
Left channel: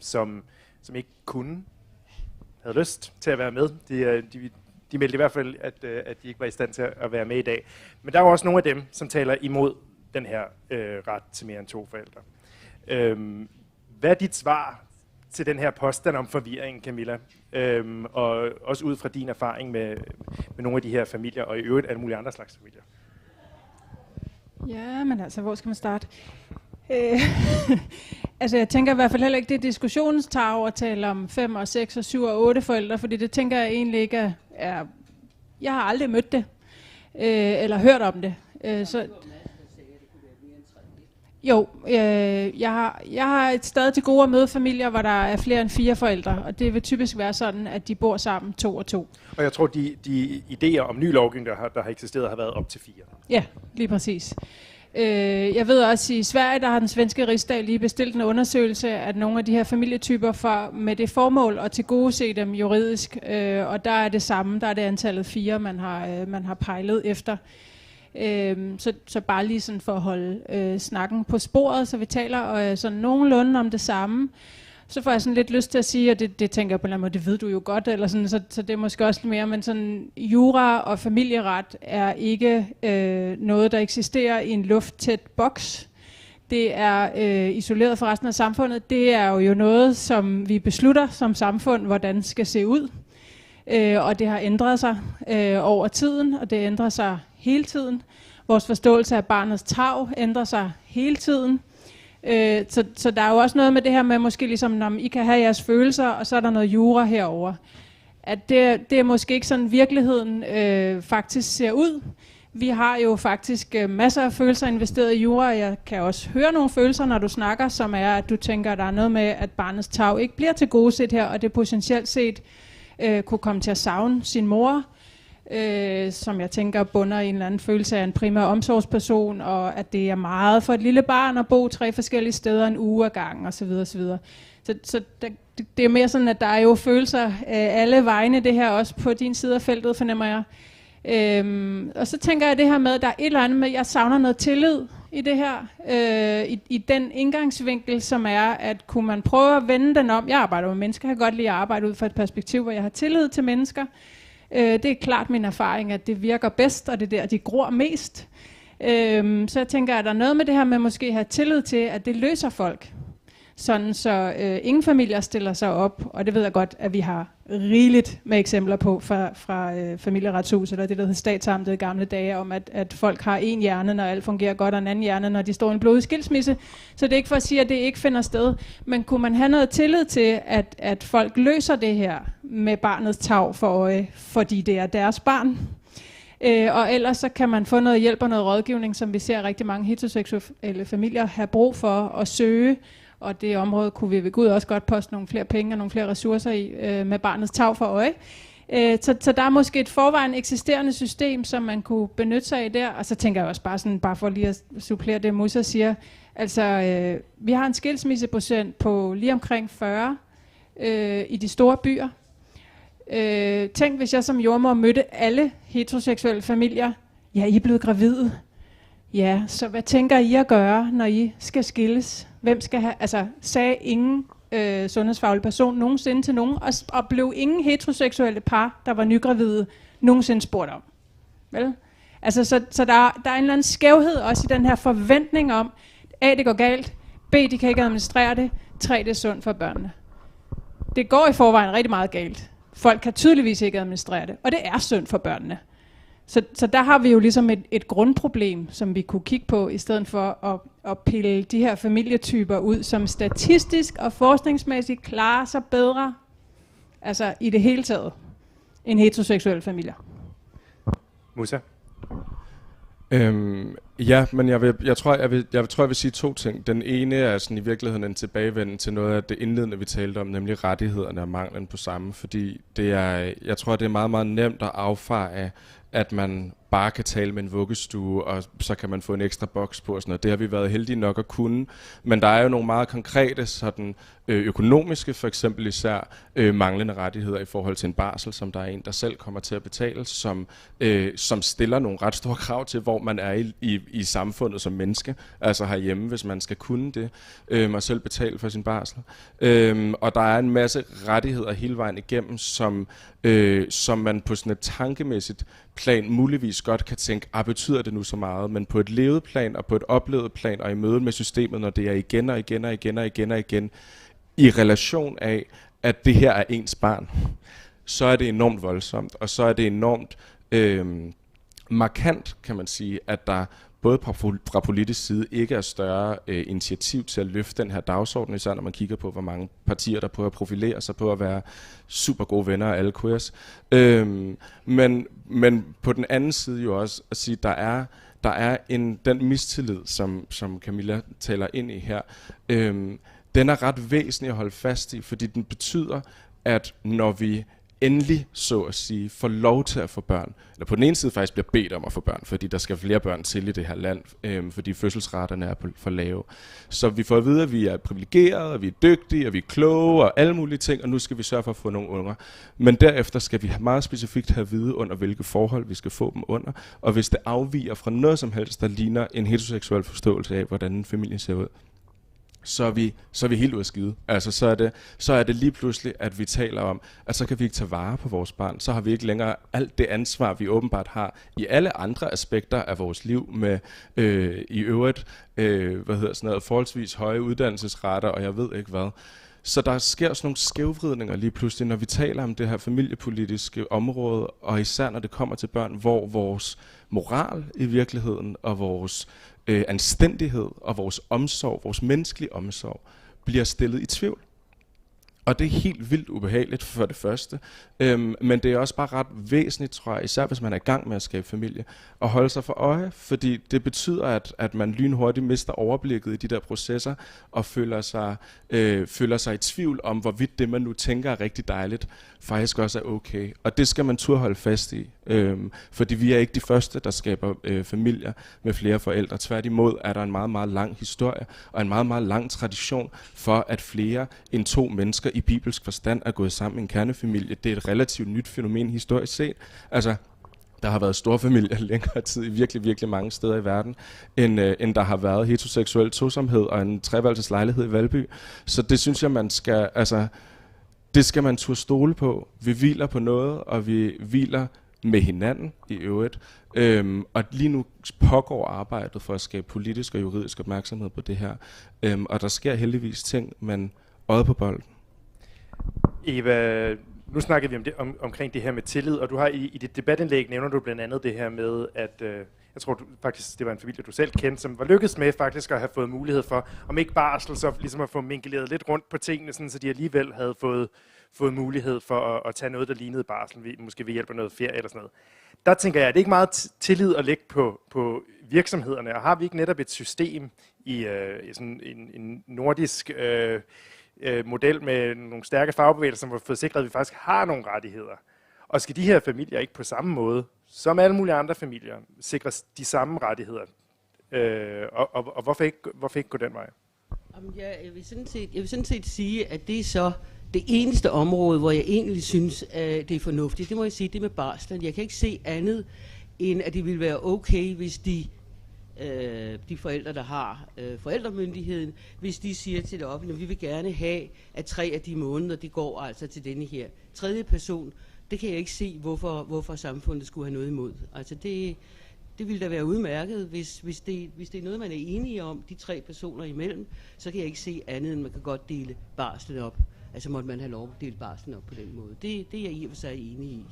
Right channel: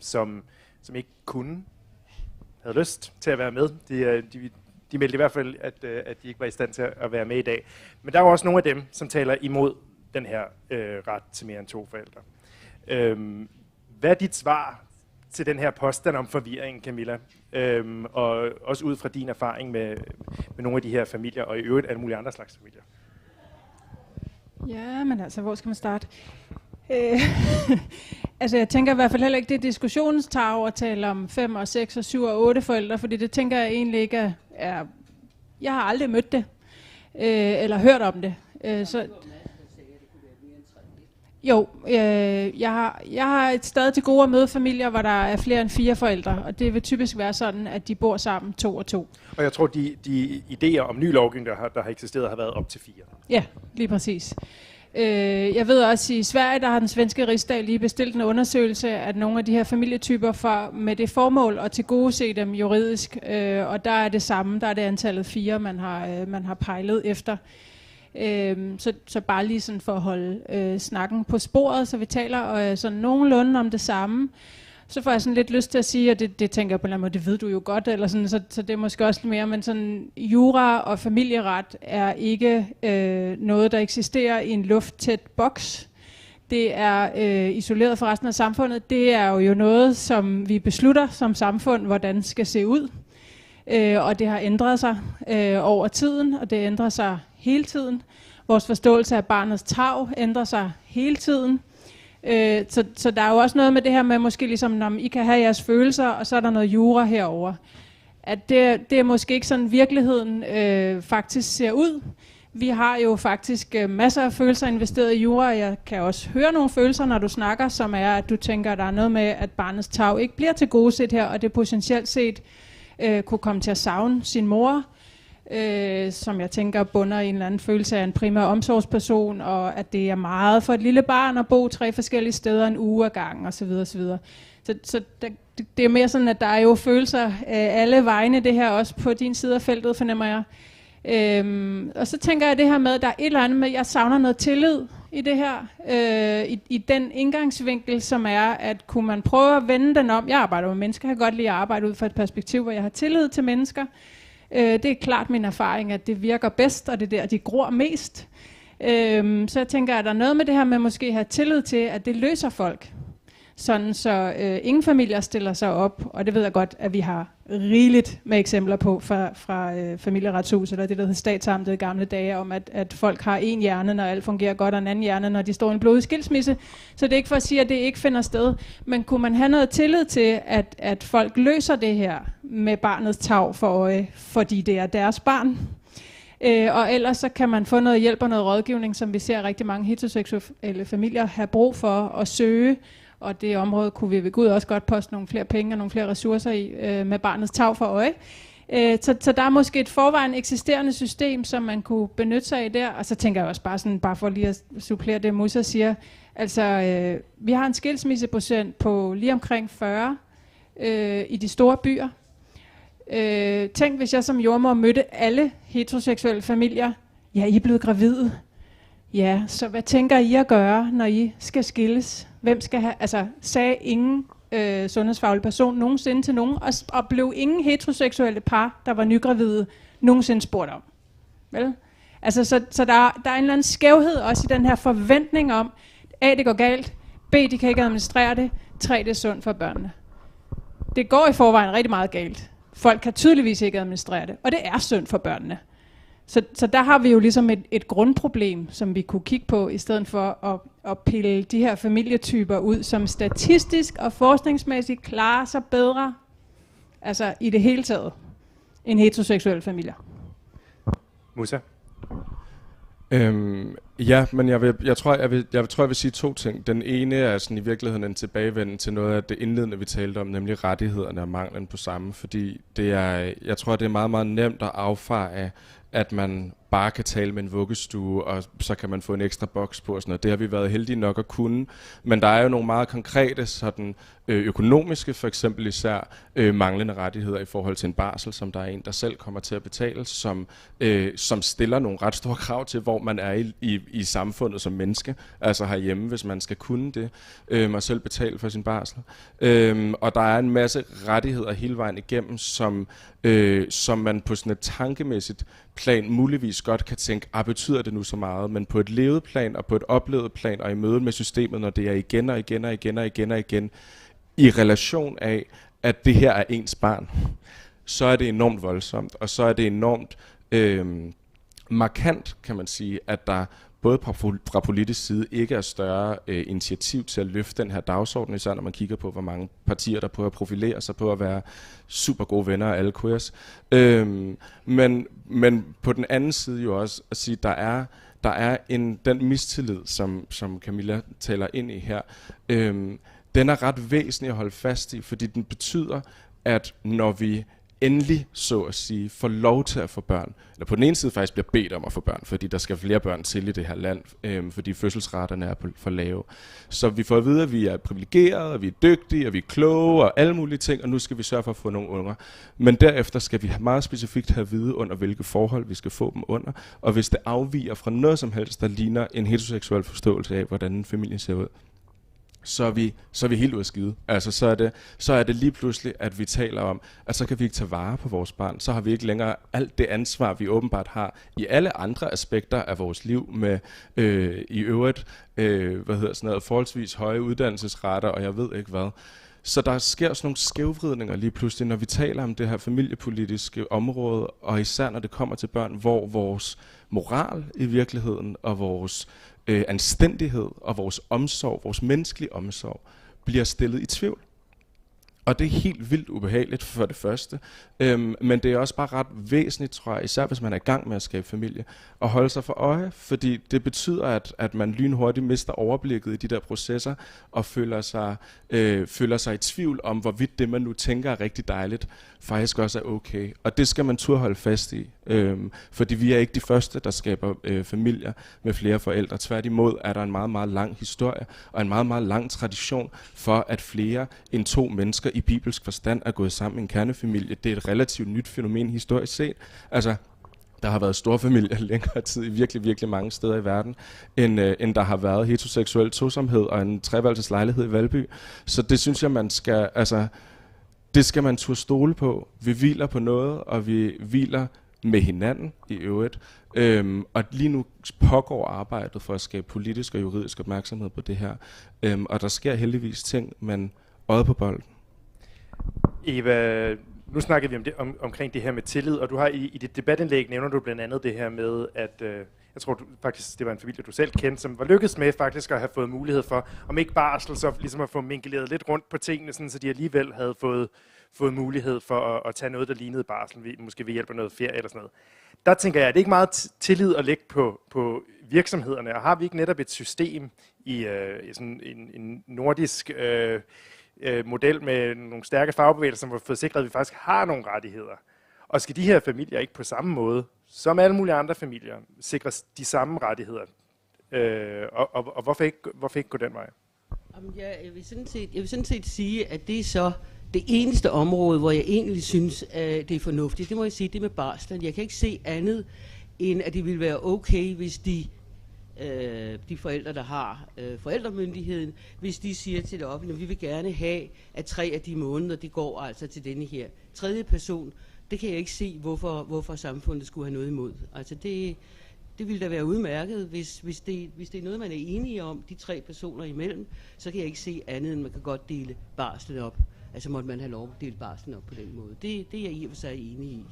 som ikke havde lyst til at være med. De meldte i hvert fald, at de ikke var i stand til at være med i dag. Men der er også nogle af dem, som taler imod den her ret til mere end 2 forældre. Hvad er dit svar til den her påstand om forvirring, Camilla? Og også ud fra din erfaring med nogle af de her familier, og i øvrigt alle mulige andre slags familier. Ja, men altså, hvor skal man starte? Altså, jeg tænker i hvert fald heller ikke, det er diskussionens tarv at tale om 5 og 6 og 7 og 8 forældre, fordi det tænker jeg egentlig ikke er jeg har aldrig mødt det, eller hørt om det. Jeg har et sted til gode at møde familier, hvor der er flere end 4 forældre, og det vil typisk være sådan, at de bor sammen 2 og 2. Og jeg tror, de idéer om ny lovgivning, der har eksisteret, har været op til 4. Ja, lige præcis. Jeg ved også, at i Sverige, der har den svenske rigsdag lige bestilt en undersøgelse af nogle af de her familietyper med det formål at tilgodese dem juridisk, og der er det samme, der er det antallet 4, man har pejlet efter. Så bare lige sådan for at holde snakken på sporet, så vi taler sådan nogenlunde om det samme. Så får jeg sådan lidt lyst til at sige, og det tænker jeg på en eller anden måde, det ved du jo godt, eller sådan, så det er måske også lidt mere, men sådan jura og familieret er ikke noget, der eksisterer i en lufttæt boks. Det er isoleret fra resten af samfundet. Det er jo noget, som vi beslutter som samfund, hvordan skal se ud. Og det har ændret sig over tiden, og det ændrer sig hele tiden. Vores forståelse af barnets tarv ændrer sig hele tiden. Så der er jo også noget med det her med, måske ligesom, når I kan have jeres følelser, og så er der noget jura herover. At det er måske ikke sådan, virkeligheden faktisk ser ud. Vi har jo faktisk masser af følelser investeret i jura. Jeg kan også høre nogle følelser, når du snakker, som er, at du tænker, at der er noget med, at barnets tarv ikke bliver tilgodeset her, og det potentielt set kunne komme til at savne sin mor, som jeg tænker bunder i en eller anden følelse af en primær omsorgsperson, og at det er meget for et lille barn at bo 3 forskellige steder en uge ad gangen, osv. osv. Så det er mere sådan, at der er jo følelser alle vegne, det her også på din side af feltet, fornemmer jeg. Og så tænker jeg det her med, at der er et eller andet med, at jeg savner noget tillid i det her, i den indgangsvinkel, som er, at kunne man prøve at vende den om. Jeg arbejder med mennesker, jeg kan godt lide at arbejde ud fra et perspektiv, hvor jeg har tillid til mennesker. Det er klart min erfaring, at det virker bedst, og det er der, de gror mest. Så jeg tænker, at der er noget med det her med måske at have tillid til, at det løser folk. Sådan så ingen familier stiller sig op, og det ved jeg godt, at vi har rigeligt med eksempler på fra familieretshuset, eller det der hed statsamtet i gamle dage, om at folk har en hjerne, når alt fungerer godt, og en anden hjerne, når de står i en blodig skilsmisse. Så det er ikke for at sige, at det ikke finder sted, men kunne man have noget tillid til, at folk løser det her med barnets tarv for øje, fordi det er deres barn? Og ellers så kan man få noget hjælp og noget rådgivning, som vi ser rigtig mange heteroseksuelle familier have brug for at søge. Og det område kunne vi ved Gud også godt poste nogle flere penge og nogle flere ressourcer i med barnets tarv for øje. Så der er måske et forvejen eksisterende system, som man kunne benytte sig af der. Og så tænker jeg også bare for lige at supplere det, Musa siger. Altså, vi har en skilsmisseprocent på lige omkring 40 i de store byer. Tænk, hvis jeg som jordmor mødte alle heteroseksuelle familier. Ja, I er blevet gravide. Ja, så hvad tænker I at gøre, når I skal skilles? Hvem skal have, altså sagde ingen sundhedsfaglig person nogensinde til nogen, og blev ingen heteroseksuelle par, der var nygravide, nogensinde spurgt om. Vel? Altså, så der er en eller anden skævhed også i den her forventning om, A, det går galt, B, de kan ikke administrere det, 3, det er sundt for børnene. Det går i forvejen rigtig meget galt. Folk kan tydeligvis ikke administrere det, og det er synd for børnene. Så der har vi jo ligesom et grundproblem, som vi kunne kigge på, i stedet for at pille de her familietyper ud, som statistisk og forskningsmæssigt klarer sig bedre, altså i det hele taget, end heteroseksuelle familier. Musa? Ja, men jeg tror, jeg vil sige 2 ting. Den ene er sådan i virkeligheden en tilbagevenden til noget af det indledende, vi talte om, nemlig rettighederne og manglen på samme, fordi jeg tror, det er meget, meget nemt at affeje, at man bare kan tale med en vuggestue, og så kan man få en ekstra boks på og sådan noget. Det har vi været heldige nok at kunne. Men der er jo nogle meget konkrete sådan, økonomiske, for eksempel især manglende rettigheder i forhold til en barsel, som der er en, der selv kommer til at betale, som stiller nogle ret store krav til, hvor man er i samfundet som menneske, altså herhjemme, hvis man skal kunne det, og selv betale for sin barsel. Og der er en masse rettigheder hele vejen igennem, som man på sådan et tankemæssigt plan muligvis godt kan tænke, betyder det nu så meget, men på et levet plan og på et oplevet plan og i mødet med systemet, når det er igen og igen og igen og igen og igen, i relation af, at det her er ens barn, så er det enormt voldsomt, og så er det enormt markant, kan man sige, at der både fra politisk side ikke er større initiativ til at løfte den her dagsorden, især når man kigger på, hvor mange partier, der prøver at profilere sig på at være super gode venner af alle queers. Men på den anden side jo også at sige, der er den mistillid, som Camilla taler ind i her, den er ret væsentlig at holde fast i, fordi den betyder, at når vi endelig, så at sige, får lov til at få børn, eller på den ene side faktisk bliver bedt om at få børn, fordi der skal flere børn til i det her land, fordi fødselsraterne er for lave. Så vi får at vide, at vi er privilegerede, og vi er dygtige, og vi er kloge, og alle mulige ting, og nu skal vi sørge for at få nogle unger. Men derefter skal vi meget specifikt have at vide, under hvilke forhold vi skal få dem under, og hvis det afviger fra noget som helst, der ligner en heteroseksuel forståelse af, hvordan en familie ser ud, så er vi helt ude af skide. Altså, så er det lige pludselig, at vi taler om, at så kan vi ikke tage vare på vores barn. Så har vi ikke længere alt det ansvar, vi åbenbart har i alle andre aspekter af vores liv, med i øvrigt forholdsvis høje uddannelsesrater, og jeg ved ikke hvad. Så der sker sådan nogle skævvridninger lige pludselig, når vi taler om det her familiepolitiske område, og især når det kommer til børn, hvor vores moral i virkeligheden, og vores anstændighed og vores omsorg, vores menneskelige omsorg, bliver stillet i tvivl. Og det er helt vildt ubehageligt for det første, men det er også bare ret væsentligt, tror jeg, især hvis man er i gang med at skabe familie, at holde sig for øje, fordi det betyder, at man lynhurtigt mister overblikket i de der processer, og føler sig i tvivl om, hvorvidt det, man nu tænker er rigtig dejligt, faktisk også er okay. Og det skal man turde holde fast i, fordi vi er ikke de første, der skaber familier med flere forældre. Tværtimod er der en meget, meget lang historie, og en meget, meget lang tradition for, at flere end 2 mennesker i bibelsk forstand er gået sammen i en kernefamilie. Det er et relativt nyt fænomen historisk set. Altså, der har været storfamilier længere tid i virkelig, virkelig mange steder i verden, end der har været heteroseksuel tosomhed og en treværelseslejlighed i Valby. Så det synes jeg, det skal man turde stole på. Vi hviler på noget, og vi hviler med hinanden i øvrigt. Og lige nu pågår arbejdet for at skabe politisk og juridisk opmærksomhed på det her. Og der sker heldigvis ting, men øjet på bolden. Eva, nu snakker vi omkring det her med tillid, og du har i dit debatindlæg nævner du blandt andet det her med, at jeg tror faktisk, det var en familie, du selv kendte, som var lykkedes med faktisk at have fået mulighed for, om ikke barsel, så ligesom at få minkeleret lidt rundt på tingene, sådan, så de alligevel havde fået mulighed for at tage noget, der lignede barsel, måske ved hjælp af noget ferie eller sådan noget. Der tænker jeg, at det ikke meget tillid at lægge på virksomhederne, og har vi ikke netop et system i sådan en nordisk model med nogle stærke fagbevægelser, som har fået sikret, at vi faktisk har nogle rettigheder. Og skal de her familier ikke på samme måde, som alle mulige andre familier, sikres de samme rettigheder? Og hvorfor ikke gå den vej? Jeg vil sådan set sige, at det er så det eneste område, hvor jeg egentlig synes, at det er fornuftigt. Det må jeg sige, det med barslen. Jeg kan ikke se andet, end at det ville være okay, hvis de de forældre, der har forældremyndigheden, hvis de siger til det offentlige, at vi vil gerne have, at 3 af de måneder, det går altså til denne her tredje person. Det kan jeg ikke se, hvorfor samfundet skulle have noget imod. Altså det ville da være udmærket, hvis det er noget, man er enige om, de 3 personer imellem, så kan jeg ikke se andet, end man kan godt dele barslen op. Altså måtte man have lov at dele barslen op på den måde. Det er jeg i og for sig enig i.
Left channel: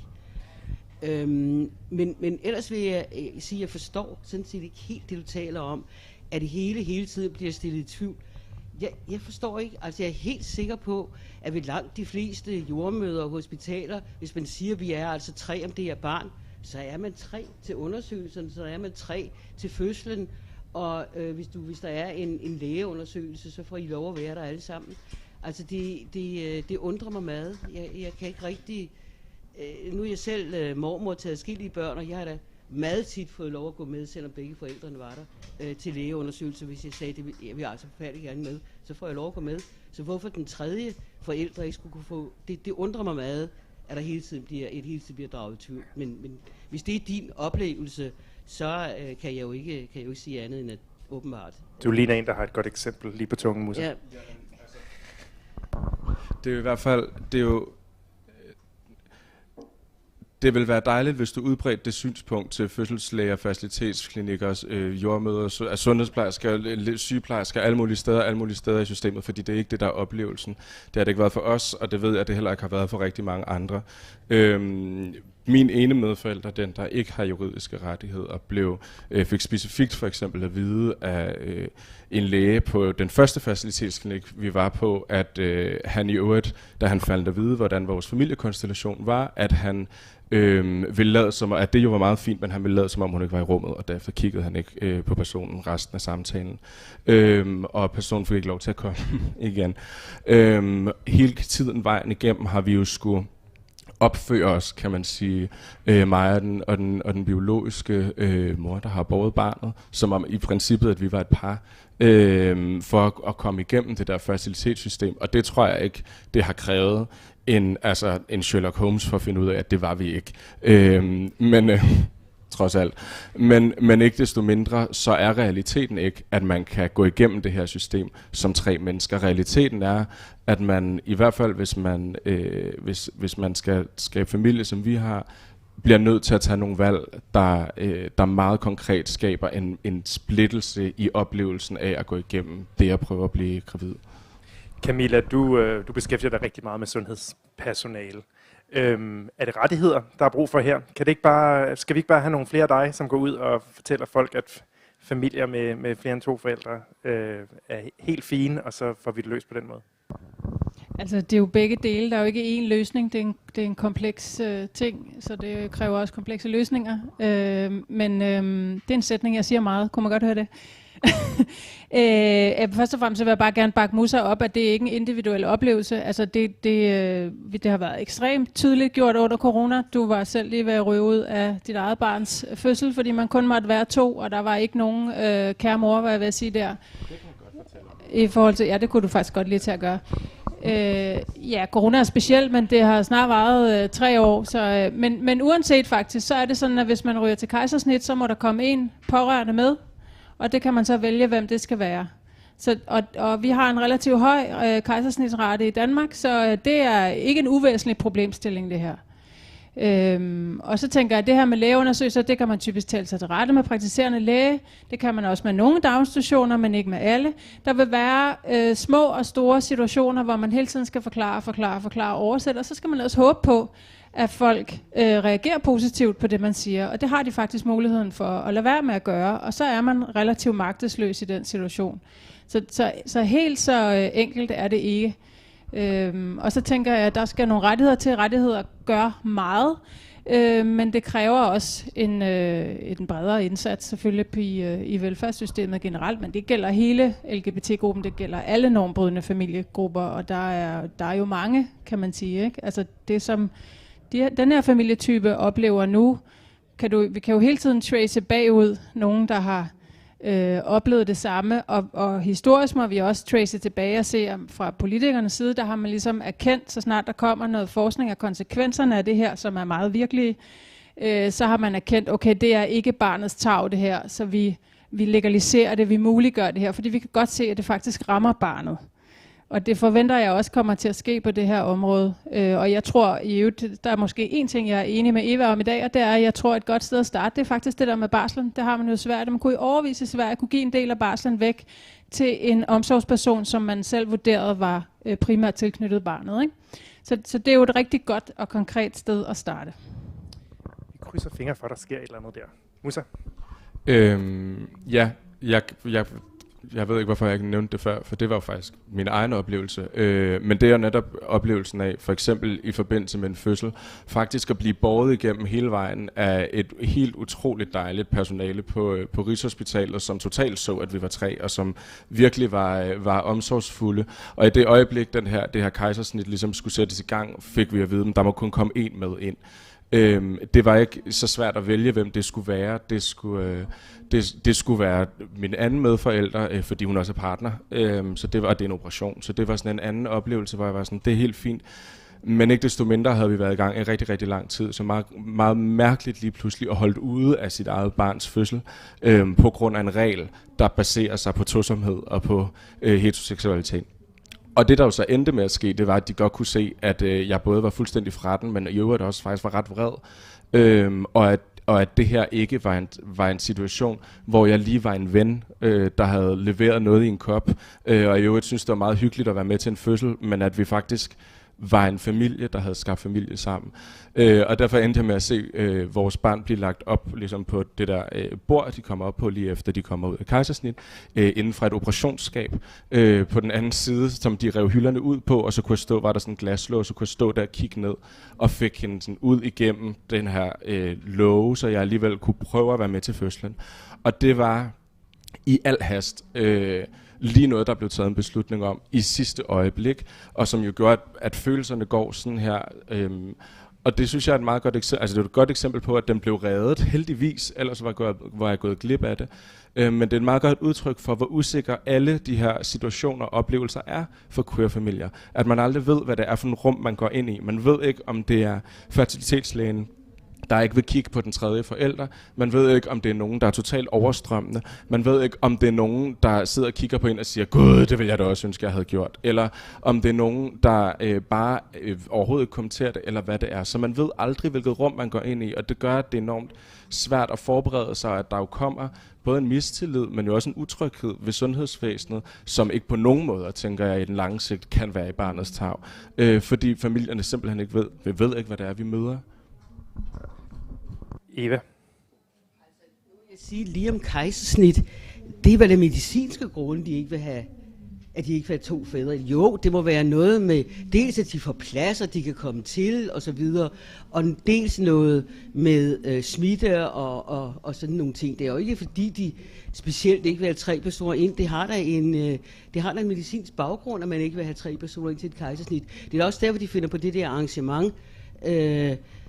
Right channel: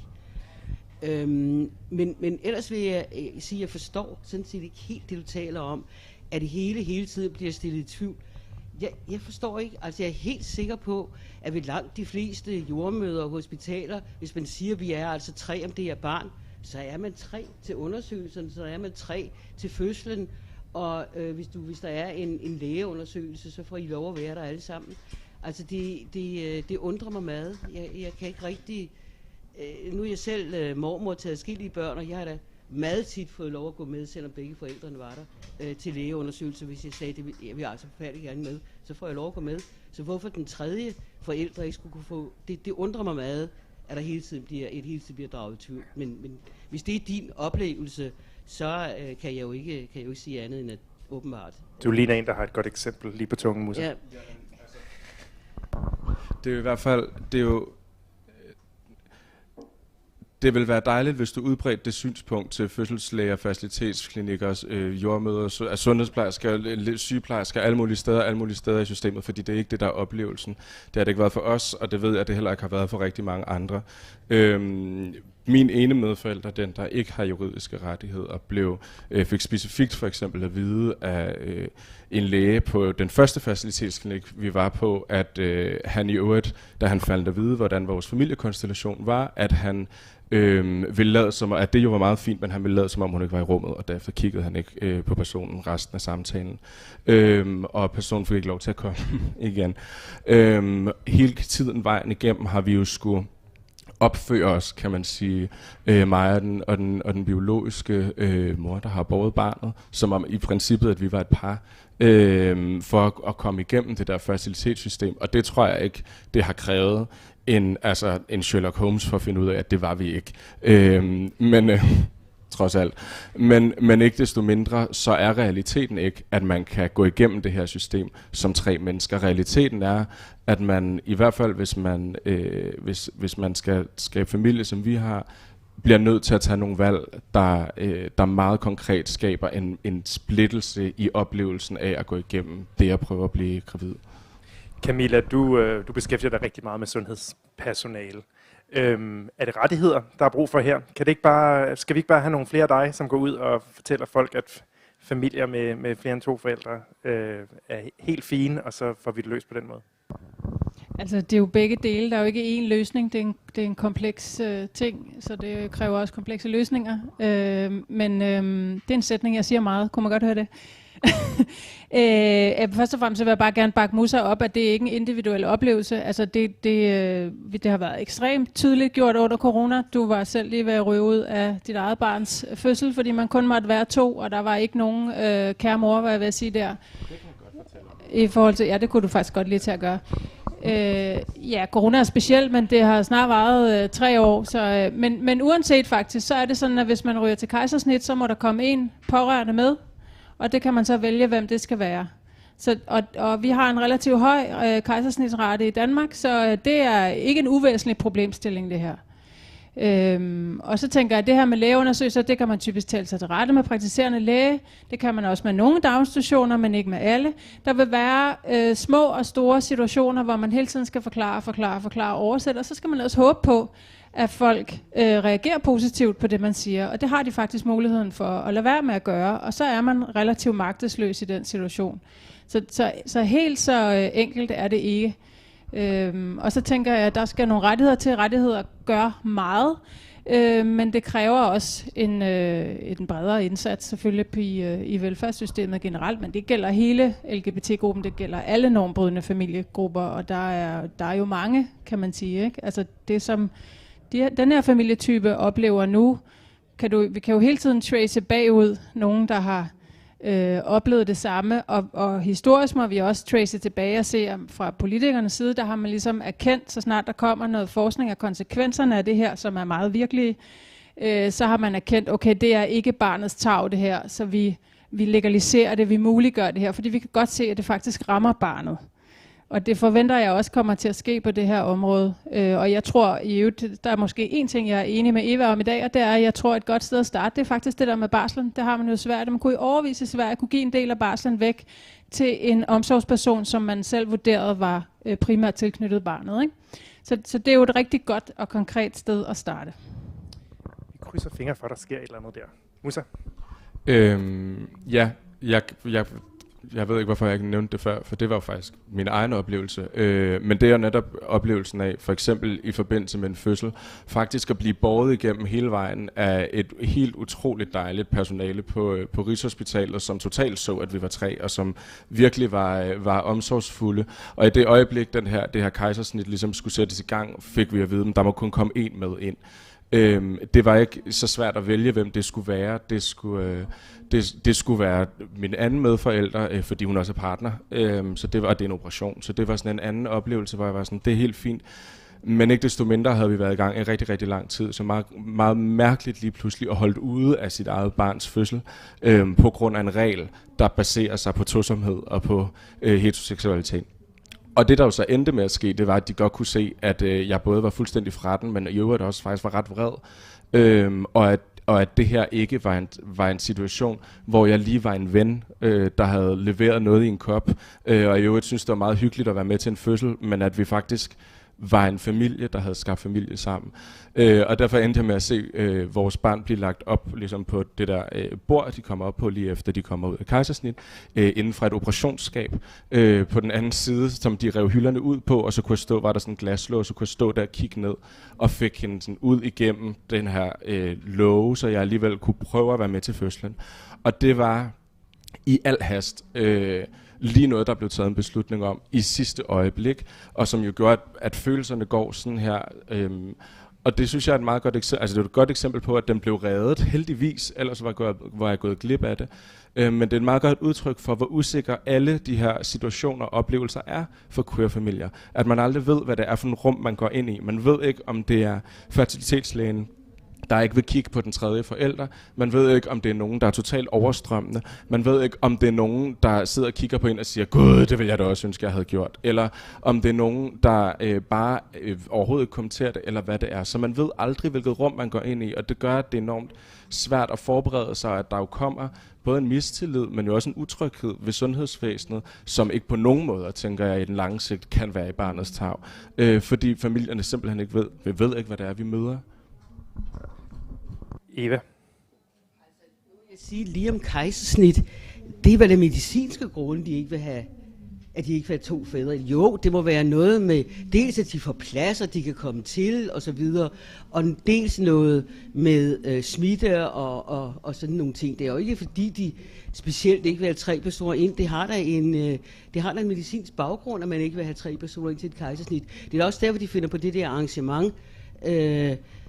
Men ellers vil jeg sige, at jeg forstår sådan set ikke helt det, du taler om, at det hele tiden bliver stillet i tvivl. Jeg forstår ikke, altså jeg er helt sikker på, at ved langt de fleste jordmøder og hospitaler, hvis man siger, at vi er altså 3 om det her barn, så er man 3 til undersøgelsen, så er man 3 til fødslen, og hvis der er en lægeundersøgelse, så får I lov at være der alle sammen. Altså det undrer mig meget. Jeg kan ikke rigtig... Nu er jeg selv mormor til adskillige børn, og jeg har da meget tit fået lov at gå med, selvom begge forældrene var der, til lægeundersøgelse. Hvis jeg sagde, at jeg vil altså forfærdeligt gerne med, så får jeg lov at gå med. Så hvorfor den tredje forældre ikke skulle kunne få... Det undrer mig meget, at der hele tiden bliver draget i tvivl. Men hvis det er din oplevelse, så kan jeg jo ikke sige andet end at åbenbart. Du ligner en, der har et godt eksempel lige på tungen, Musa. Ja. Det er jo i hvert fald... Det vil være dejligt, hvis du udbredte det synspunkt til fødselslæger, facilitetsklinikker, jordmøder, sundhedsplejersker, sygeplejersker, alle mulige steder i systemet, fordi det er ikke det, der er oplevelsen. Det har det ikke været for os, og det ved jeg, at det heller ikke har været for rigtig mange andre. Min ene medforælder, den der ikke har juridiske rettigheder, fik specifikt for eksempel at vide af en læge på den første facilitetsklinik, vi var på, at han i øvrigt, da han faldt at vide, hvordan vores familiekonstellation var, at han ville lade som, at det jo var meget fint, men han ville lade som om hun ikke var i rummet, og derefter kiggede han ikke på personen resten af samtalen. Og personen fik ikke lov til at komme igen. Hele tiden vejen igennem har vi jo skulle opføre os, kan man sige, mig og den biologiske mor, der har båret barnet, som om i princippet, at vi var et par, for at komme igennem det der facilitetssystem. Og det tror jeg ikke, det har krævet en Sherlock Holmes for at finde ud af, at det var vi ikke. Trods alt. Men ikke desto mindre, så er realiteten ikke, at man kan gå igennem det her system som 3 mennesker. Realiteten er, at man i hvert fald, hvis man skal skabe familie, som vi har, bliver nødt til at tage nogle valg, der meget konkret skaber en splittelse i oplevelsen af at gå igennem det at prøve at blive gravid. Camilla, du beskæftiger dig rigtig meget med sundhedspersonale. Er det rettigheder, der er brug for her? Skal vi ikke bare have nogle flere af dig, som går ud og fortæller folk, at familier med flere end 2 forældre er helt fine, og så får vi det løst på den måde? Altså, det er jo begge dele. Der er jo ikke én løsning. Det er en kompleks ting, så det kræver også komplekse løsninger. Men det er en sætning, jeg siger meget. Kunne man godt høre det? Først og fremmest vil jeg bare gerne bakke Musa op, at det er ikke en individuel oplevelse. Altså det har været ekstremt tydeligt gjort under corona. Du var selv lige ved at ryge ud af dit eget barns fødsel, fordi man kun måtte være 2, og der var ikke nogen kære mor, hvad jeg vil sige der. Det kan man godt fortælle. I forhold til, ja, det kunne du faktisk godt lige til at gøre. Ja, corona er specielt, men det har snart varet 3 år. Så, men uanset faktisk, så er det sådan, at hvis man ryger til kejsersnit, så må der komme en pårørende med. Og det kan man så vælge, hvem det skal være. Så, og vi har en relativt høj kejsersnitsrate i Danmark, så det er ikke en uvæsentlig problemstilling, det her. Og så tænker jeg, at det her med lægeundersøgelser, det kan man typisk tale sig til rette med praktiserende læge. Det kan man også med nogle daginstitutioner, men ikke med alle. Der vil være små og store situationer, hvor man hele tiden skal forklare og oversætte, og så skal man også håbe på, at folk reagerer positivt på det, man siger. Og det har de faktisk muligheden for at lade være med at gøre. Og så er man relativt magtesløs i den situation. Så helt så enkelt er det ikke. Og så tænker jeg, at der skal nogle rettigheder til. Rettigheder gør meget. Men det kræver også en bredere indsats selvfølgelig i velfærdssystemet generelt. Men det gælder hele LGBT-gruppen. Det gælder alle normbrydende familiegrupper. Og der er jo mange, kan man sige. Ikke? Altså det som... Den her familietype oplever nu, vi kan jo hele tiden trace bagud nogen, der har oplevet det samme, og historisk må vi også trace tilbage og se, fra politikernes side, der har man ligesom erkendt, så snart der kommer noget forskning af konsekvenserne af det her, som er meget virkelige, så har man erkendt, okay, det er ikke barnets tarv det her, så vi vi legaliserer det, vi muliggør det her, fordi vi kan godt se, at det faktisk rammer barnet. Og det forventer jeg også kommer til at ske på det her område. Og jeg tror, der er måske en ting, jeg er enig med Eva om i dag, og det er, at jeg tror, et godt sted at starte, det er faktisk det der med barslen. Det har man jo i Sverige. Man kunne i overvis i Sverige kunne give en del af barslen væk til en omsorgsperson, som man selv vurderede var primært tilknyttet barnet. Ikke? Så det er jo et rigtig godt og konkret sted at starte. Vi krydser fingre for, at der sker et eller andet der. Musa? Ja, jeg ved ikke, hvorfor jeg ikke nævnte det før, for det var jo faktisk min egen oplevelse. Men det er jo netop oplevelsen af, for eksempel i forbindelse med en fødsel, faktisk at blive båret igennem hele vejen af et helt utroligt dejligt personale på Rigshospitalet, som totalt så, at vi var 3, og som virkelig var omsorgsfulde. Og i det øjeblik, det her kejsersnit ligesom skulle sættes i gang, fik vi at vide, at der må kun komme én med ind. Det var ikke så svært at vælge, hvem det skulle være. Det skulle være min anden medforælder, fordi hun også er partner. Så det var en operation. Så det var sådan en anden oplevelse, hvor jeg var sådan, det er helt fint. Men ikke desto mindre havde vi været i gang i rigtig, rigtig lang tid. Så meget, meget mærkeligt lige pludselig at holde ude af sit eget barns fødsel på grund af en regel, der baserer sig på tosomhed og på heteroseksualitet. Og det, der jo så endte med at ske, det var, at de godt kunne se, at jeg både var fuldstændig fra den, men i øvrigt også faktisk var ret vred. Og at det her ikke var en situation, hvor jeg lige var en ven, der havde leveret noget i en kop. Og i øvrigt synes, det var meget hyggeligt at være med til en fødsel, men at vi faktisk var en familie, der havde skabt familie sammen. Og derfor endte jeg med at se vores barn blive lagt op ligesom på det der bord, de kommer op på lige efter de kommer ud af kejsersnit, inden fra et operationsskab. På den anden side, som de rev hylderne ud på, og så kunne jeg stå, var der sådan en glaslås, så kunne jeg stå der og kigge ned, og fik hende sådan ud igennem den her låge, så jeg alligevel kunne prøve at være med til fødslen. Og det var i al hast lige noget, der blev taget en beslutning om i sidste øjeblik, og som jo gjorde, at følelserne går sådan her. Og det synes jeg er et meget godt eksempel. Altså det er et godt eksempel på, at den blev reddet, heldigvis, ellers var jeg gået glip af det. Men det er et meget godt udtryk for, hvor usikre alle de her situationer og oplevelser er for queer-familier. At man aldrig ved, hvad det er for en rum, man går ind i. Man ved ikke, om det er fertilitetslægen, der ikke vil kigge på den tredje forælder. Man ved ikke, om det er nogen, der er totalt overstrømmende. Man ved ikke, om det er nogen, der sidder og kigger på en og siger, gud, det vil jeg da også ønske, jeg havde gjort. Eller om det er nogen, der bare overhovedet ikke kommenterer det, eller hvad det er. Så man ved aldrig, hvilket rum man går ind i, og det gør, at det er enormt svært at forberede sig, at der jo kommer både en mistillid, men jo også en utryghed ved sundhedsvæsenet, som ikke på nogen måde, tænker jeg, i den lange sigt kan være i barnets tarv. Fordi familierne simpelthen ikke ved, vi ved ikke, hvad det er, vi møder. Eva? Jeg siger lige om kejsersnit, det er vel det medicinske grunde, de ikke vil have, at de ikke vil have 2 fædre. Jo, det må være noget med, dels at de får pladser, de kan komme til, og så videre, og dels noget med smitte og sådan nogle ting. Det er jo ikke fordi, de specielt ikke vil have 3 personer ind. Det har da en medicinsk baggrund, at man ikke vil have 3 personer ind til et kejsersnit. Det er også derfor, de finder på det der arrangement,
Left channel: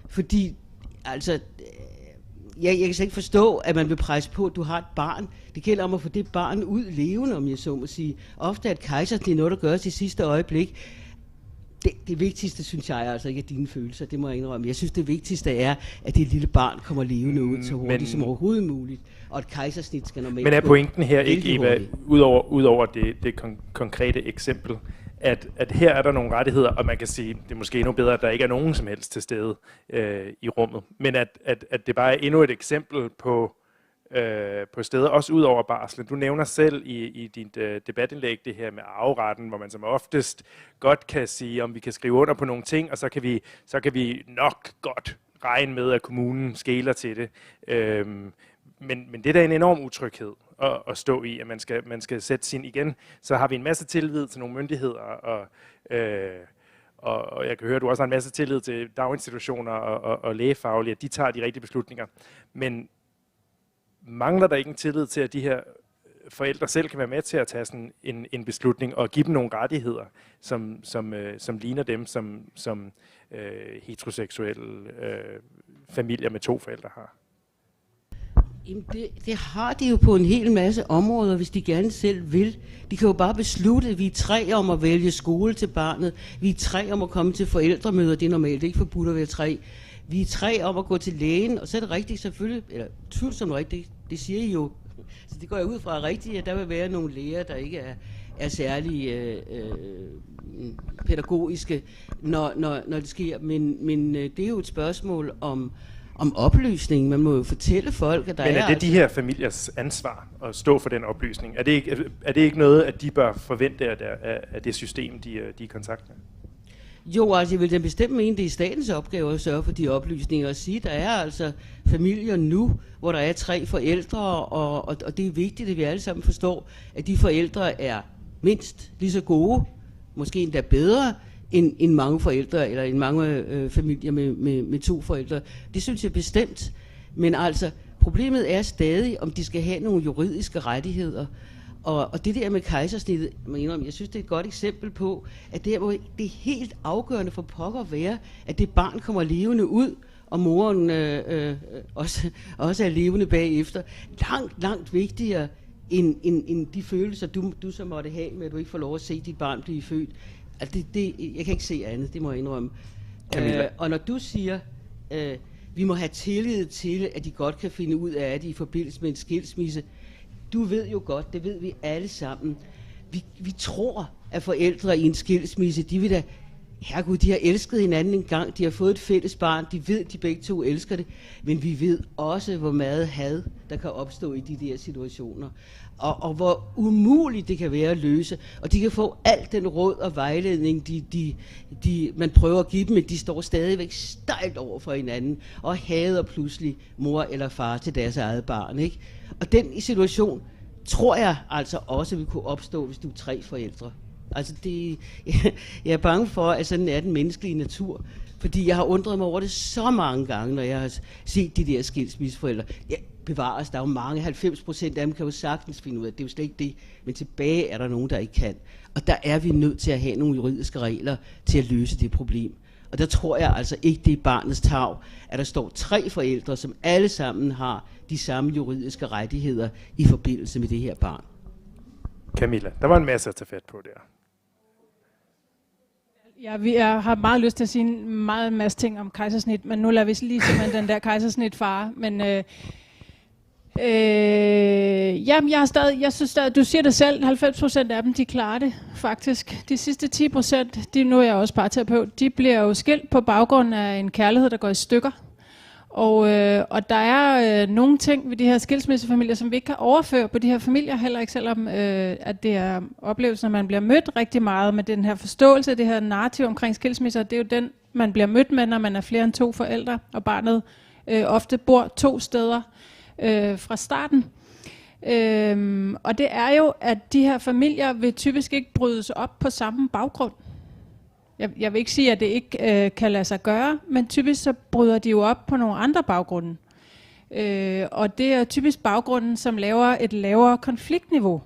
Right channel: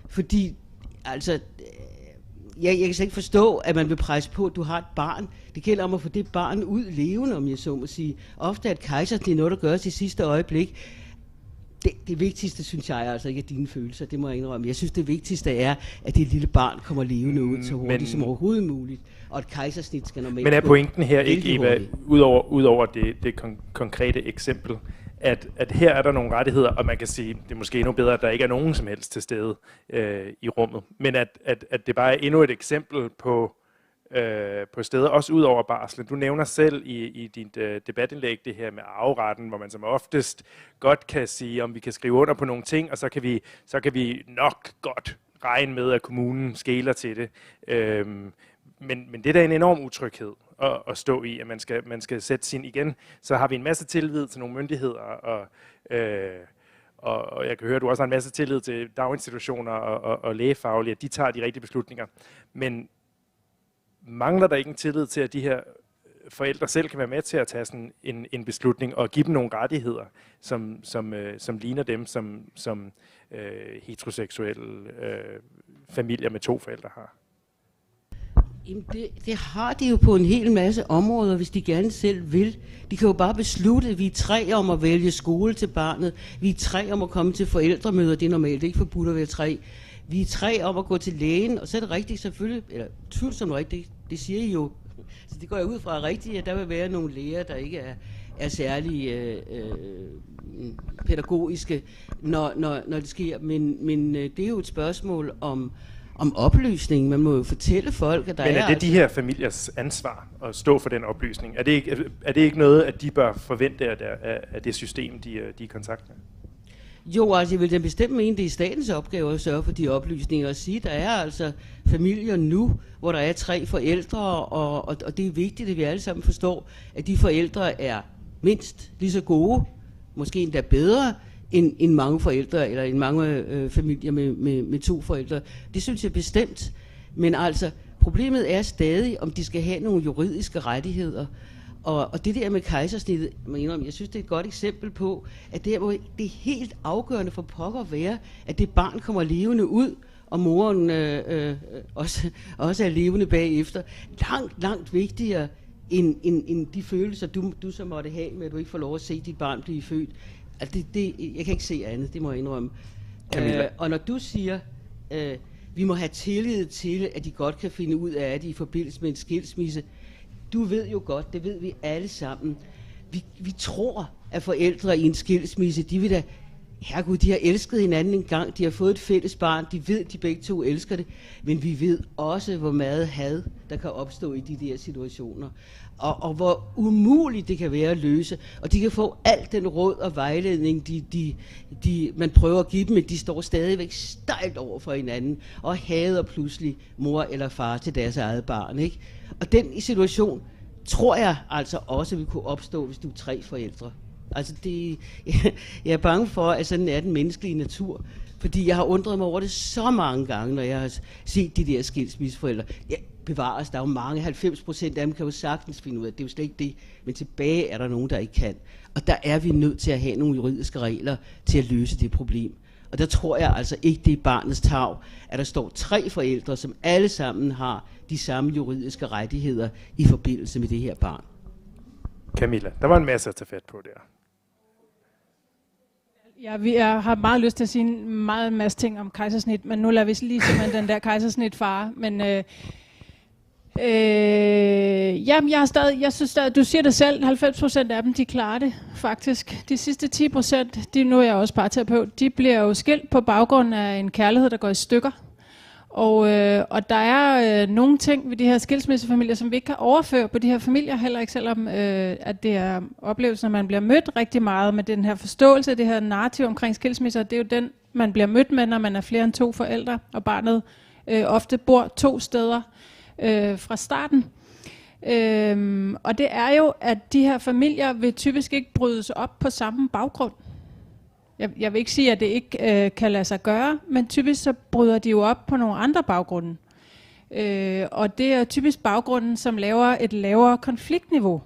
fordi altså, jeg kan slet ikke forstå, at man vil presse på, at du har et barn. Det gælder om at få det barn ud levende, om jeg så må sige. Ofte er et kejsersnit noget, der gøres i sidste øjeblik. Det vigtigste, synes jeg, altså ikke er dine følelser, det må jeg indrømme. Jeg synes, det vigtigste er, at det lille barn kommer levende ud så hurtigt som overhovedet muligt. Og et kejsersnit skal normalt. Men er pointen her ikke, Eva, udover det konkrete eksempel, at her er der nogle rettigheder, og man kan sige, det er måske endnu bedre, at der ikke er nogen som helst til stede i rummet, men at det bare er endnu et eksempel på steder, også ud over barslen. Du nævner selv i dit debatindlæg det her med arveretten, hvor man som oftest godt kan sige, om vi kan skrive under på nogle ting, og så kan vi nok godt regne med, at kommunen skeler til det. Men det er da en enorm utryghed at stå i, at man skal sætte sin igen. Så har vi en masse tillid til nogle myndigheder, og jeg kan høre, at du også har en masse tillid til daginstitutioner og lægefaglige, at de tager de rigtige beslutninger. Men mangler der ikke en tillid til, at de her forældre selv kan være med til at tage sådan en beslutning og give dem nogle rettigheder, som ligner dem, som heteroseksuelle familier med 2 forældre har? Jamen det har de jo på en hel masse områder, hvis de gerne selv vil. De kan jo bare beslutte, at vi er 3 om at vælge skole til barnet. Vi er 3 om at komme til forældremøder, det er normalt, det er ikke forbudt at være 3. Vi er 3 om at gå til lægen, og så er det rigtigt selvfølgelig, eller tvivlsomt rigtigt, det siger I jo Så det går jeg ud fra rigtigt, at der vil være nogle lærere, der ikke er særlig pædagogiske, når det sker. Men det er jo et spørgsmål om oplysning. Man må jo fortælle folk, at der Men er det de her familiers ansvar at stå for den oplysning? Er det ikke noget, at de bør forvente af det system, de er i kontakt med? Jo, altså jeg vil da bestemt mene, det er statens opgave at sørge for de oplysninger og sige, der er altså familier nu, hvor der er 3 forældre, og det er vigtigt, at vi alle sammen forstår, at de forældre er mindst lige så gode, måske endda bedre, end mange forældre, eller end mange familier med 2 forældre. Det synes jeg bestemt. Men altså, problemet er stadig, om de skal have nogle juridiske rettigheder. Og det der med kejsersnittet, jeg synes, det er et godt eksempel på, at det er helt afgørende for pokker at være, at det barn kommer levende ud, og moren også er levende bagefter. Langt vigtigere end de følelser, du så måtte have med, at du ikke får lov at se dit barn blive født. Altså jeg kan ikke se andet, det må jeg indrømme. Og når du siger, vi må have tillid til, at de godt kan finde ud af det i forbindelse med en skilsmisse, du ved jo godt, det ved vi alle sammen. Vi tror, at forældre i en skilsmisse, de vil da, herregud, de har elsket hinanden en gang, de har fået et fælles barn, de ved, de begge to elsker det, men vi ved også, hvor meget had, der kan opstå i de der situationer. Og hvor umuligt det kan være at løse. Og de kan få al den råd og vejledning, man prøver at give dem, men de står stadigvæk stejlt over for hinanden, og hader pludselig mor eller far til deres eget barn, ikke? Og den situation, tror jeg altså også vil kunne opstå, hvis du er 3 forældre. Altså jeg er bange for, at sådan er den menneskelige natur. Fordi jeg har undret mig over det så mange gange, når jeg har set de der skilsmisseforældre. Ja, bevares, der er jo mange, 90% af dem kan jo sagtens finde ud af, det er jo slet ikke det. Men tilbage er der nogen, der ikke kan. Og der er vi nødt til at have nogle juridiske regler til at løse det problem. Og der tror jeg altså ikke, det er barnets tarv, at der står 3 forældre, som alle sammen har de samme juridiske rettigheder i forbindelse med det her barn. Camilla, der var en masse at tage fat på der. Ja, jeg har meget lyst til at sige en masse ting om kejsersnit, men nu lader vi lige simpelthen den der kejsersnit fare. Men jamen, jeg synes stadig, du siger det selv, 90% af dem, de klarer det faktisk. De sidste 10%, nu er jeg også parterapeut, de bliver jo skilt på baggrund af en kærlighed, der går i stykker. Og der er nogle ting ved de her skilsmissefamilier, som vi ikke kan overføre på de her familier, heller ikke selvom at det er oplevelsen, at man bliver mødt rigtig meget med den her forståelse, det her narrativ omkring skilsmisser. Det er jo den, man bliver mødt med, når man er flere end 2 forældre, og barnet ofte bor 2 steder fra starten. Og det er jo, at de her familier vil typisk ikke brydes op på samme baggrund. Jeg vil ikke sige, at det ikke kan lade sig gøre, men typisk så bryder de jo op på nogle andre baggrunde. Og det er typisk baggrunden, som laver et lavere konfliktniveau.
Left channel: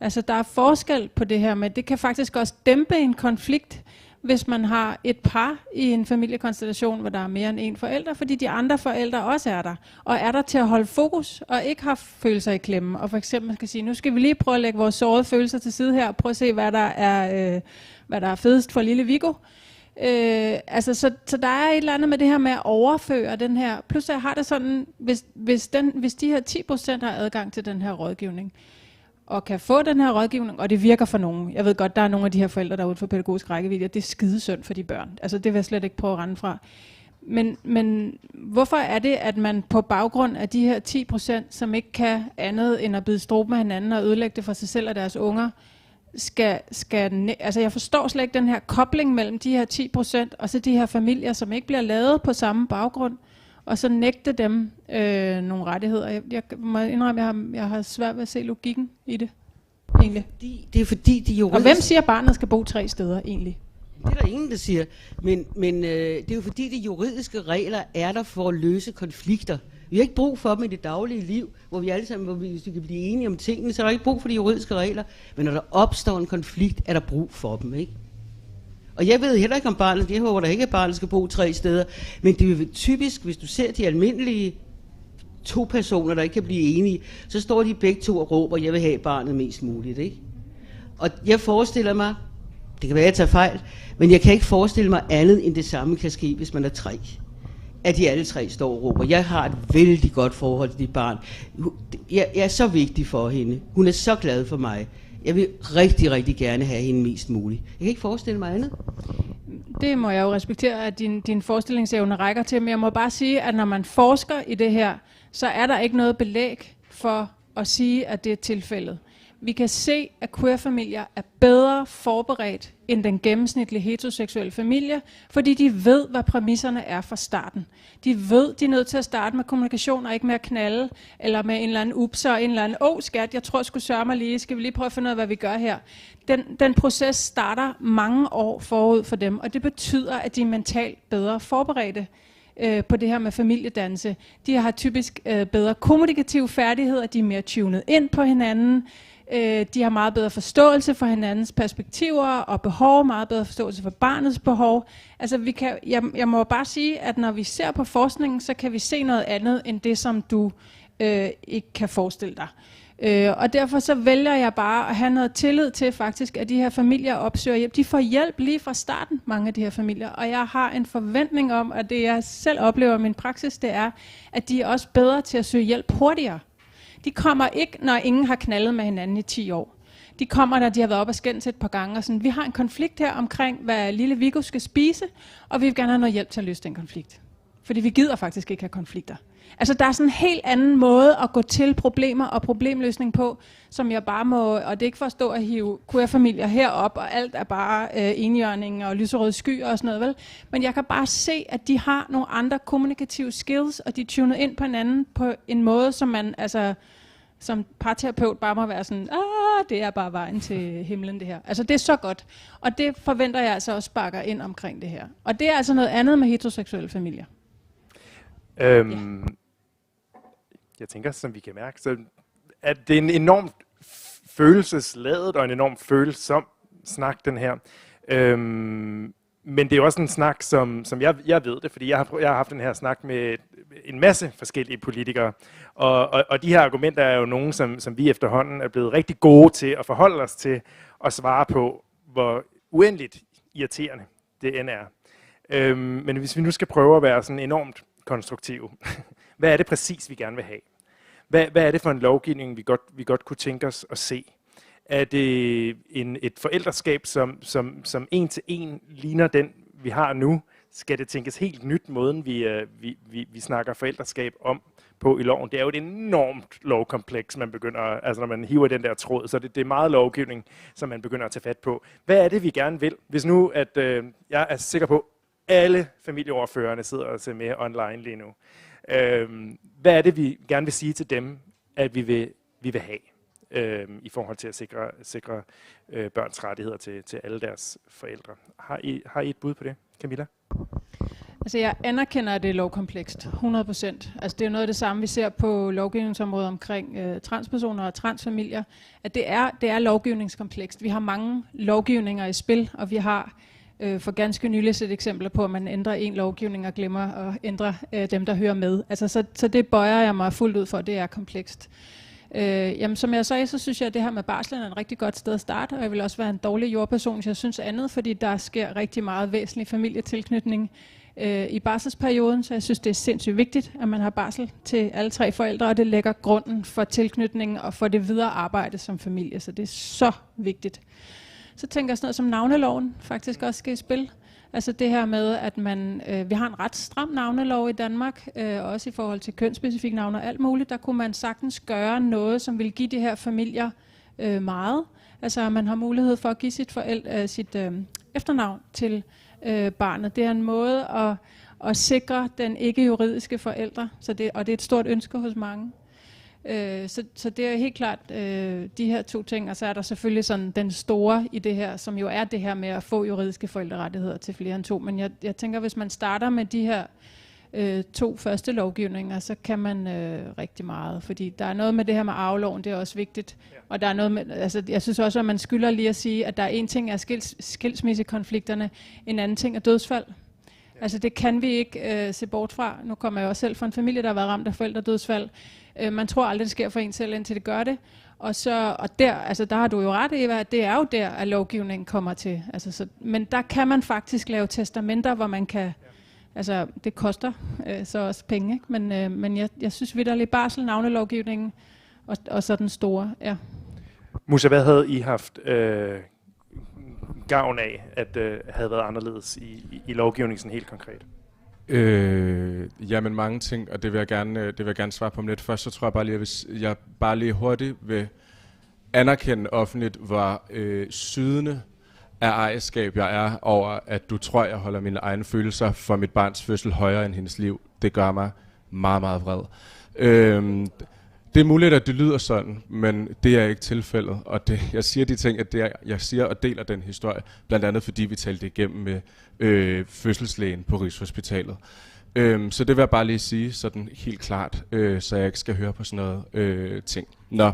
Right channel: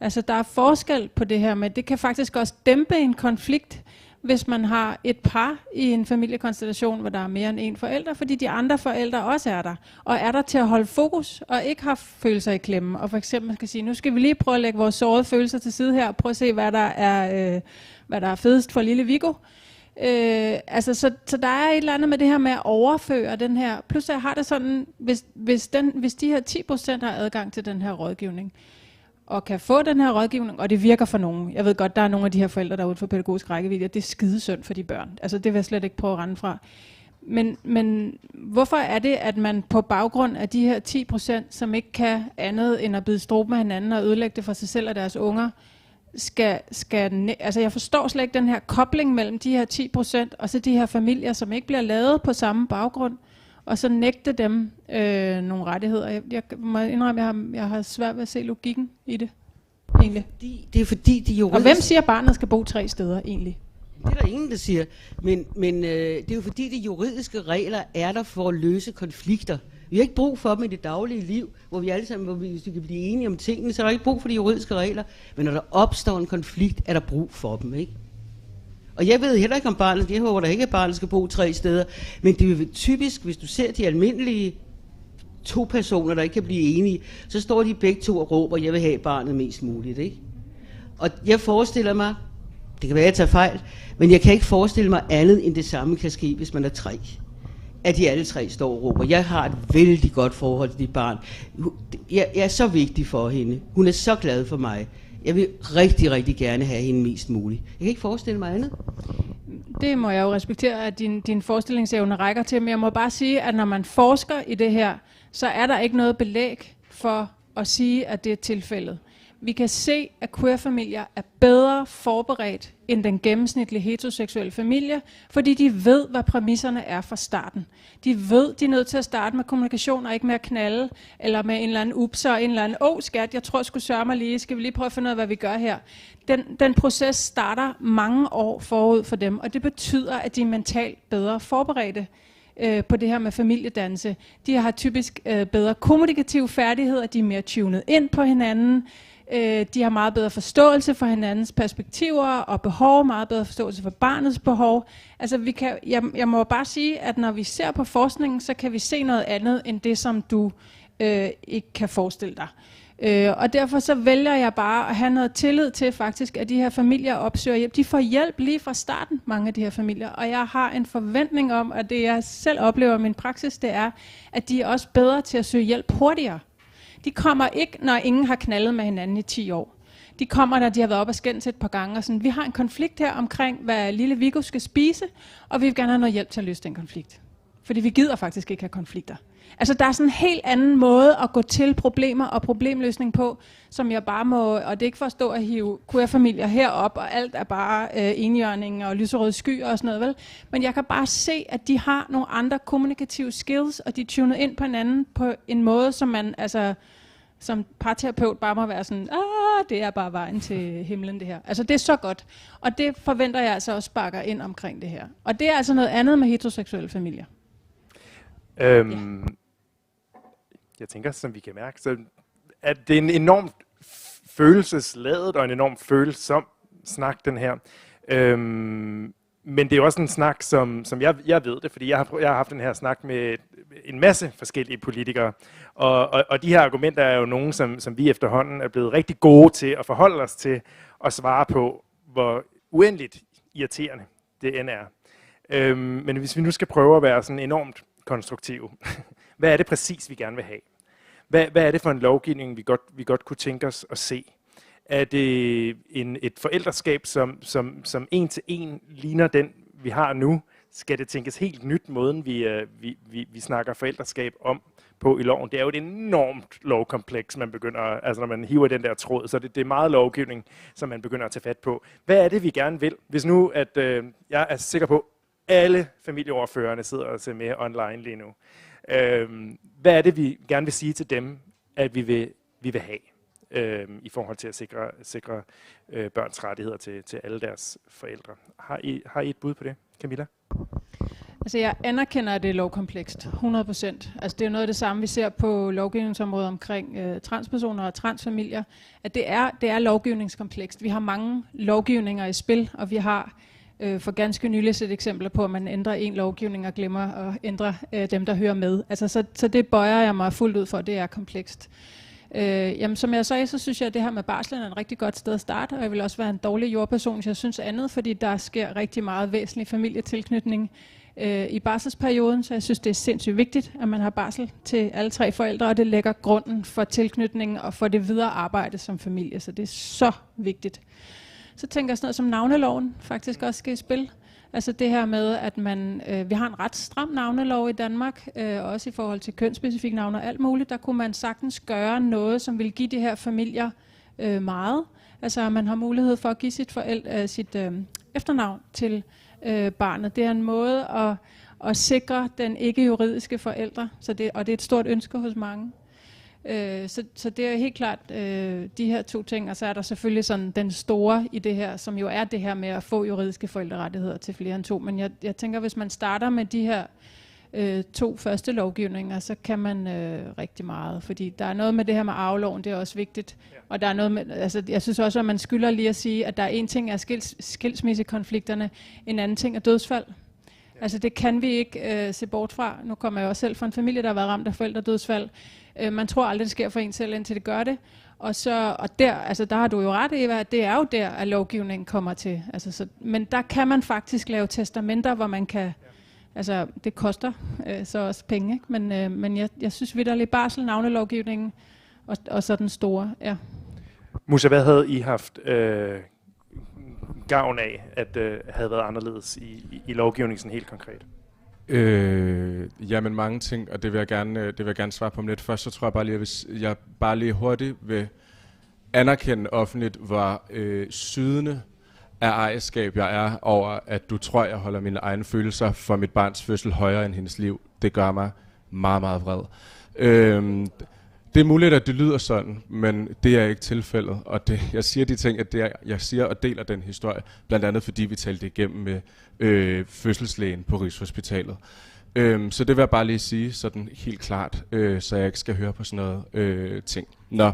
Altså der er forskel på det her, men det kan faktisk også dæmpe en konflikt, hvis man har et par i en familiekonstellation, hvor der er mere end 1 forælder, fordi de andre forældre også er der. Og er der til at holde fokus, og ikke har følelser i klemme. Og for eksempel skal sige, nu skal vi lige prøve at lægge vores sårede følelser til side her, og prøve at se, hvad der er fedest for lille Viggo. Så der er et eller andet med det her med at overføre den her. Plus jeg har det sådan, hvis de her 10% har adgang til den her rådgivning, og kan få den her rådgivning, og det virker for nogen. Jeg ved godt, der er nogle af de her forældre, der er ude for pædagogisk rækkevidde, det er skidesynd for de børn. Altså det vil jeg slet ikke prøve at rende fra. Men hvorfor er det, at man på baggrund af de her 10%, som ikke kan andet end at bide struben med hinanden og ødelægge det for sig selv og deres unger, altså jeg forstår slet ikke den her kobling mellem de her 10% og så de her familier, som ikke bliver lavet på samme baggrund, og så nægte dem nogle rettigheder. Jeg må indrømme, jeg har svært ved at se logikken i det, egentlig. Det er fordi, de juridiske... Og hvem siger, at barnet skal bo 3 steder, egentlig? Det er der ingen, der siger. Men det er jo fordi, de juridiske regler er der for at løse konflikter. Vi har ikke brug for dem i det daglige liv, hvor vi alle sammen, hvis vi kan blive enige om tingene, så er der ikke brug for de juridiske regler. Men når der opstår en konflikt, er der brug for dem, ikke? Og jeg ved heller ikke om barnet, jeg håber der ikke, at barnet skal bo 3 steder, men det er jo typisk, hvis du ser de almindelige 2 personer, der ikke kan blive enige, så står de begge 2 og råber, jeg vil have barnet mest muligt, ikke? Og jeg forestiller mig, det kan være, at jeg tager fejl, men jeg kan ikke forestille mig andet, end det samme kan ske, hvis man er 3. at de alle tre står og råber, jeg har et vældig godt forhold til dit barn. Jeg er så vigtig for hende. Hun er så glad for mig. Jeg vil rigtig, rigtig gerne have hende mest muligt. Jeg kan ikke forestille mig andet. Det må jeg jo respektere, at din forestillingsevne rækker til, men jeg må bare sige, at når man forsker i det her, så er der ikke noget belæg for at sige, at det er tilfældet. Vi kan se, at queer-familier er bedre forberedt end den gennemsnitlige heteroseksuelle familie, fordi de ved, hvad præmisserne er fra starten. De ved, de er nødt til at starte med kommunikation og ikke med at knalde, eller med en eller anden ups og en eller anden, skat, jeg tror jeg skulle sørge mig lige, skal vi lige prøve at finde ud af, hvad vi gør her. Den proces starter mange år forud for dem, og det betyder, at de er mentalt bedre forberedte på det her med familiedannelse. De har typisk bedre kommunikative færdigheder, de er mere tunet ind på hinanden, de har meget bedre forståelse for hinandens perspektiver og behov, meget bedre forståelse for barnets behov. Altså jeg må bare sige, at når vi ser på forskningen, så kan vi se noget andet end det, som du ikke kan forestille dig. Og derfor så vælger jeg bare at have noget tillid til faktisk, at de her familier opsøger hjælp. De får hjælp lige fra starten, mange af de her familier. Og jeg har en forventning om, at det jeg selv oplever i min praksis, det er, at de er også bedre til at søge hjælp hurtigere. De kommer ikke, når ingen har knaldet med hinanden i 10 år. De kommer, når de har været op og skændt et par gange. Og sådan, vi har en konflikt her omkring, hvad lille Viggo skal spise, og vi vil gerne have noget hjælp til at løse den konflikt. Fordi vi gider faktisk ikke have konflikter. Altså der er sådan en helt anden måde at gå til problemer og problemløsning på, som jeg bare må, og det er ikke for at stå og hive queer-familier herop, og alt er bare enhjørning og lyserøde skyer og sådan noget, vel? Men jeg kan bare se, at de har nogle andre kommunikative skills, og de er tunet ind på hinanden på en måde, som man altså som parterapeut bare må være sådan, det er bare vejen til himlen det her. Altså det er så godt, og det forventer jeg altså også sparker ind omkring det her. Og det er altså noget andet med heteroseksuelle familier. Jeg tænker, som vi kan mærke, så at det er en enormt følelsesladet og en enormt følsom snak, den her. Men det er også en snak, som jeg ved det, fordi jeg har haft den her snak med en masse forskellige politikere. Og de her argumenter er jo nogle, som vi efterhånden er blevet rigtig gode til at forholde os til og svare på, hvor uendeligt irriterende det end er. Men hvis vi nu skal prøve at være sådan enormt konstruktive, hvad er det præcis, vi gerne vil have? Hvad er det for en lovgivning, vi godt kunne tænke os at se? Er det et forældreskab, som en til en ligner den, vi har nu? Skal det tænkes helt nyt, måden vi snakker forældreskab om på i loven? Det er jo et enormt lovkompleks, man begynder, altså når man hiver den der tråd, så det er meget lovgivning, som man begynder at tage fat på. Hvad er det, vi gerne vil? Hvis nu, at jeg er sikker på, alle familieordførerne sidder og ser med online lige nu. Hvad er det, vi gerne vil sige til dem, at vi vil have i forhold til at sikre børns rettigheder til alle deres forældre? Har I et bud på det, Camilla? Altså jeg anerkender, at det er lovkomplekst, 100%. Altså det er noget af det samme, vi ser på lovgivningsområdet omkring transpersoner og transfamilier, at det er lovgivningskomplekst. Vi har mange lovgivninger i spil, og vi har for ganske nylig set eksempler på, at man ændrer en lovgivning og glemmer at ændre dem, der hører med. Altså, så det bøjer jeg mig fuldt ud for, det er komplekst. Jamen, som jeg sagde, så synes jeg, at det her med barslen er et rigtig godt sted at starte, og jeg vil også være en dårlig jordperson, hvis jeg synes andet, fordi der sker rigtig meget væsentlig familietilknytning i barselsperioden, så jeg synes, det er sindssygt vigtigt, at man har barsel til alle tre forældre, og det lægger grunden for tilknytningen og for det videre arbejde som familie, så det er så vigtigt. Så tænker jeg sådan noget som navneloven faktisk også skal i spil. Altså det her med, at vi har en ret stram navnelov i Danmark, også i forhold til kønsspecifikke navne og alt muligt. Der kunne man sagtens gøre noget, som vil give de her familier meget. Altså man har mulighed for at give sit efternavn til barnet. Det er en måde at sikre den ikke-juridiske forældre, og det er et stort ønske hos mange. Så det er helt klart de her to ting, og så er der selvfølgelig sådan den store i det her, som jo er det her med at få juridiske forældrerettigheder til flere end to. Men jeg tænker, hvis man starter med de her to første lovgivninger, så kan man rigtig meget, fordi der er noget med det her med arveloven, det er også vigtigt, og der er noget med, altså jeg synes også, at man skylder lige at sige, at der er en ting er skilsmissekonflikterne, en anden ting er dødsfald. Altså det kan vi ikke se bort fra. Nu kommer jeg også selv fra en familie, der har været ramt af forældredødsfald. Man tror aldrig, det sker for en selv, indtil det gør det. Og der har du jo ret, Eva, at det er jo der, at lovgivningen kommer til. Altså, men der kan man faktisk lave testamenter, hvor man kan Altså, det koster så også penge, ikke? Men jeg synes vitterligt barsel, navnelovgivningen og så den store, ja. Musa, hvad havde I haft gavn af, at havde været anderledes i lovgivningen sådan helt konkret? Jamen mange ting, og det vil jeg gerne svare på om lidt. Først så tror jeg bare lige, at jeg bare lige hurtigt vil anerkende offentligt, hvor sydende af ejerskab jeg er over, at du tror, jeg holder mine egne følelser for mit barns fødsel højere end hendes liv. Det gør mig meget, meget vred. Det er muligt, at det lyder sådan, men det er ikke tilfældet. Og jeg siger de ting, at jeg siger og deler den historie, blandt andet fordi vi talte igennem med fødselslægen på Rigshospitalet. Så det vil jeg bare lige sige sådan helt klart, så jeg ikke skal høre på sådan noget ting. Nå.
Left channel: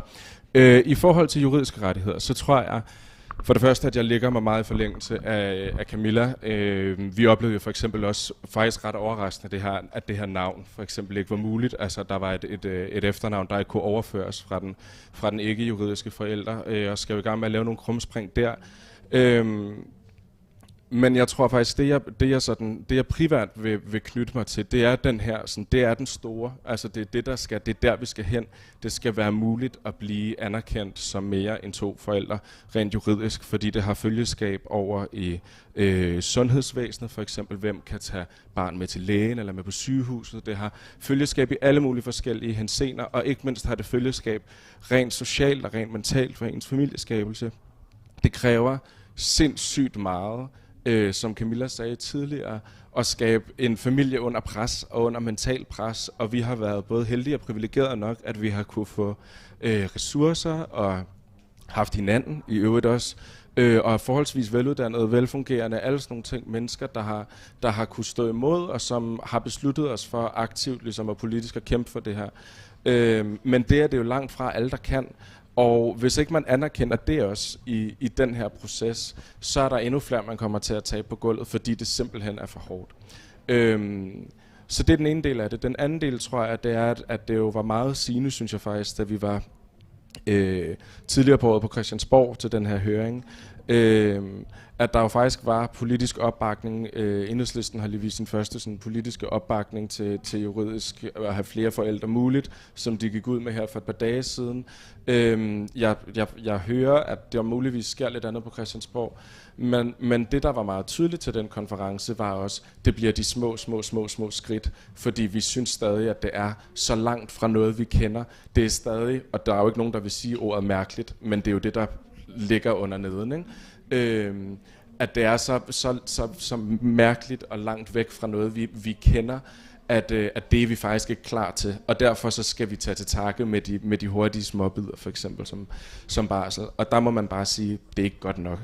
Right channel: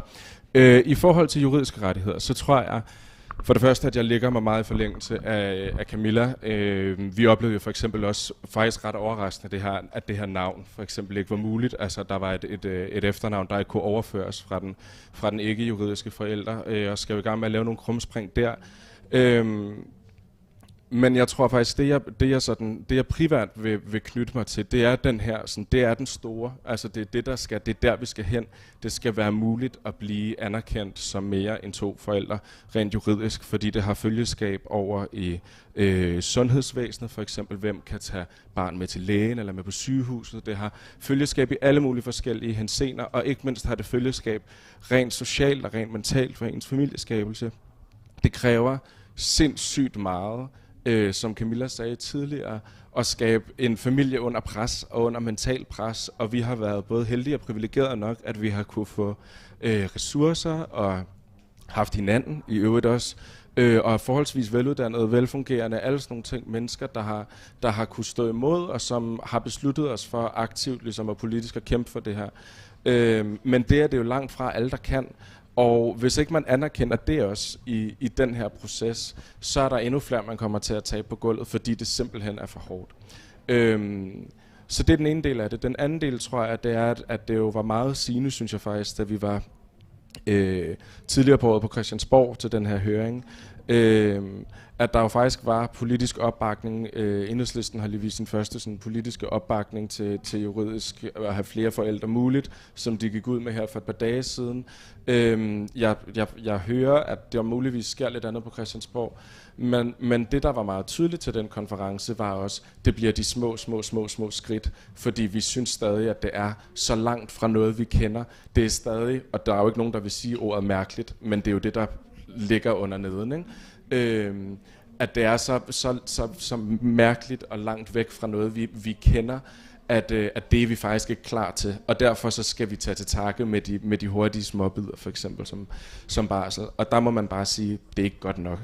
I forhold til juridiske rettigheder, så tror jeg for det første, at jeg ligger mig meget i forlængelse af Camilla. Vi oplevede jo for eksempel også faktisk ret overraskende at det her navn for eksempel ikke var muligt. Altså der var et efternavn, der ikke kunne overføres fra den ikke-juridiske forælder, og skal jo i gang med at lave nogle krumspring der. Men jeg tror faktisk, det jeg privat vil knytte mig til, det er den her, sådan, det er den store, altså det er der vi skal hen. Det skal være muligt at blive anerkendt som mere end 2 forældre, rent juridisk, fordi det har følgeskab over i sundhedsvæsenet, for eksempel, hvem kan tage barn med til lægen eller med på sygehuset. Det har følgeskab i alle mulige forskellige henseender, og ikke mindst har det følgeskab rent socialt og rent mentalt for ens familieskabelse. Det kræver sindssygt meget, som Camilla sagde tidligere, at skabe en familie under pres og under mental pres, og vi har været både heldige og privilegerede nok, at vi har kunne få ressourcer og haft hinanden i øvrigt også, og er forholdsvis veluddannede, velfungerende, alle sådan nogle ting, mennesker, der har kunne stå imod, og som har besluttet os for aktivt ligesom og politisk at kæmpe for det her. Men det er det jo langt fra alle, der kan. Og hvis ikke man anerkender det også i den her proces, så er der endnu flere, man kommer til at tabe på gulvet, fordi det simpelthen er for hårdt. Så det er den ene del af det. Den anden del, tror jeg, det er, at det jo var meget sigende, synes jeg faktisk, da vi var tidligere på året på Christiansborg til den her høring, at der jo faktisk var politisk opbakning. Enhedslisten har lige vist sin første sådan, politiske opbakning til juridisk at have flere forældre muligt, som de gik ud med her for et par dage siden. Jeg hører, at det muligvis sker lidt andet på Christiansborg, men det, der var meget tydeligt til den konference, var også, det bliver de små skridt, fordi vi synes stadig, at det er så langt fra noget, vi kender. Det er stadig, og der er jo ikke nogen, der vil sige ordet mærkeligt, men det er jo det, der ligger under neden, ikke? At det er så mærkeligt og langt væk fra noget, vi kender, at det er vi faktisk ikke klar til. Og derfor så skal vi tage til takke med de hurtige småbidder, for eksempel som barsel. Og der må man bare sige, det er ikke godt nok.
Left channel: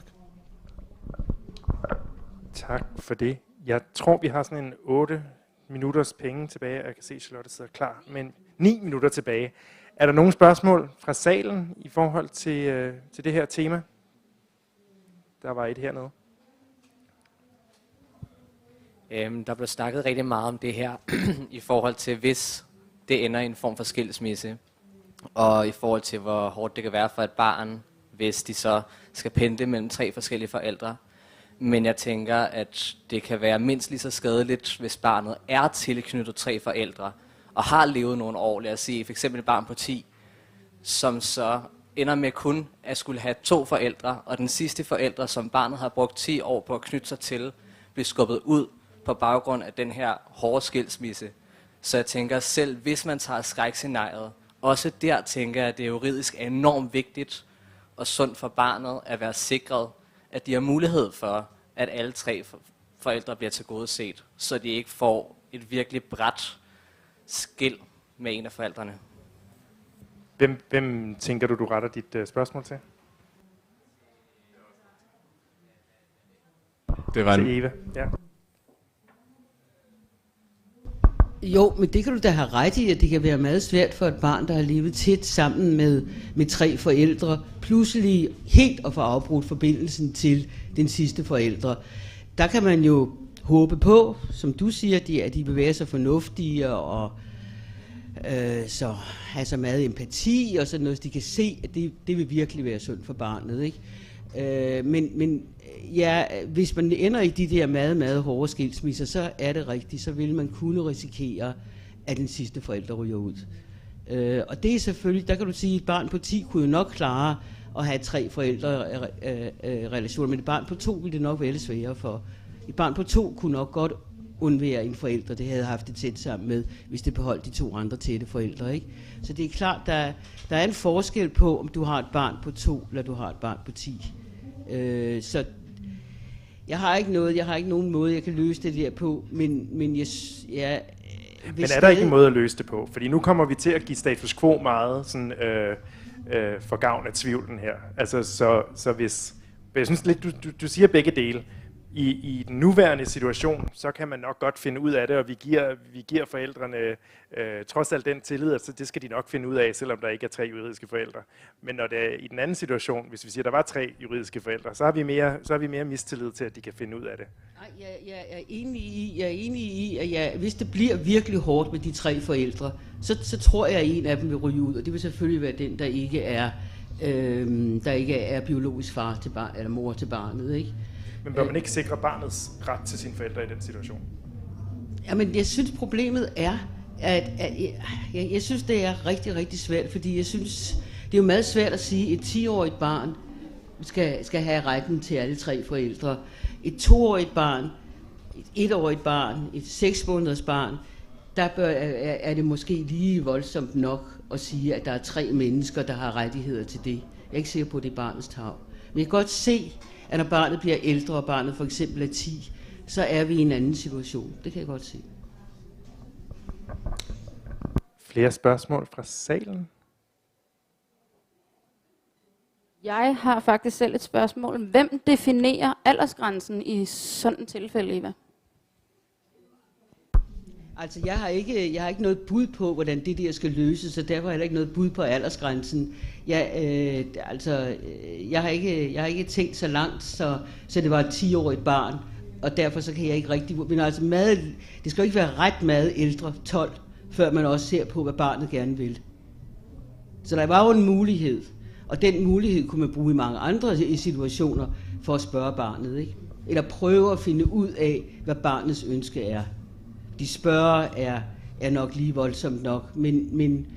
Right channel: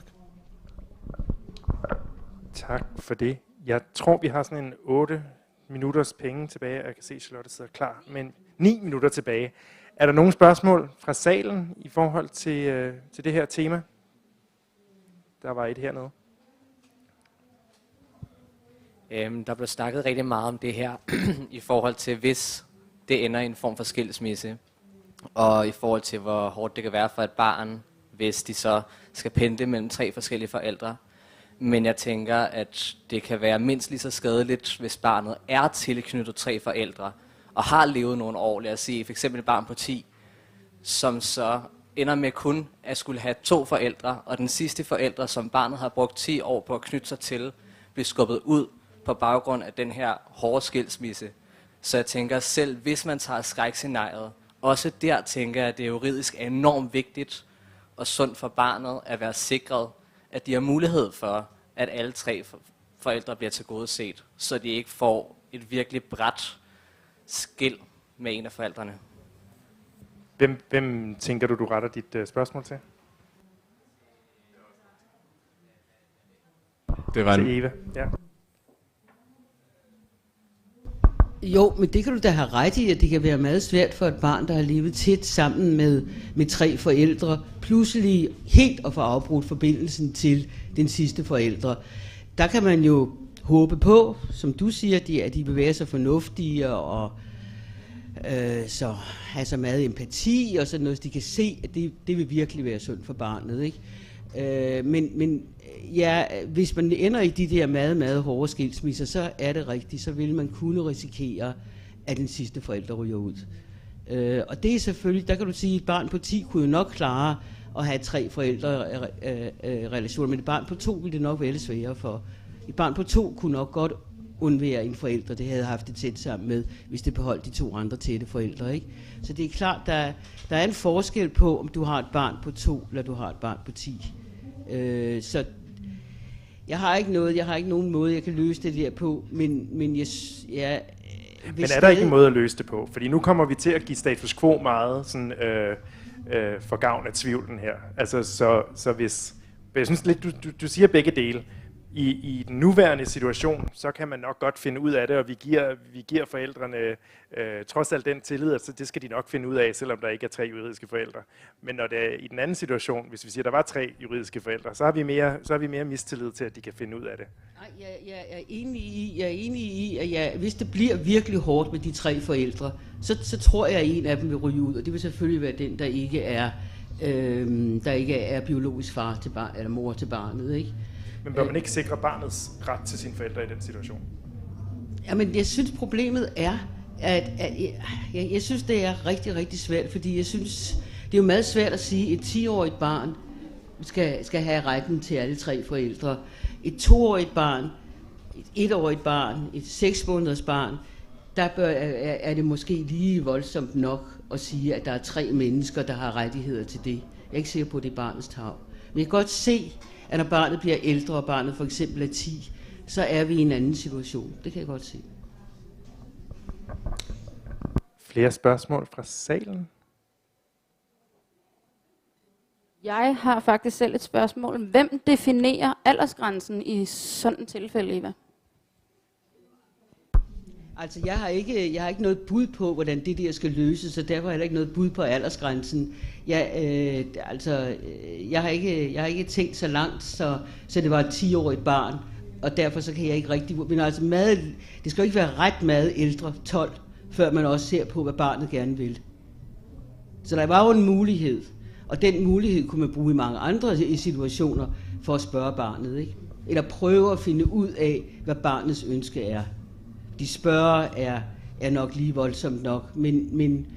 Tak for det. Jeg tror, vi har sådan en 8 minutters penge tilbage. Jeg kan se, at Charlotte sidder klar, men 9 minutter tilbage. Er der nogle spørgsmål fra salen i forhold til det her tema? Der var et hernede. Der blev snakket rigtig meget om det her i forhold til, hvis det ender i en form for skilsmisse, og i forhold til, hvor hårdt det kan være for et barn, hvis de så skal pendle mellem 3 forskellige forældre. Men jeg tænker, at det kan være mindst lige så skadeligt, hvis barnet er tilknyttet 3 forældre, og har levet nogle år, lad os sige, for eksempel et barn på 10, som så ender med kun at skulle have 2 forældre, og den sidste forældre, som barnet har brugt 10 år på at knytte sig til, bliver skubbet ud på baggrund af den her hårde skilsmisse. Så jeg tænker, selv hvis man tager skrækscenariet, også der tænker jeg, at det juridisk er enormt vigtigt og sundt for barnet at være sikret, at de har mulighed for, at alle 3 forældre bliver tilgodeset, så de ikke får et virkelig brat skil med en af forældrene. Hvem tænker du retter dit spørgsmål til? Det var til Eva, ja. Jo, men det kan du da have ret i, at det kan være meget svært for et barn, der har levet tæt sammen med 3 forældre, pludselig helt at få afbrudt forbindelsen til den sidste forældre. Der kan man jo håbe på, som du siger, at de vil være så fornuftige og så have så meget empati og sådan noget, så de kan se, at det vil virkelig være sundt for barnet, ikke? Men ja, hvis man ender i de der meget hårde skilsmisser, så er det rigtigt, så vil man kunne risikere, at den sidste forælder ryger ud. Og det er selvfølgelig, der kan du sige, at et barn på 10 kunne jo nok klare at have 3 forældre-relationer, men et barn på 2 ville det nok være lidt sværere for. Et barn på 2 kunne nok godt undvære en forælder, det havde haft det tæt sammen med, hvis det beholdt de 2 andre tætte forældre, ikke? Så det er klart, der er en forskel på, om du har et barn på 2, eller du har et barn på 10. Så jeg har ikke nogen måde, jeg kan løse det der på, men Men er der ikke en måde at løse det på? Fordi nu kommer vi til at give status quo meget sådan, for gavn af tvivlen her. Altså, så hvis jeg synes lidt, du siger begge dele. I den nuværende situation, så kan man nok godt finde ud af det, og vi giver forældrene trods alt den tillid, at det skal de nok finde ud af, selvom der ikke er 3 juridiske forældre. Men når det er i den anden situation, hvis vi siger, at der var 3 juridiske forældre, så har vi mere mistillid til, at de kan finde ud af det. Nej, jeg er enig i, at hvis det bliver virkelig hårdt med de 3 forældre, så tror jeg, at en af dem vil ryge ud, og det vil selvfølgelig være den, der ikke er biologisk far til barn, eller mor til barnet, ikke? Men bør man ikke sikre barnets ret til sine forældre i den situation? Jamen, jeg synes, problemet er, at jeg synes, det er rigtig, rigtig svært, fordi jeg synes, det er jo meget svært at sige, at et 10-årigt barn skal have retten til alle 3 forældre. Et 2-årigt barn, et 1-årigt barn, et 6-måneders barn, der er det måske lige voldsomt nok at sige, at der er 3 mennesker, der har rettigheder til det. Jeg er ikke sikker på, at det er barnets tarv. Men jeg kan godt se, at når barnet bliver ældre, og barnet for eksempel er 10, så er vi i en anden situation. Det kan jeg godt se. Flere spørgsmål fra salen? Jeg har faktisk selv et spørgsmål. Hvem definerer aldersgrænsen i sådan et tilfælde, Eva? Altså, jeg har ikke noget bud på, hvordan det der skal løses, og derfor har jeg ikke noget bud på aldersgrænsen. Jeg har ikke tænkt så langt, så det var et 10-årigt barn, og derfor så kan jeg ikke rigtig... Men altså, det skal jo ikke være ret meget ældre, 12, før man også ser på, hvad barnet gerne vil. Så der var jo en mulighed, og den mulighed kunne man bruge i mange andre situationer for at spørge barnet, ikke? Eller prøve at finde ud af, hvad barnets ønske er. De spørger er nok lige voldsomt nok, men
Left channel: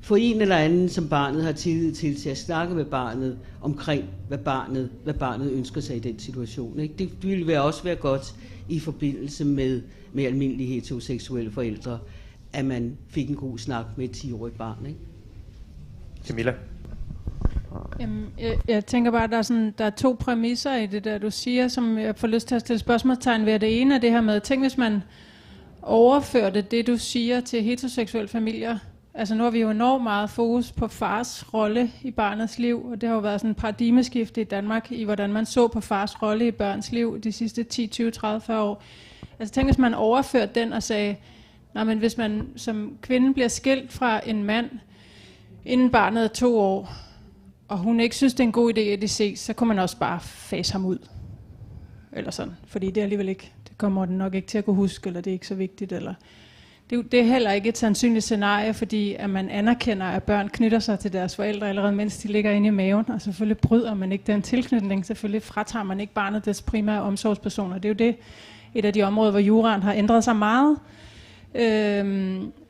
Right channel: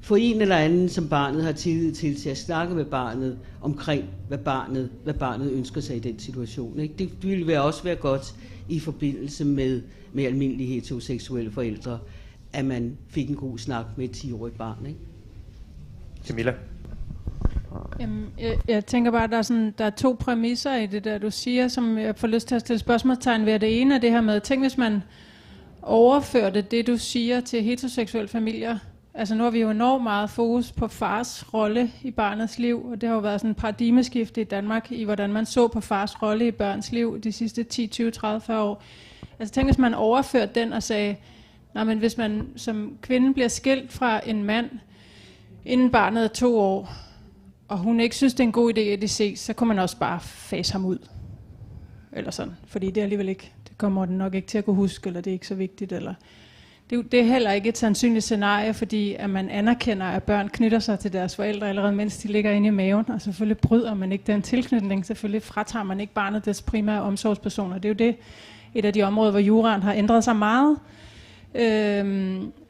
få en eller anden, som barnet har tillid til at snakke med barnet omkring, hvad barnet ønsker sig i den situation, ikke? Det ville også være godt i forbindelse med almindelige heteroseksuelle forældre, at man fik en god snak med et 10-årigt barn, ikke? Camilla? Jamen, jeg tænker bare, at der er 2 præmisser i det der, du siger, som jeg får lyst til at stille spørgsmålstegn ved. Det ene er det her med, tænk hvis man overførte det, du siger, til heteroseksuelle familier. Altså nu har vi jo enormt meget fokus på fars rolle i barnets liv, og det har jo været sådan en paradigmeskifte i Danmark, i hvordan man så på fars rolle i børns liv de sidste 10, 20, 30, 40 år. Altså tænk, hvis man overførte den og sagde, nej, men hvis man som kvinde bliver skilt fra en mand, inden barnet er 2 år, og hun ikke synes, det er en god idé, at de ses, så kunne man også bare fase ham ud. Eller sådan, fordi det er alligevel ikke, det kommer den nok ikke til at kunne huske, eller det er ikke så vigtigt, eller... Det er heller ikke et sandsynligt scenarie, fordi at man anerkender, at børn knytter sig til deres forældre allerede, mens de ligger inde i maven, og selvfølgelig bryder man ikke den tilknytning, selvfølgelig fratager man ikke barnet dets primære omsorgspersoner. Det er jo det, et af de områder, hvor juraen har ændret sig meget.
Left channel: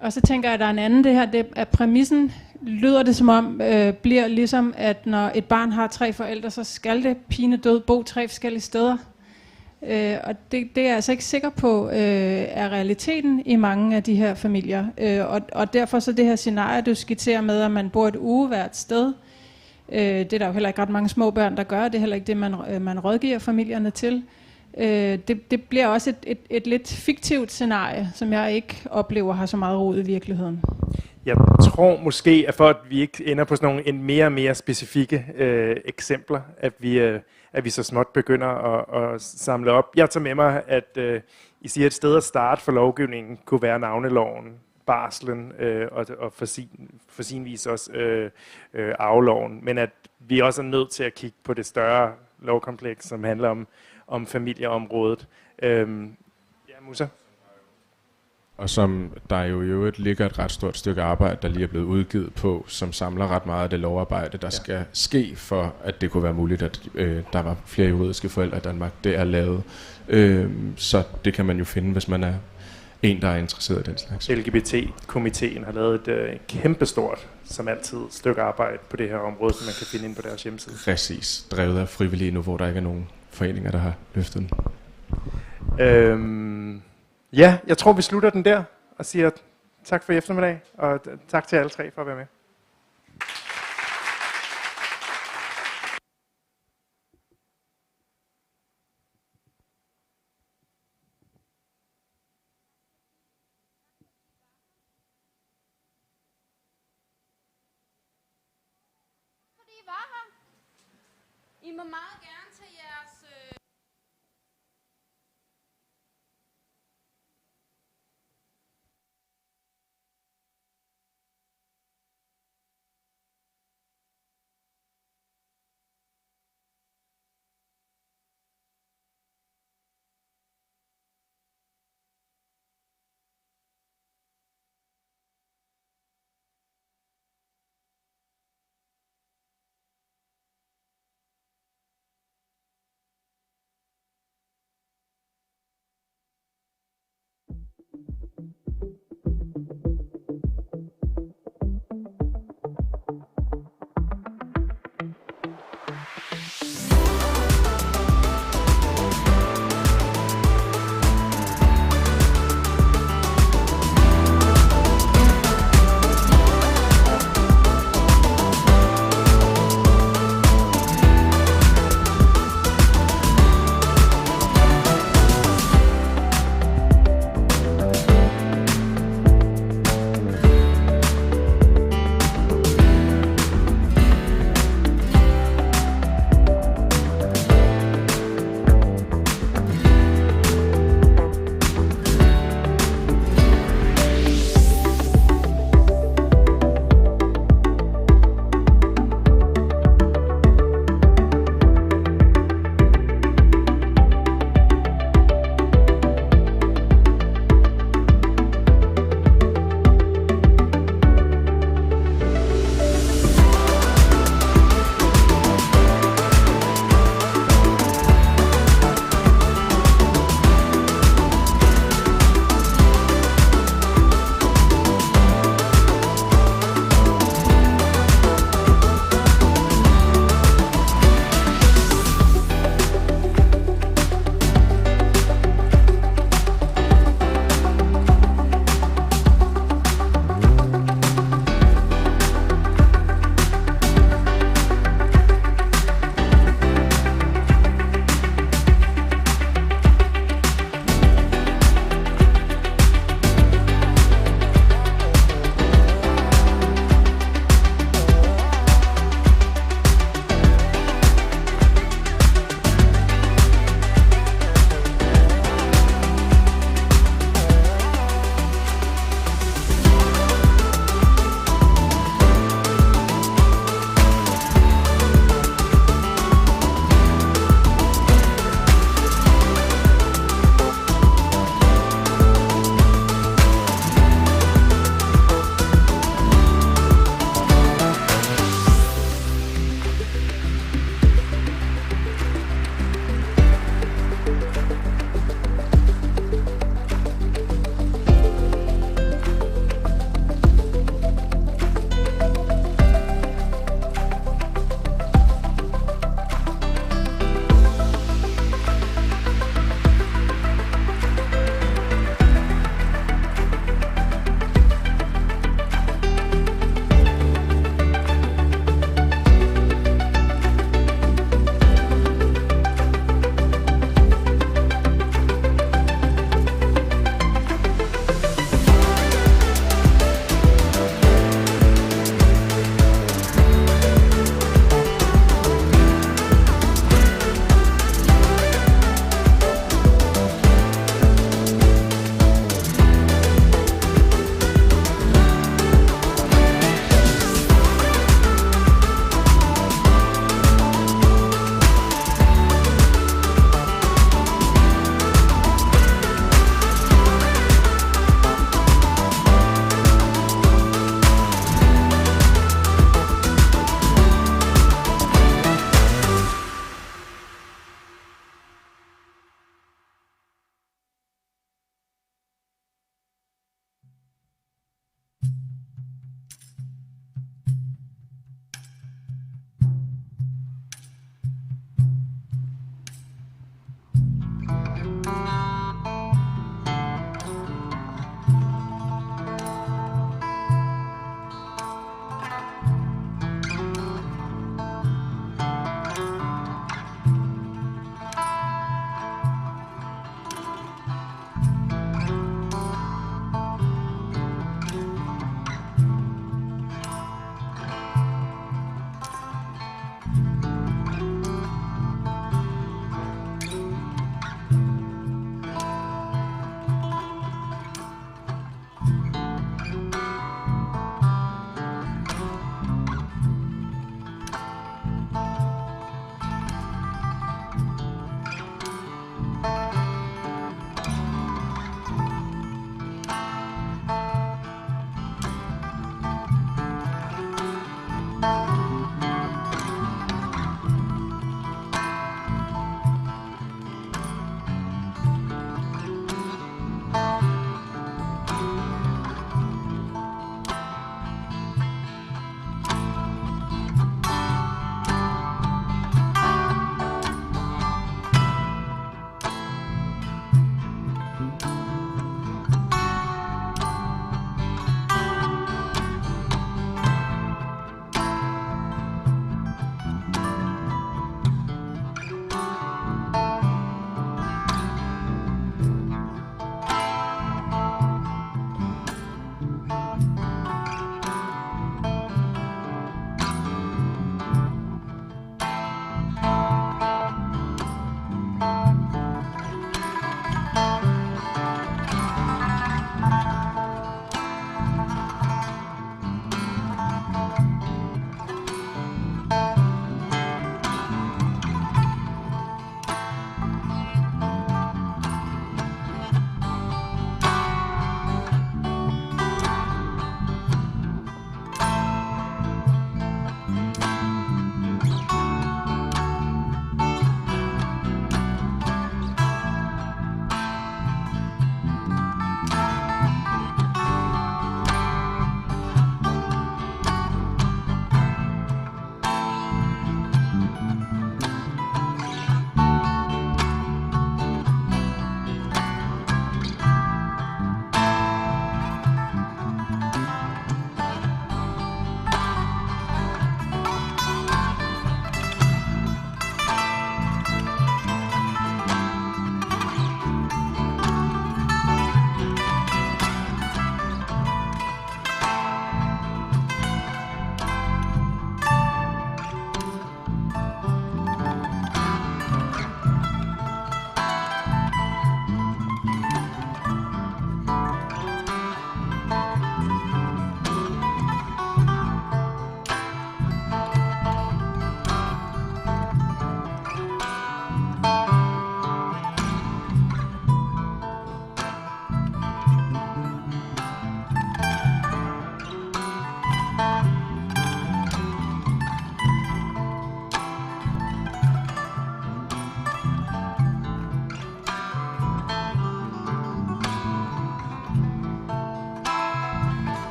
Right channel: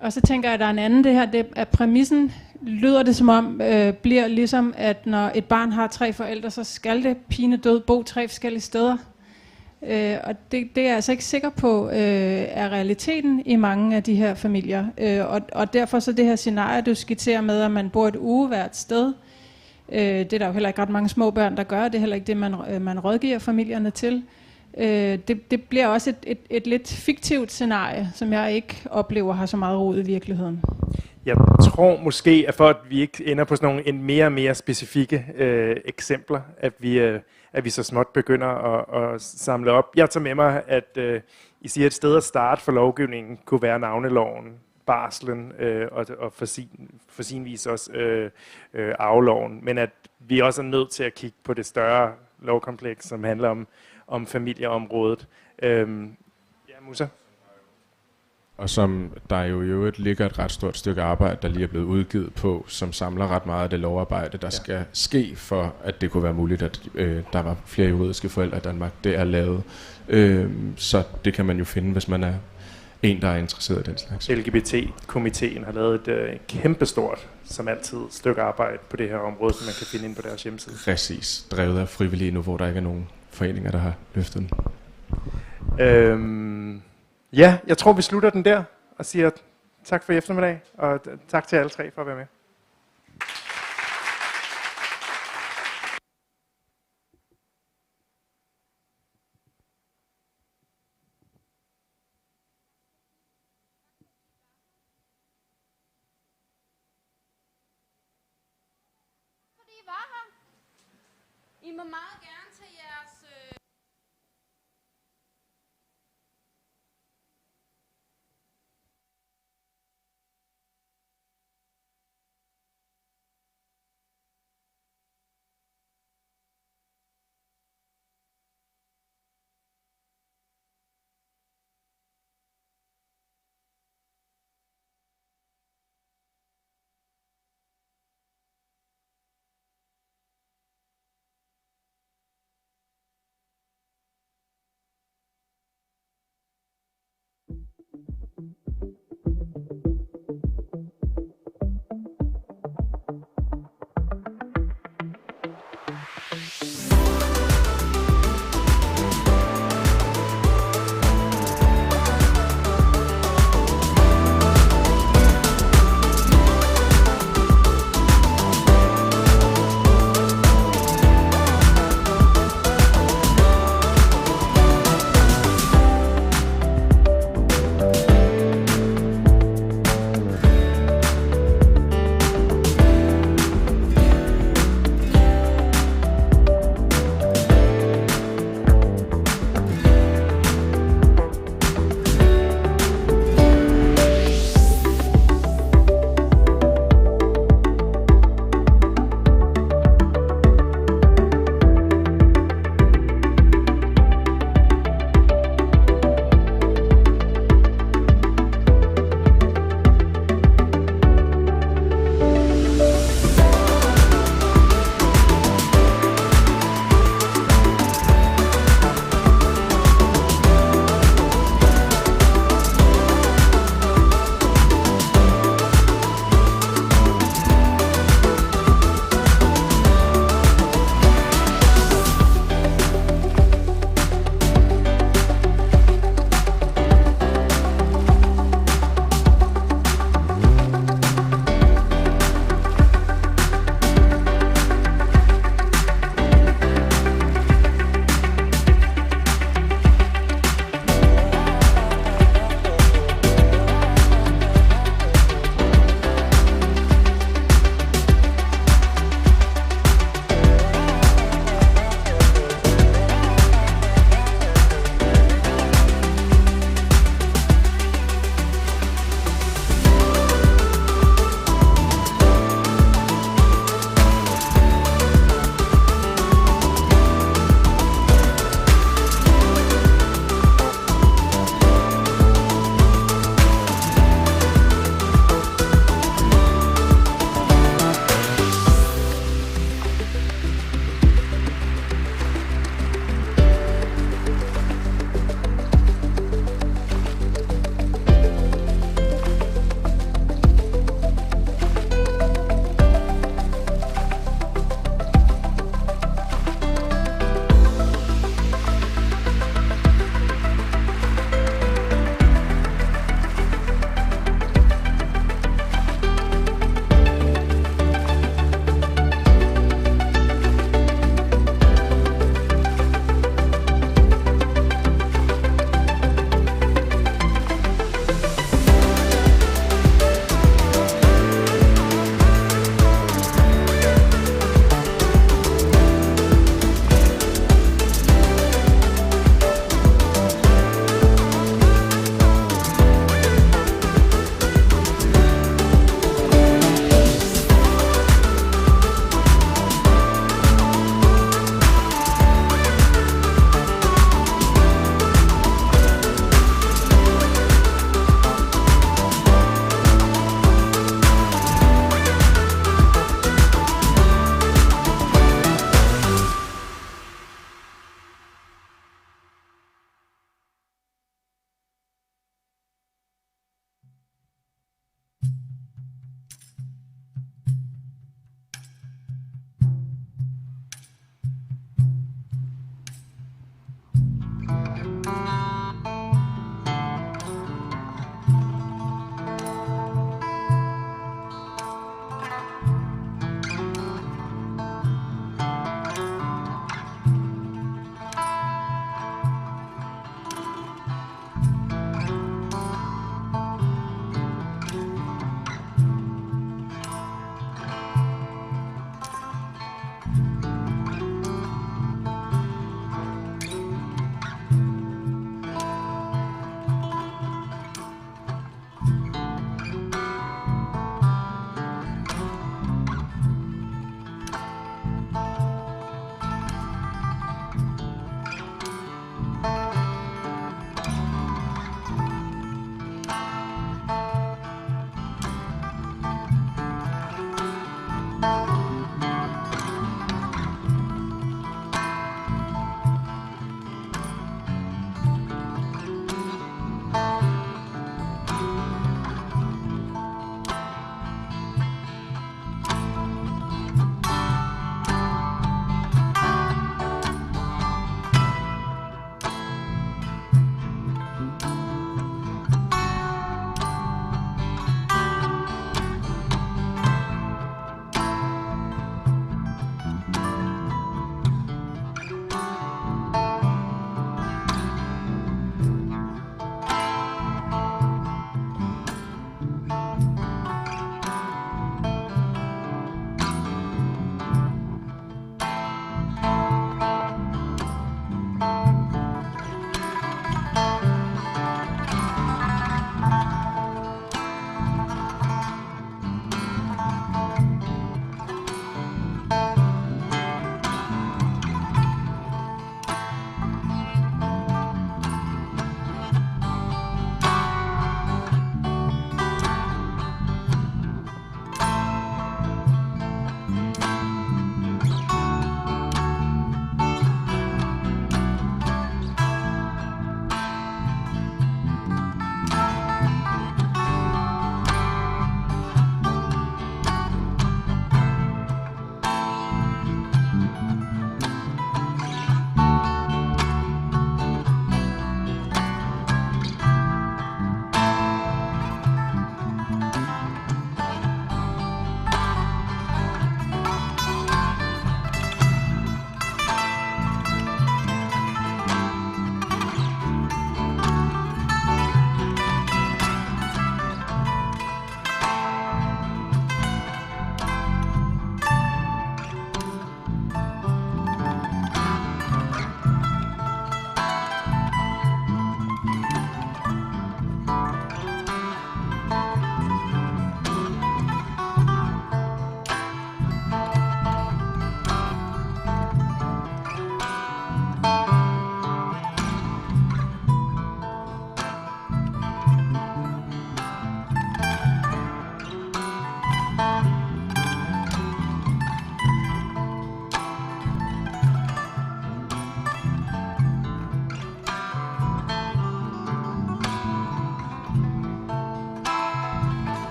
Og så tænker jeg, at der er en anden, det her, det er præmissen, lyder det som om, bliver ligesom, at når et barn har 3 forældre, så skal det pinedød bo 3 forskellige steder. Og det er jeg altså ikke sikker på er realiteten i mange af de her familier. Og derfor så det her scenarie, du skitserer med, at man bor et uge hvert sted, det er der jo heller ikke ret mange små børn, der gør. Det er heller ikke det, man rådgiver familierne til. Det bliver også et lidt fiktivt scenarie, som jeg ikke oplever har så meget rod i virkeligheden. Jeg tror måske, at for at vi ikke ender på sådan nogle en mere og mere specifikke eksempler, at vi så småt begynder at samle op. Jeg tager med mig, at I siger, at et sted at starte for lovgivningen kunne være navneloven, barslen og for sin vis også arveloven, men at vi også er nødt til at kigge på det større lovkompleks, som handler om familieområdet. Ja, Musa? og som der jo i øvrigt ligger et ret stort stykke arbejde, der lige er blevet udgivet på, som samler ret meget af det lovarbejde, der skal ske for, at det kunne være muligt, at der var flere juridiske forældre i Danmark. Det er lavet, så det kan man jo finde, hvis man er en, der er interesseret i den slags. LGBT-komiteen har lavet et kæmpestort, som altid, stykke arbejde på det her område, som man kan finde ind på deres hjemmeside. Præcis, drevet af frivillige nu, hvor der ikke er nogen foreninger, der har løftet den. Ja, jeg tror, vi slutter den der og siger tak for i eftermiddag, og tak til alle tre for at være med. I må meget gerne tage jeres...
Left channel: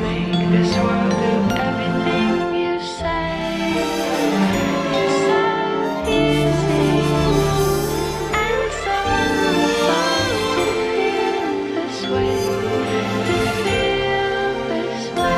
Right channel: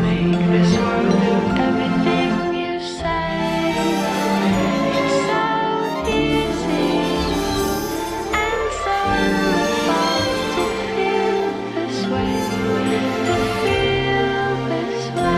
make this world do everything you say. It's so easy and so fun to feel this way, to feel this way.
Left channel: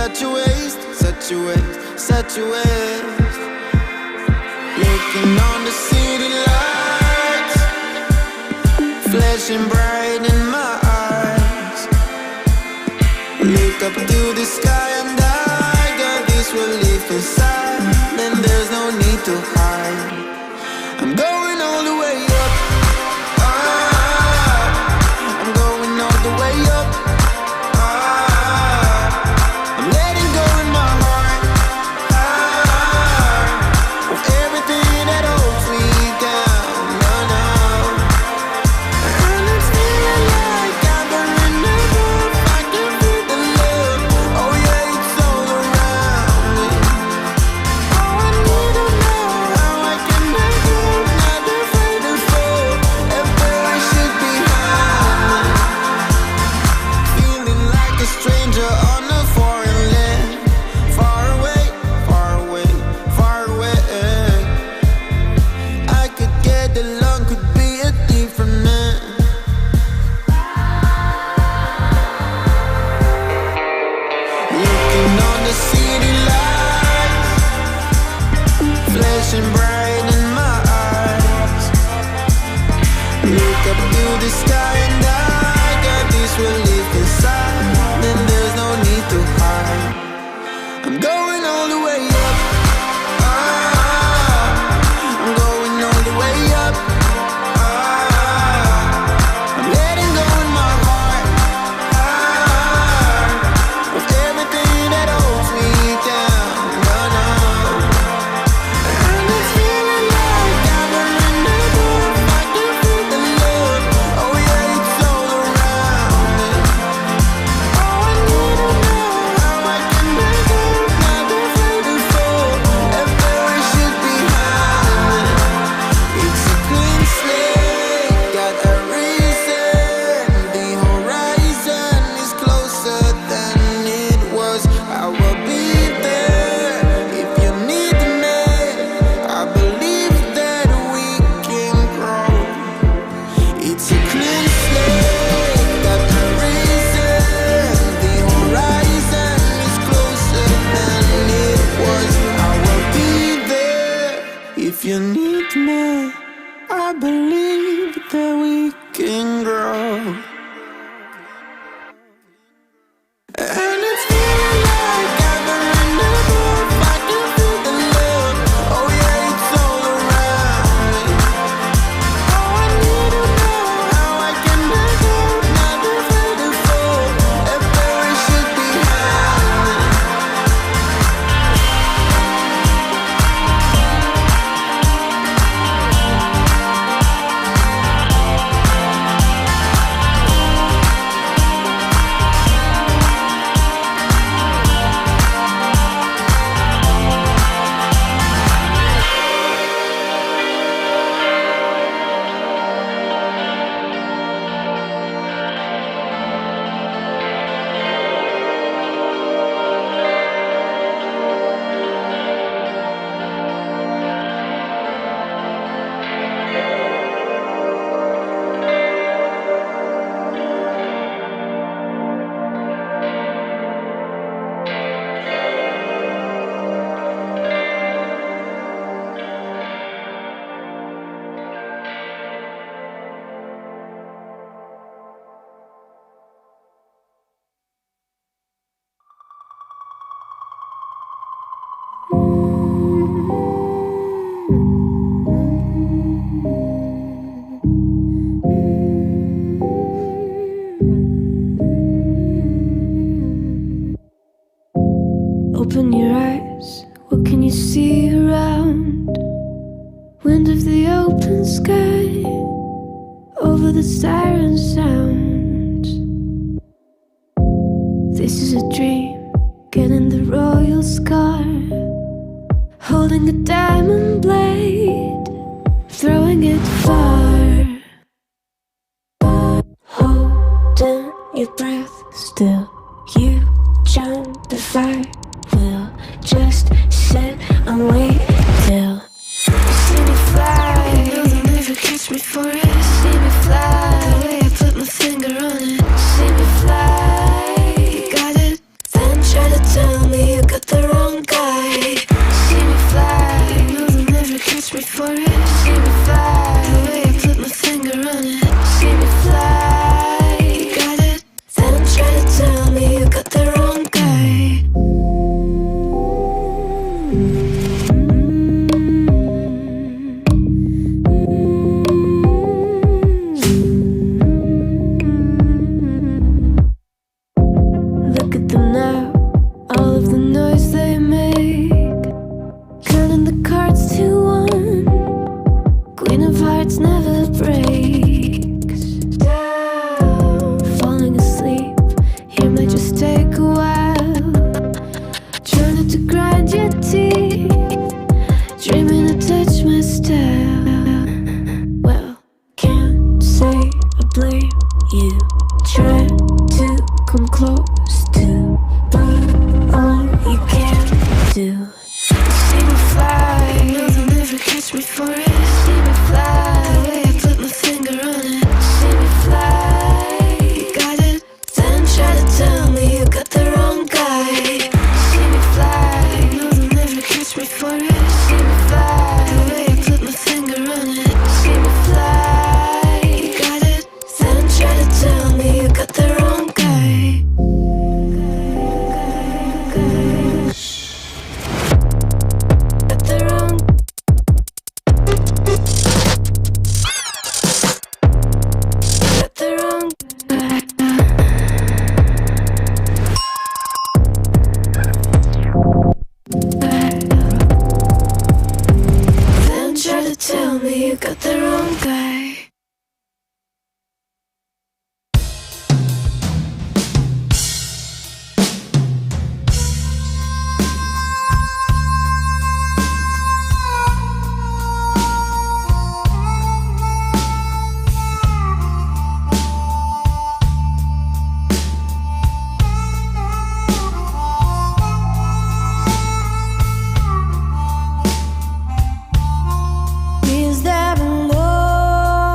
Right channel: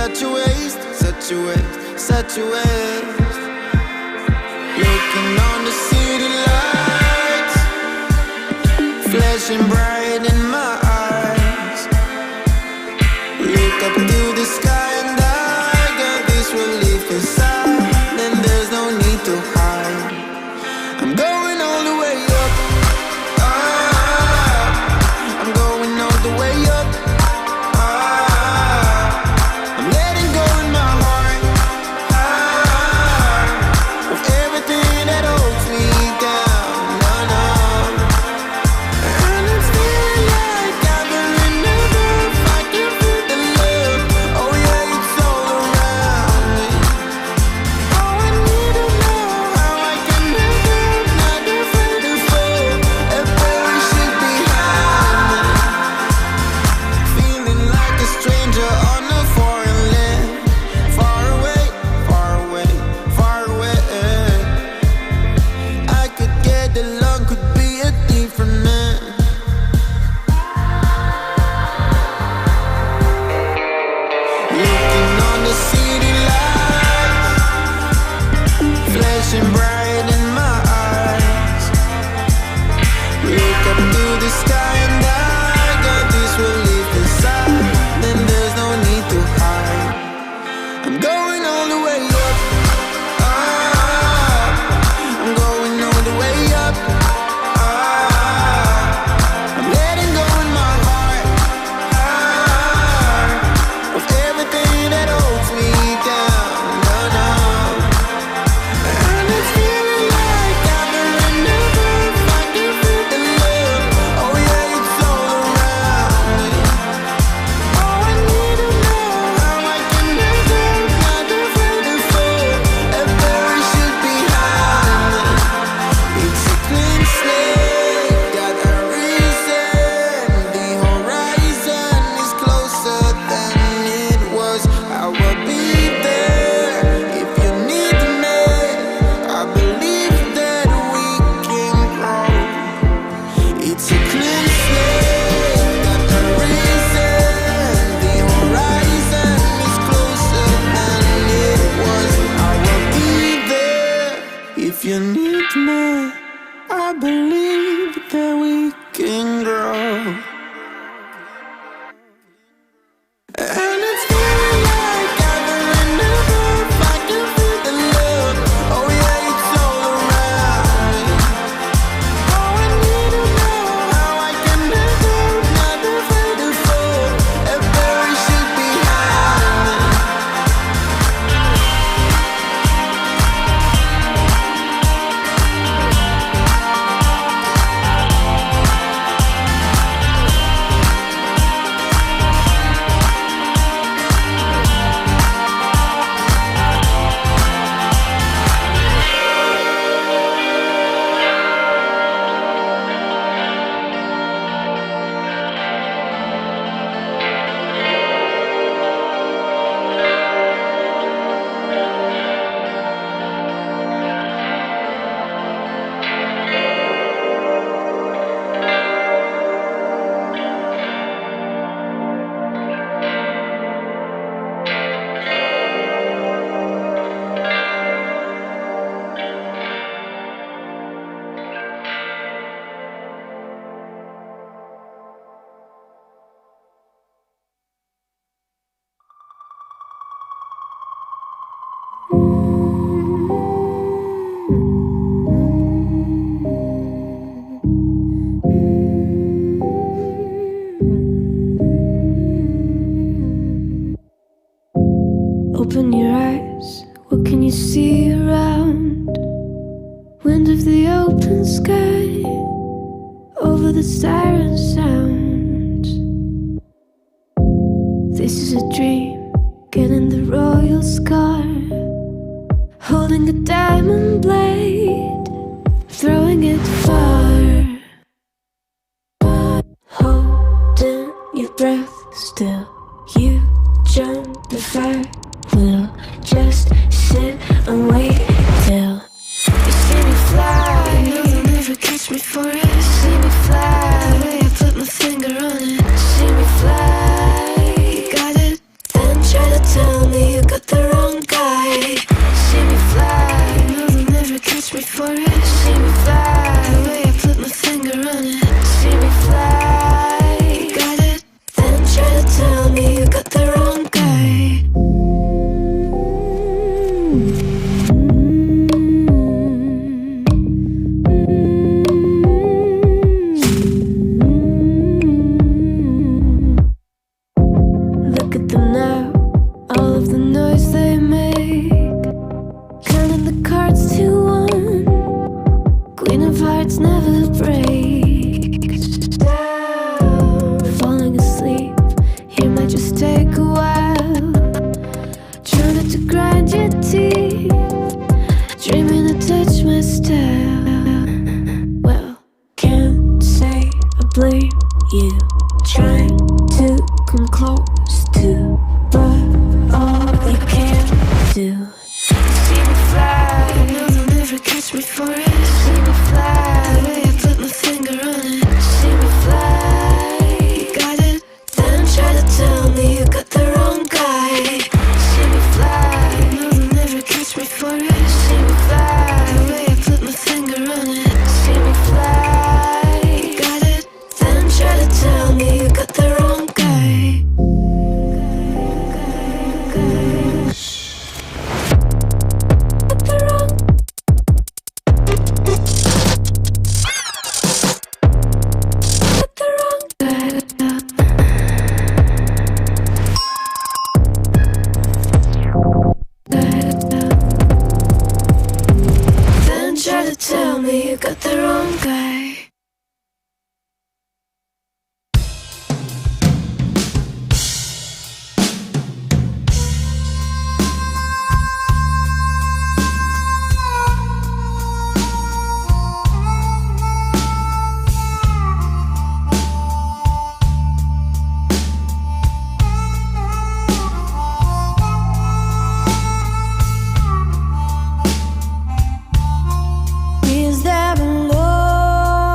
Such a waste, such a waste, such a waste. Looking on the city lights, flashing bright in my eyes. Look up to the sky and I got this relief inside. Then there's no need to hide. I'm going all the way up. I'm going all the way up. Everything that holds me down, no, no. And it's I believe that we can grow. And it's feeling like I've been in the groove. I can feel the love. Oh yeah, it's all around. Oh, I need to know how I can let go. Not afraid to fall. If there should be high. Open your eyes, what can you see around? Wind of the open sky, over the siren sound. This is a dream, getting the royal scar, holding a diamond blade, throwing it far. Holding your breath still, you jump the fire. We'll just sit and wait till you see me fly. You know they'll never catch me for it. See me fly, the way I put my finger on it. See me fly, you got it. Then try to tell me you got the wrong guy. See me fly, you know they'll never catch me for it. See me fly, the way I put my finger on it. See me fly, you got it. Then try to tell me you got the wrong guy. Look at them now, all of the noise they make, counting the cards to one. Queen of hearts never breaks. Falling asleep, here might just take a while. Try not to grind your teeth, dreaming to touch my style. Well, can't say I blame you. Try to come close to, but all you can do. See me fly, you know they'll never catch me for it. See me fly, the way I put my finger on it. See me fly, you got it. Then try to tell me you got the wrong guy. See me fly, you know they'll never catch me for it. See me fly, the way I put my finger on it. See me fly, you got it. Then try to tell me you got the wrong guy. Got the wrong. Got the wrong guy. Then try to tell me you got the wrong guy. Is that love?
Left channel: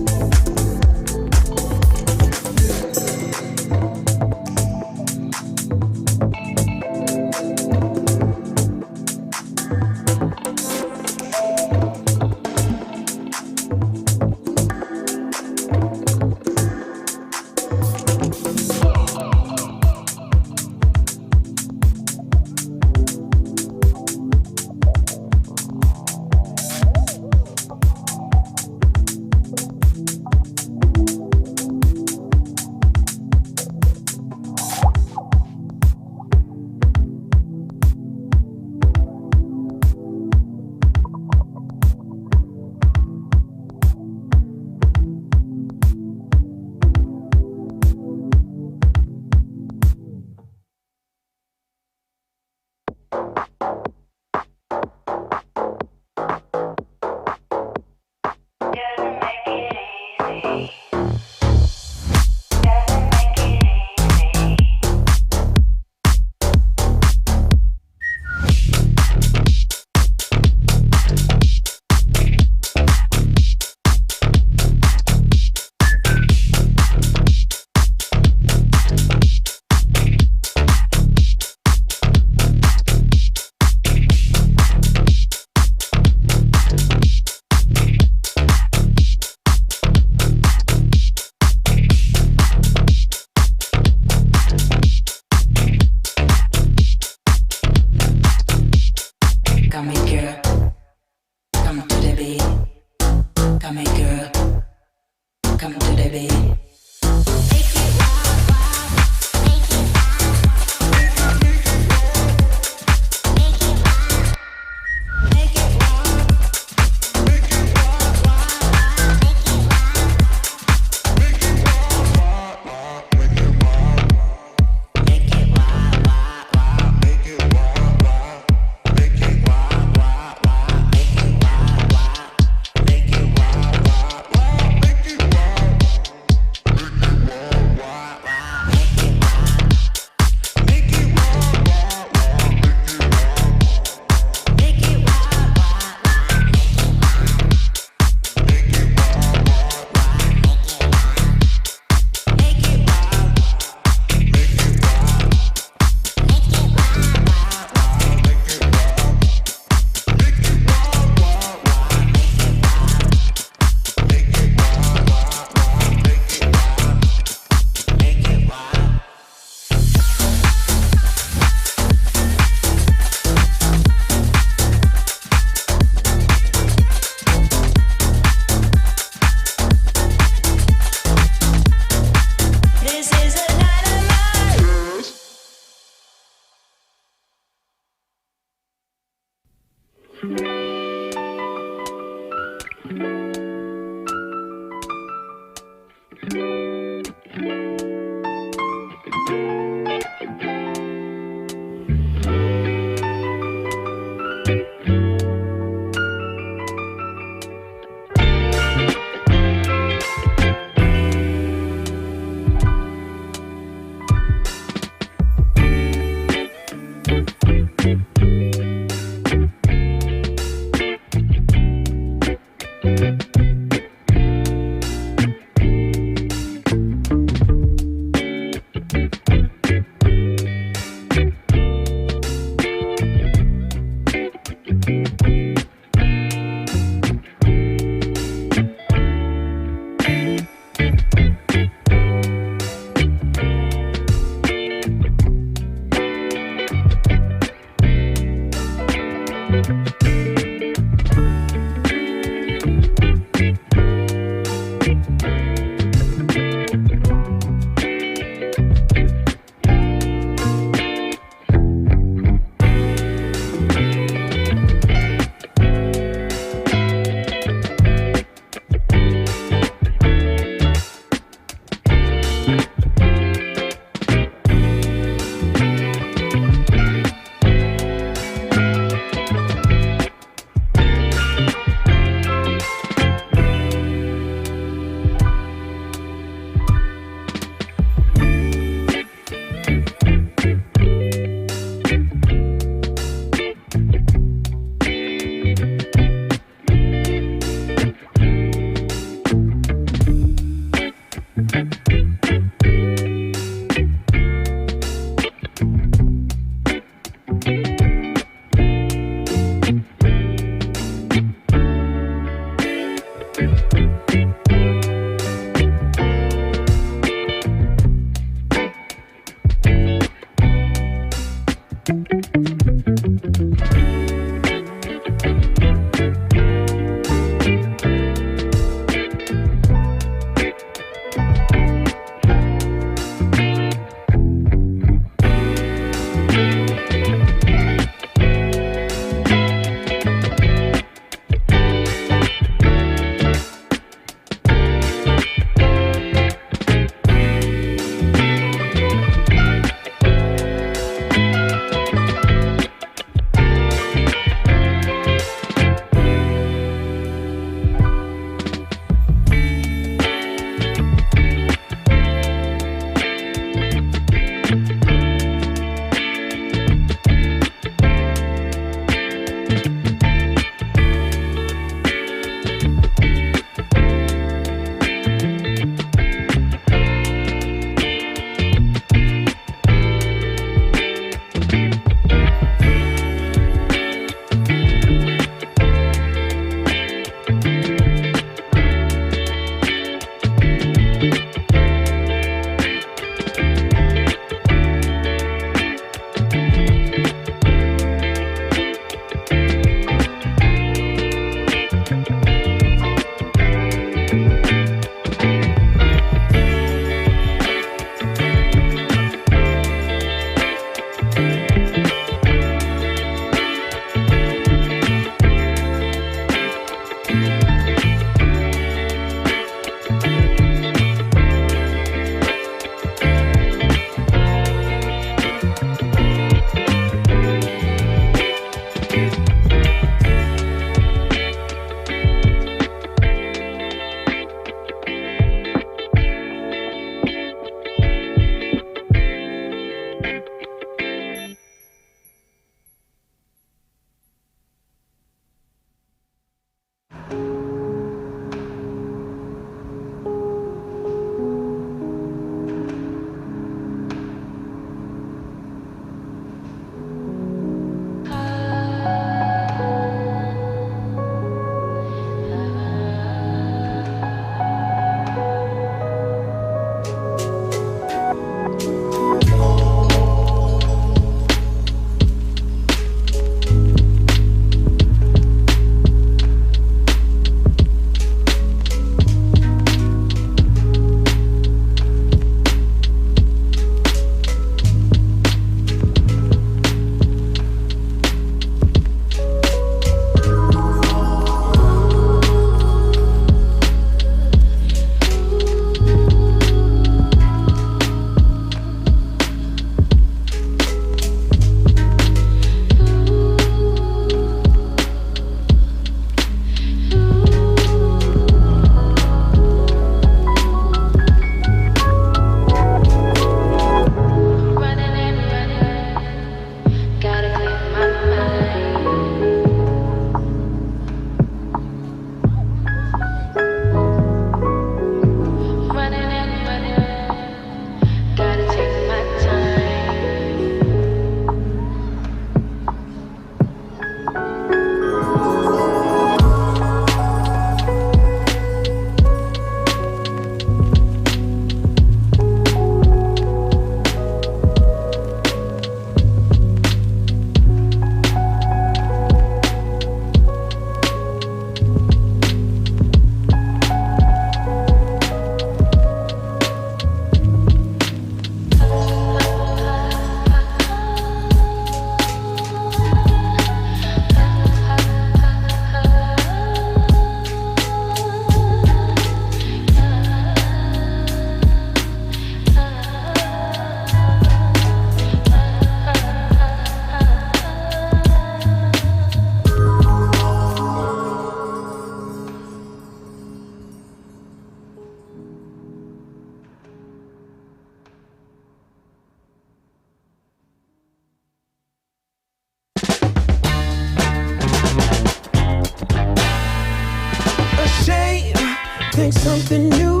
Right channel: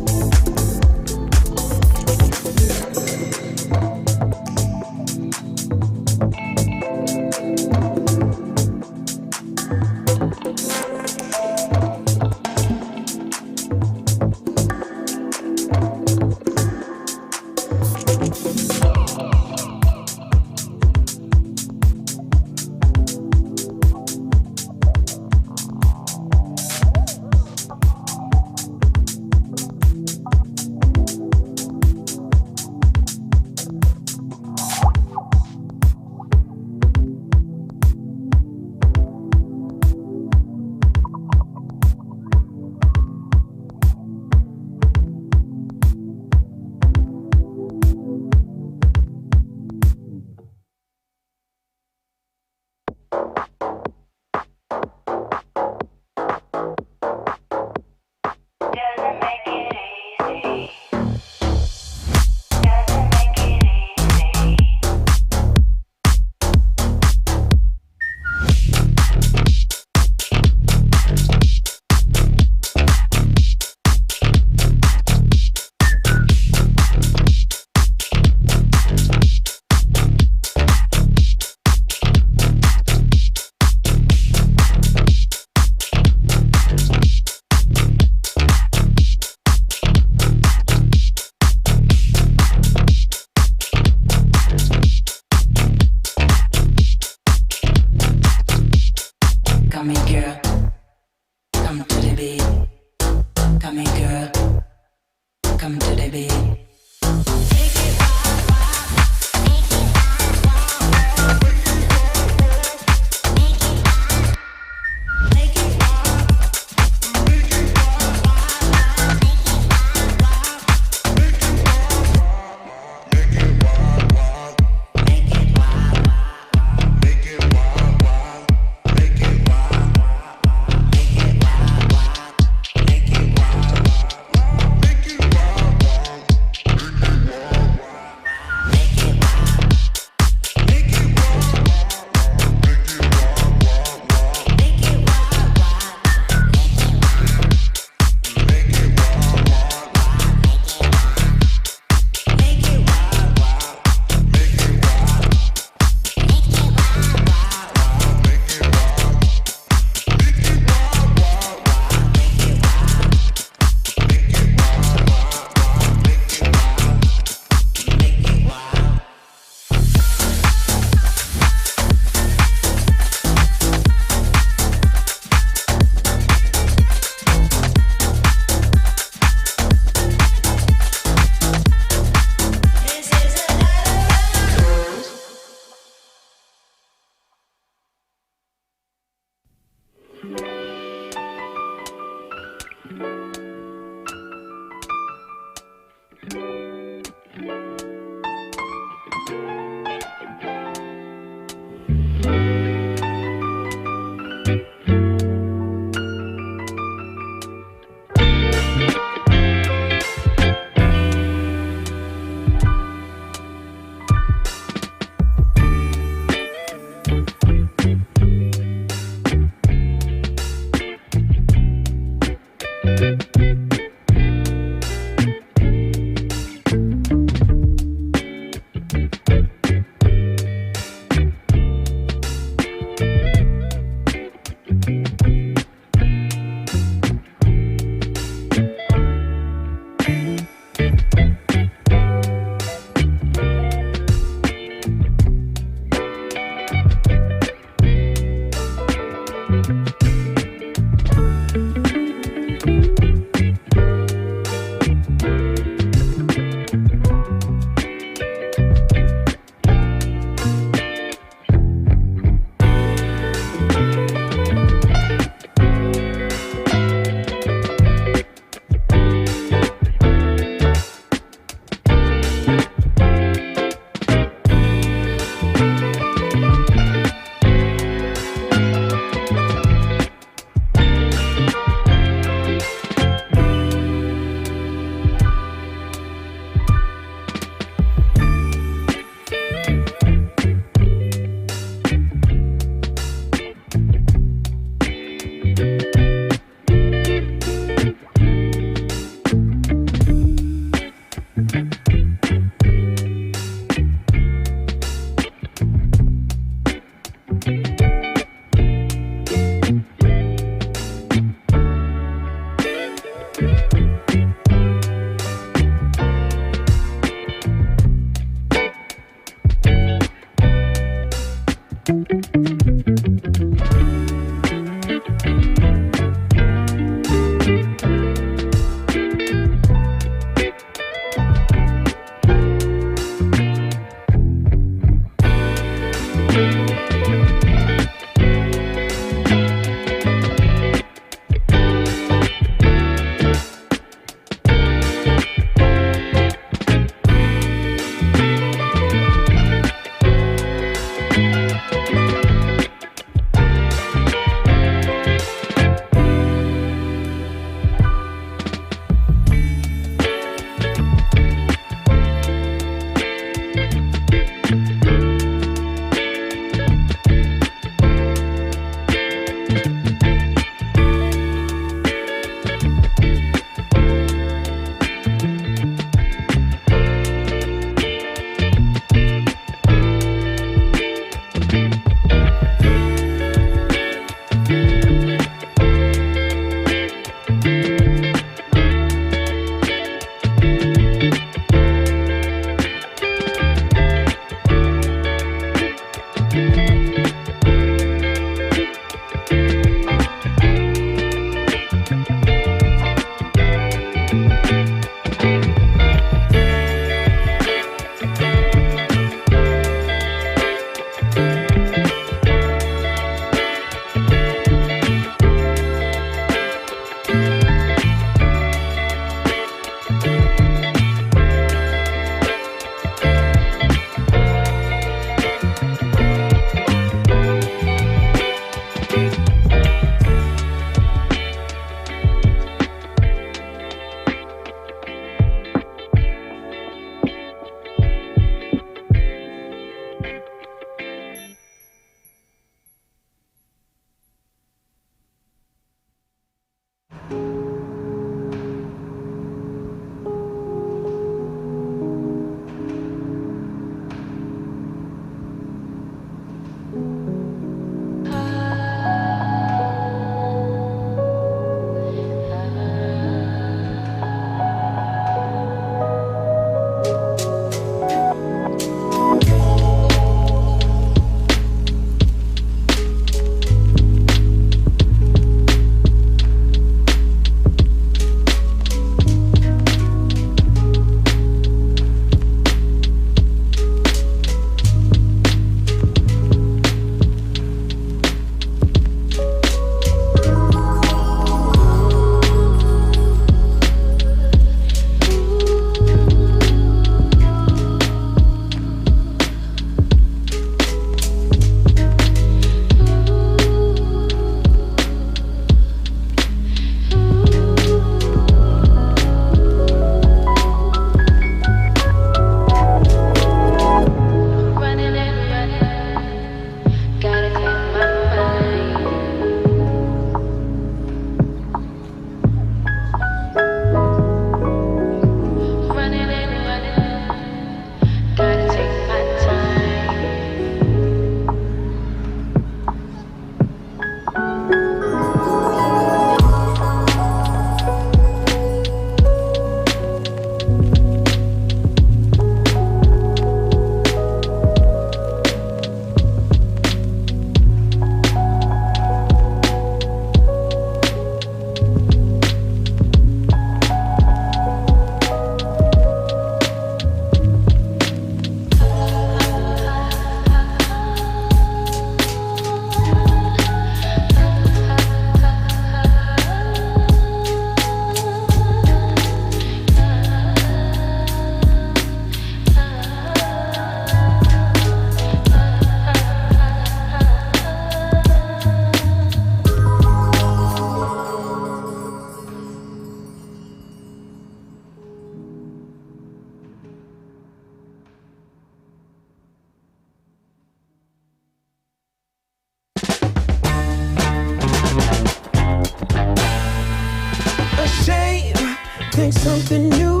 anything new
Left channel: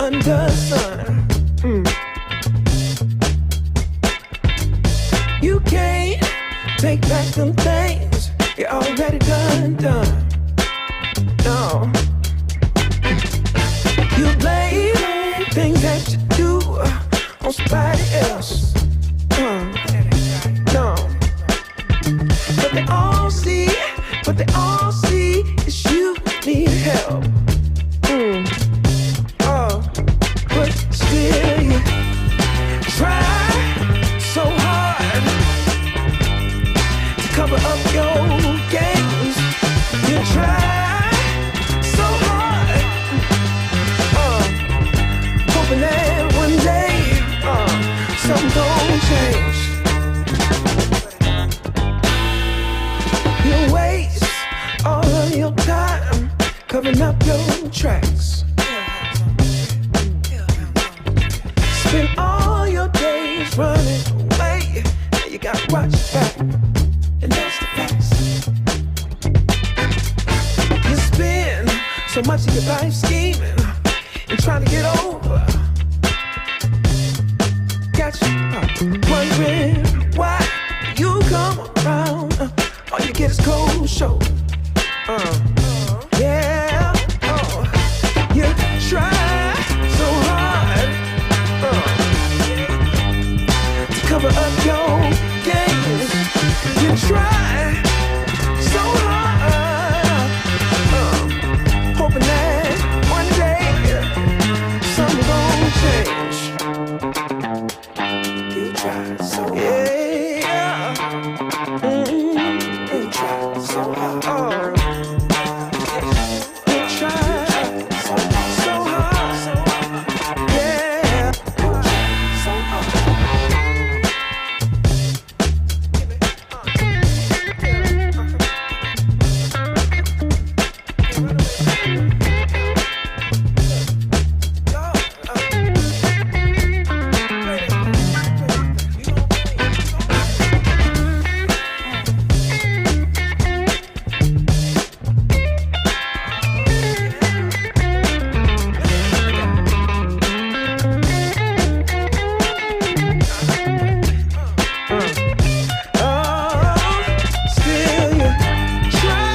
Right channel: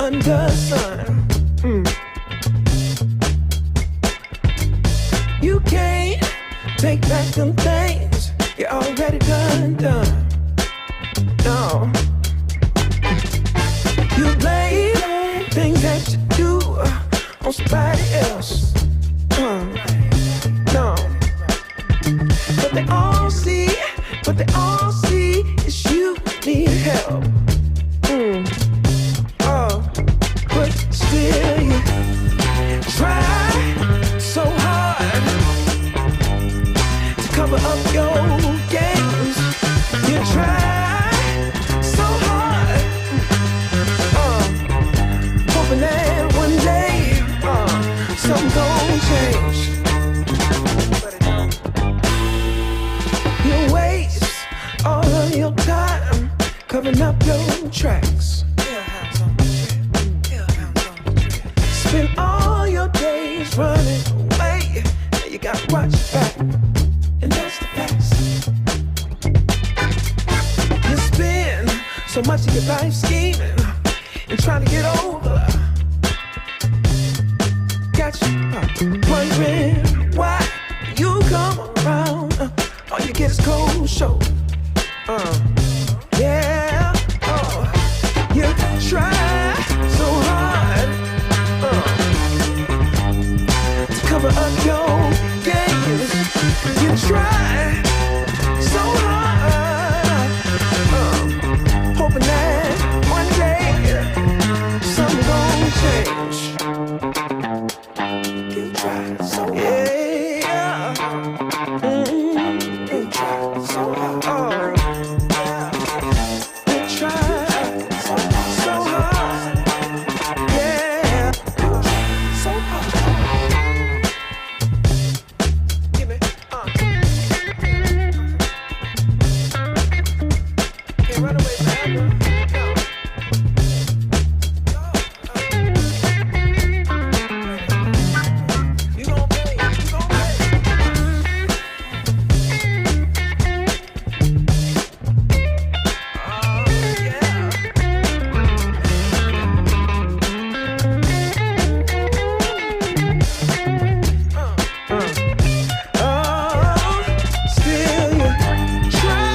under the sun. You can't take back them things you already done. No. You blame things that you do on somebody else. No. But they all see is you need help. But still you try so hard to cover up your games. You try so hard, hoping that one day something gon' change. You waste all of your time covering up your tracks. Spend all your days running away, and you gotta watch your back, and that's the facts. You spend so much of your life scheming and trying to get over. Got you wondering why you come around, all you get is cold shoulder. Yeah, you try so hard to cover up your games. You try so hard, hoping that one day something gon' change. You try so hard. Yeah. You try so hard. You try so hard. Yeah. You try so hard. Still you try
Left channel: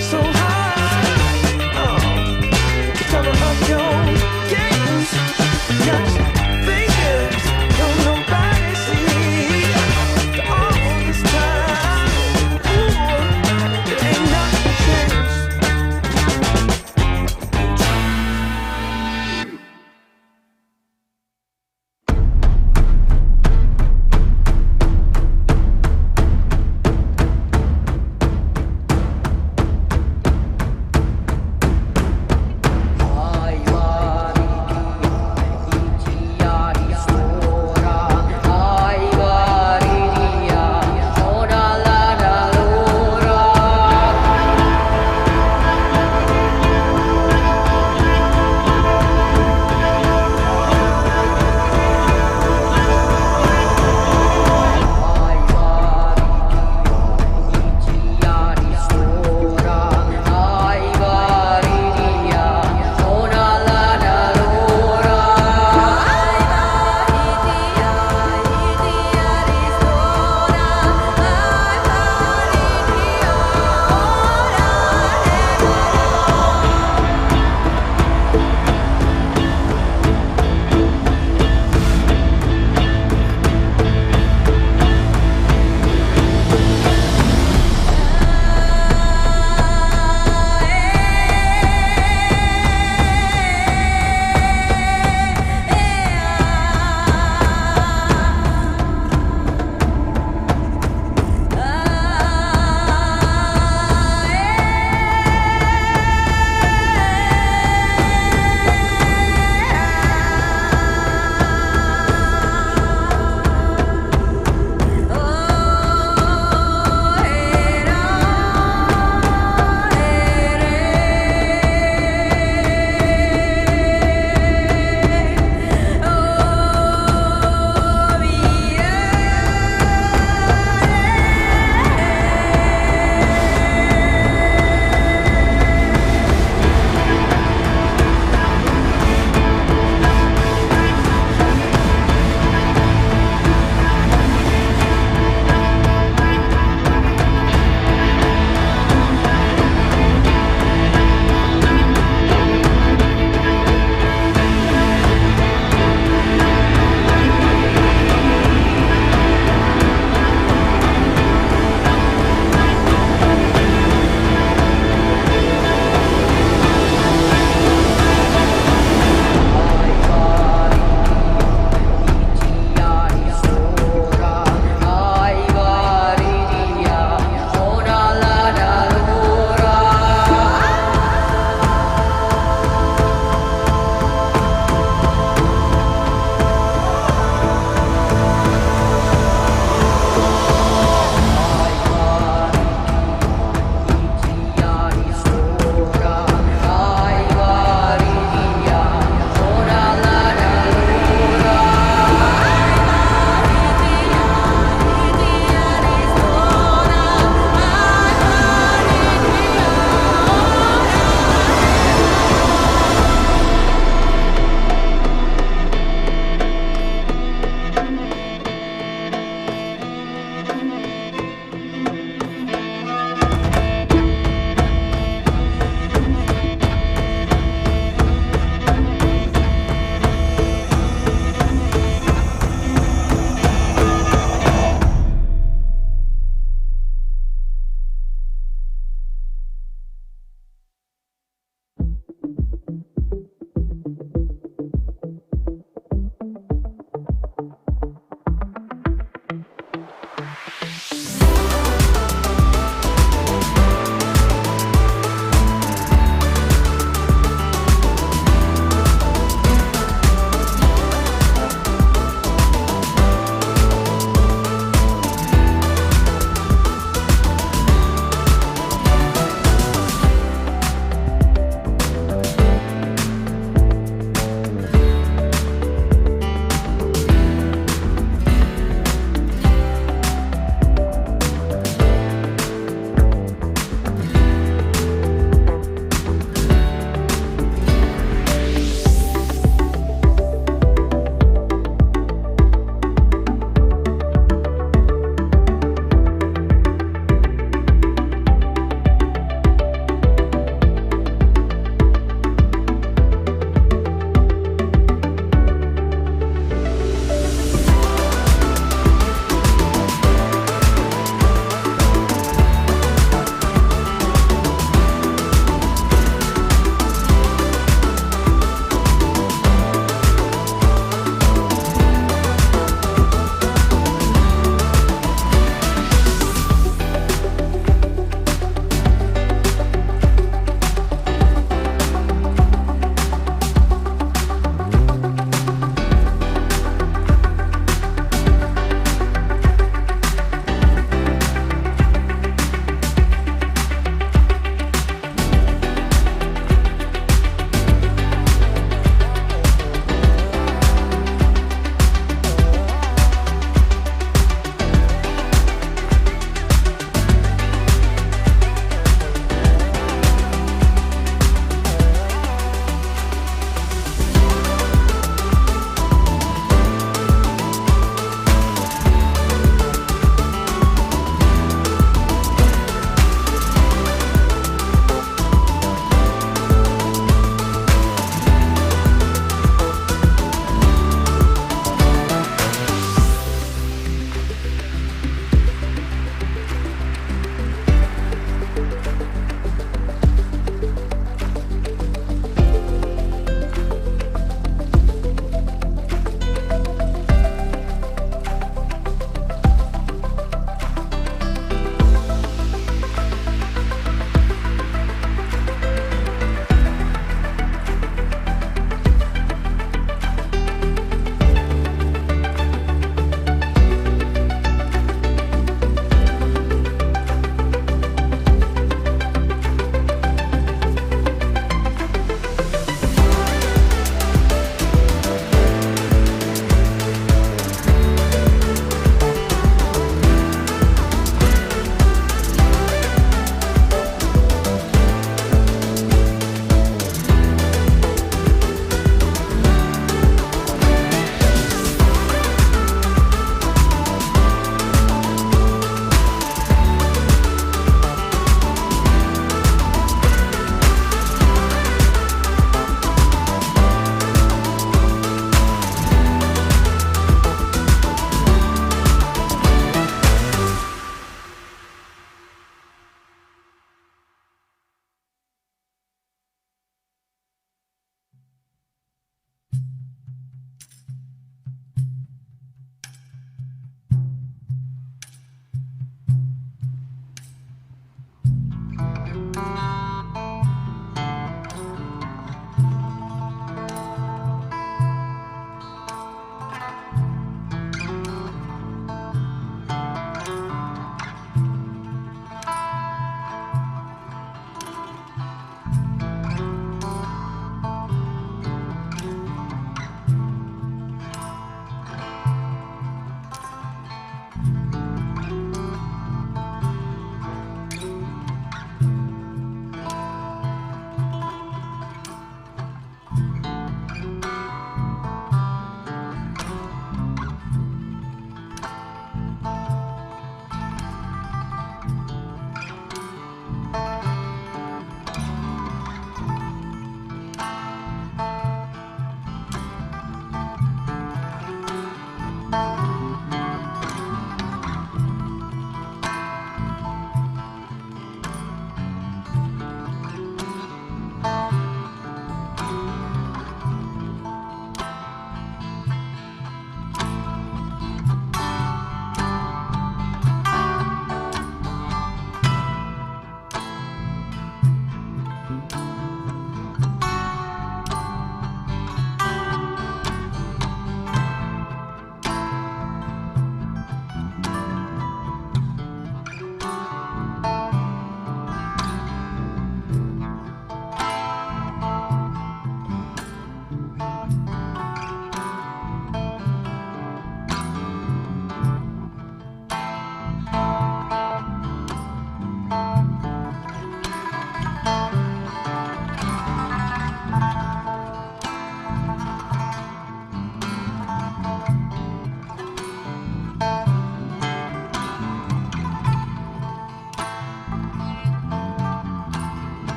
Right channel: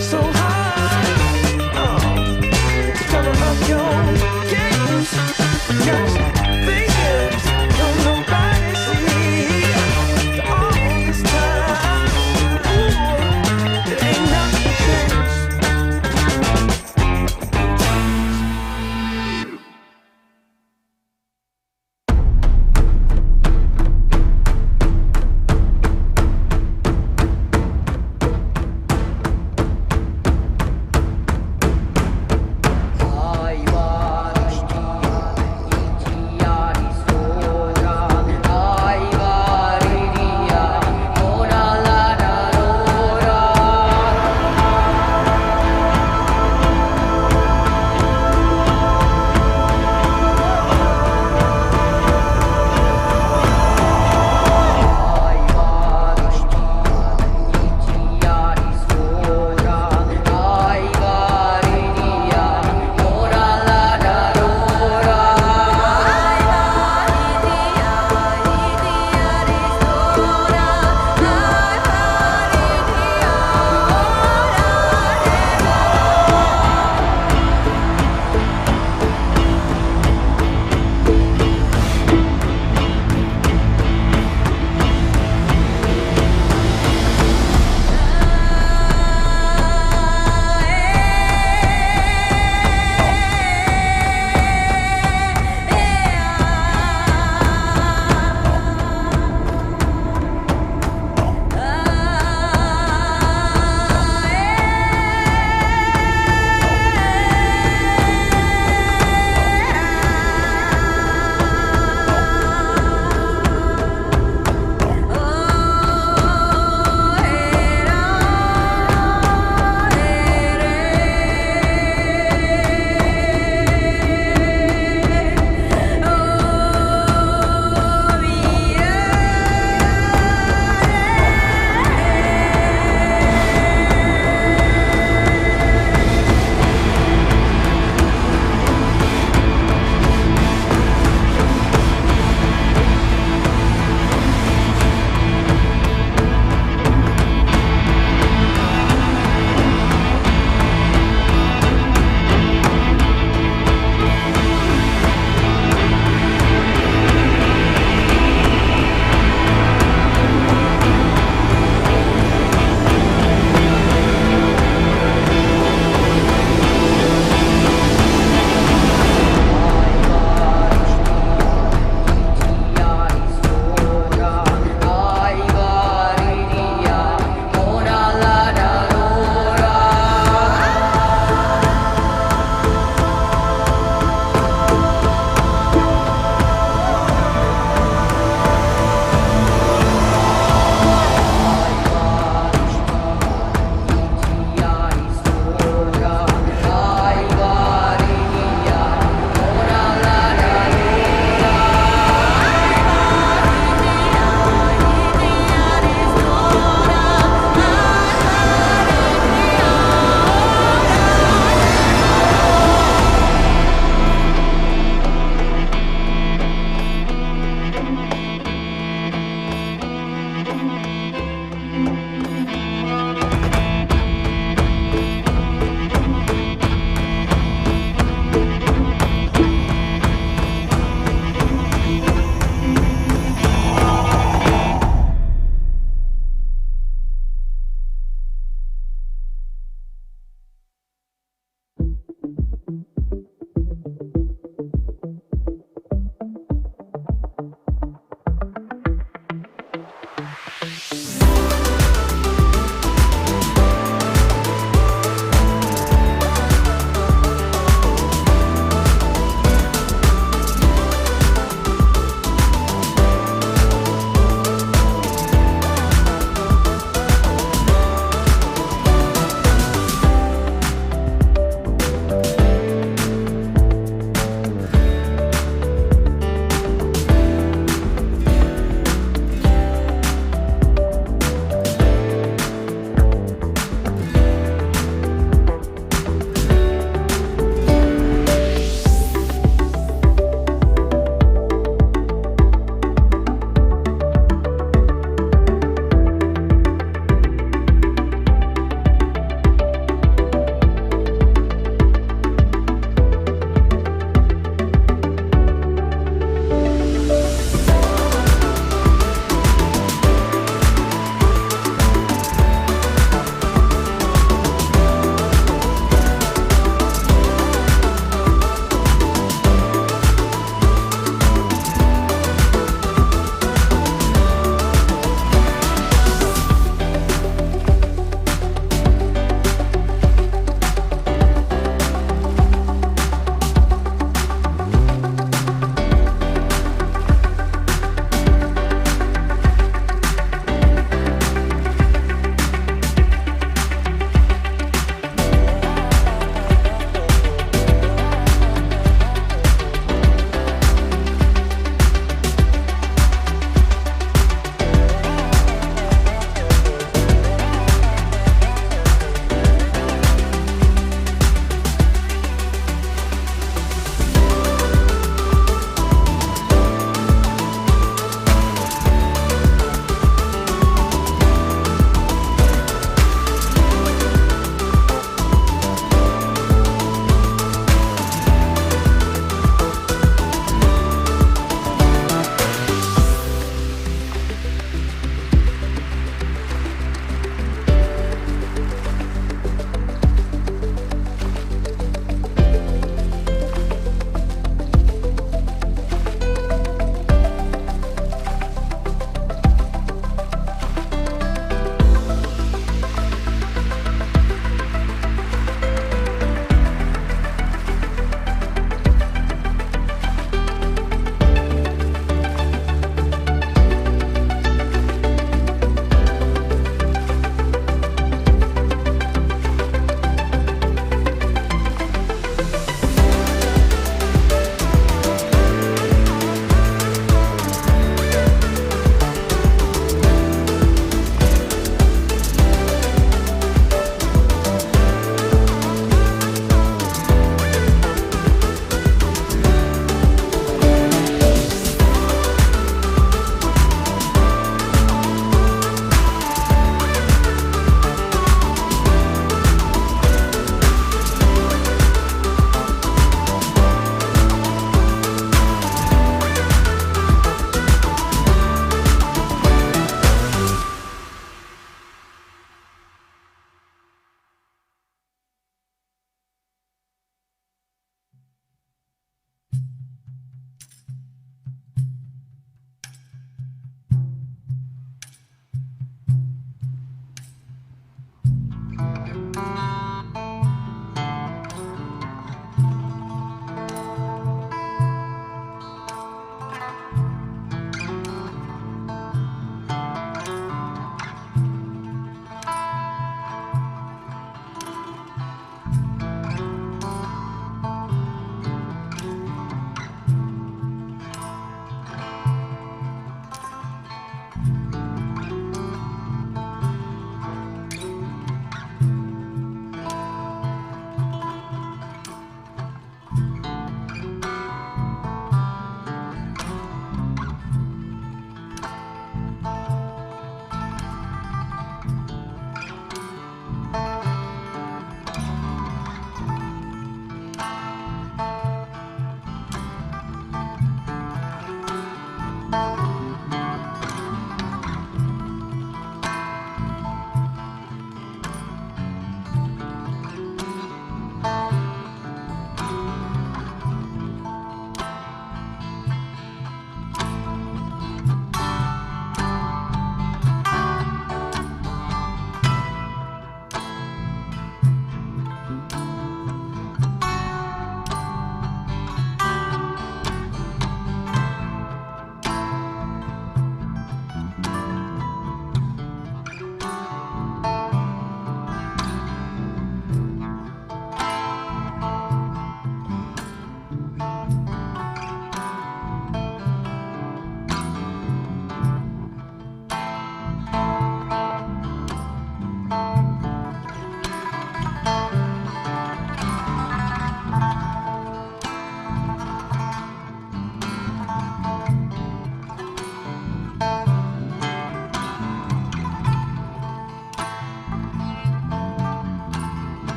so hard to cover up your games. Got you thinking don't nobody see all this time. Ooh, it ain't nothing changed. High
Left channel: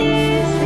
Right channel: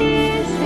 Easy.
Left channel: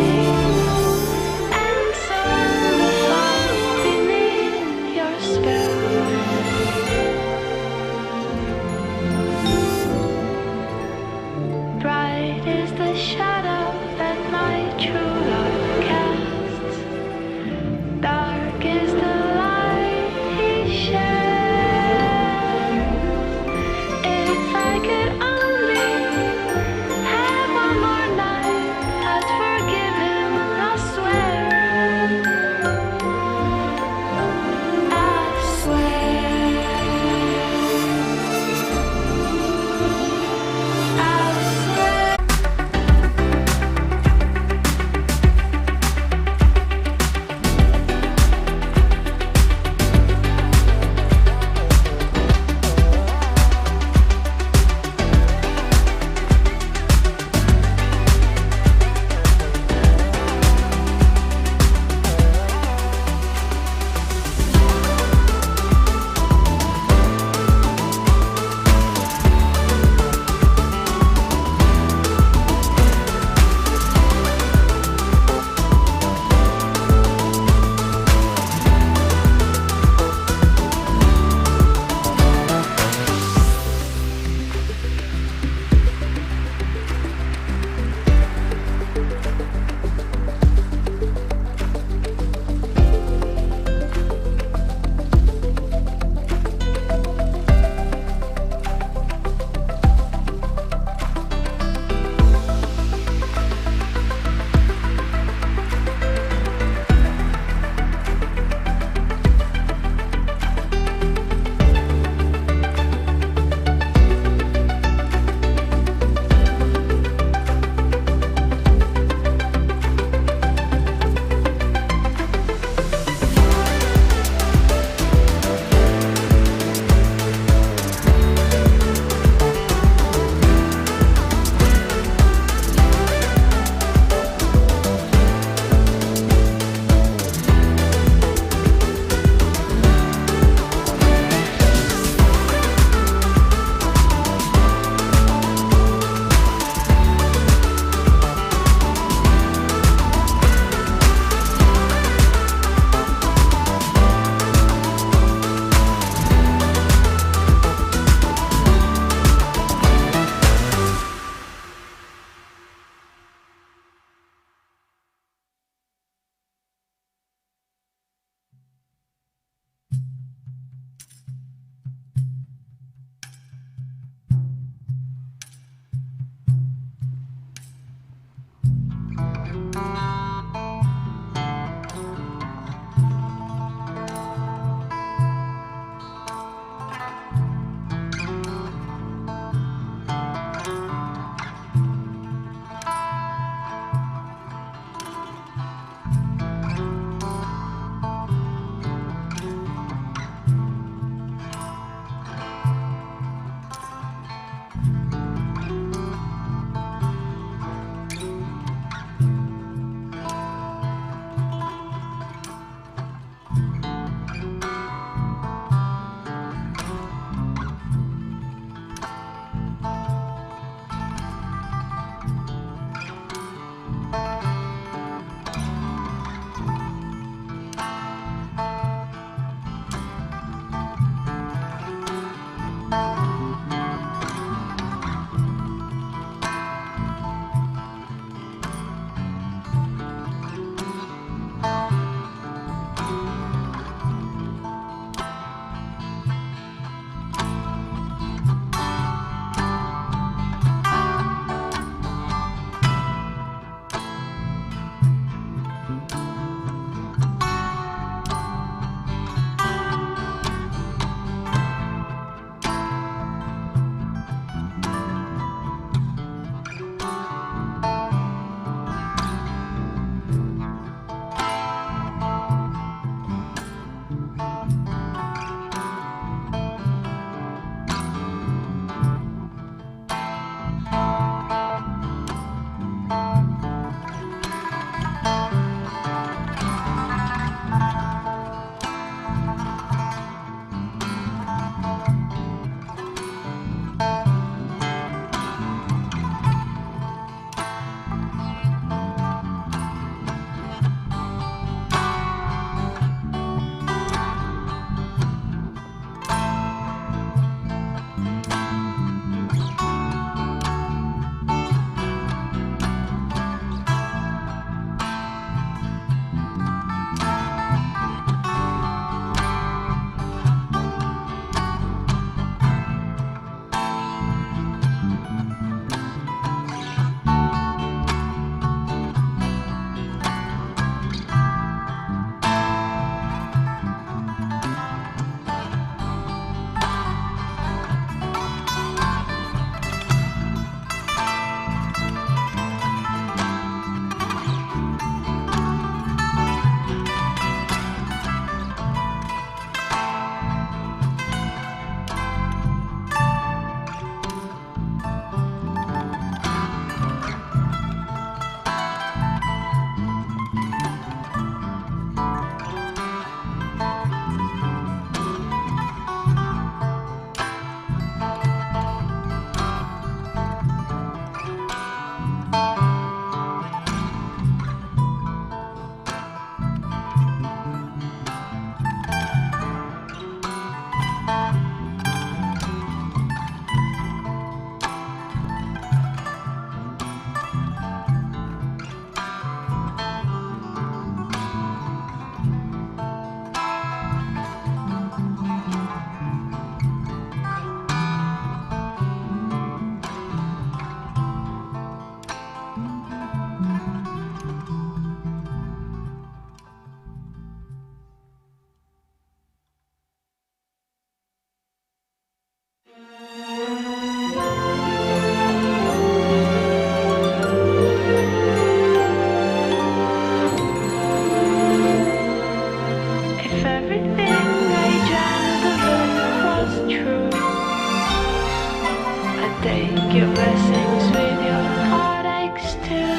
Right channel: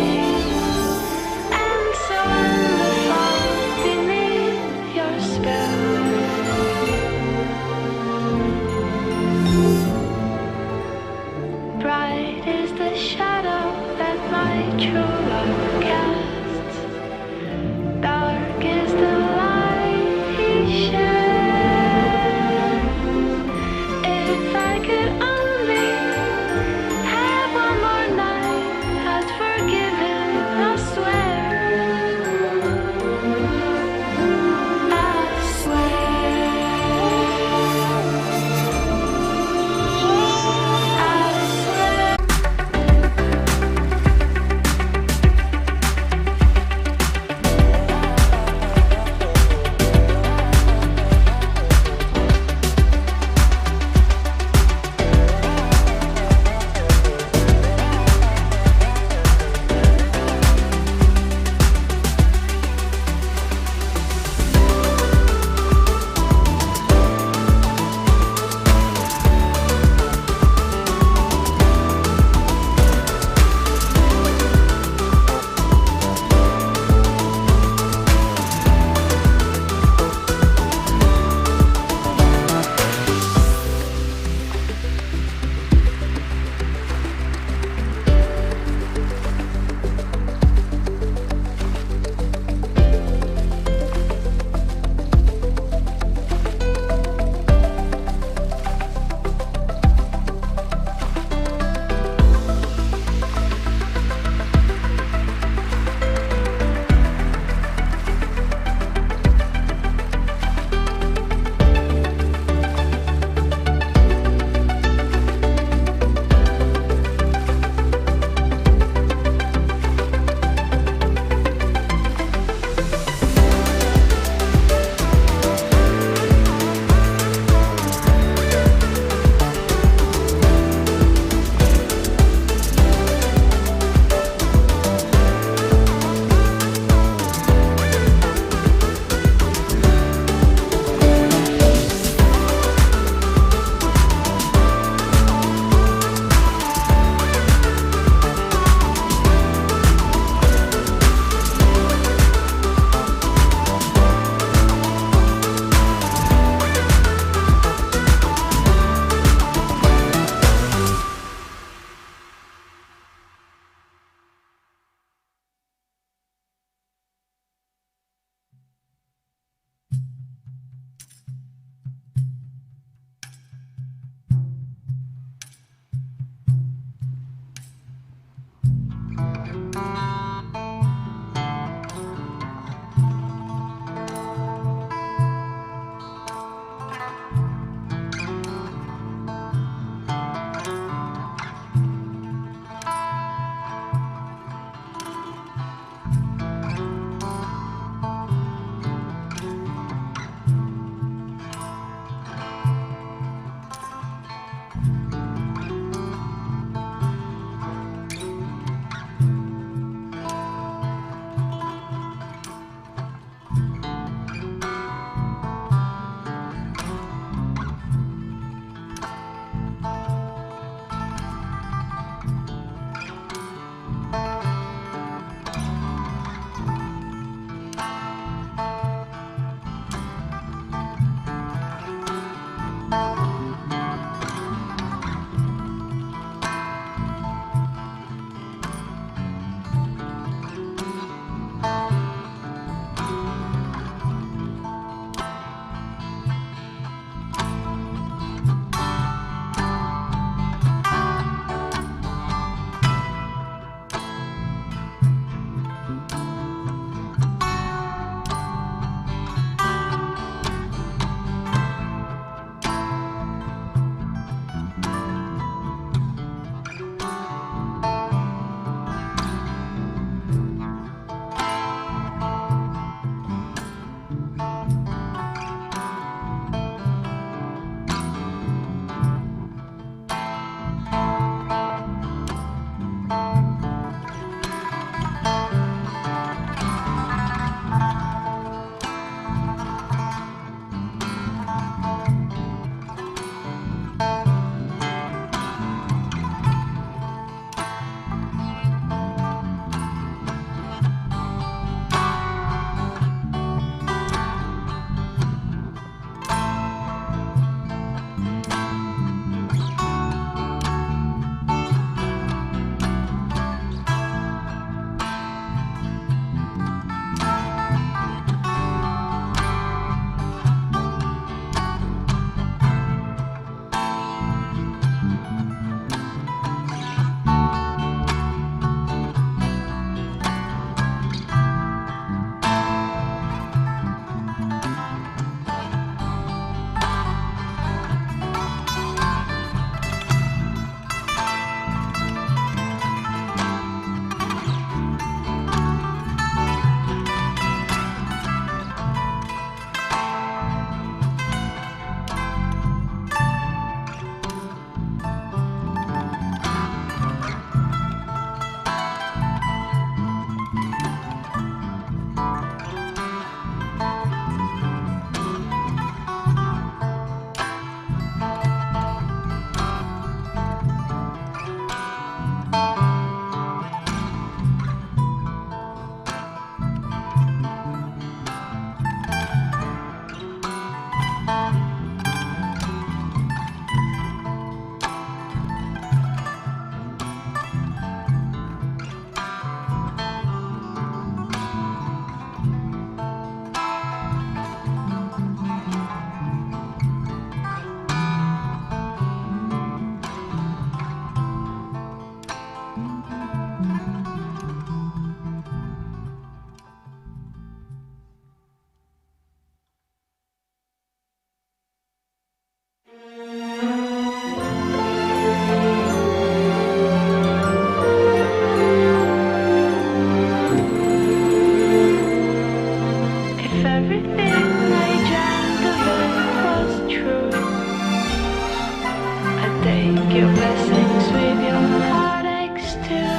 take your blessings with your heartaches too.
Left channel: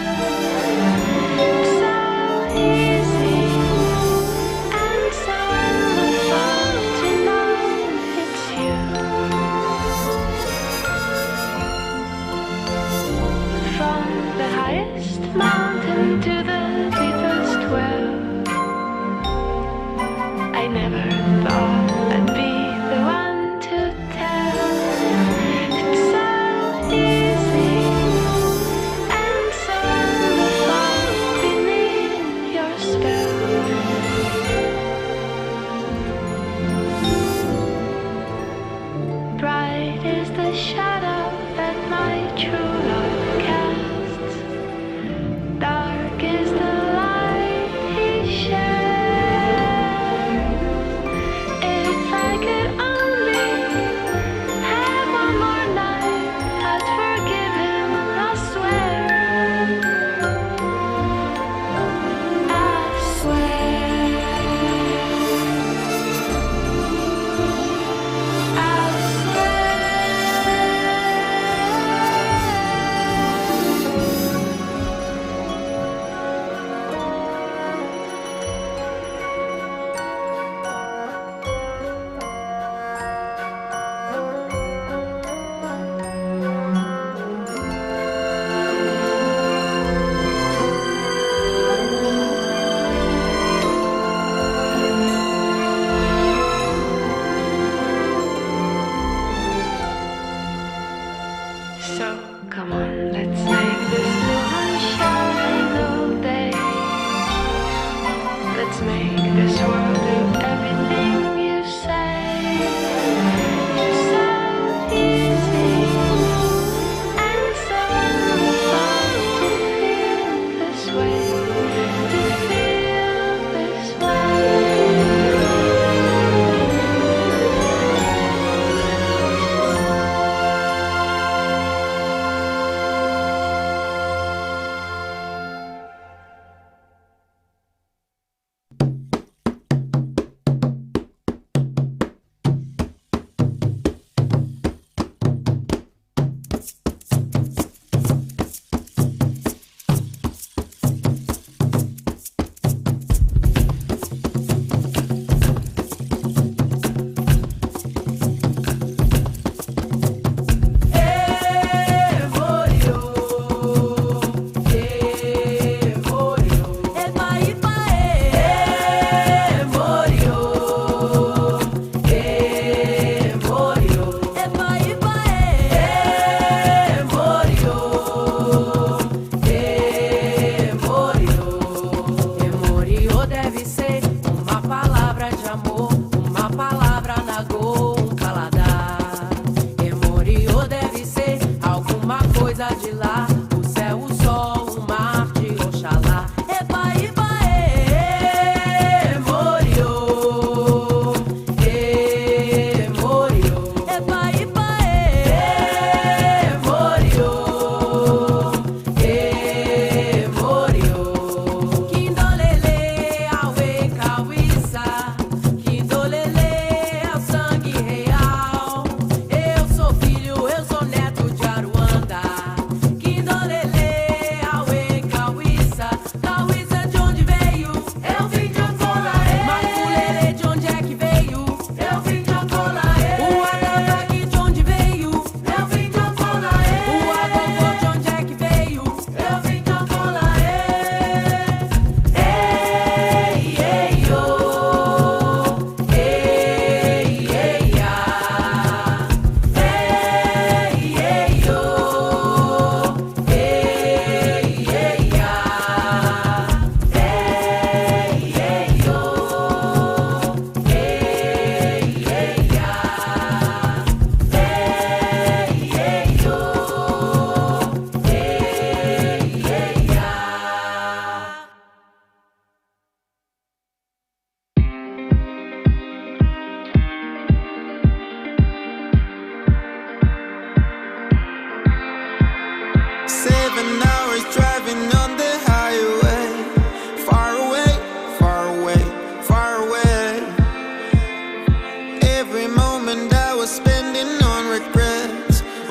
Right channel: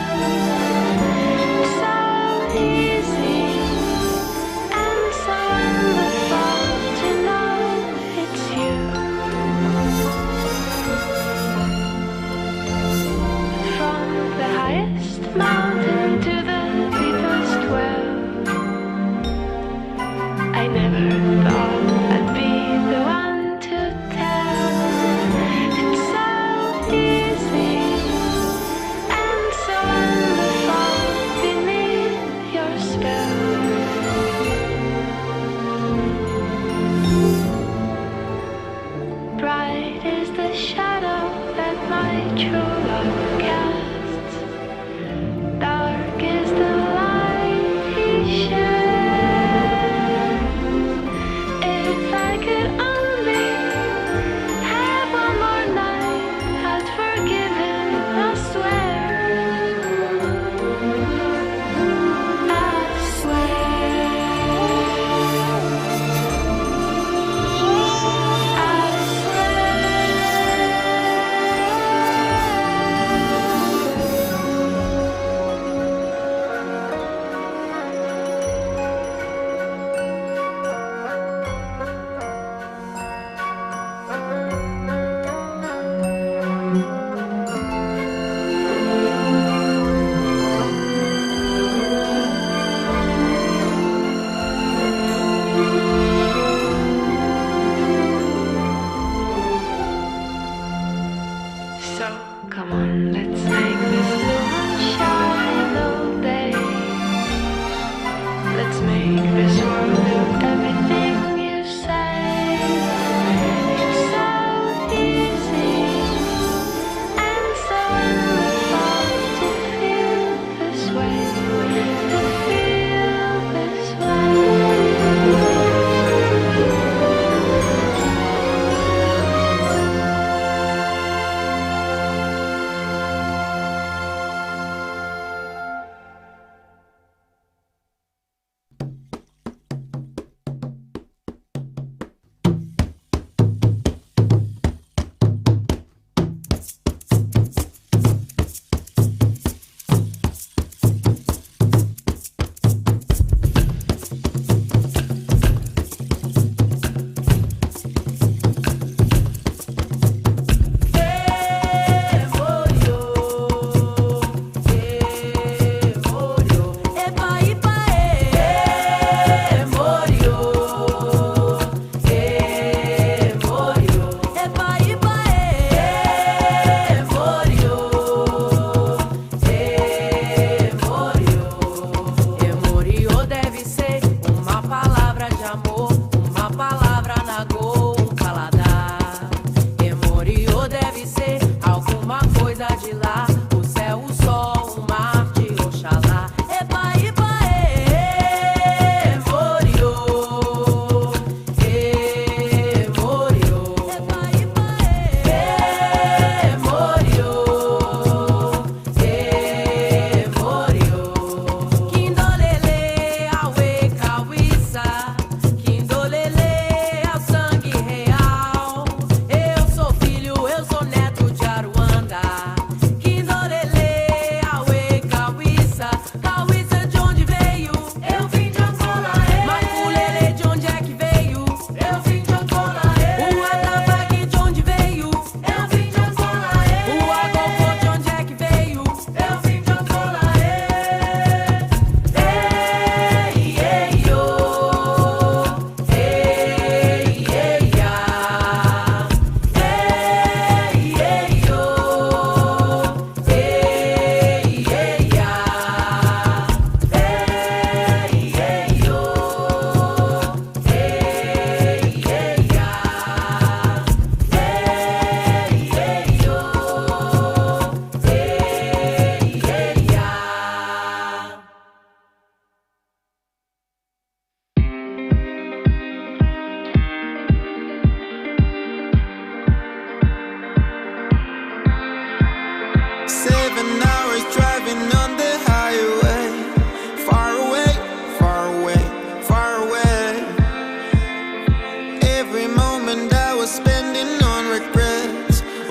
It's so easy and so wonderful to know it's you. From the highest mountain to the deepest well, I never thought I'd be the one to tell. It's so easy and so wonderful beneath your spell. Bright is the shadow that my true love casts. Dark is the light he shares. If I could only have one more night, I'd forgive him, I swear. I swear. So come on, let's make this moon shine all day. Let's make this world do everything you say. It's so easy and so wonderful to feel this way, to feel this way.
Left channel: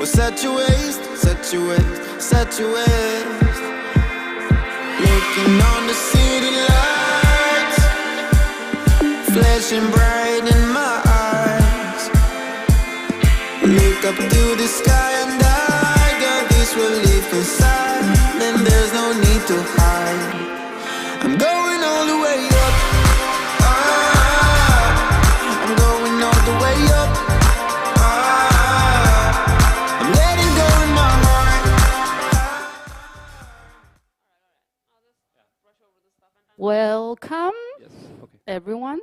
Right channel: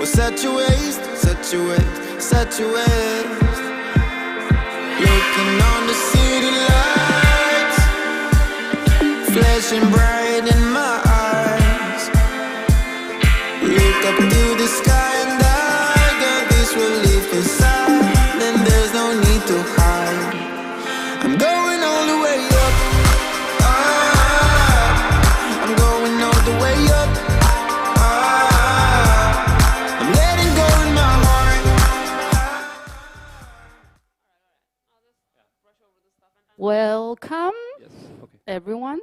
Well, set your waist, set your waist, set your waist. Looking on the city lights, flashing bright in my eyes. Look up to the sky and I got this relief inside, and there's no need to hide. I'm going all the way up. I'm going all the way up. I'm letting go in my heart. Welcome, everyone,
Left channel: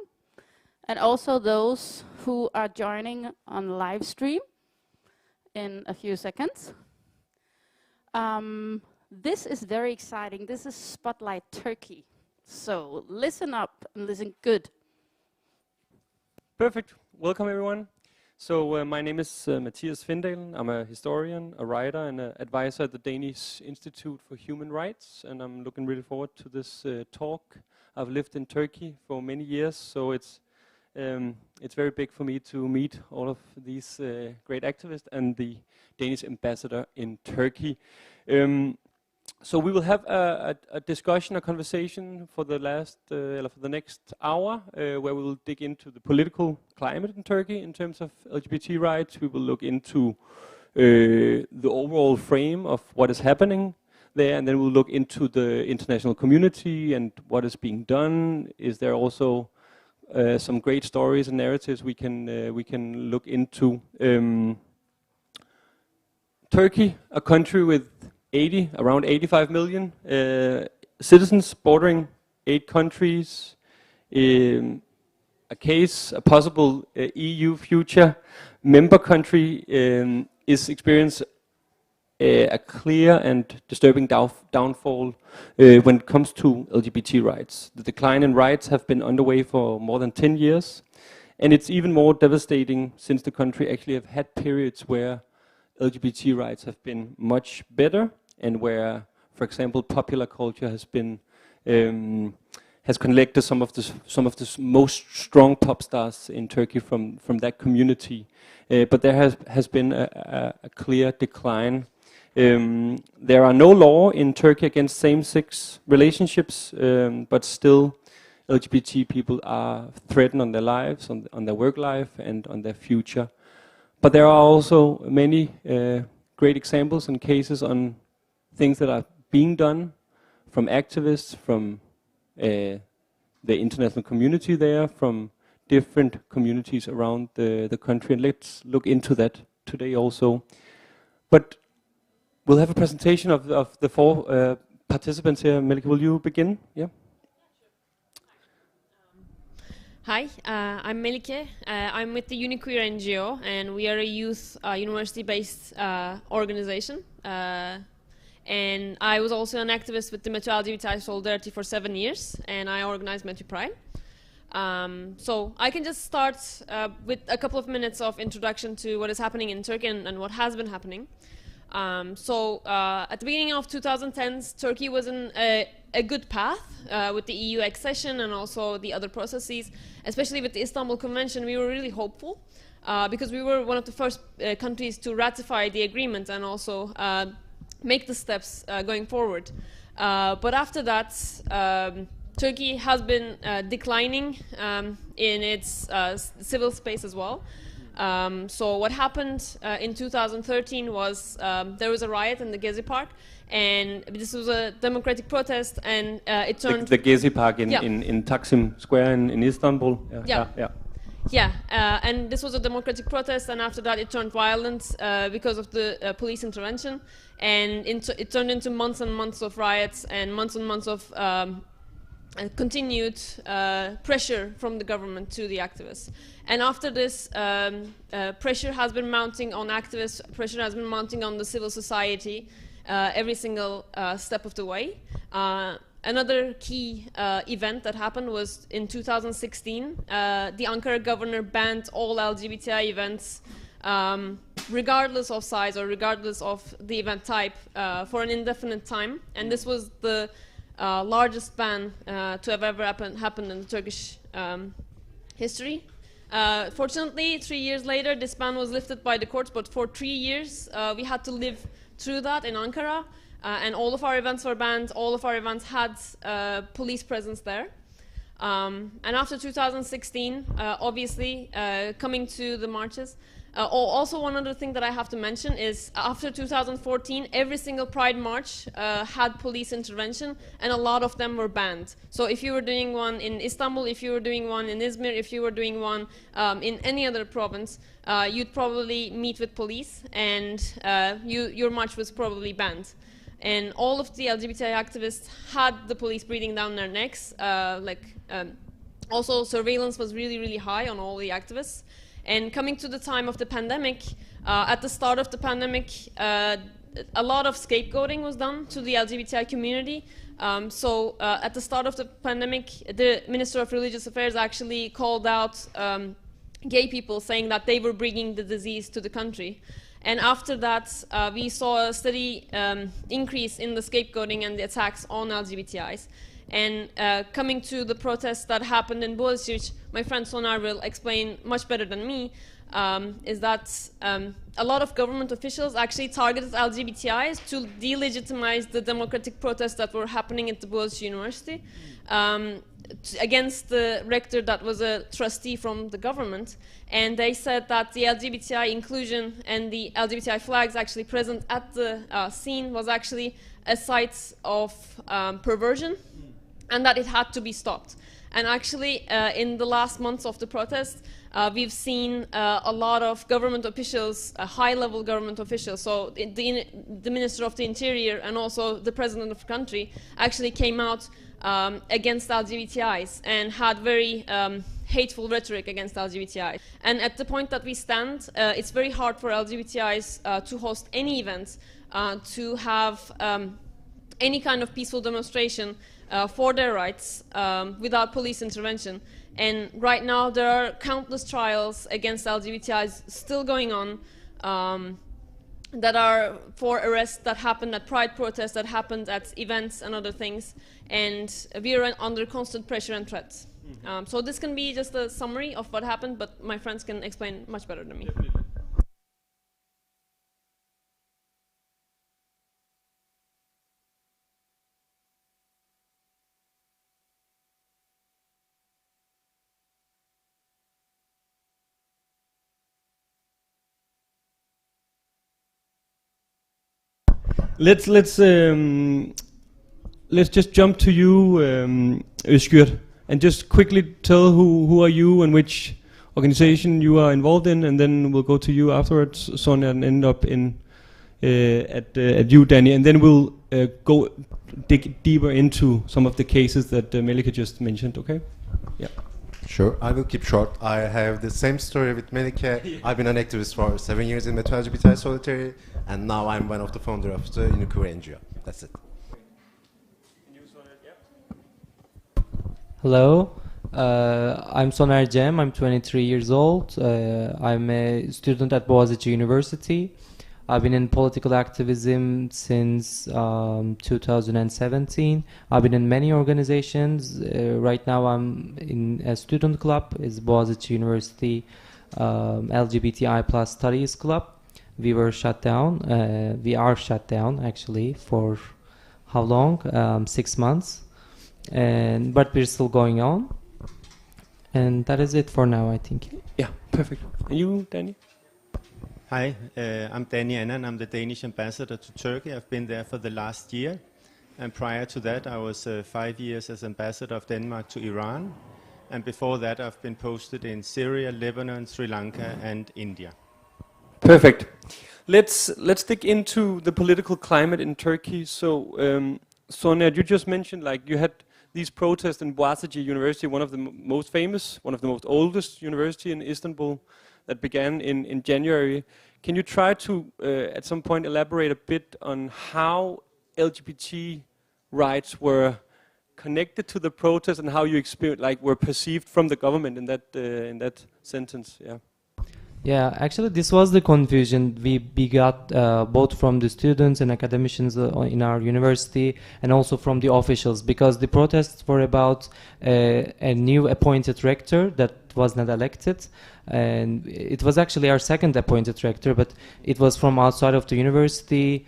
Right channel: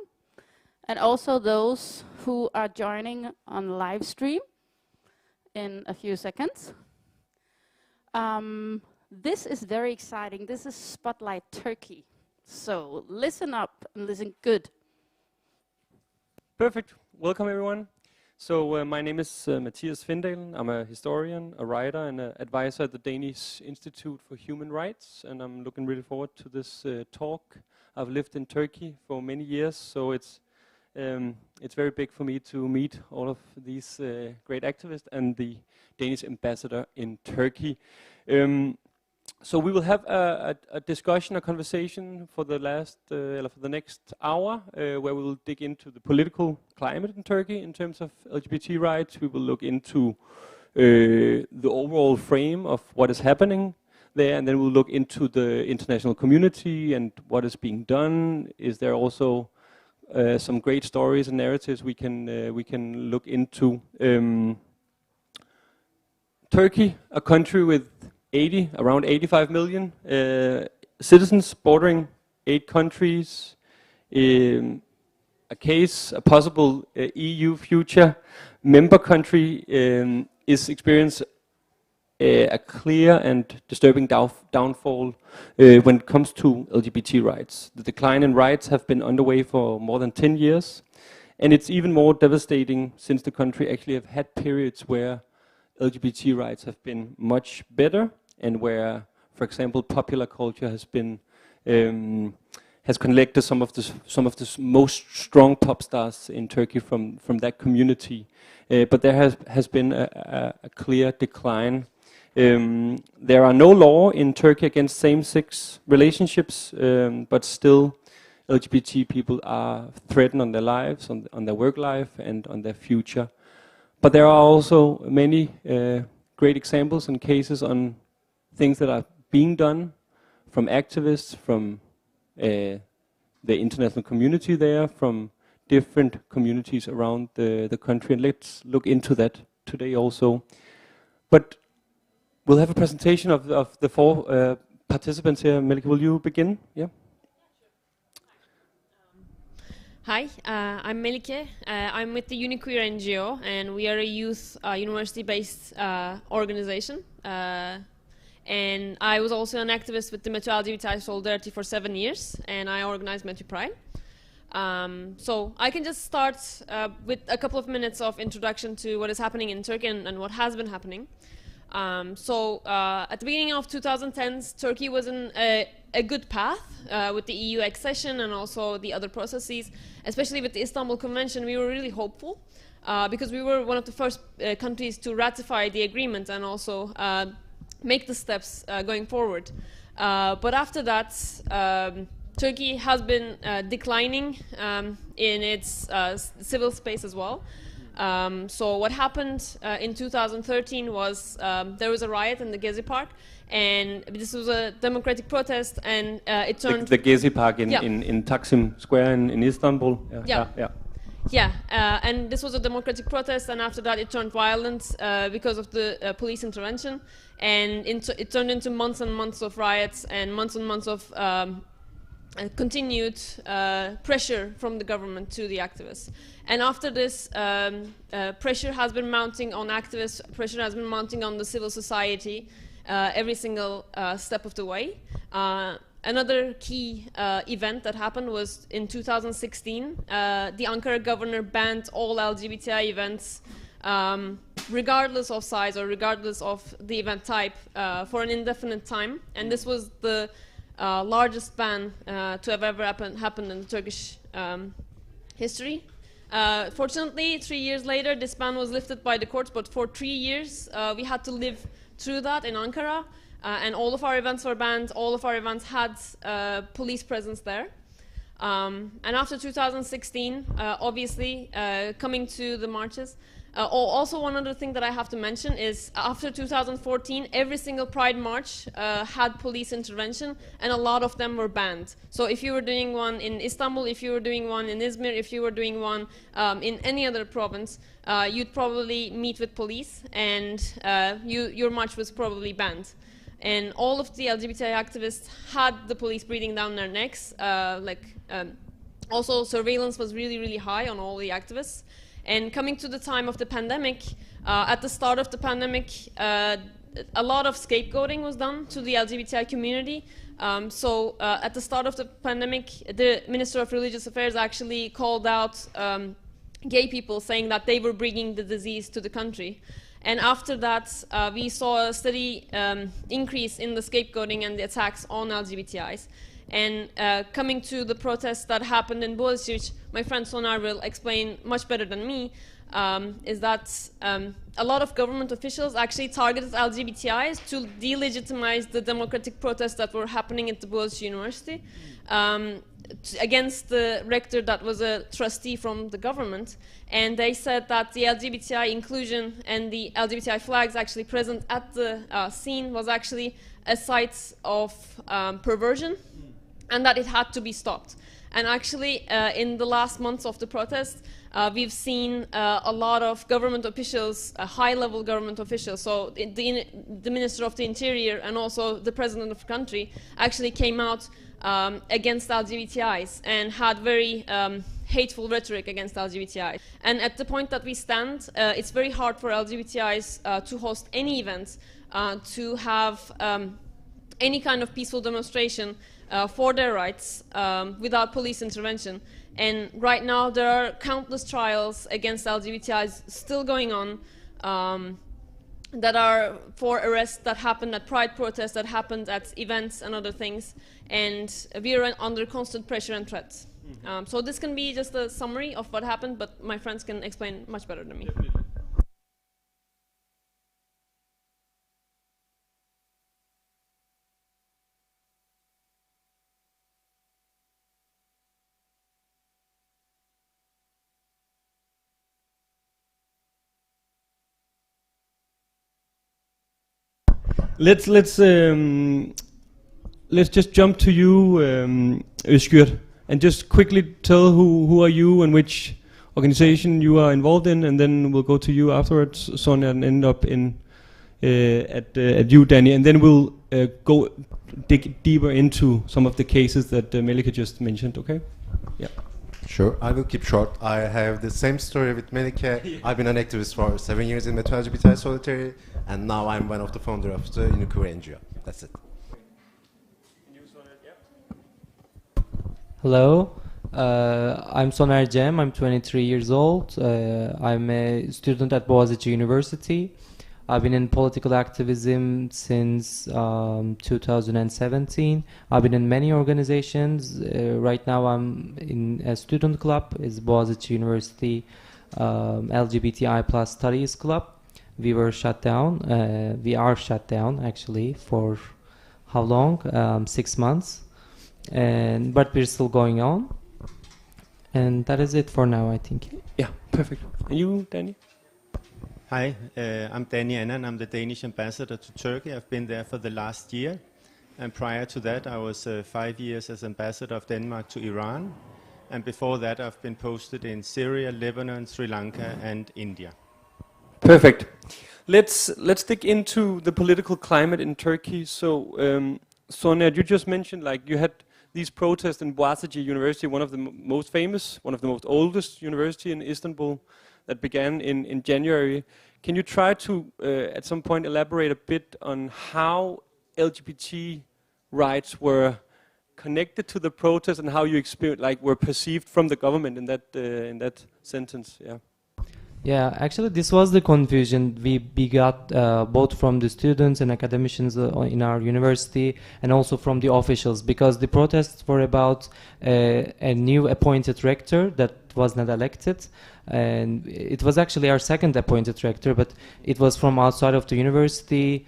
and also those who are joining on live stream in a few seconds. This is very exciting. This is Spotlight Turkey. So listen up and listen good. Perfect. Welcome, everyone. So my name is Mathias Findalen. I'm a historian, a writer, and an advisor at the Danish Institute for Human Rights. And I'm looking really forward to this talk. I've lived in Turkey for many years, so it's very big for me to meet all of these great activists and the Danish ambassador in Turkey. So we will have a discussion, a conversation for the next hour, where we will dig into the political climate in Turkey in terms of LGBT rights. We will look into the overall frame of what is happening there, and then we'll look into the international community and what is being done. Is there also some great stories and narratives we can look into? Turkey, a country with around 85 million citizens, bordering 8 countries. A possible EU future member country is experiencing a clear and disturbing downfall when it comes to LGBT rights. The decline in rights have been underway for more than 10 years, and it's even more devastating since the country actually have had periods where LGBT rights have been much better, and where, for example, popular culture has been has collected some of the most strong pop stars in Turkey from that community. But there has been a clear decline. There are no law in Turkey against same-sex relationships, but still LGBT people are threatened on their lives, on their work life, and on their future. But there are also many great examples and cases on things that are being done from activists, from the international community there, from different communities around the country. And let's look into that today also. But we'll have a presentation of the 4 participants here. Melike, will you begin? Yeah. Hi, I'm Melike. I'm with the Uniqueer NGO, and we are a youth university-based organization. And I was also an activist with the Metro LGBTI Solidarity for 7 years, and I organized Metro Pride. So I can just start with a couple of minutes of introduction to what is happening in Turkey and what has been happening. At the beginning of 2010s, Turkey was in a good path with the EU accession and also the other processes. Especially with the Istanbul Convention, we were really hopeful because we were one of the first countries to ratify the agreement and also make the steps going forward. But after that, Turkey has been declining in its civil space as well. So what happened in 2013 was there was a riot in the Gezi Park, and this was a democratic protest, and it turned... The Gezi Park in Taksim Square in Istanbul? And this was a democratic protest, and after that it turned violent because of the police intervention, and it turned into months and months of riots and months of continued pressure from the government to the activists. And after this, pressure has been mounting on activists, pressure has been mounting on the civil society every single step of the way. Another key event that happened was in 2016, the Ankara governor banned all LGBTI events, regardless of size or regardless of the event type, for an indefinite time. And this was the largest ban to have ever happened in Turkish history. Fortunately, 3 years later, this ban was lifted by the courts, but for 3 years, we had to live through that in Ankara, and all of our events were banned. All of our events had police presence there. And after 2016, obviously, coming to the marches, also one other thing that I have to mention is after 2014, every single Pride march had police intervention, and a lot of them were banned. So if you were doing one in Istanbul, if you were doing one in Izmir, if you were doing one in any other province, you'd probably meet with police, and your march was probably banned. And all of the LGBTI activists had the police breathing down their necks. Also, surveillance was really, really high on all the activists. And coming to the time of the pandemic, at the start of the pandemic, a lot of scapegoating was done to the LGBTI community. At the start of the pandemic, the Minister of Religious Affairs actually called out gay people, saying that they were bringing the disease to the country. And after that, we saw a steady increase in the scapegoating and the attacks on LGBTIs. And coming to the protests that happened in Boğaziçi, my friend Soner will explain much better than me, is that a lot of government officials actually targeted LGBTIs to delegitimize the democratic protests that were happening at the Boğaziçi University against the rector that was a trustee from the government. And they said that the LGBTI inclusion and the LGBTI flags actually present at the scene was actually a site of perversion, and that it had to be stopped. And actually, in the last months of the protest, we've seen a lot of government officials, high-level government officials, so the Minister of the Interior and also the President of the country actually came out against LGBTIs and had very hateful rhetoric against LGBTIs. And at the point that we stand, it's very hard for LGBTIs to host any events, to have any kind of peaceful demonstration for their rights without police intervention. And right now there are countless trials against LGBTIs still going on that are for arrests that happened at Pride protests, that happened at events and other things. And we are under constant pressure and threats. So this can be just a summary of what happened, but my friends can explain much better than me. Definitely. Let's just jump to you, Özgür, and just quickly tell who are you and which organization you are involved in, and then we'll go to you afterwards, Sonia, and end up at you, Danny, and then we'll dig deeper into some of the cases that Melike just mentioned. Okay? Yeah. Sure, I will keep short. I have the same story with Melike. I've been an activist for 7 years in Metro LGBTI Solidarity, and now I'm one of the founders of the Uniqueer NGO. That's it. Hello, I'm Soner Cem. I'm 23 years old. I'm a student at Boğaziçi University. I've been in political activism since 2017. I've been in many organizations. Right now I'm in a student club. It's Boğaziçi University LGBTI plus Studies Club. We were shut down. We are shut down actually for how long? 6 months. But we're still going on. And that is it for now, I think. Yeah, perfect. And you, Danny? Hi, I'm Danny Annan. I'm the Danish ambassador to Turkey. I've been there for the last year. And prior to that, I was 5 years as ambassador of Denmark to Iran. And before that, I've been posted in Syria, Lebanon, Sri Lanka, and India. Perfect. Let's dig into the political climate in Turkey. So, Sonia, you just mentioned like you had these protests in Boğaziçi University, one of the most famous, one of the most oldest university in Istanbul, that began in January. Can you try to, at some point, elaborate a bit on how LGBT rights were connected to the protest and how you experienced, like, were perceived from the government in that sentence? Yeah. Yeah, actually this was the confusion we got both from the students and academicians in our university and also from the officials, because the protests were about a new appointed rector that was not elected, and it was actually our second appointed rector, but it was from outside of the university.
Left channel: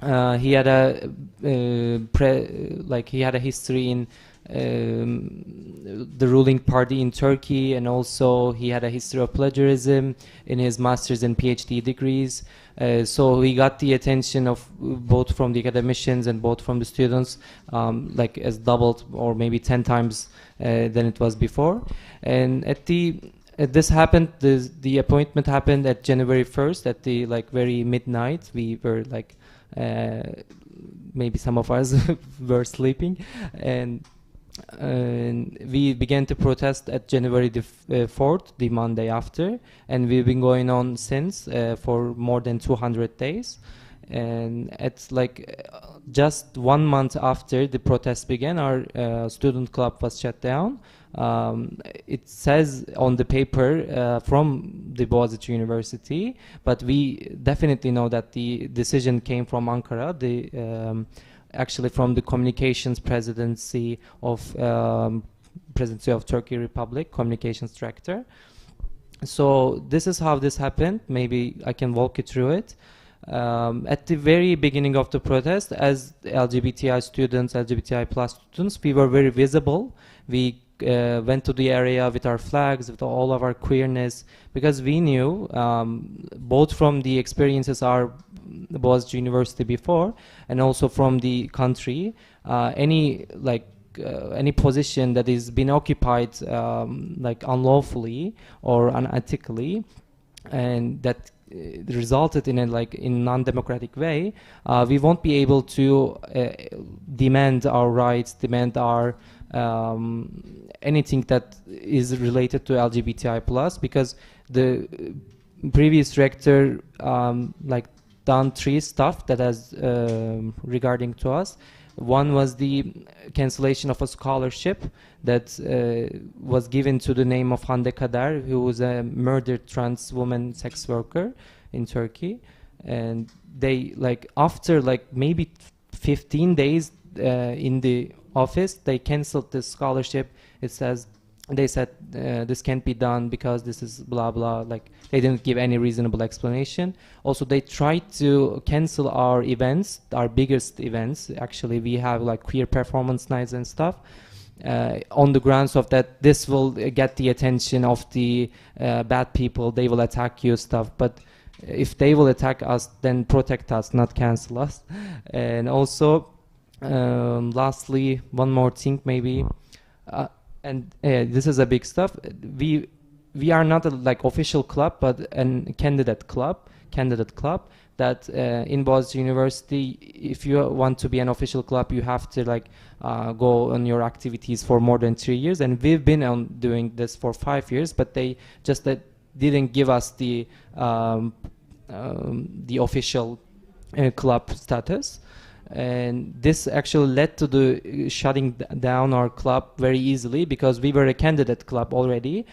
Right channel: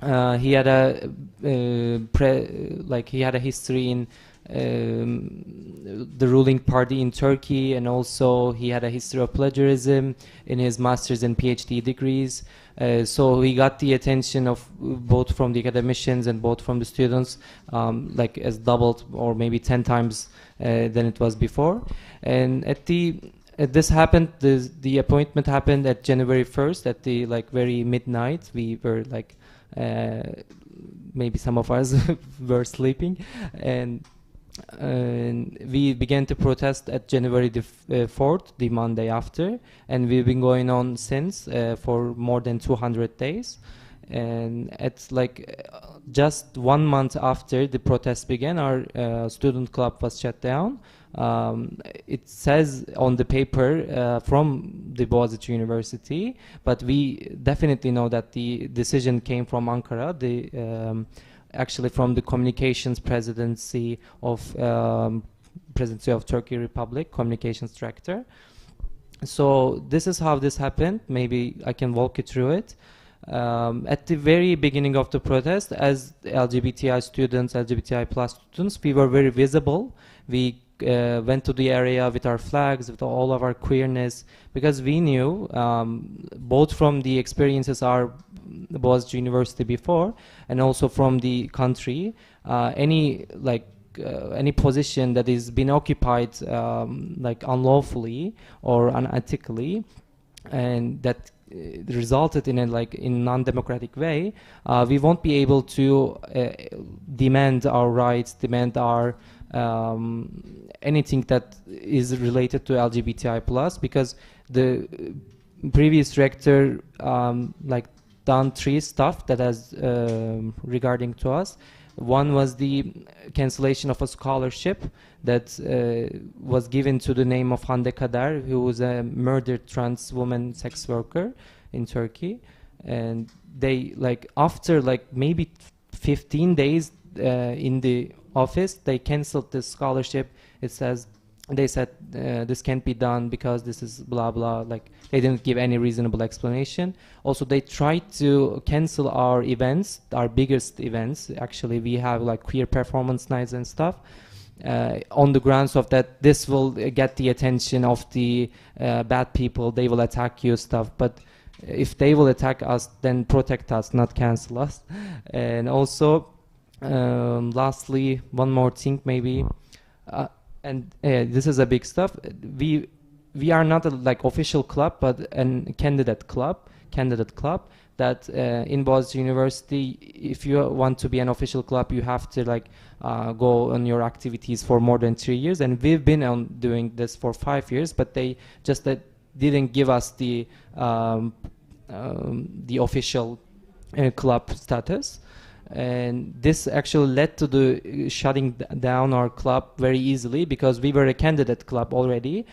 He had a he had a history in the ruling party in Turkey, and also he had a history of plagiarism in his master's and PhD degrees. So he got the attention of both from the academicians and both from the students, like as doubled or maybe 10 times than it was before. And this happened. The appointment happened at January 1st at the very midnight. We were maybe some of us were sleeping, and we began to protest at January the 4th, the Monday after, and we've been going on since for more than 200 days. And it's just 1 month after the protest began, our student club was shut down. It says on the paper from the Boğaziçi University, but we definitely know that the decision came from Ankara, actually from the communications presidency of Turkey Republic, communications director. So this is how this happened. Maybe I can walk you through it. At the very beginning of the protest, as LGBTI students, LGBTI plus students, we were very visible. We went to the area with our flags, with all of our queerness, because we knew, both from the experiences our Boğaziçi University before, and also from the country, any position that is been occupied unlawfully or unethically, and that resulted in a in non-democratic way, we won't be able to demand our rights, demand our anything that is related to LGBTI plus, because the previous rector done 3 stuff that has regarding to us. One was the cancellation of a scholarship that was given to the name of Hande Kader, who was a murdered trans woman sex worker in Turkey. And they after maybe 15 days in the office, they canceled the scholarship. They said this can't be done because this is blah blah. They didn't give any reasonable explanation. Also, they tried to cancel our events, our biggest events. Actually, we have queer performance nights and stuff, on the grounds of that this will get the attention of the bad people. They will attack you, stuff. But if they will attack us, then protect us, not cancel us. And also, lastly, one more thing maybe. And this is a big stuff. We are not a official club, but a candidate club. That in Boğaziçi University, if you want to be an official club, you have to go on your activities for more than 3 years. And we've been on doing this for 5 years, but they just didn't give us the official club status. And this actually led to the shutting down our club very easily, because we were a candidate club already.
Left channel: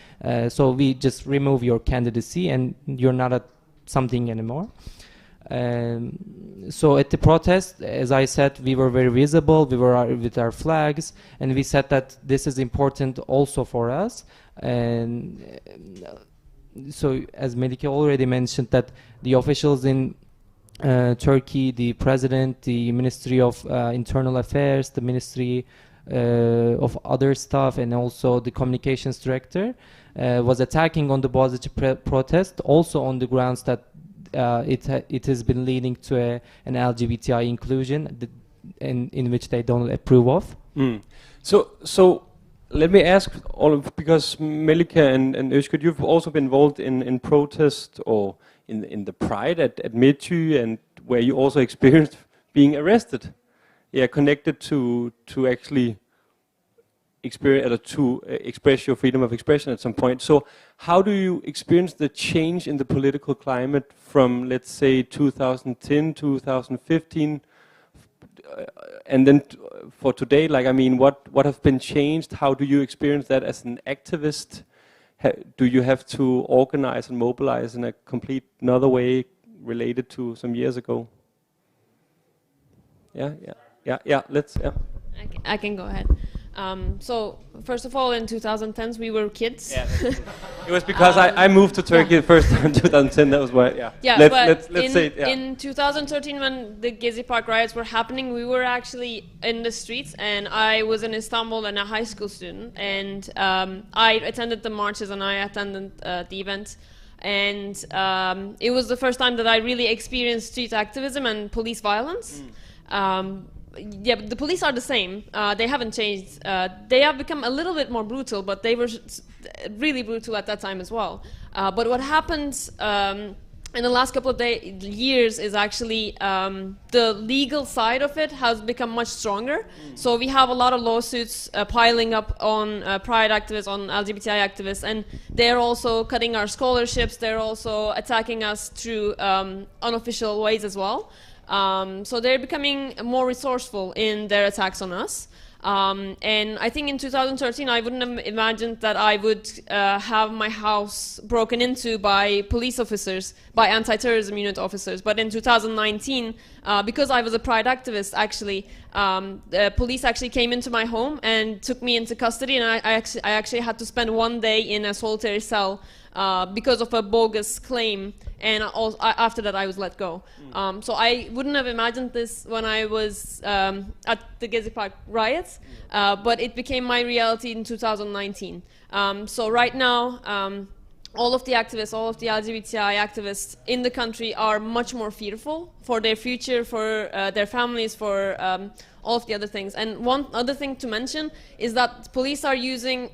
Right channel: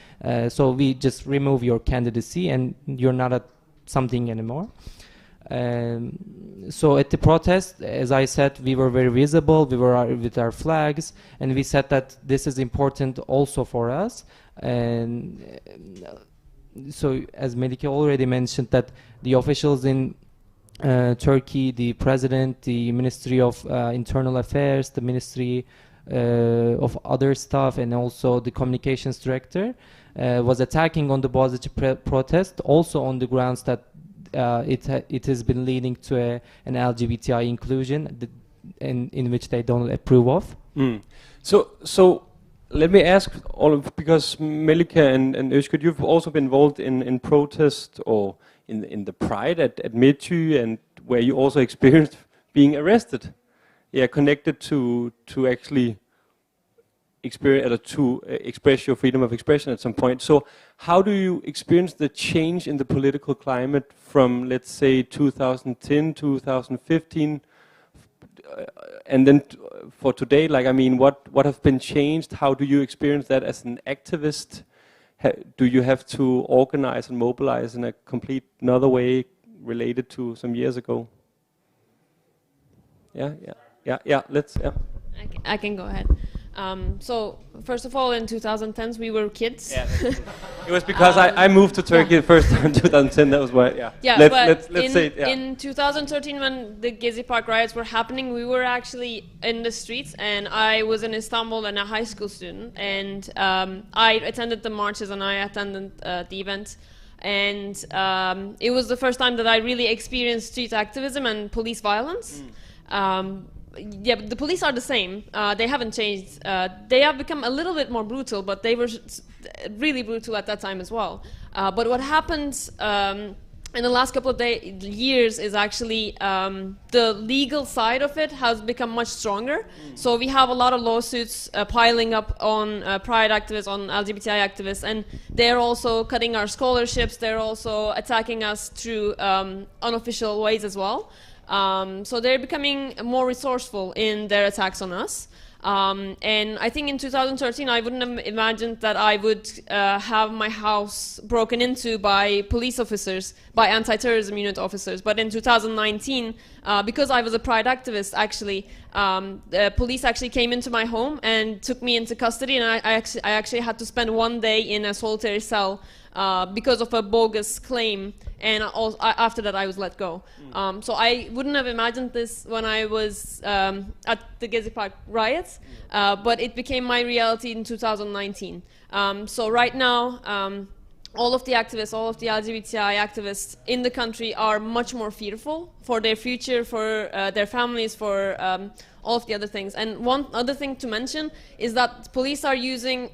So we just remove your candidacy and you're not a something anymore. So at the protest, as I said, we were very visible. We were with our flags, and we said that this is important also for us. And so, as Melike already mentioned, that the officials in Turkey, the president, the Ministry of Internal Affairs, the Ministry of other stuff, and also the communications director was attacking on the Boğaziçi protest, also on the grounds that it has been leading to an LGBTI inclusion in which they don't approve of. So let me ask because Melike and Özgür, you've also been involved in protest or in the Pride at Midtjy, and where you also experienced being arrested, connected to actually experience to express your freedom of expression at some point. So how do you experience the change in the political climate from, let's say, 2010, 2015, and then for today? What have been changed? How do you experience that as an activist? Do you have to organize and mobilize in a complete another way related to some years ago? I can go ahead. So first of all, in 2010s we were kids. Yeah, it was because I moved to Turkey the first time in 2010. That was why. Yeah. Yeah, Let's but say it, yeah. in 2013, when the Gezi Park riots were happening, we were actually in the streets, and I was in Istanbul and a high school student, and I attended the marches and I attended the event, and it was the first time that I really experienced street activism and police violence. Yeah, but the police are the same. They haven't changed. They have become a little bit more brutal, but they were really brutal at that time as well. But what happened in the last couple of years is actually the legal side of it has become much stronger. So we have a lot of lawsuits piling up on pride activists, on LGBTI activists, and they're also cutting our scholarships. They're also attacking us through unofficial ways as well. So they're becoming more resourceful in their attacks on us. And I think in 2013 I wouldn't have imagined that I would have my house broken into by police officers, by anti-terrorism unit officers. But in 2019, because I was a pride activist, actually, the police actually came into my home and took me into custody, and I actually had to spend 1 day in a solitary cell because of a bogus claim, and after that I was let go. So I wouldn't have imagined this when I was at the Gezi Park riots, but it became my reality in 2019. So right now, all of the activists, all of the LGBTI activists in the country are much more fearful for their future, for their families, for all of the other things. And one other thing to mention is that police are using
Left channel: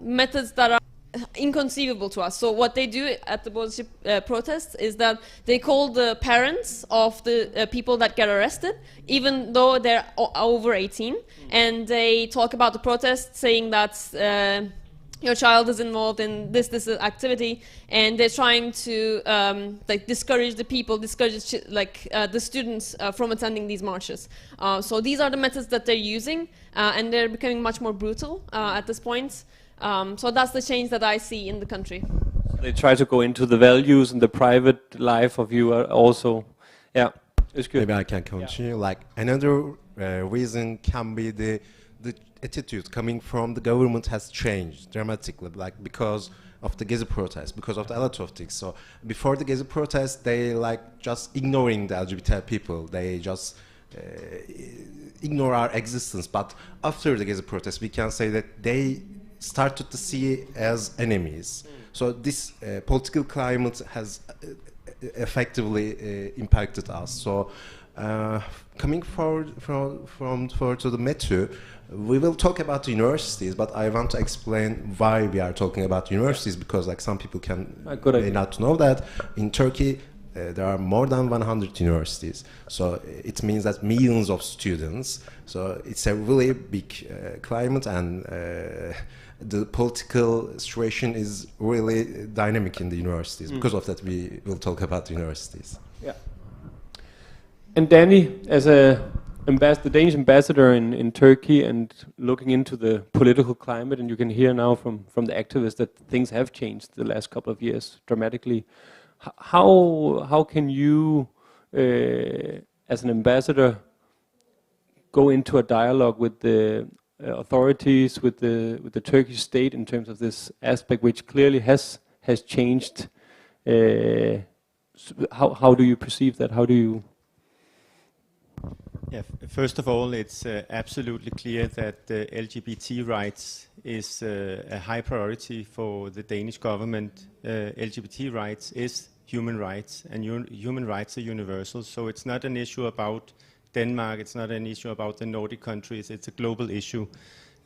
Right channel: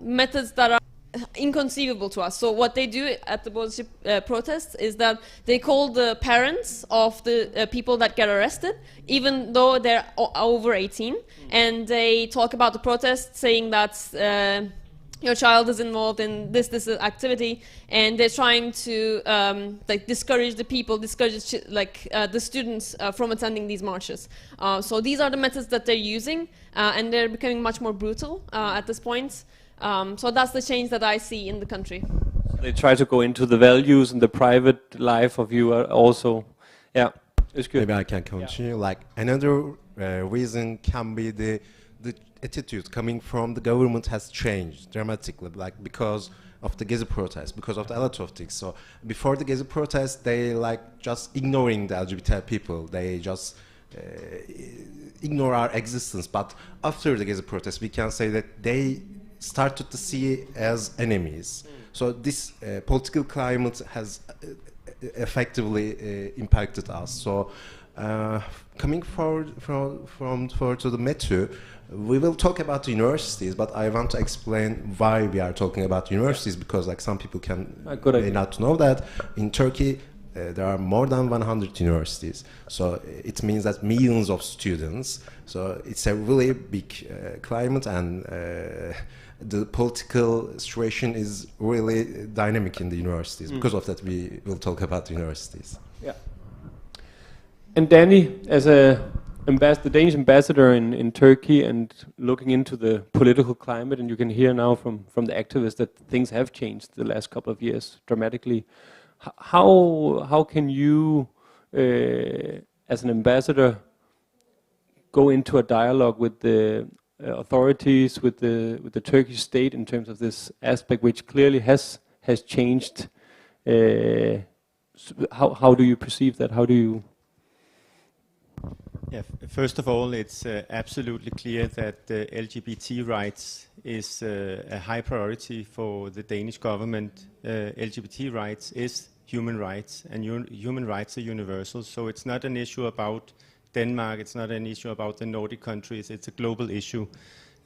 methods that are inconceivable to us. So what they do at the Boğaziçi protests is that they call the parents of the people that get arrested, even though they're over 18, and they talk about the protest, saying that your child is involved in this activity, and they're trying to like discourage the people, discourage the students from attending these marches. So these are the methods that they're using, and they're becoming much more brutal at this point. So that's the change that I see in the country. They try to go into the values and the private life of you also. Yeah, it's good. Maybe I can continue. Yeah. Like another reason can be the attitude coming from the government has changed dramatically, like because of the Gezi protest, because of a lot of things. So before the Gezi protest, they like just ignoring the LGBT people. They just ignore our existence. But after the Gezi protest, we can say that they started to see as enemies. So this political climate has effectively impacted us. So coming forward to the metro, we will talk about the universities, but I want to explain why we are talking about universities, because like some people may not know that in Turkey there are more than 100 universities. So it means that millions of students. So it's a really big climate, and the political situation is really dynamic in the universities. Because of that, we will talk about the universities. Yeah. And Danny, as the Danish ambassador in Turkey, and looking into the political climate, and you can hear now from the activists that things have changed the last couple of years dramatically. How can you, as an ambassador, go into a dialogue with the authorities, with the Turkish state in terms of this aspect, which clearly has changed? How do you perceive that? How do you? Yeah, first of all, it's absolutely clear that LGBT rights is a high priority for the Danish government. LGBT rights is human rights, and human rights are universal. So it's not an issue about Denmark, it's not an issue about the Nordic countries, it's a global issue.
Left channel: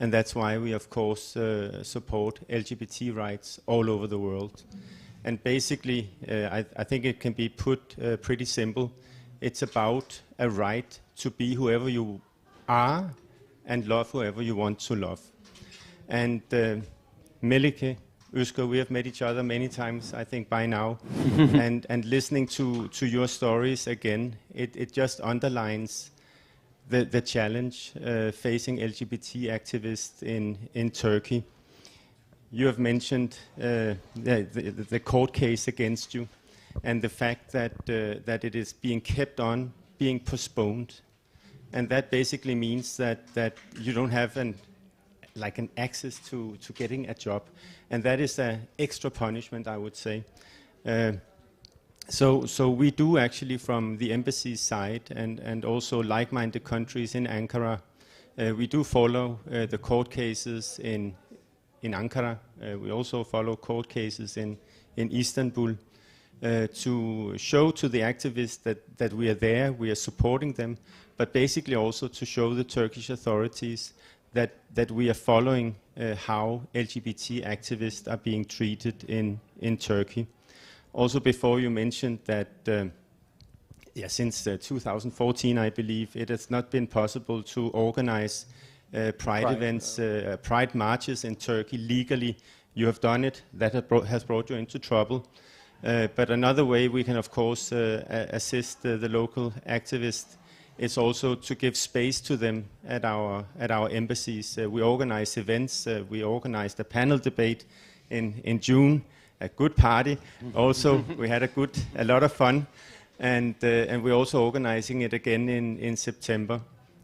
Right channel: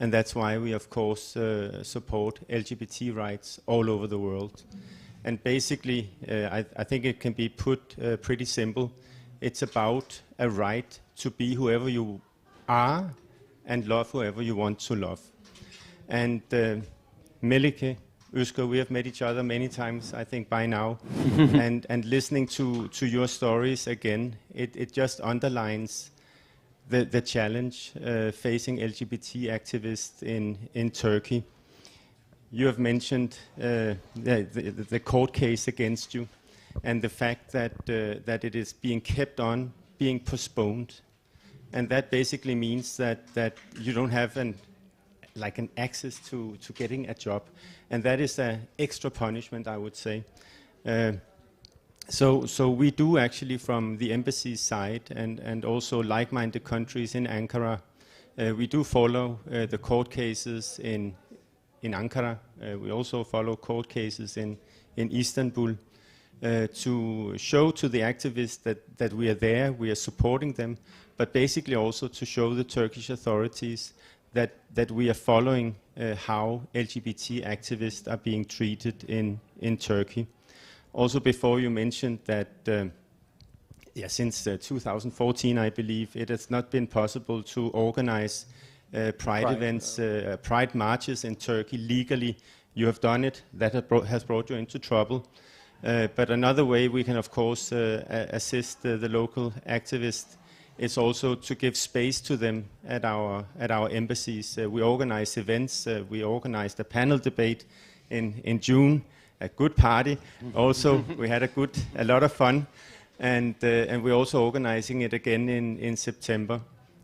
And that's why we, of course, support LGBT rights all over the world. And basically, I think it can be put pretty simple. It's about a right to be whoever you are and love whoever you want to love. And Melike, Özgür, we have met each other many times, I think, by now. and listening to your stories again, it just underlines the challenge facing LGBT activists in Turkey. You have mentioned the court case against you, and the fact that it is being kept on, being postponed. And that basically means that you don't have like an access to getting a job, and that is an extra punishment, I would say. So we do actually, from the embassy's side and also like-minded countries in Ankara, we do follow the court cases in Ankara. We also follow court cases in Istanbul to show to the activists that we are there, we are supporting them, but basically also to show the Turkish authorities that we are following how LGBT activists are being treated in Turkey. Also, before you mentioned that since 2014, I believe, it has not been possible to organize Pride events, Pride marches in Turkey legally. You have done it. That has brought you into trouble. But another way we can, of course, assist the local activists is also to give space to them at our embassies. We organize events. We organized a panel debate in June. A good party. Also, we had a lot of fun, and we're also organizing it again in September,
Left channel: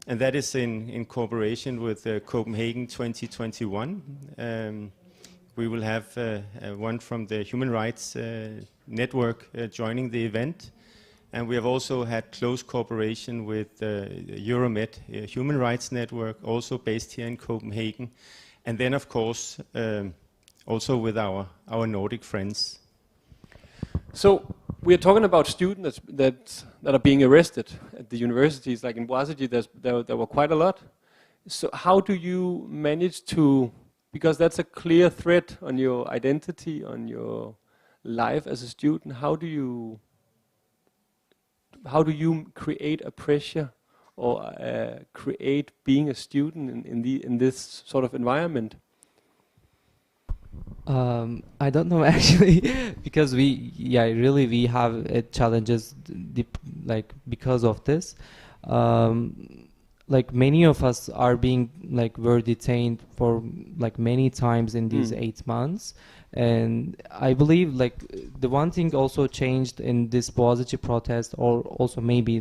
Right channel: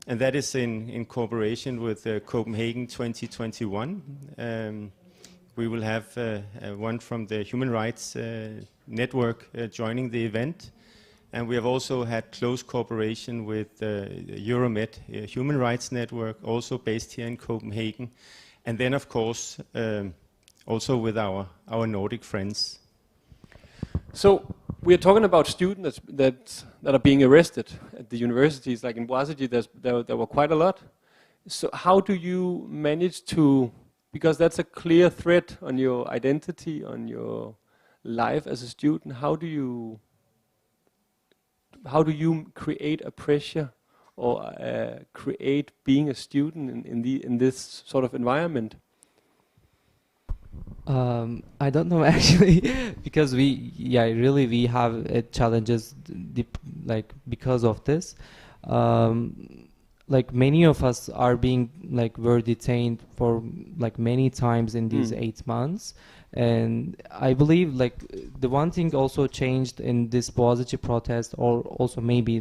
and that is in cooperation with Copenhagen 2021. We will have one from the Human Rights Network joining the event, and we have also had close cooperation with Euromed Human Rights Network, also based here in Copenhagen, and then of course also with our Nordic friends. So we are talking about students that are being arrested at the universities, like in Boğaziçi. There were quite a lot. So how do you manage to, because that's a clear threat on your identity, on your life as a student. How do you create a pressure or create being a student in this sort of environment? I don't know actually, because we have challenges like because of this. Like many of us are being were detained for many times in these 8 months, and I believe the one thing also changed in this Boğaziçi protest, or also maybe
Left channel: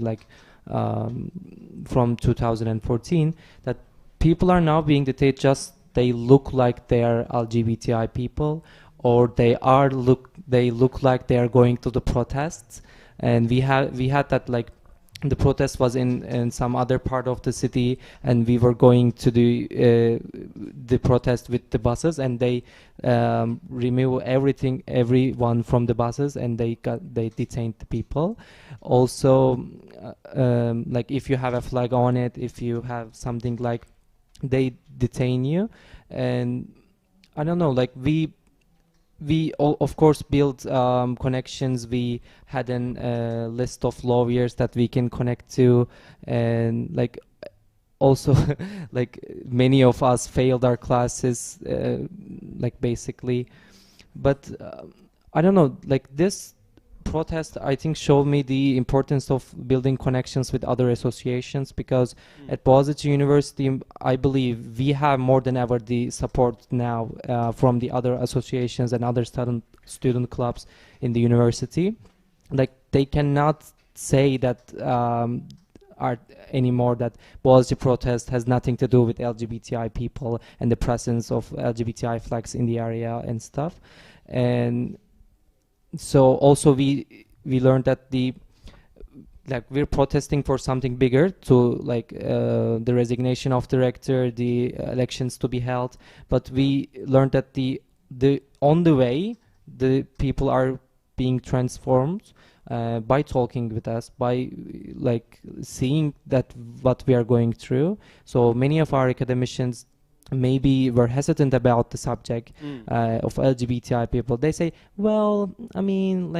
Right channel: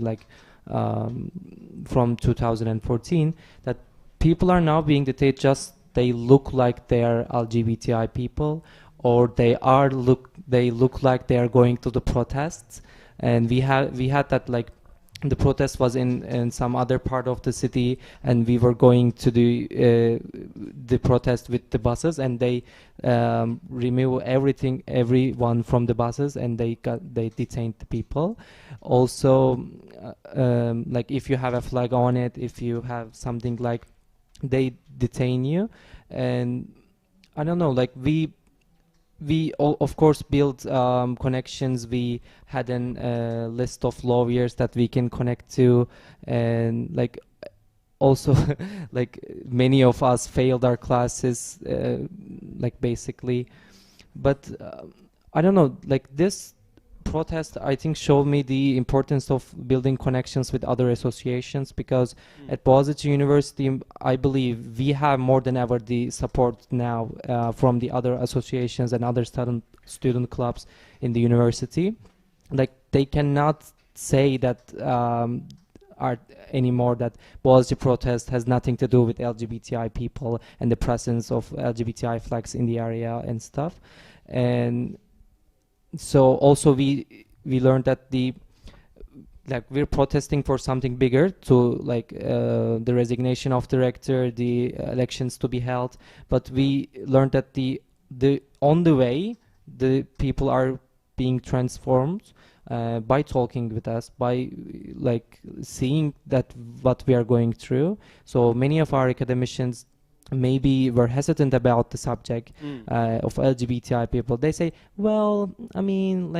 from 2014, that people are now being detained just they look like they are LGBTI people, or they look like they are going to the protests. And we had that the protest was in some other part of the city, and we were going to the protest with the buses, and they remove everyone from the buses, and they detained the people. Also, if you have a flag on it, if you have something they detain you. And I don't know, we of course built connections. We had a list of lawyers that we can connect to, and also many of us failed our classes basically. But I don't know, this protest I think showed me the importance of building connections with other associations, because at Boğaziçi University I believe we have more than ever the support now from the other associations and other student clubs in the university. They cannot say that anymore that Boğaziçi protest has nothing to do with LGBTI people and the presence of LGBTI flags in the area and stuff. And so also we learned that we're protesting for something bigger, to the resignation of the rector, the elections to be held. But we learned that on the way the people are being transformed by talking with us, by seeing that what we are going through. So many of our academicians maybe were hesitant about the subject of LGBTI people. They say, well, I mean,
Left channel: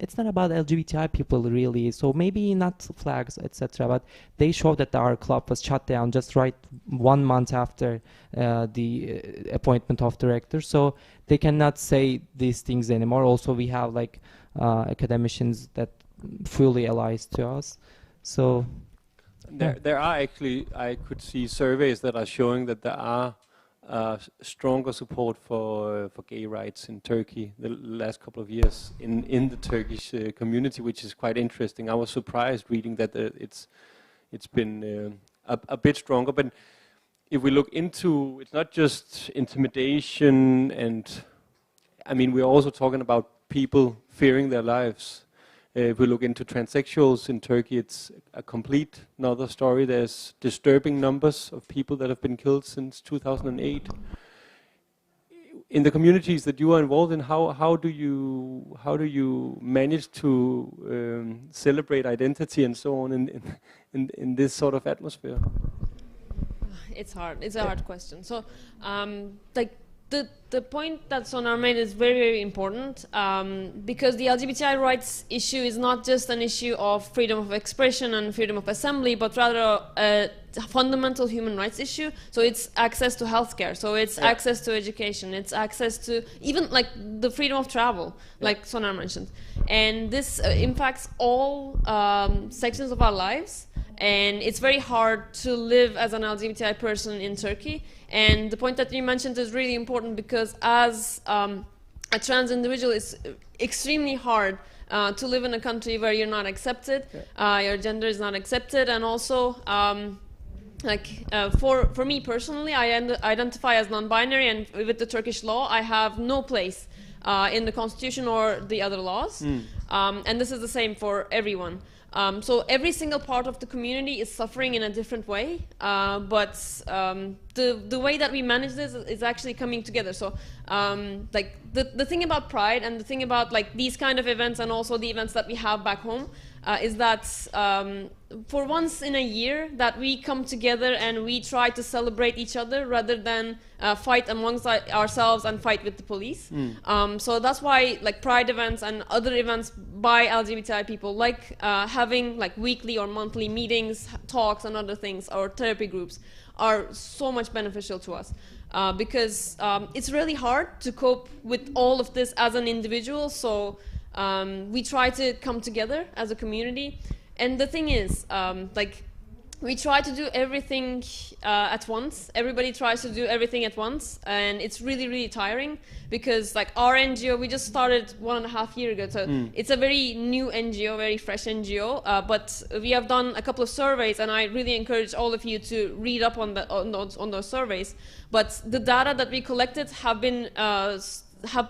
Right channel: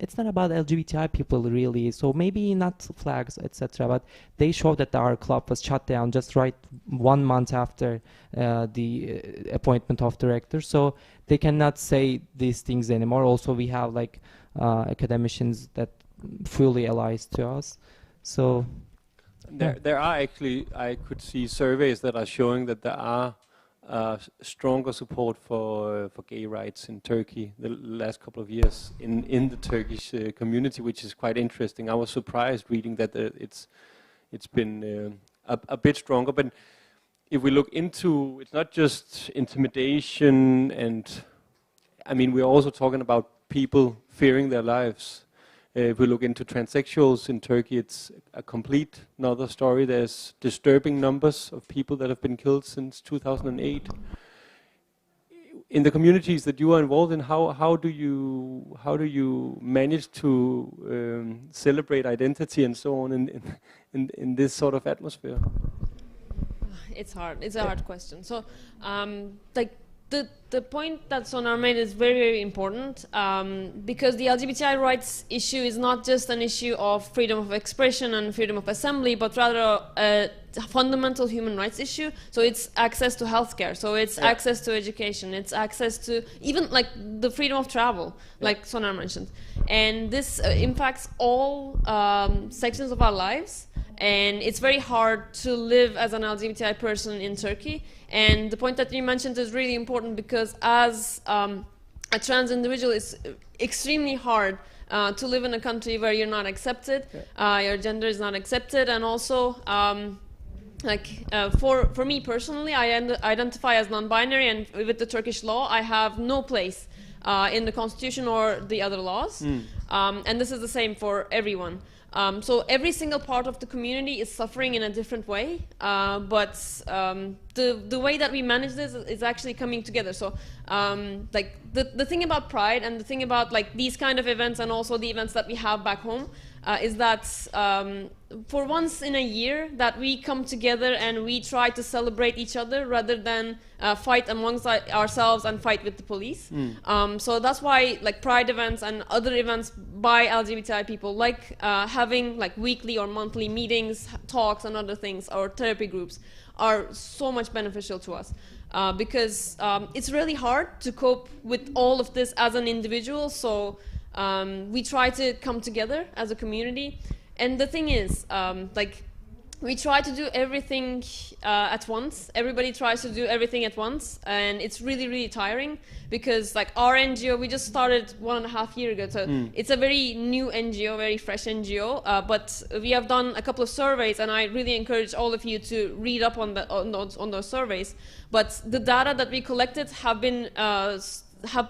it's not about LGBTI people really, so maybe not flags, etc. But they showed that our club was shut down just 1 month after the appointment of the rector, so they cannot say these things anymore. Also, we have academicians that fully allies to us. So There are actually, I could see surveys that are showing that there are stronger support for gay rights in Turkey the last couple of years in the Turkish community, which is quite interesting. I was surprised reading that it's been a bit stronger. But if we look into, it's not just intimidation and, I mean, we're also talking about people fearing their lives. If we look into transsexuals in Turkey, it's a complete another story. There's disturbing numbers of people that have been killed since 2008. In the communities that you are involved in, how do you manage to celebrate identity and so on in this sort of atmosphere? It's hard. It's a hard question. So, like the point that Sonar made is very, very important because the LGBTI rights issue is not just an issue of freedom of expression and freedom of assembly, but rather a fundamental human rights issue. So it's access to healthcare. So it's access to education. It's access to even like the freedom of travel, like Sonar mentioned. And this impacts all sections of our lives. And it's very hard to live as an LGBTI person in Turkey. And the point that you mentioned is really important because as a trans individual, it's extremely hard to live in a country where you're not accepted, your gender is not accepted, and also for me personally, I identify as non-binary, and with the Turkish law, I have no place in the constitution or the other laws. And this is the same for everyone. So every single part of the community is suffering in a different way, but the way that we manage this is actually coming together. So like the thing about Pride and the thing about like these kind of events and also the events that we have back home is that for once in a year that we come together and we try to celebrate each other rather than fight amongst ourselves and fight with the police. So that's why like Pride events and other events by LGBTI people, like having like weekly or monthly meetings, talks and other things, or therapy groups are so much beneficial to us. Because it's really hard to cope with all of this as an individual, so we try to come together as a community. And the thing is, like, we try to do everything at once. Everybody tries to do everything at once, and it's really, really tiring because, like, our NGO, we just started 1.5 years ago, so it's a very new NGO, very fresh NGO, but we have done a couple of surveys, and I really encourage all of you to read up on those surveys. But the data that we collected have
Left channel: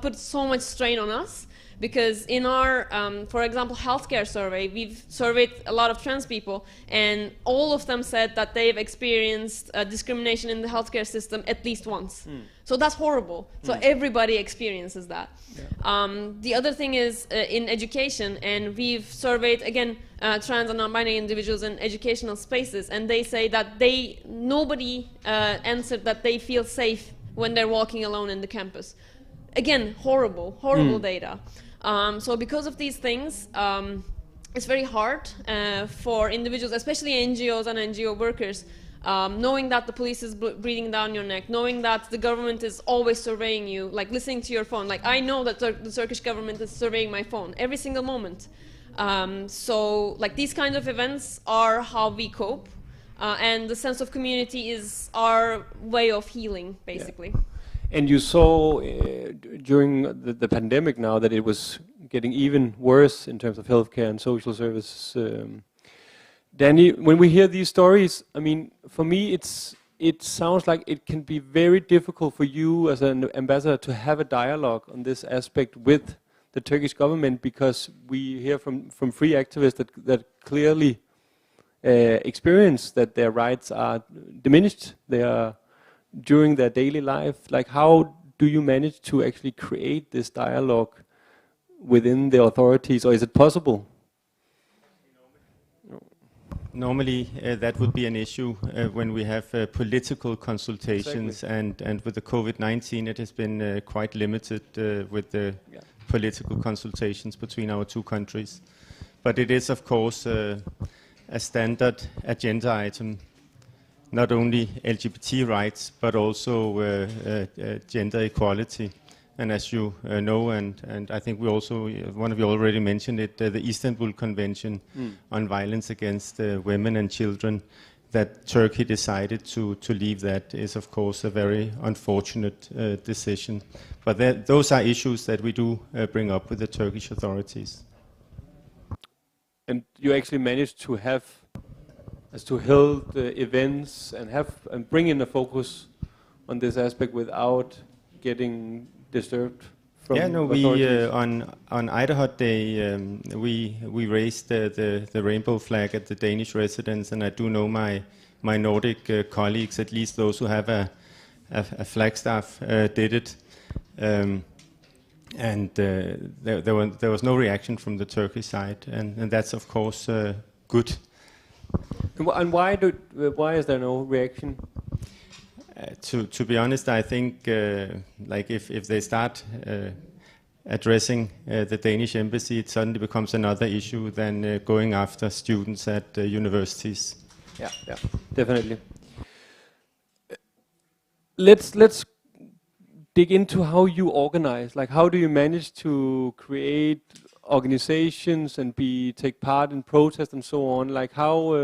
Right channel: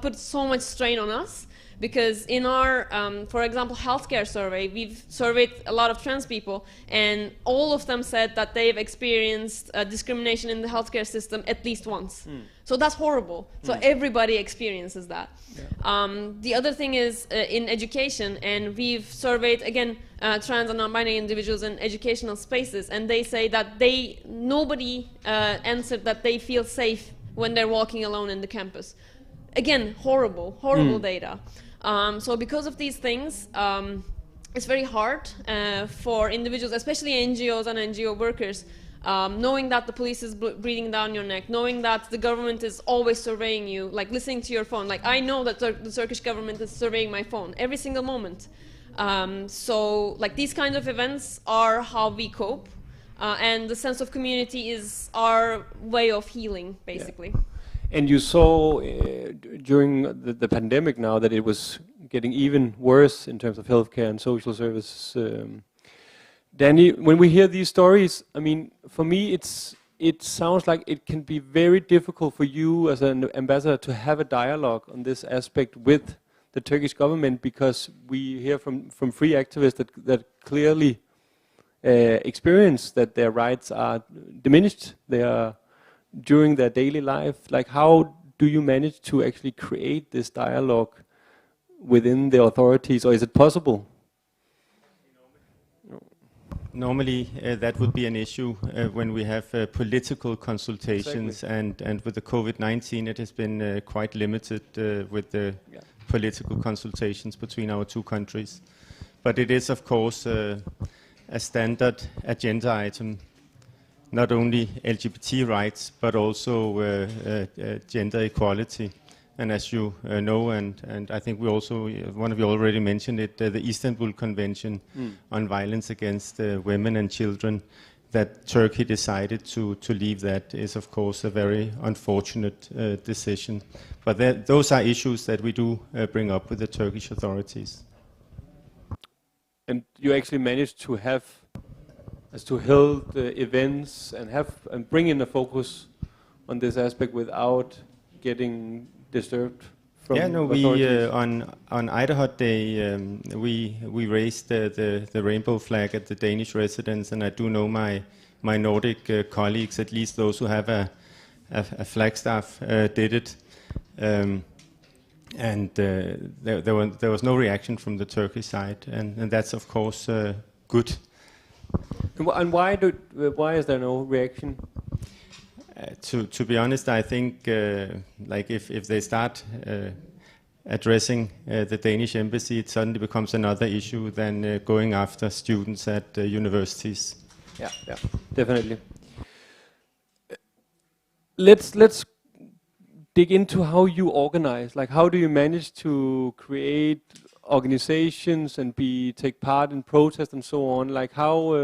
put so much strain on us. Because in our, for example, healthcare survey, we've surveyed a lot of trans people, and all of them said that they've experienced discrimination in the healthcare system at least once. So that's horrible. So everybody experiences that. The other thing is in education, and we've surveyed, again, trans and non-binary individuals in educational spaces, and they say that nobody answered that they feel safe when they're walking alone in the campus. Again, horrible data. So because of these things, it's very hard for individuals, especially NGOs and NGO workers, knowing that the police is breathing down your neck, knowing that the government is always surveying you, like listening to your phone. Like I know that the Turkish government is surveying my phone every single moment. So like these kinds of events are how we cope, and the sense of community is our way of healing, basically. Yeah. And you saw during the pandemic now that it was getting even worse in terms of healthcare and social services. Danny, when we hear these stories, I mean, for me, it sounds like it can be very difficult for you as an ambassador to have a dialogue on this aspect with the Turkish government, because we hear from free activists that clearly experience that their rights are diminished. They are during their daily life. Like, how do you manage to actually create this dialogue within the authorities, or is it possible? Normally, that would be an issue when we have political consultations, Exactly. and with the COVID-19, it has been quite limited with the political consultations between our two countries. But it is, of course, a standard agenda item. Not only LGBT rights, but also gender equality. And as you know, and I think we also, one of you already mentioned it, the Istanbul Convention on Violence Against Women and Children, that Turkey decided to leave that is, of course, a very unfortunate decision. But those are issues that we do bring up with the Turkish authorities. And you actually managed to have as to hold events and bring in a focus on this aspect without getting disturbed from authorities? On Idaho Day we raised the rainbow flag at the Danish residence, and I do know my Nordic colleagues, at least those who have a flagstaff, did it. And there was no reaction from the Turkish side, and that's of course good. And why is there no reaction? To be honest, I think like if they start addressing the Danish embassy, it suddenly becomes another issue than going after students at universities. Yeah, definitely. Let's dig into how you organize. Like, how do you manage to create organizations and take part in protests and so on? Like, how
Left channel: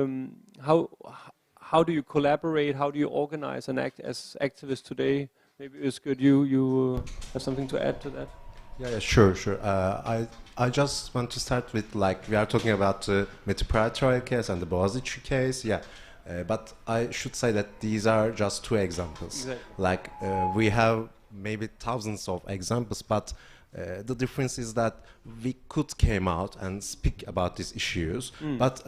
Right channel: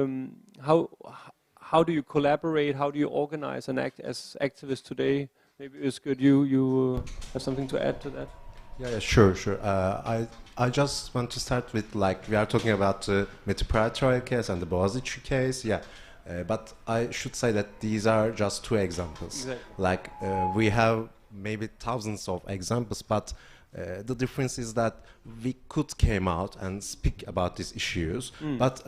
do you collaborate? How do you organize and act as activists today? Maybe it's good you have something to add to that. Yeah, sure. I just want to start with, like, we are talking about the WorldPride trial case and the Boğaziçi case. Yeah. But I should say that these are just two examples. Exactly. Like we have maybe thousands of examples, but the difference is that we could came out and speak about these issues, but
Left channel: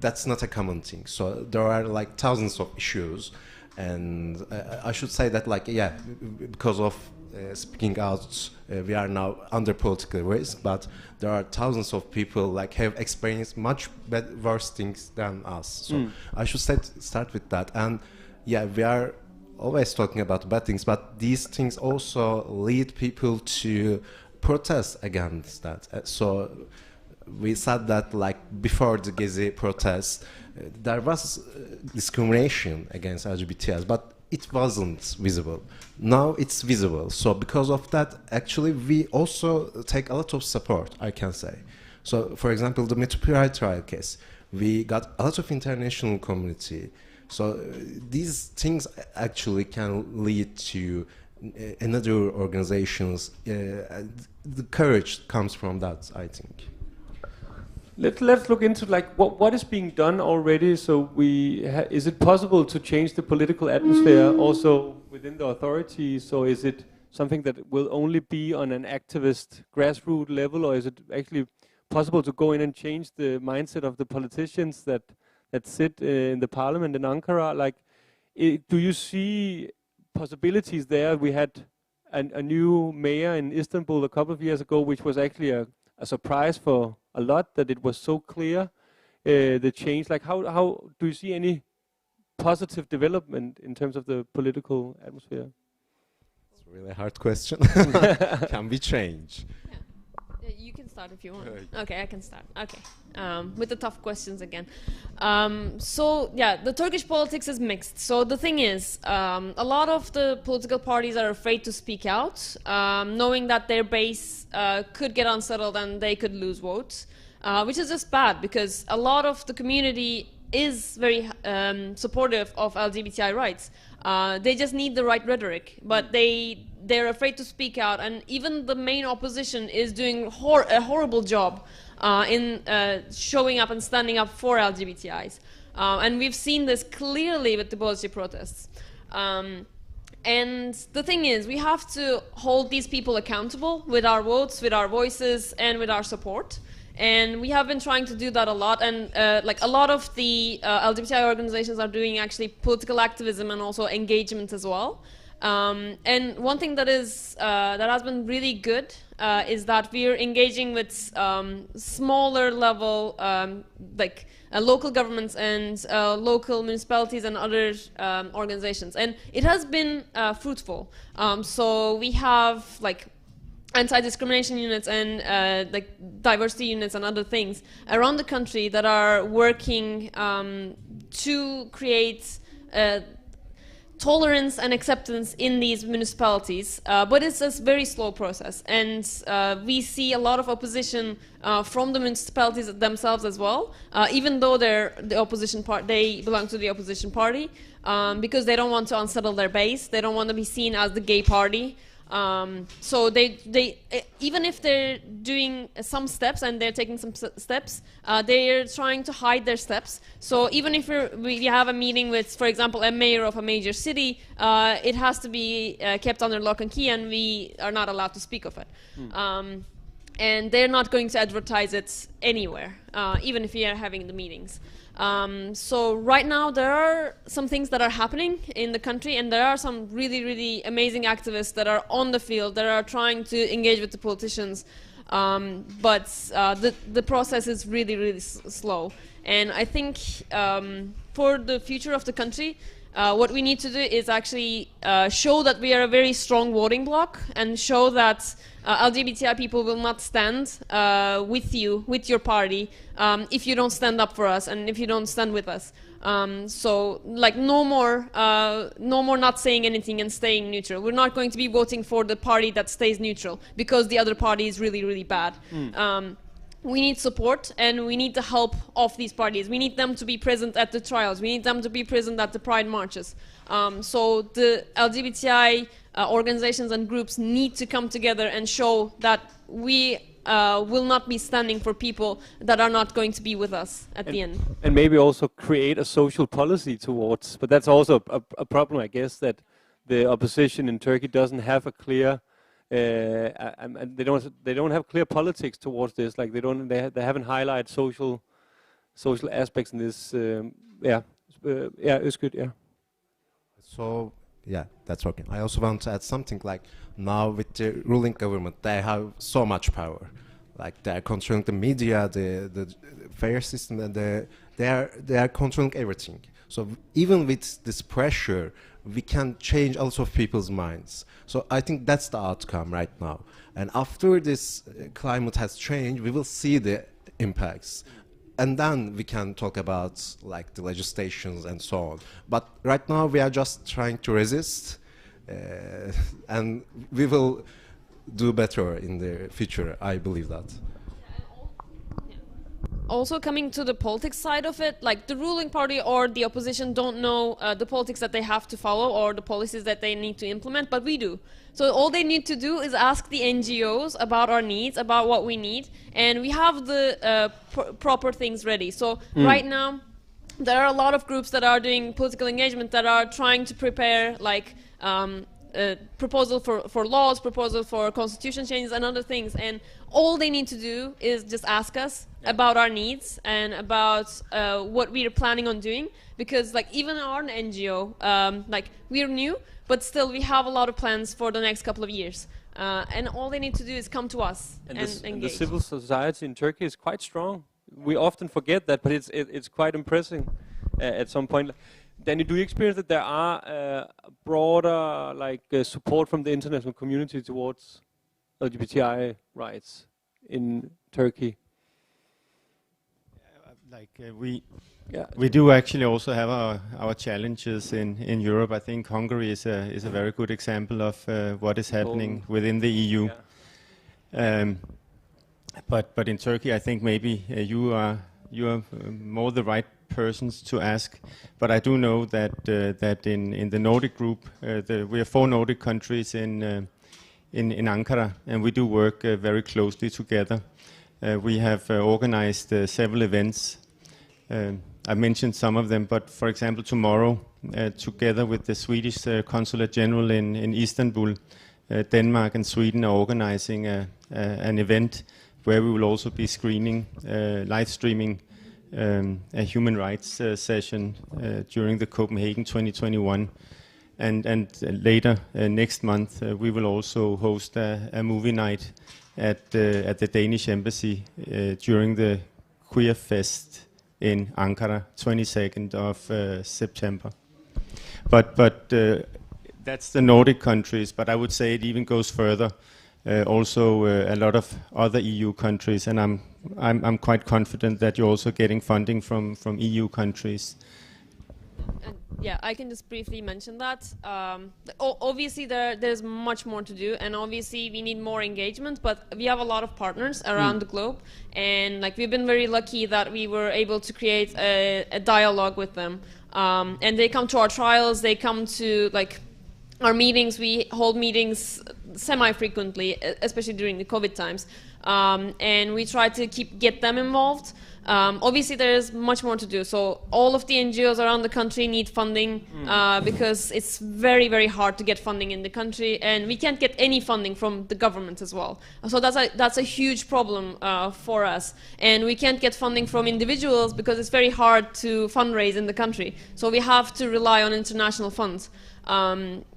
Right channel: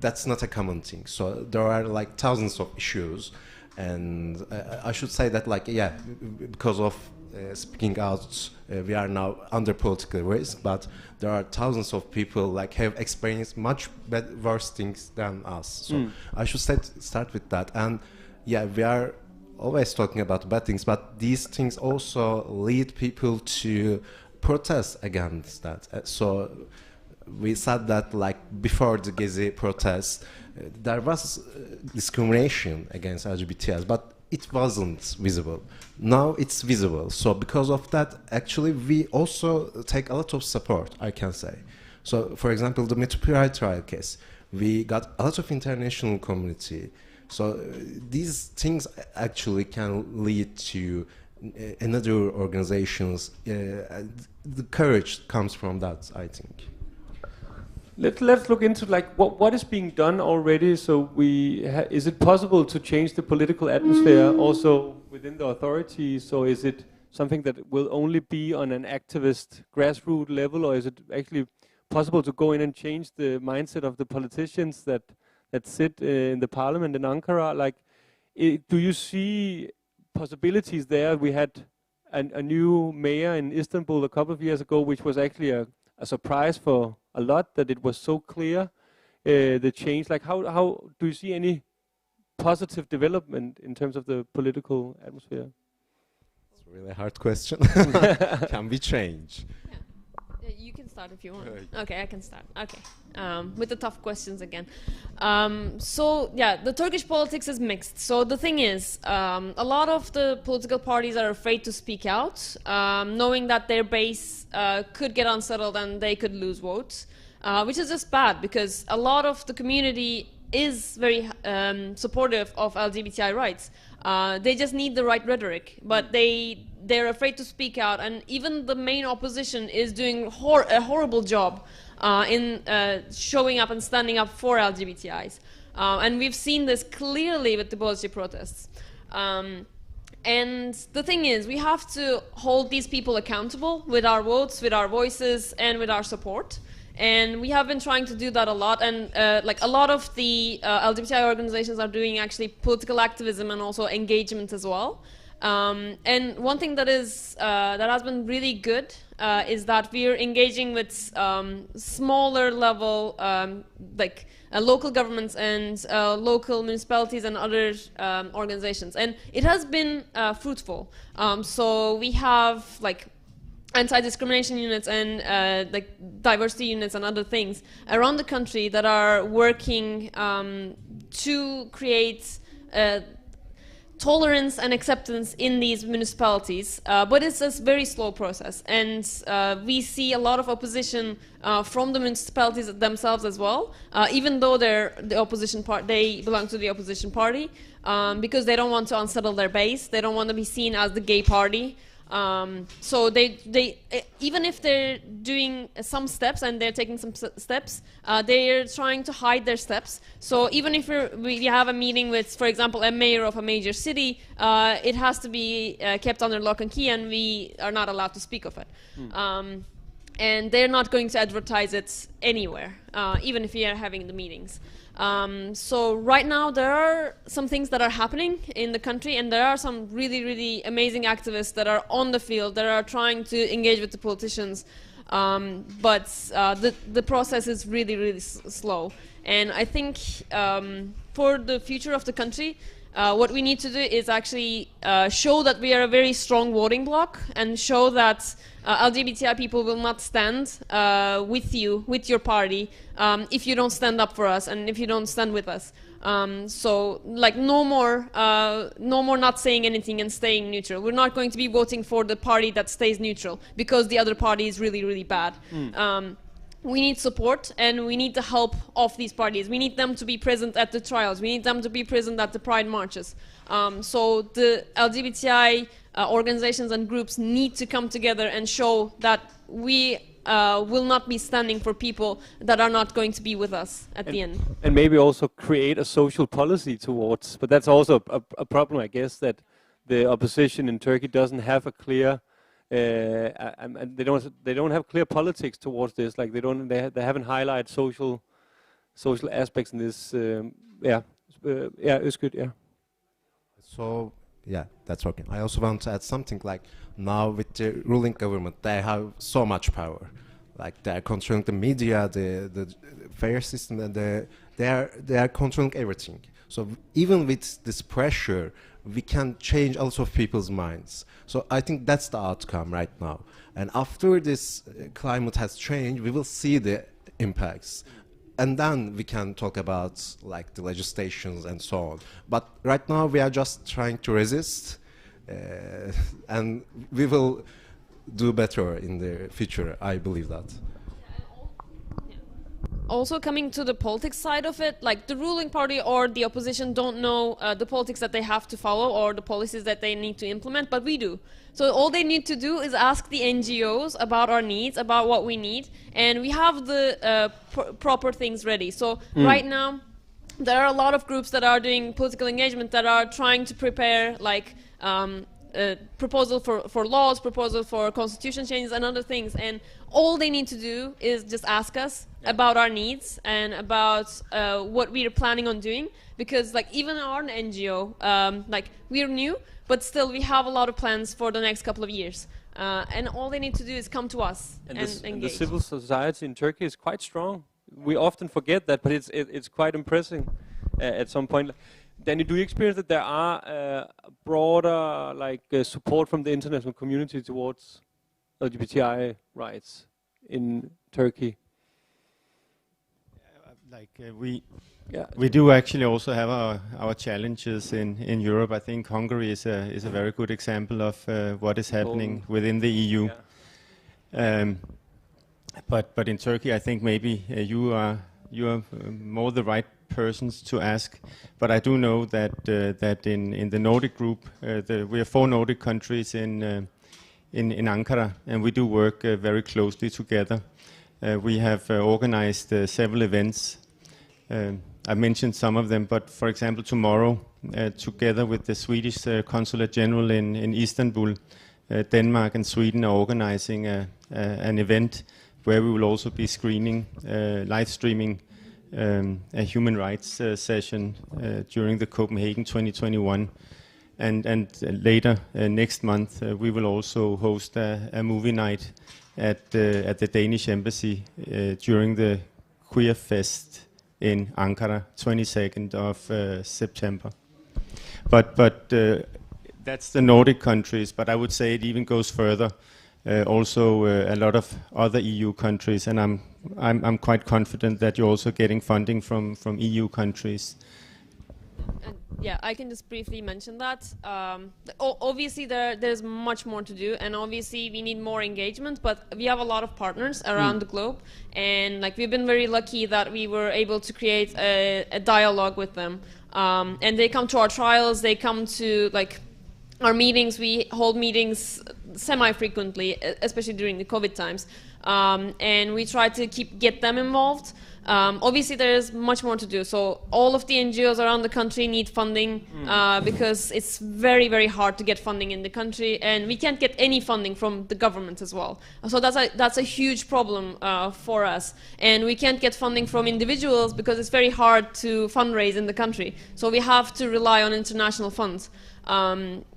that's not a common thing. So there are like thousands of issues, and I should say that, like, yeah, because of speaking out, we are now under political risk, but there are thousands of people like have experienced much worse things than us. So I should start with that. And yeah, we are always talking about bad things, but these things also lead people to protest against that. So we said that, like, before the Gezi protests, there was discrimination against LGBTIs, but it wasn't visible. Now it's visible. So because of that, actually, we also take a lot of support, I can say. So, for example, the WorldPride trial case, we got a lot of international community. So these things actually can lead to another organizations. The courage comes from that, I think. Let's look into, like, what is being done already. So is it possible to change the political atmosphere also within the authorities, or is it something that will only be on an activist grassroots level, or is it actually possible to go in and change the mindset of the politicians that sit in the parliament in Ankara? Like, do you see possibilities there? We had a new mayor in Istanbul a couple of years ago, which was actually a surprise for a lot, that it was so clear, the change. Like, how do you see any positive development in terms of the political atmosphere? It's a really hard question. Can we change? You can start if you want. Okay, I can start. Okay, with the tough questions again. So yeah, the Turkish politics is mixed. So the thing is, a lot of the political parties are afraid to speak out, knowing that their base could get unsettled and they could lose votes, which is just bad, because a lot of the community is very supportive of LGBTI rights. They just need the right rhetoric, but they're afraid to speak out, and even the main opposition is doing a horrible job in showing up and standing up for LGBTIs. And we've seen this clearly with the Boğaziçi protests. And the thing is, we have to hold these people accountable with our votes, with our voices, and with our support. And we have been trying to do that a lot, and like a lot of the LGBTI organizations are doing actually political activism and also engagement as well. And one thing that has been really good is that we're engaging with smaller level, like local governments and local municipalities and other organizations, and it has been fruitful. So we have like anti-discrimination units and like diversity units and other things around the country that are working to create tolerance and acceptance in these municipalities, but it's a very slow process, and we see a lot of opposition from the municipalities themselves as well, even though they're the opposition part, they belong to the opposition party, because they don't want to unsettle their base, they don't want to be seen as the gay party. So they even if they're doing some steps and they're taking some steps, they're trying to hide their steps. So even if we have a meeting with, for example, a mayor of a major city, it has to be kept under lock and key, and we are not allowed to speak of it. And they're not going to advertise it anywhere, even if we are having the meetings. So right now there are some things that are happening in the country, and there are some really, really amazing activists that are on the field, that are trying to engage with the politicians. But the process is really, really slow. And I think for the future of the country, what we need to do is actually show that we are a very strong voting bloc, and show that LGBTI people will not stand with you, with your party, if you don't stand up for us and if you don't stand with us. So, like, no more not saying anything and staying neutral. We're not going to be voting for the party that stays neutral because the other party is really, really bad. We need support, and we need the help of these parties. We need them to be present at the trials. We need them to be present at the Pride marches. So the LGBTI organizations and groups need to come together and show that we will not be standing for people that are not going to be with us at the end. And maybe also create a social policy towards, but that's also a problem, I guess, that the opposition in Turkey doesn't have a clear and they don't have clear politics towards this. Like they haven't highlighted social aspects in this. It's good. Yeah. So yeah, that's okay. I also want to add something. Like now with the ruling government, they have so much power. Like they are controlling the media, the fair system, and they are controlling everything. So even with this pressure, we can change a lot of people's minds. So I think that's the outcome right now. And after this climate has changed, we will see the impacts. And then we can talk about like the legislations and so on. But right now we are just trying to resist, and we will do better in the future. I believe that. Also, coming to the politics side of it, like the ruling party or the opposition don't know the politics that they have to follow or the policies that they need to implement, but we do. So all they need to do is ask the NGOs about our needs, about what we need, and we have the proper things ready. So right now, there are a lot of groups that are doing political engagement that are trying to prepare like proposal for laws, proposal for constitution changes and other things, and all they need to do is just ask us about our needs and about what we are planning on doing, because like even our NGO, like we're new, but still we have a lot of plans for the next couple of years, and all they need to do is come to us and engage. And the civil society in Turkey is quite strong. We often forget that, but it's quite impressive at some point. Danny, do you experience that there are broader support from the international community towards LGBTI rights in Turkey? We do actually also have our challenges in Europe. I think Hungary is a very good example of what is happening within the EU. Yeah. But in Turkey, I think maybe you are more the right persons to ask. But I do know that in the Nordic group, we are 4 Nordic countries in Ankara, and we do work very closely together. We have organized several events. I mentioned some of them, but for example, tomorrow, together with the Swedish Consulate General in Istanbul, Denmark and Sweden are organizing an event where we will also be live streaming a human rights session during the Copenhagen 2021. And later next month, we will also host a movie night at the Danish embassy during the Queer Fest in Ankara, 22nd of September. But that's the Nordic countries, but I would say it even goes further. Also a lot of other EU countries, and I'm quite confident that you're also getting funding from EU countries. And yeah, I can just briefly mention that. Obviously, there's much more to do, and obviously we need more engagement. But we have a lot of partners around the globe, and like we've been very lucky that we were able to create a dialogue with them. And they come to our trials. They come to like our meetings. We hold meetings semi-frequently, especially during the COVID times. And we try to get them involved. Obviously, there is much more to do. So all of the NGOs around the country need funding because it's very, very hard to get funding in the country, and we can't get any funding from the government as well. So that's a huge problem for us. And we can't get funding from individuals because it's very hard to fundraise in the country. So we have to rely on international funds.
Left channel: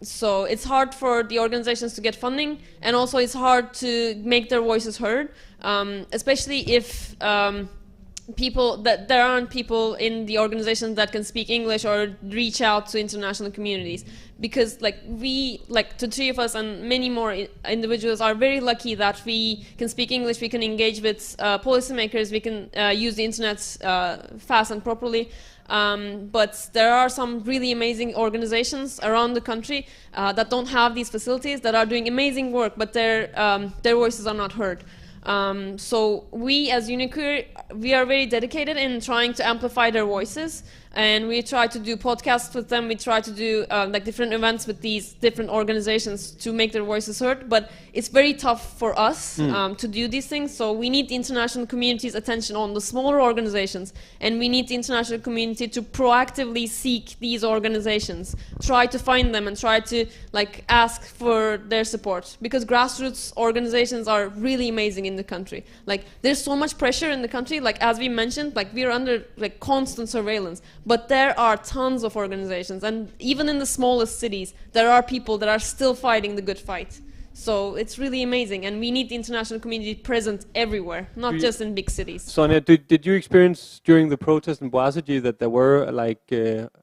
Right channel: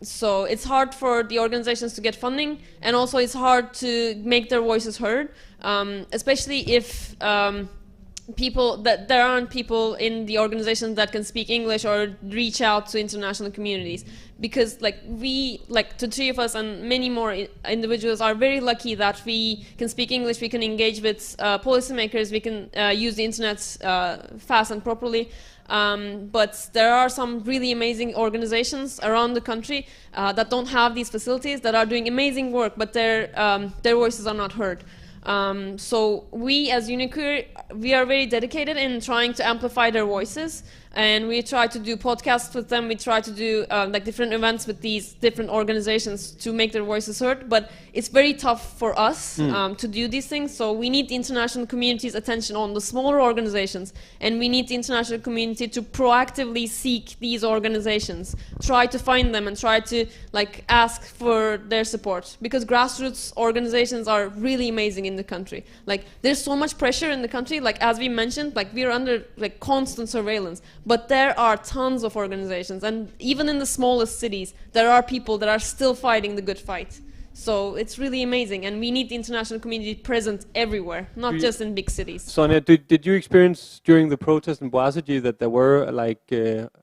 So it's hard for the organizations to get funding, and also it's hard to make their voices heard, especially if there aren't people in the organizations that can speak English or reach out to international communities. Because the three of us and many more individuals are very lucky that we can speak English, we can engage with policymakers, we can use the internet fast and properly. But there are some really amazing organizations around the country that don't have these facilities, that are doing amazing work, but their voices are not heard. So we as Uniqueer, we are very dedicated in trying to amplify their voices, and we try to do podcasts with them, we try to do different events with these different organizations to make their voices heard, but it's very tough for us to do these things, so we need the international community's attention on the smaller organizations, and we need the international community to proactively seek these organizations, try to find them and try to ask for their support, because grassroots organizations are really amazing in the country. There's so much pressure in the country, as we mentioned, we're under constant surveillance, but there are tons of organizations, and even in the smallest cities there are people that are still fighting the good fight. So it's really amazing, and we need the international community present everywhere, not just in big cities. Sonia, did you experience during the protest in Boazici that there were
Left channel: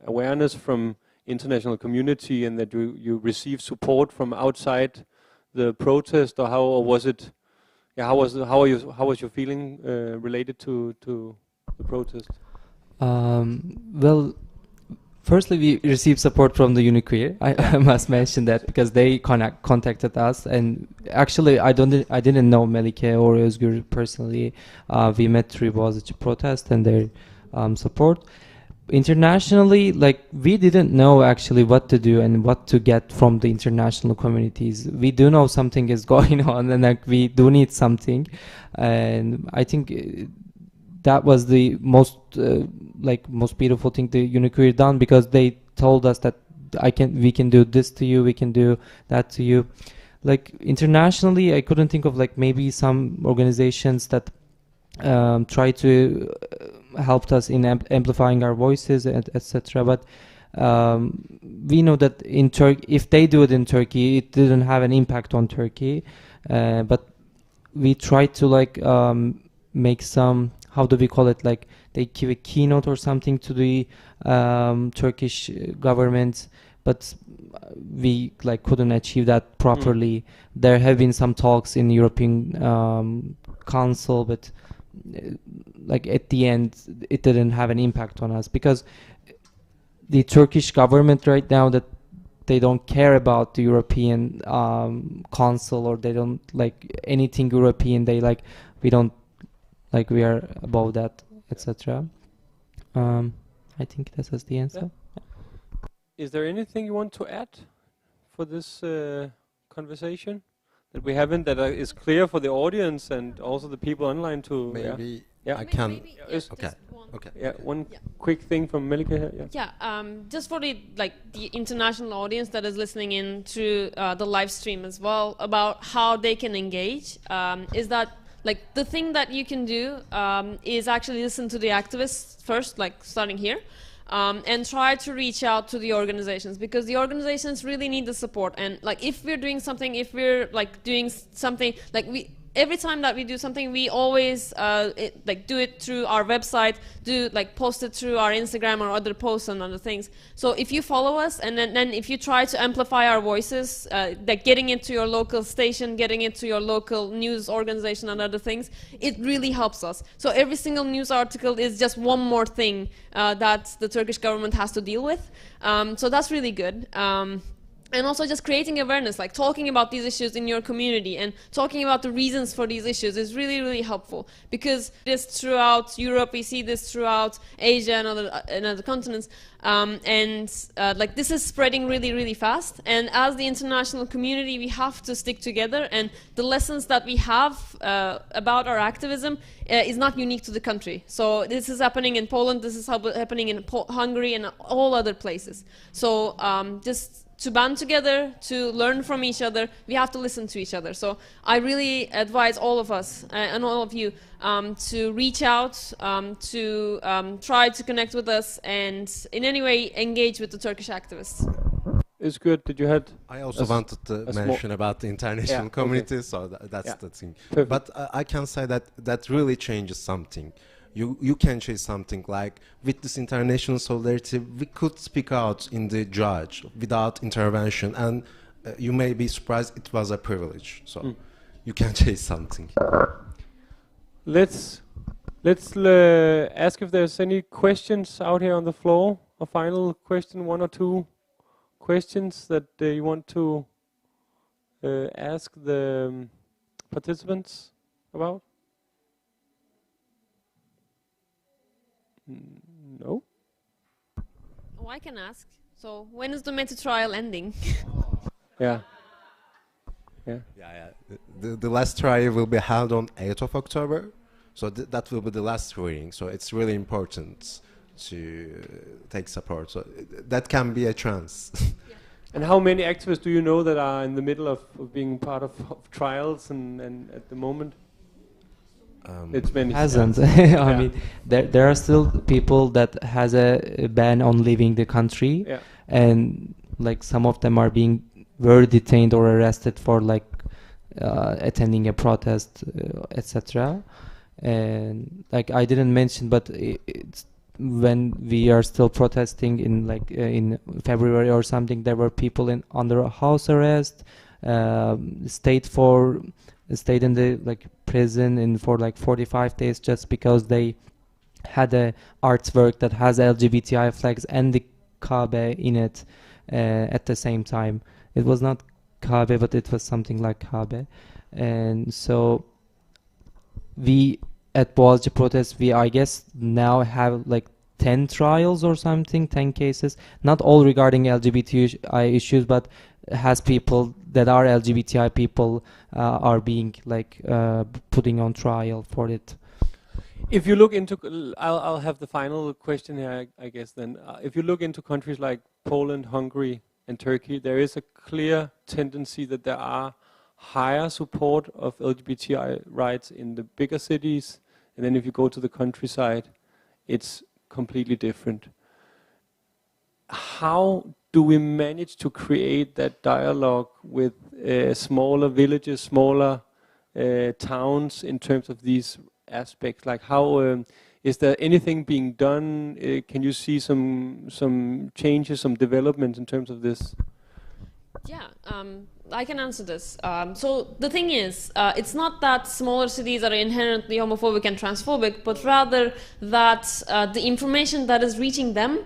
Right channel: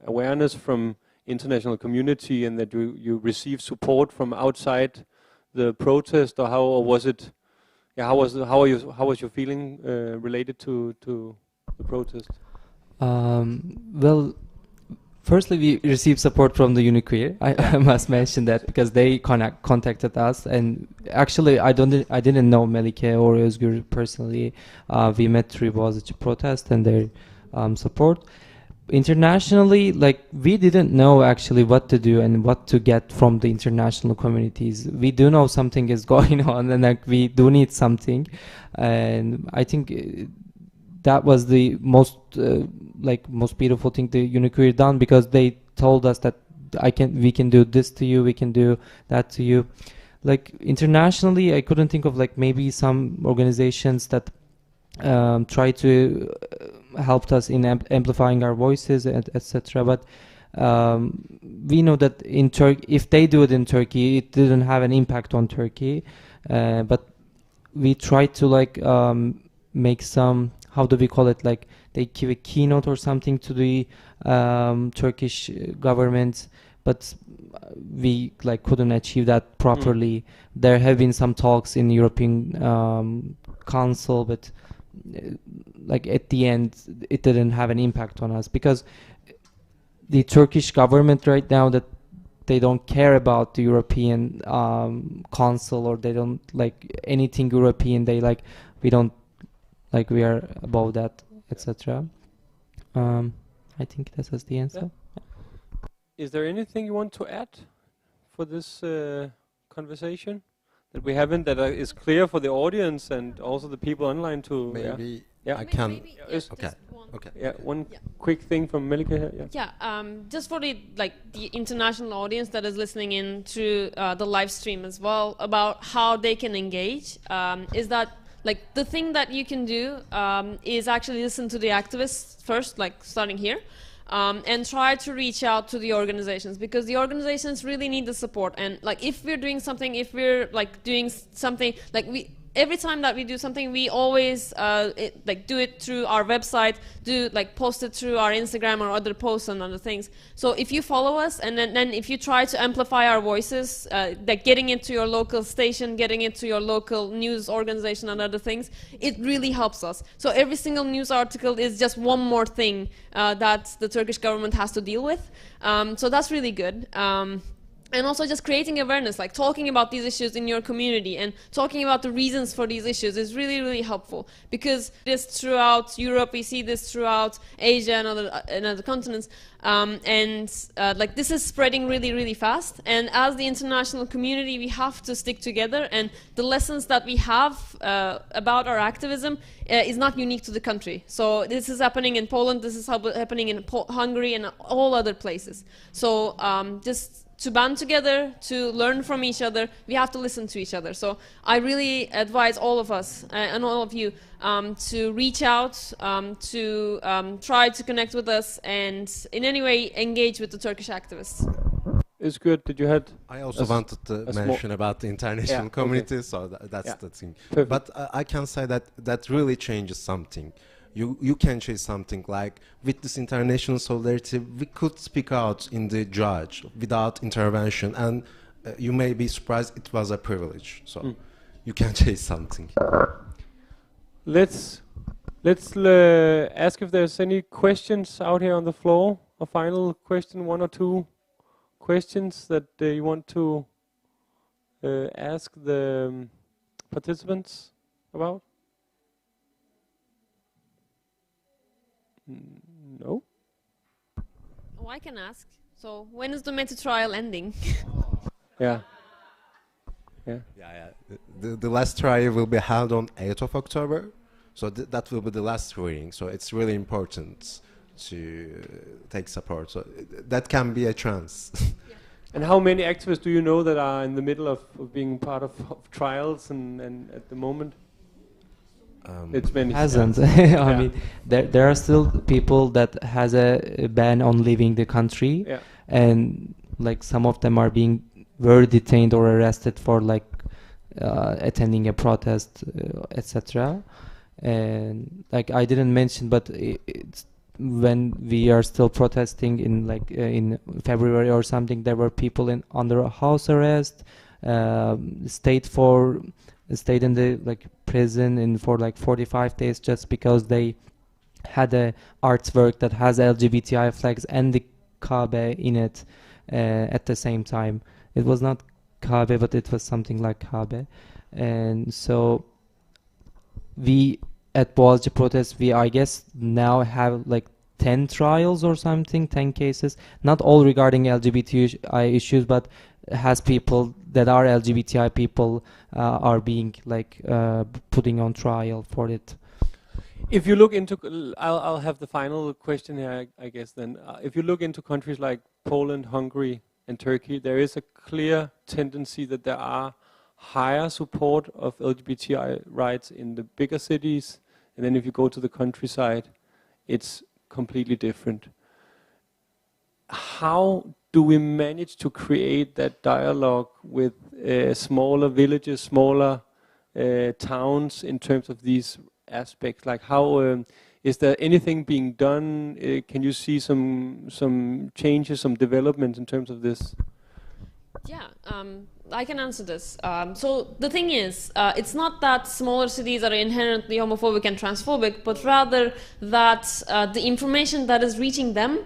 awareness from international community, and that you received support from outside the protest, or how was it? Yeah, how was your feeling related to the protest? Well, firstly, we received support from the Uniqueer. I must mention that, because they contacted us, and actually I didn't know Melike or Özgür personally. We met through Boğaziçi protest and their support. Internationally, we didn't know actually what to do and what to get from the international communities. We do know something is going on, and we do need something, and I think that was the most beautiful thing the Uniqueer done, because they told us that we can do this to you, we can do that to you. Internationally, I couldn't think of maybe some organizations that try to helped us in amplifying our voices, etc. But we know that in Turkey, if they do it in Turkey, it didn't have an impact on Turkey. But we tried to make some, how do we call it? They give a keynote or something to the Turkish government, but we couldn't achieve that properly. There have been some talks in European Council, but at the end it didn't have an impact on us, because the Turkish government right now, that they don't care about the European Council, or they don't anything European. They we don't we are above that, etc. I think this is the answer. Yeah. Is there anything you want to add for this conversation that we haven't, that is clear for the audience and also the people online to? Maybe I can. Okay. Yeah, one quick thing from Melike here. Just for the international audience that is listening in through the live stream as well, about how they can engage, is that the thing that you can do is actually listen to the activists first, starting here. And try to reach out to the organizations, because the organizations really need the support. And if we're doing something, every time that we do something, we always do it through our website, post it through our Instagram or other posts and other things. So if you follow us, and then if you try to amplify our voices, getting it to your local station, getting it to your local news organization and other things, it really helps us. So every single news article is just one more thing that the Turkish government has to deal with. So that's really good. And also just creating awareness, like talking about these issues in your community and talking about the reasons for these issues is really, really helpful. Because this throughout Europe, we see this throughout Asia and other continents. Like this is spreading really, really fast. And as the international community, we have to stick together. And the lessons that we have about our activism is not unique to the country. So this is happening in Poland, this is happening in Hungary and all other places. So just to band together, to learn from each other, we have to listen to each other. So I really advise all of us and all of you to reach out, to try to connect with us and in any way engage with the Turkish activists. It's good that you had. I also wanted to mention about the international community, okay. so that's the thing. Perfect. But I can say that really changes something. You can change something, like with this international solidarity, we could speak out in the judge without intervention, and you may be surprised it was a privilege. So you can change something. Let's ask if there's any questions out here on the floor. A final question, one or two questions that you want to ask the participants about? No? Oh, I can ask. So when is the Meta trial ending? Yeah. The last trial will be held on 8th of October. So that will be the last hearing. So it's really important to take support. So that can be a chance. And how many activists do you know that are in the middle of being part of trials and at the moment? It's many. Hasn't. I mean, there are still people that has a ban on leaving the country, and like some of them were detained or arrested for like attending a protest, etc. And like I didn't mention, but it's when we are still protesting in February or something, there were people under house arrest, stayed in the prison for 45 days just because they had a artwork that has LGBTI flags and the Kabe in it at the same time. It was not Kabe, but it was something like Kabe. And so we at Boğaziçi protest, I guess now have 10 trials or something, 10 cases, not all regarding LGBTI issues, but has people that are LGBTI people are being putting on trial for it. If you look into, I'll have the final question here, I guess then. If you look into countries like Poland, Hungary, and Turkey, there is a clear tendency that there are higher support of LGBTI rights in the bigger cities, and then if you go to the countryside, it's completely different. How do we manage to create that dialogue with smaller villages, smaller towns in terms of these aspects? Like how is there anything being done? Can you see some changes, some developments in terms of this? Yeah, I can answer this. So the thing is, it's not that smaller cities are inherently homophobic and transphobic, but rather that the information that is reaching them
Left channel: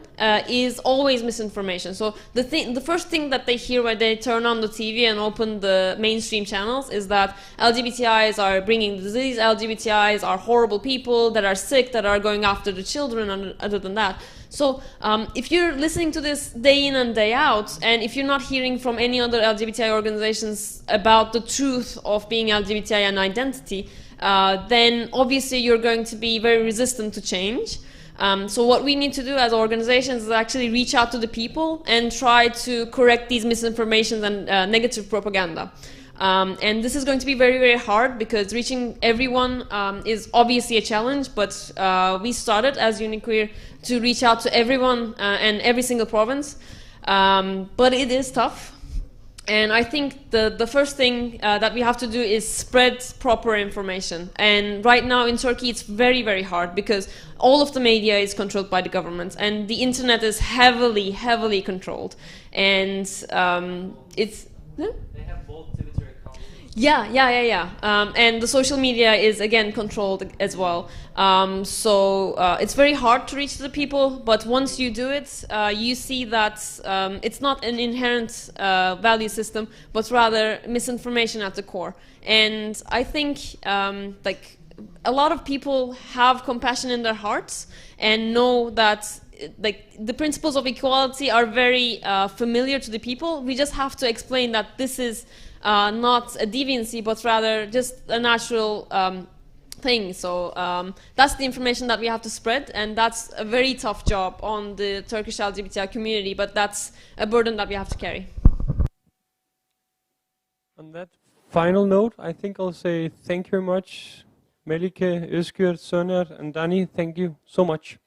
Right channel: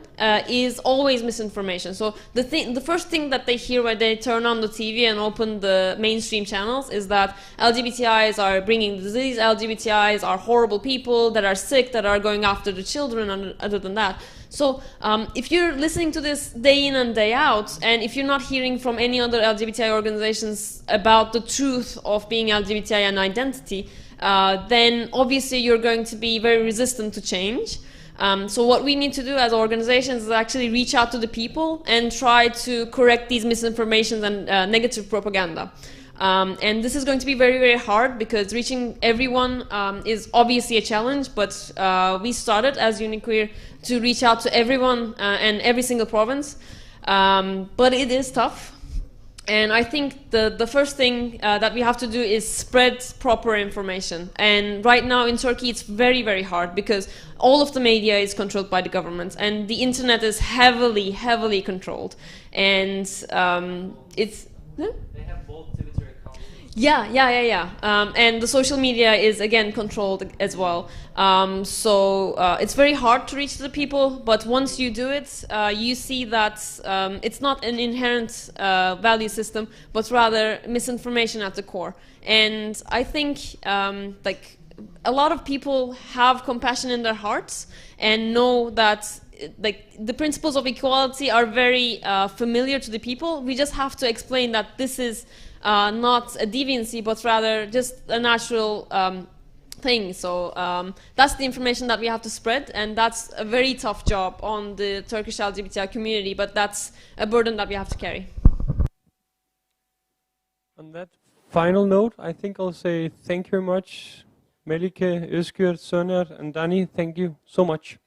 is always misinformation. So the first thing that they hear when they turn on the TV and open the mainstream channels is that LGBTIs are bringing the disease, LGBTIs are horrible people that are sick, that are going after the children, and other than that. So if you're listening to this day in and day out, and if you're not hearing from any other LGBTI organizations about the truth of being LGBTI and identity, then obviously you're going to be very resistant to change. So what we need to do as organizations is actually reach out to the people and try to correct these misinformations and negative propaganda. And this is going to be very, very hard because reaching everyone is obviously a challenge, but we started as Uniqueer to reach out to everyone and every single province. But it is tough. And I think the first thing that we have to do is spread proper information. And right now in Turkey it's very, very hard because all of the media is controlled by the government and the internet is heavily, heavily controlled. And it's... Yeah? They have both territory accounts. Yeah. And the social media is again controlled as well. So it's very hard to reach the people, but once you do it, you see that it's not an inherent value system, but rather misinformation at the core. And I think like a lot of people have compassion in their hearts and know that like the principles of equality are very familiar to the people. We just have to explain that this is not a deviancy, but rather just a natural thing. So that's the information that we have to spread, and that's a very tough job on the Turkish LGBTI community, but that's a burden that we have to carry. On that final note, I think I'll say thank you very much, Melike, Özgür, Soner, and Dani. Thank you so much.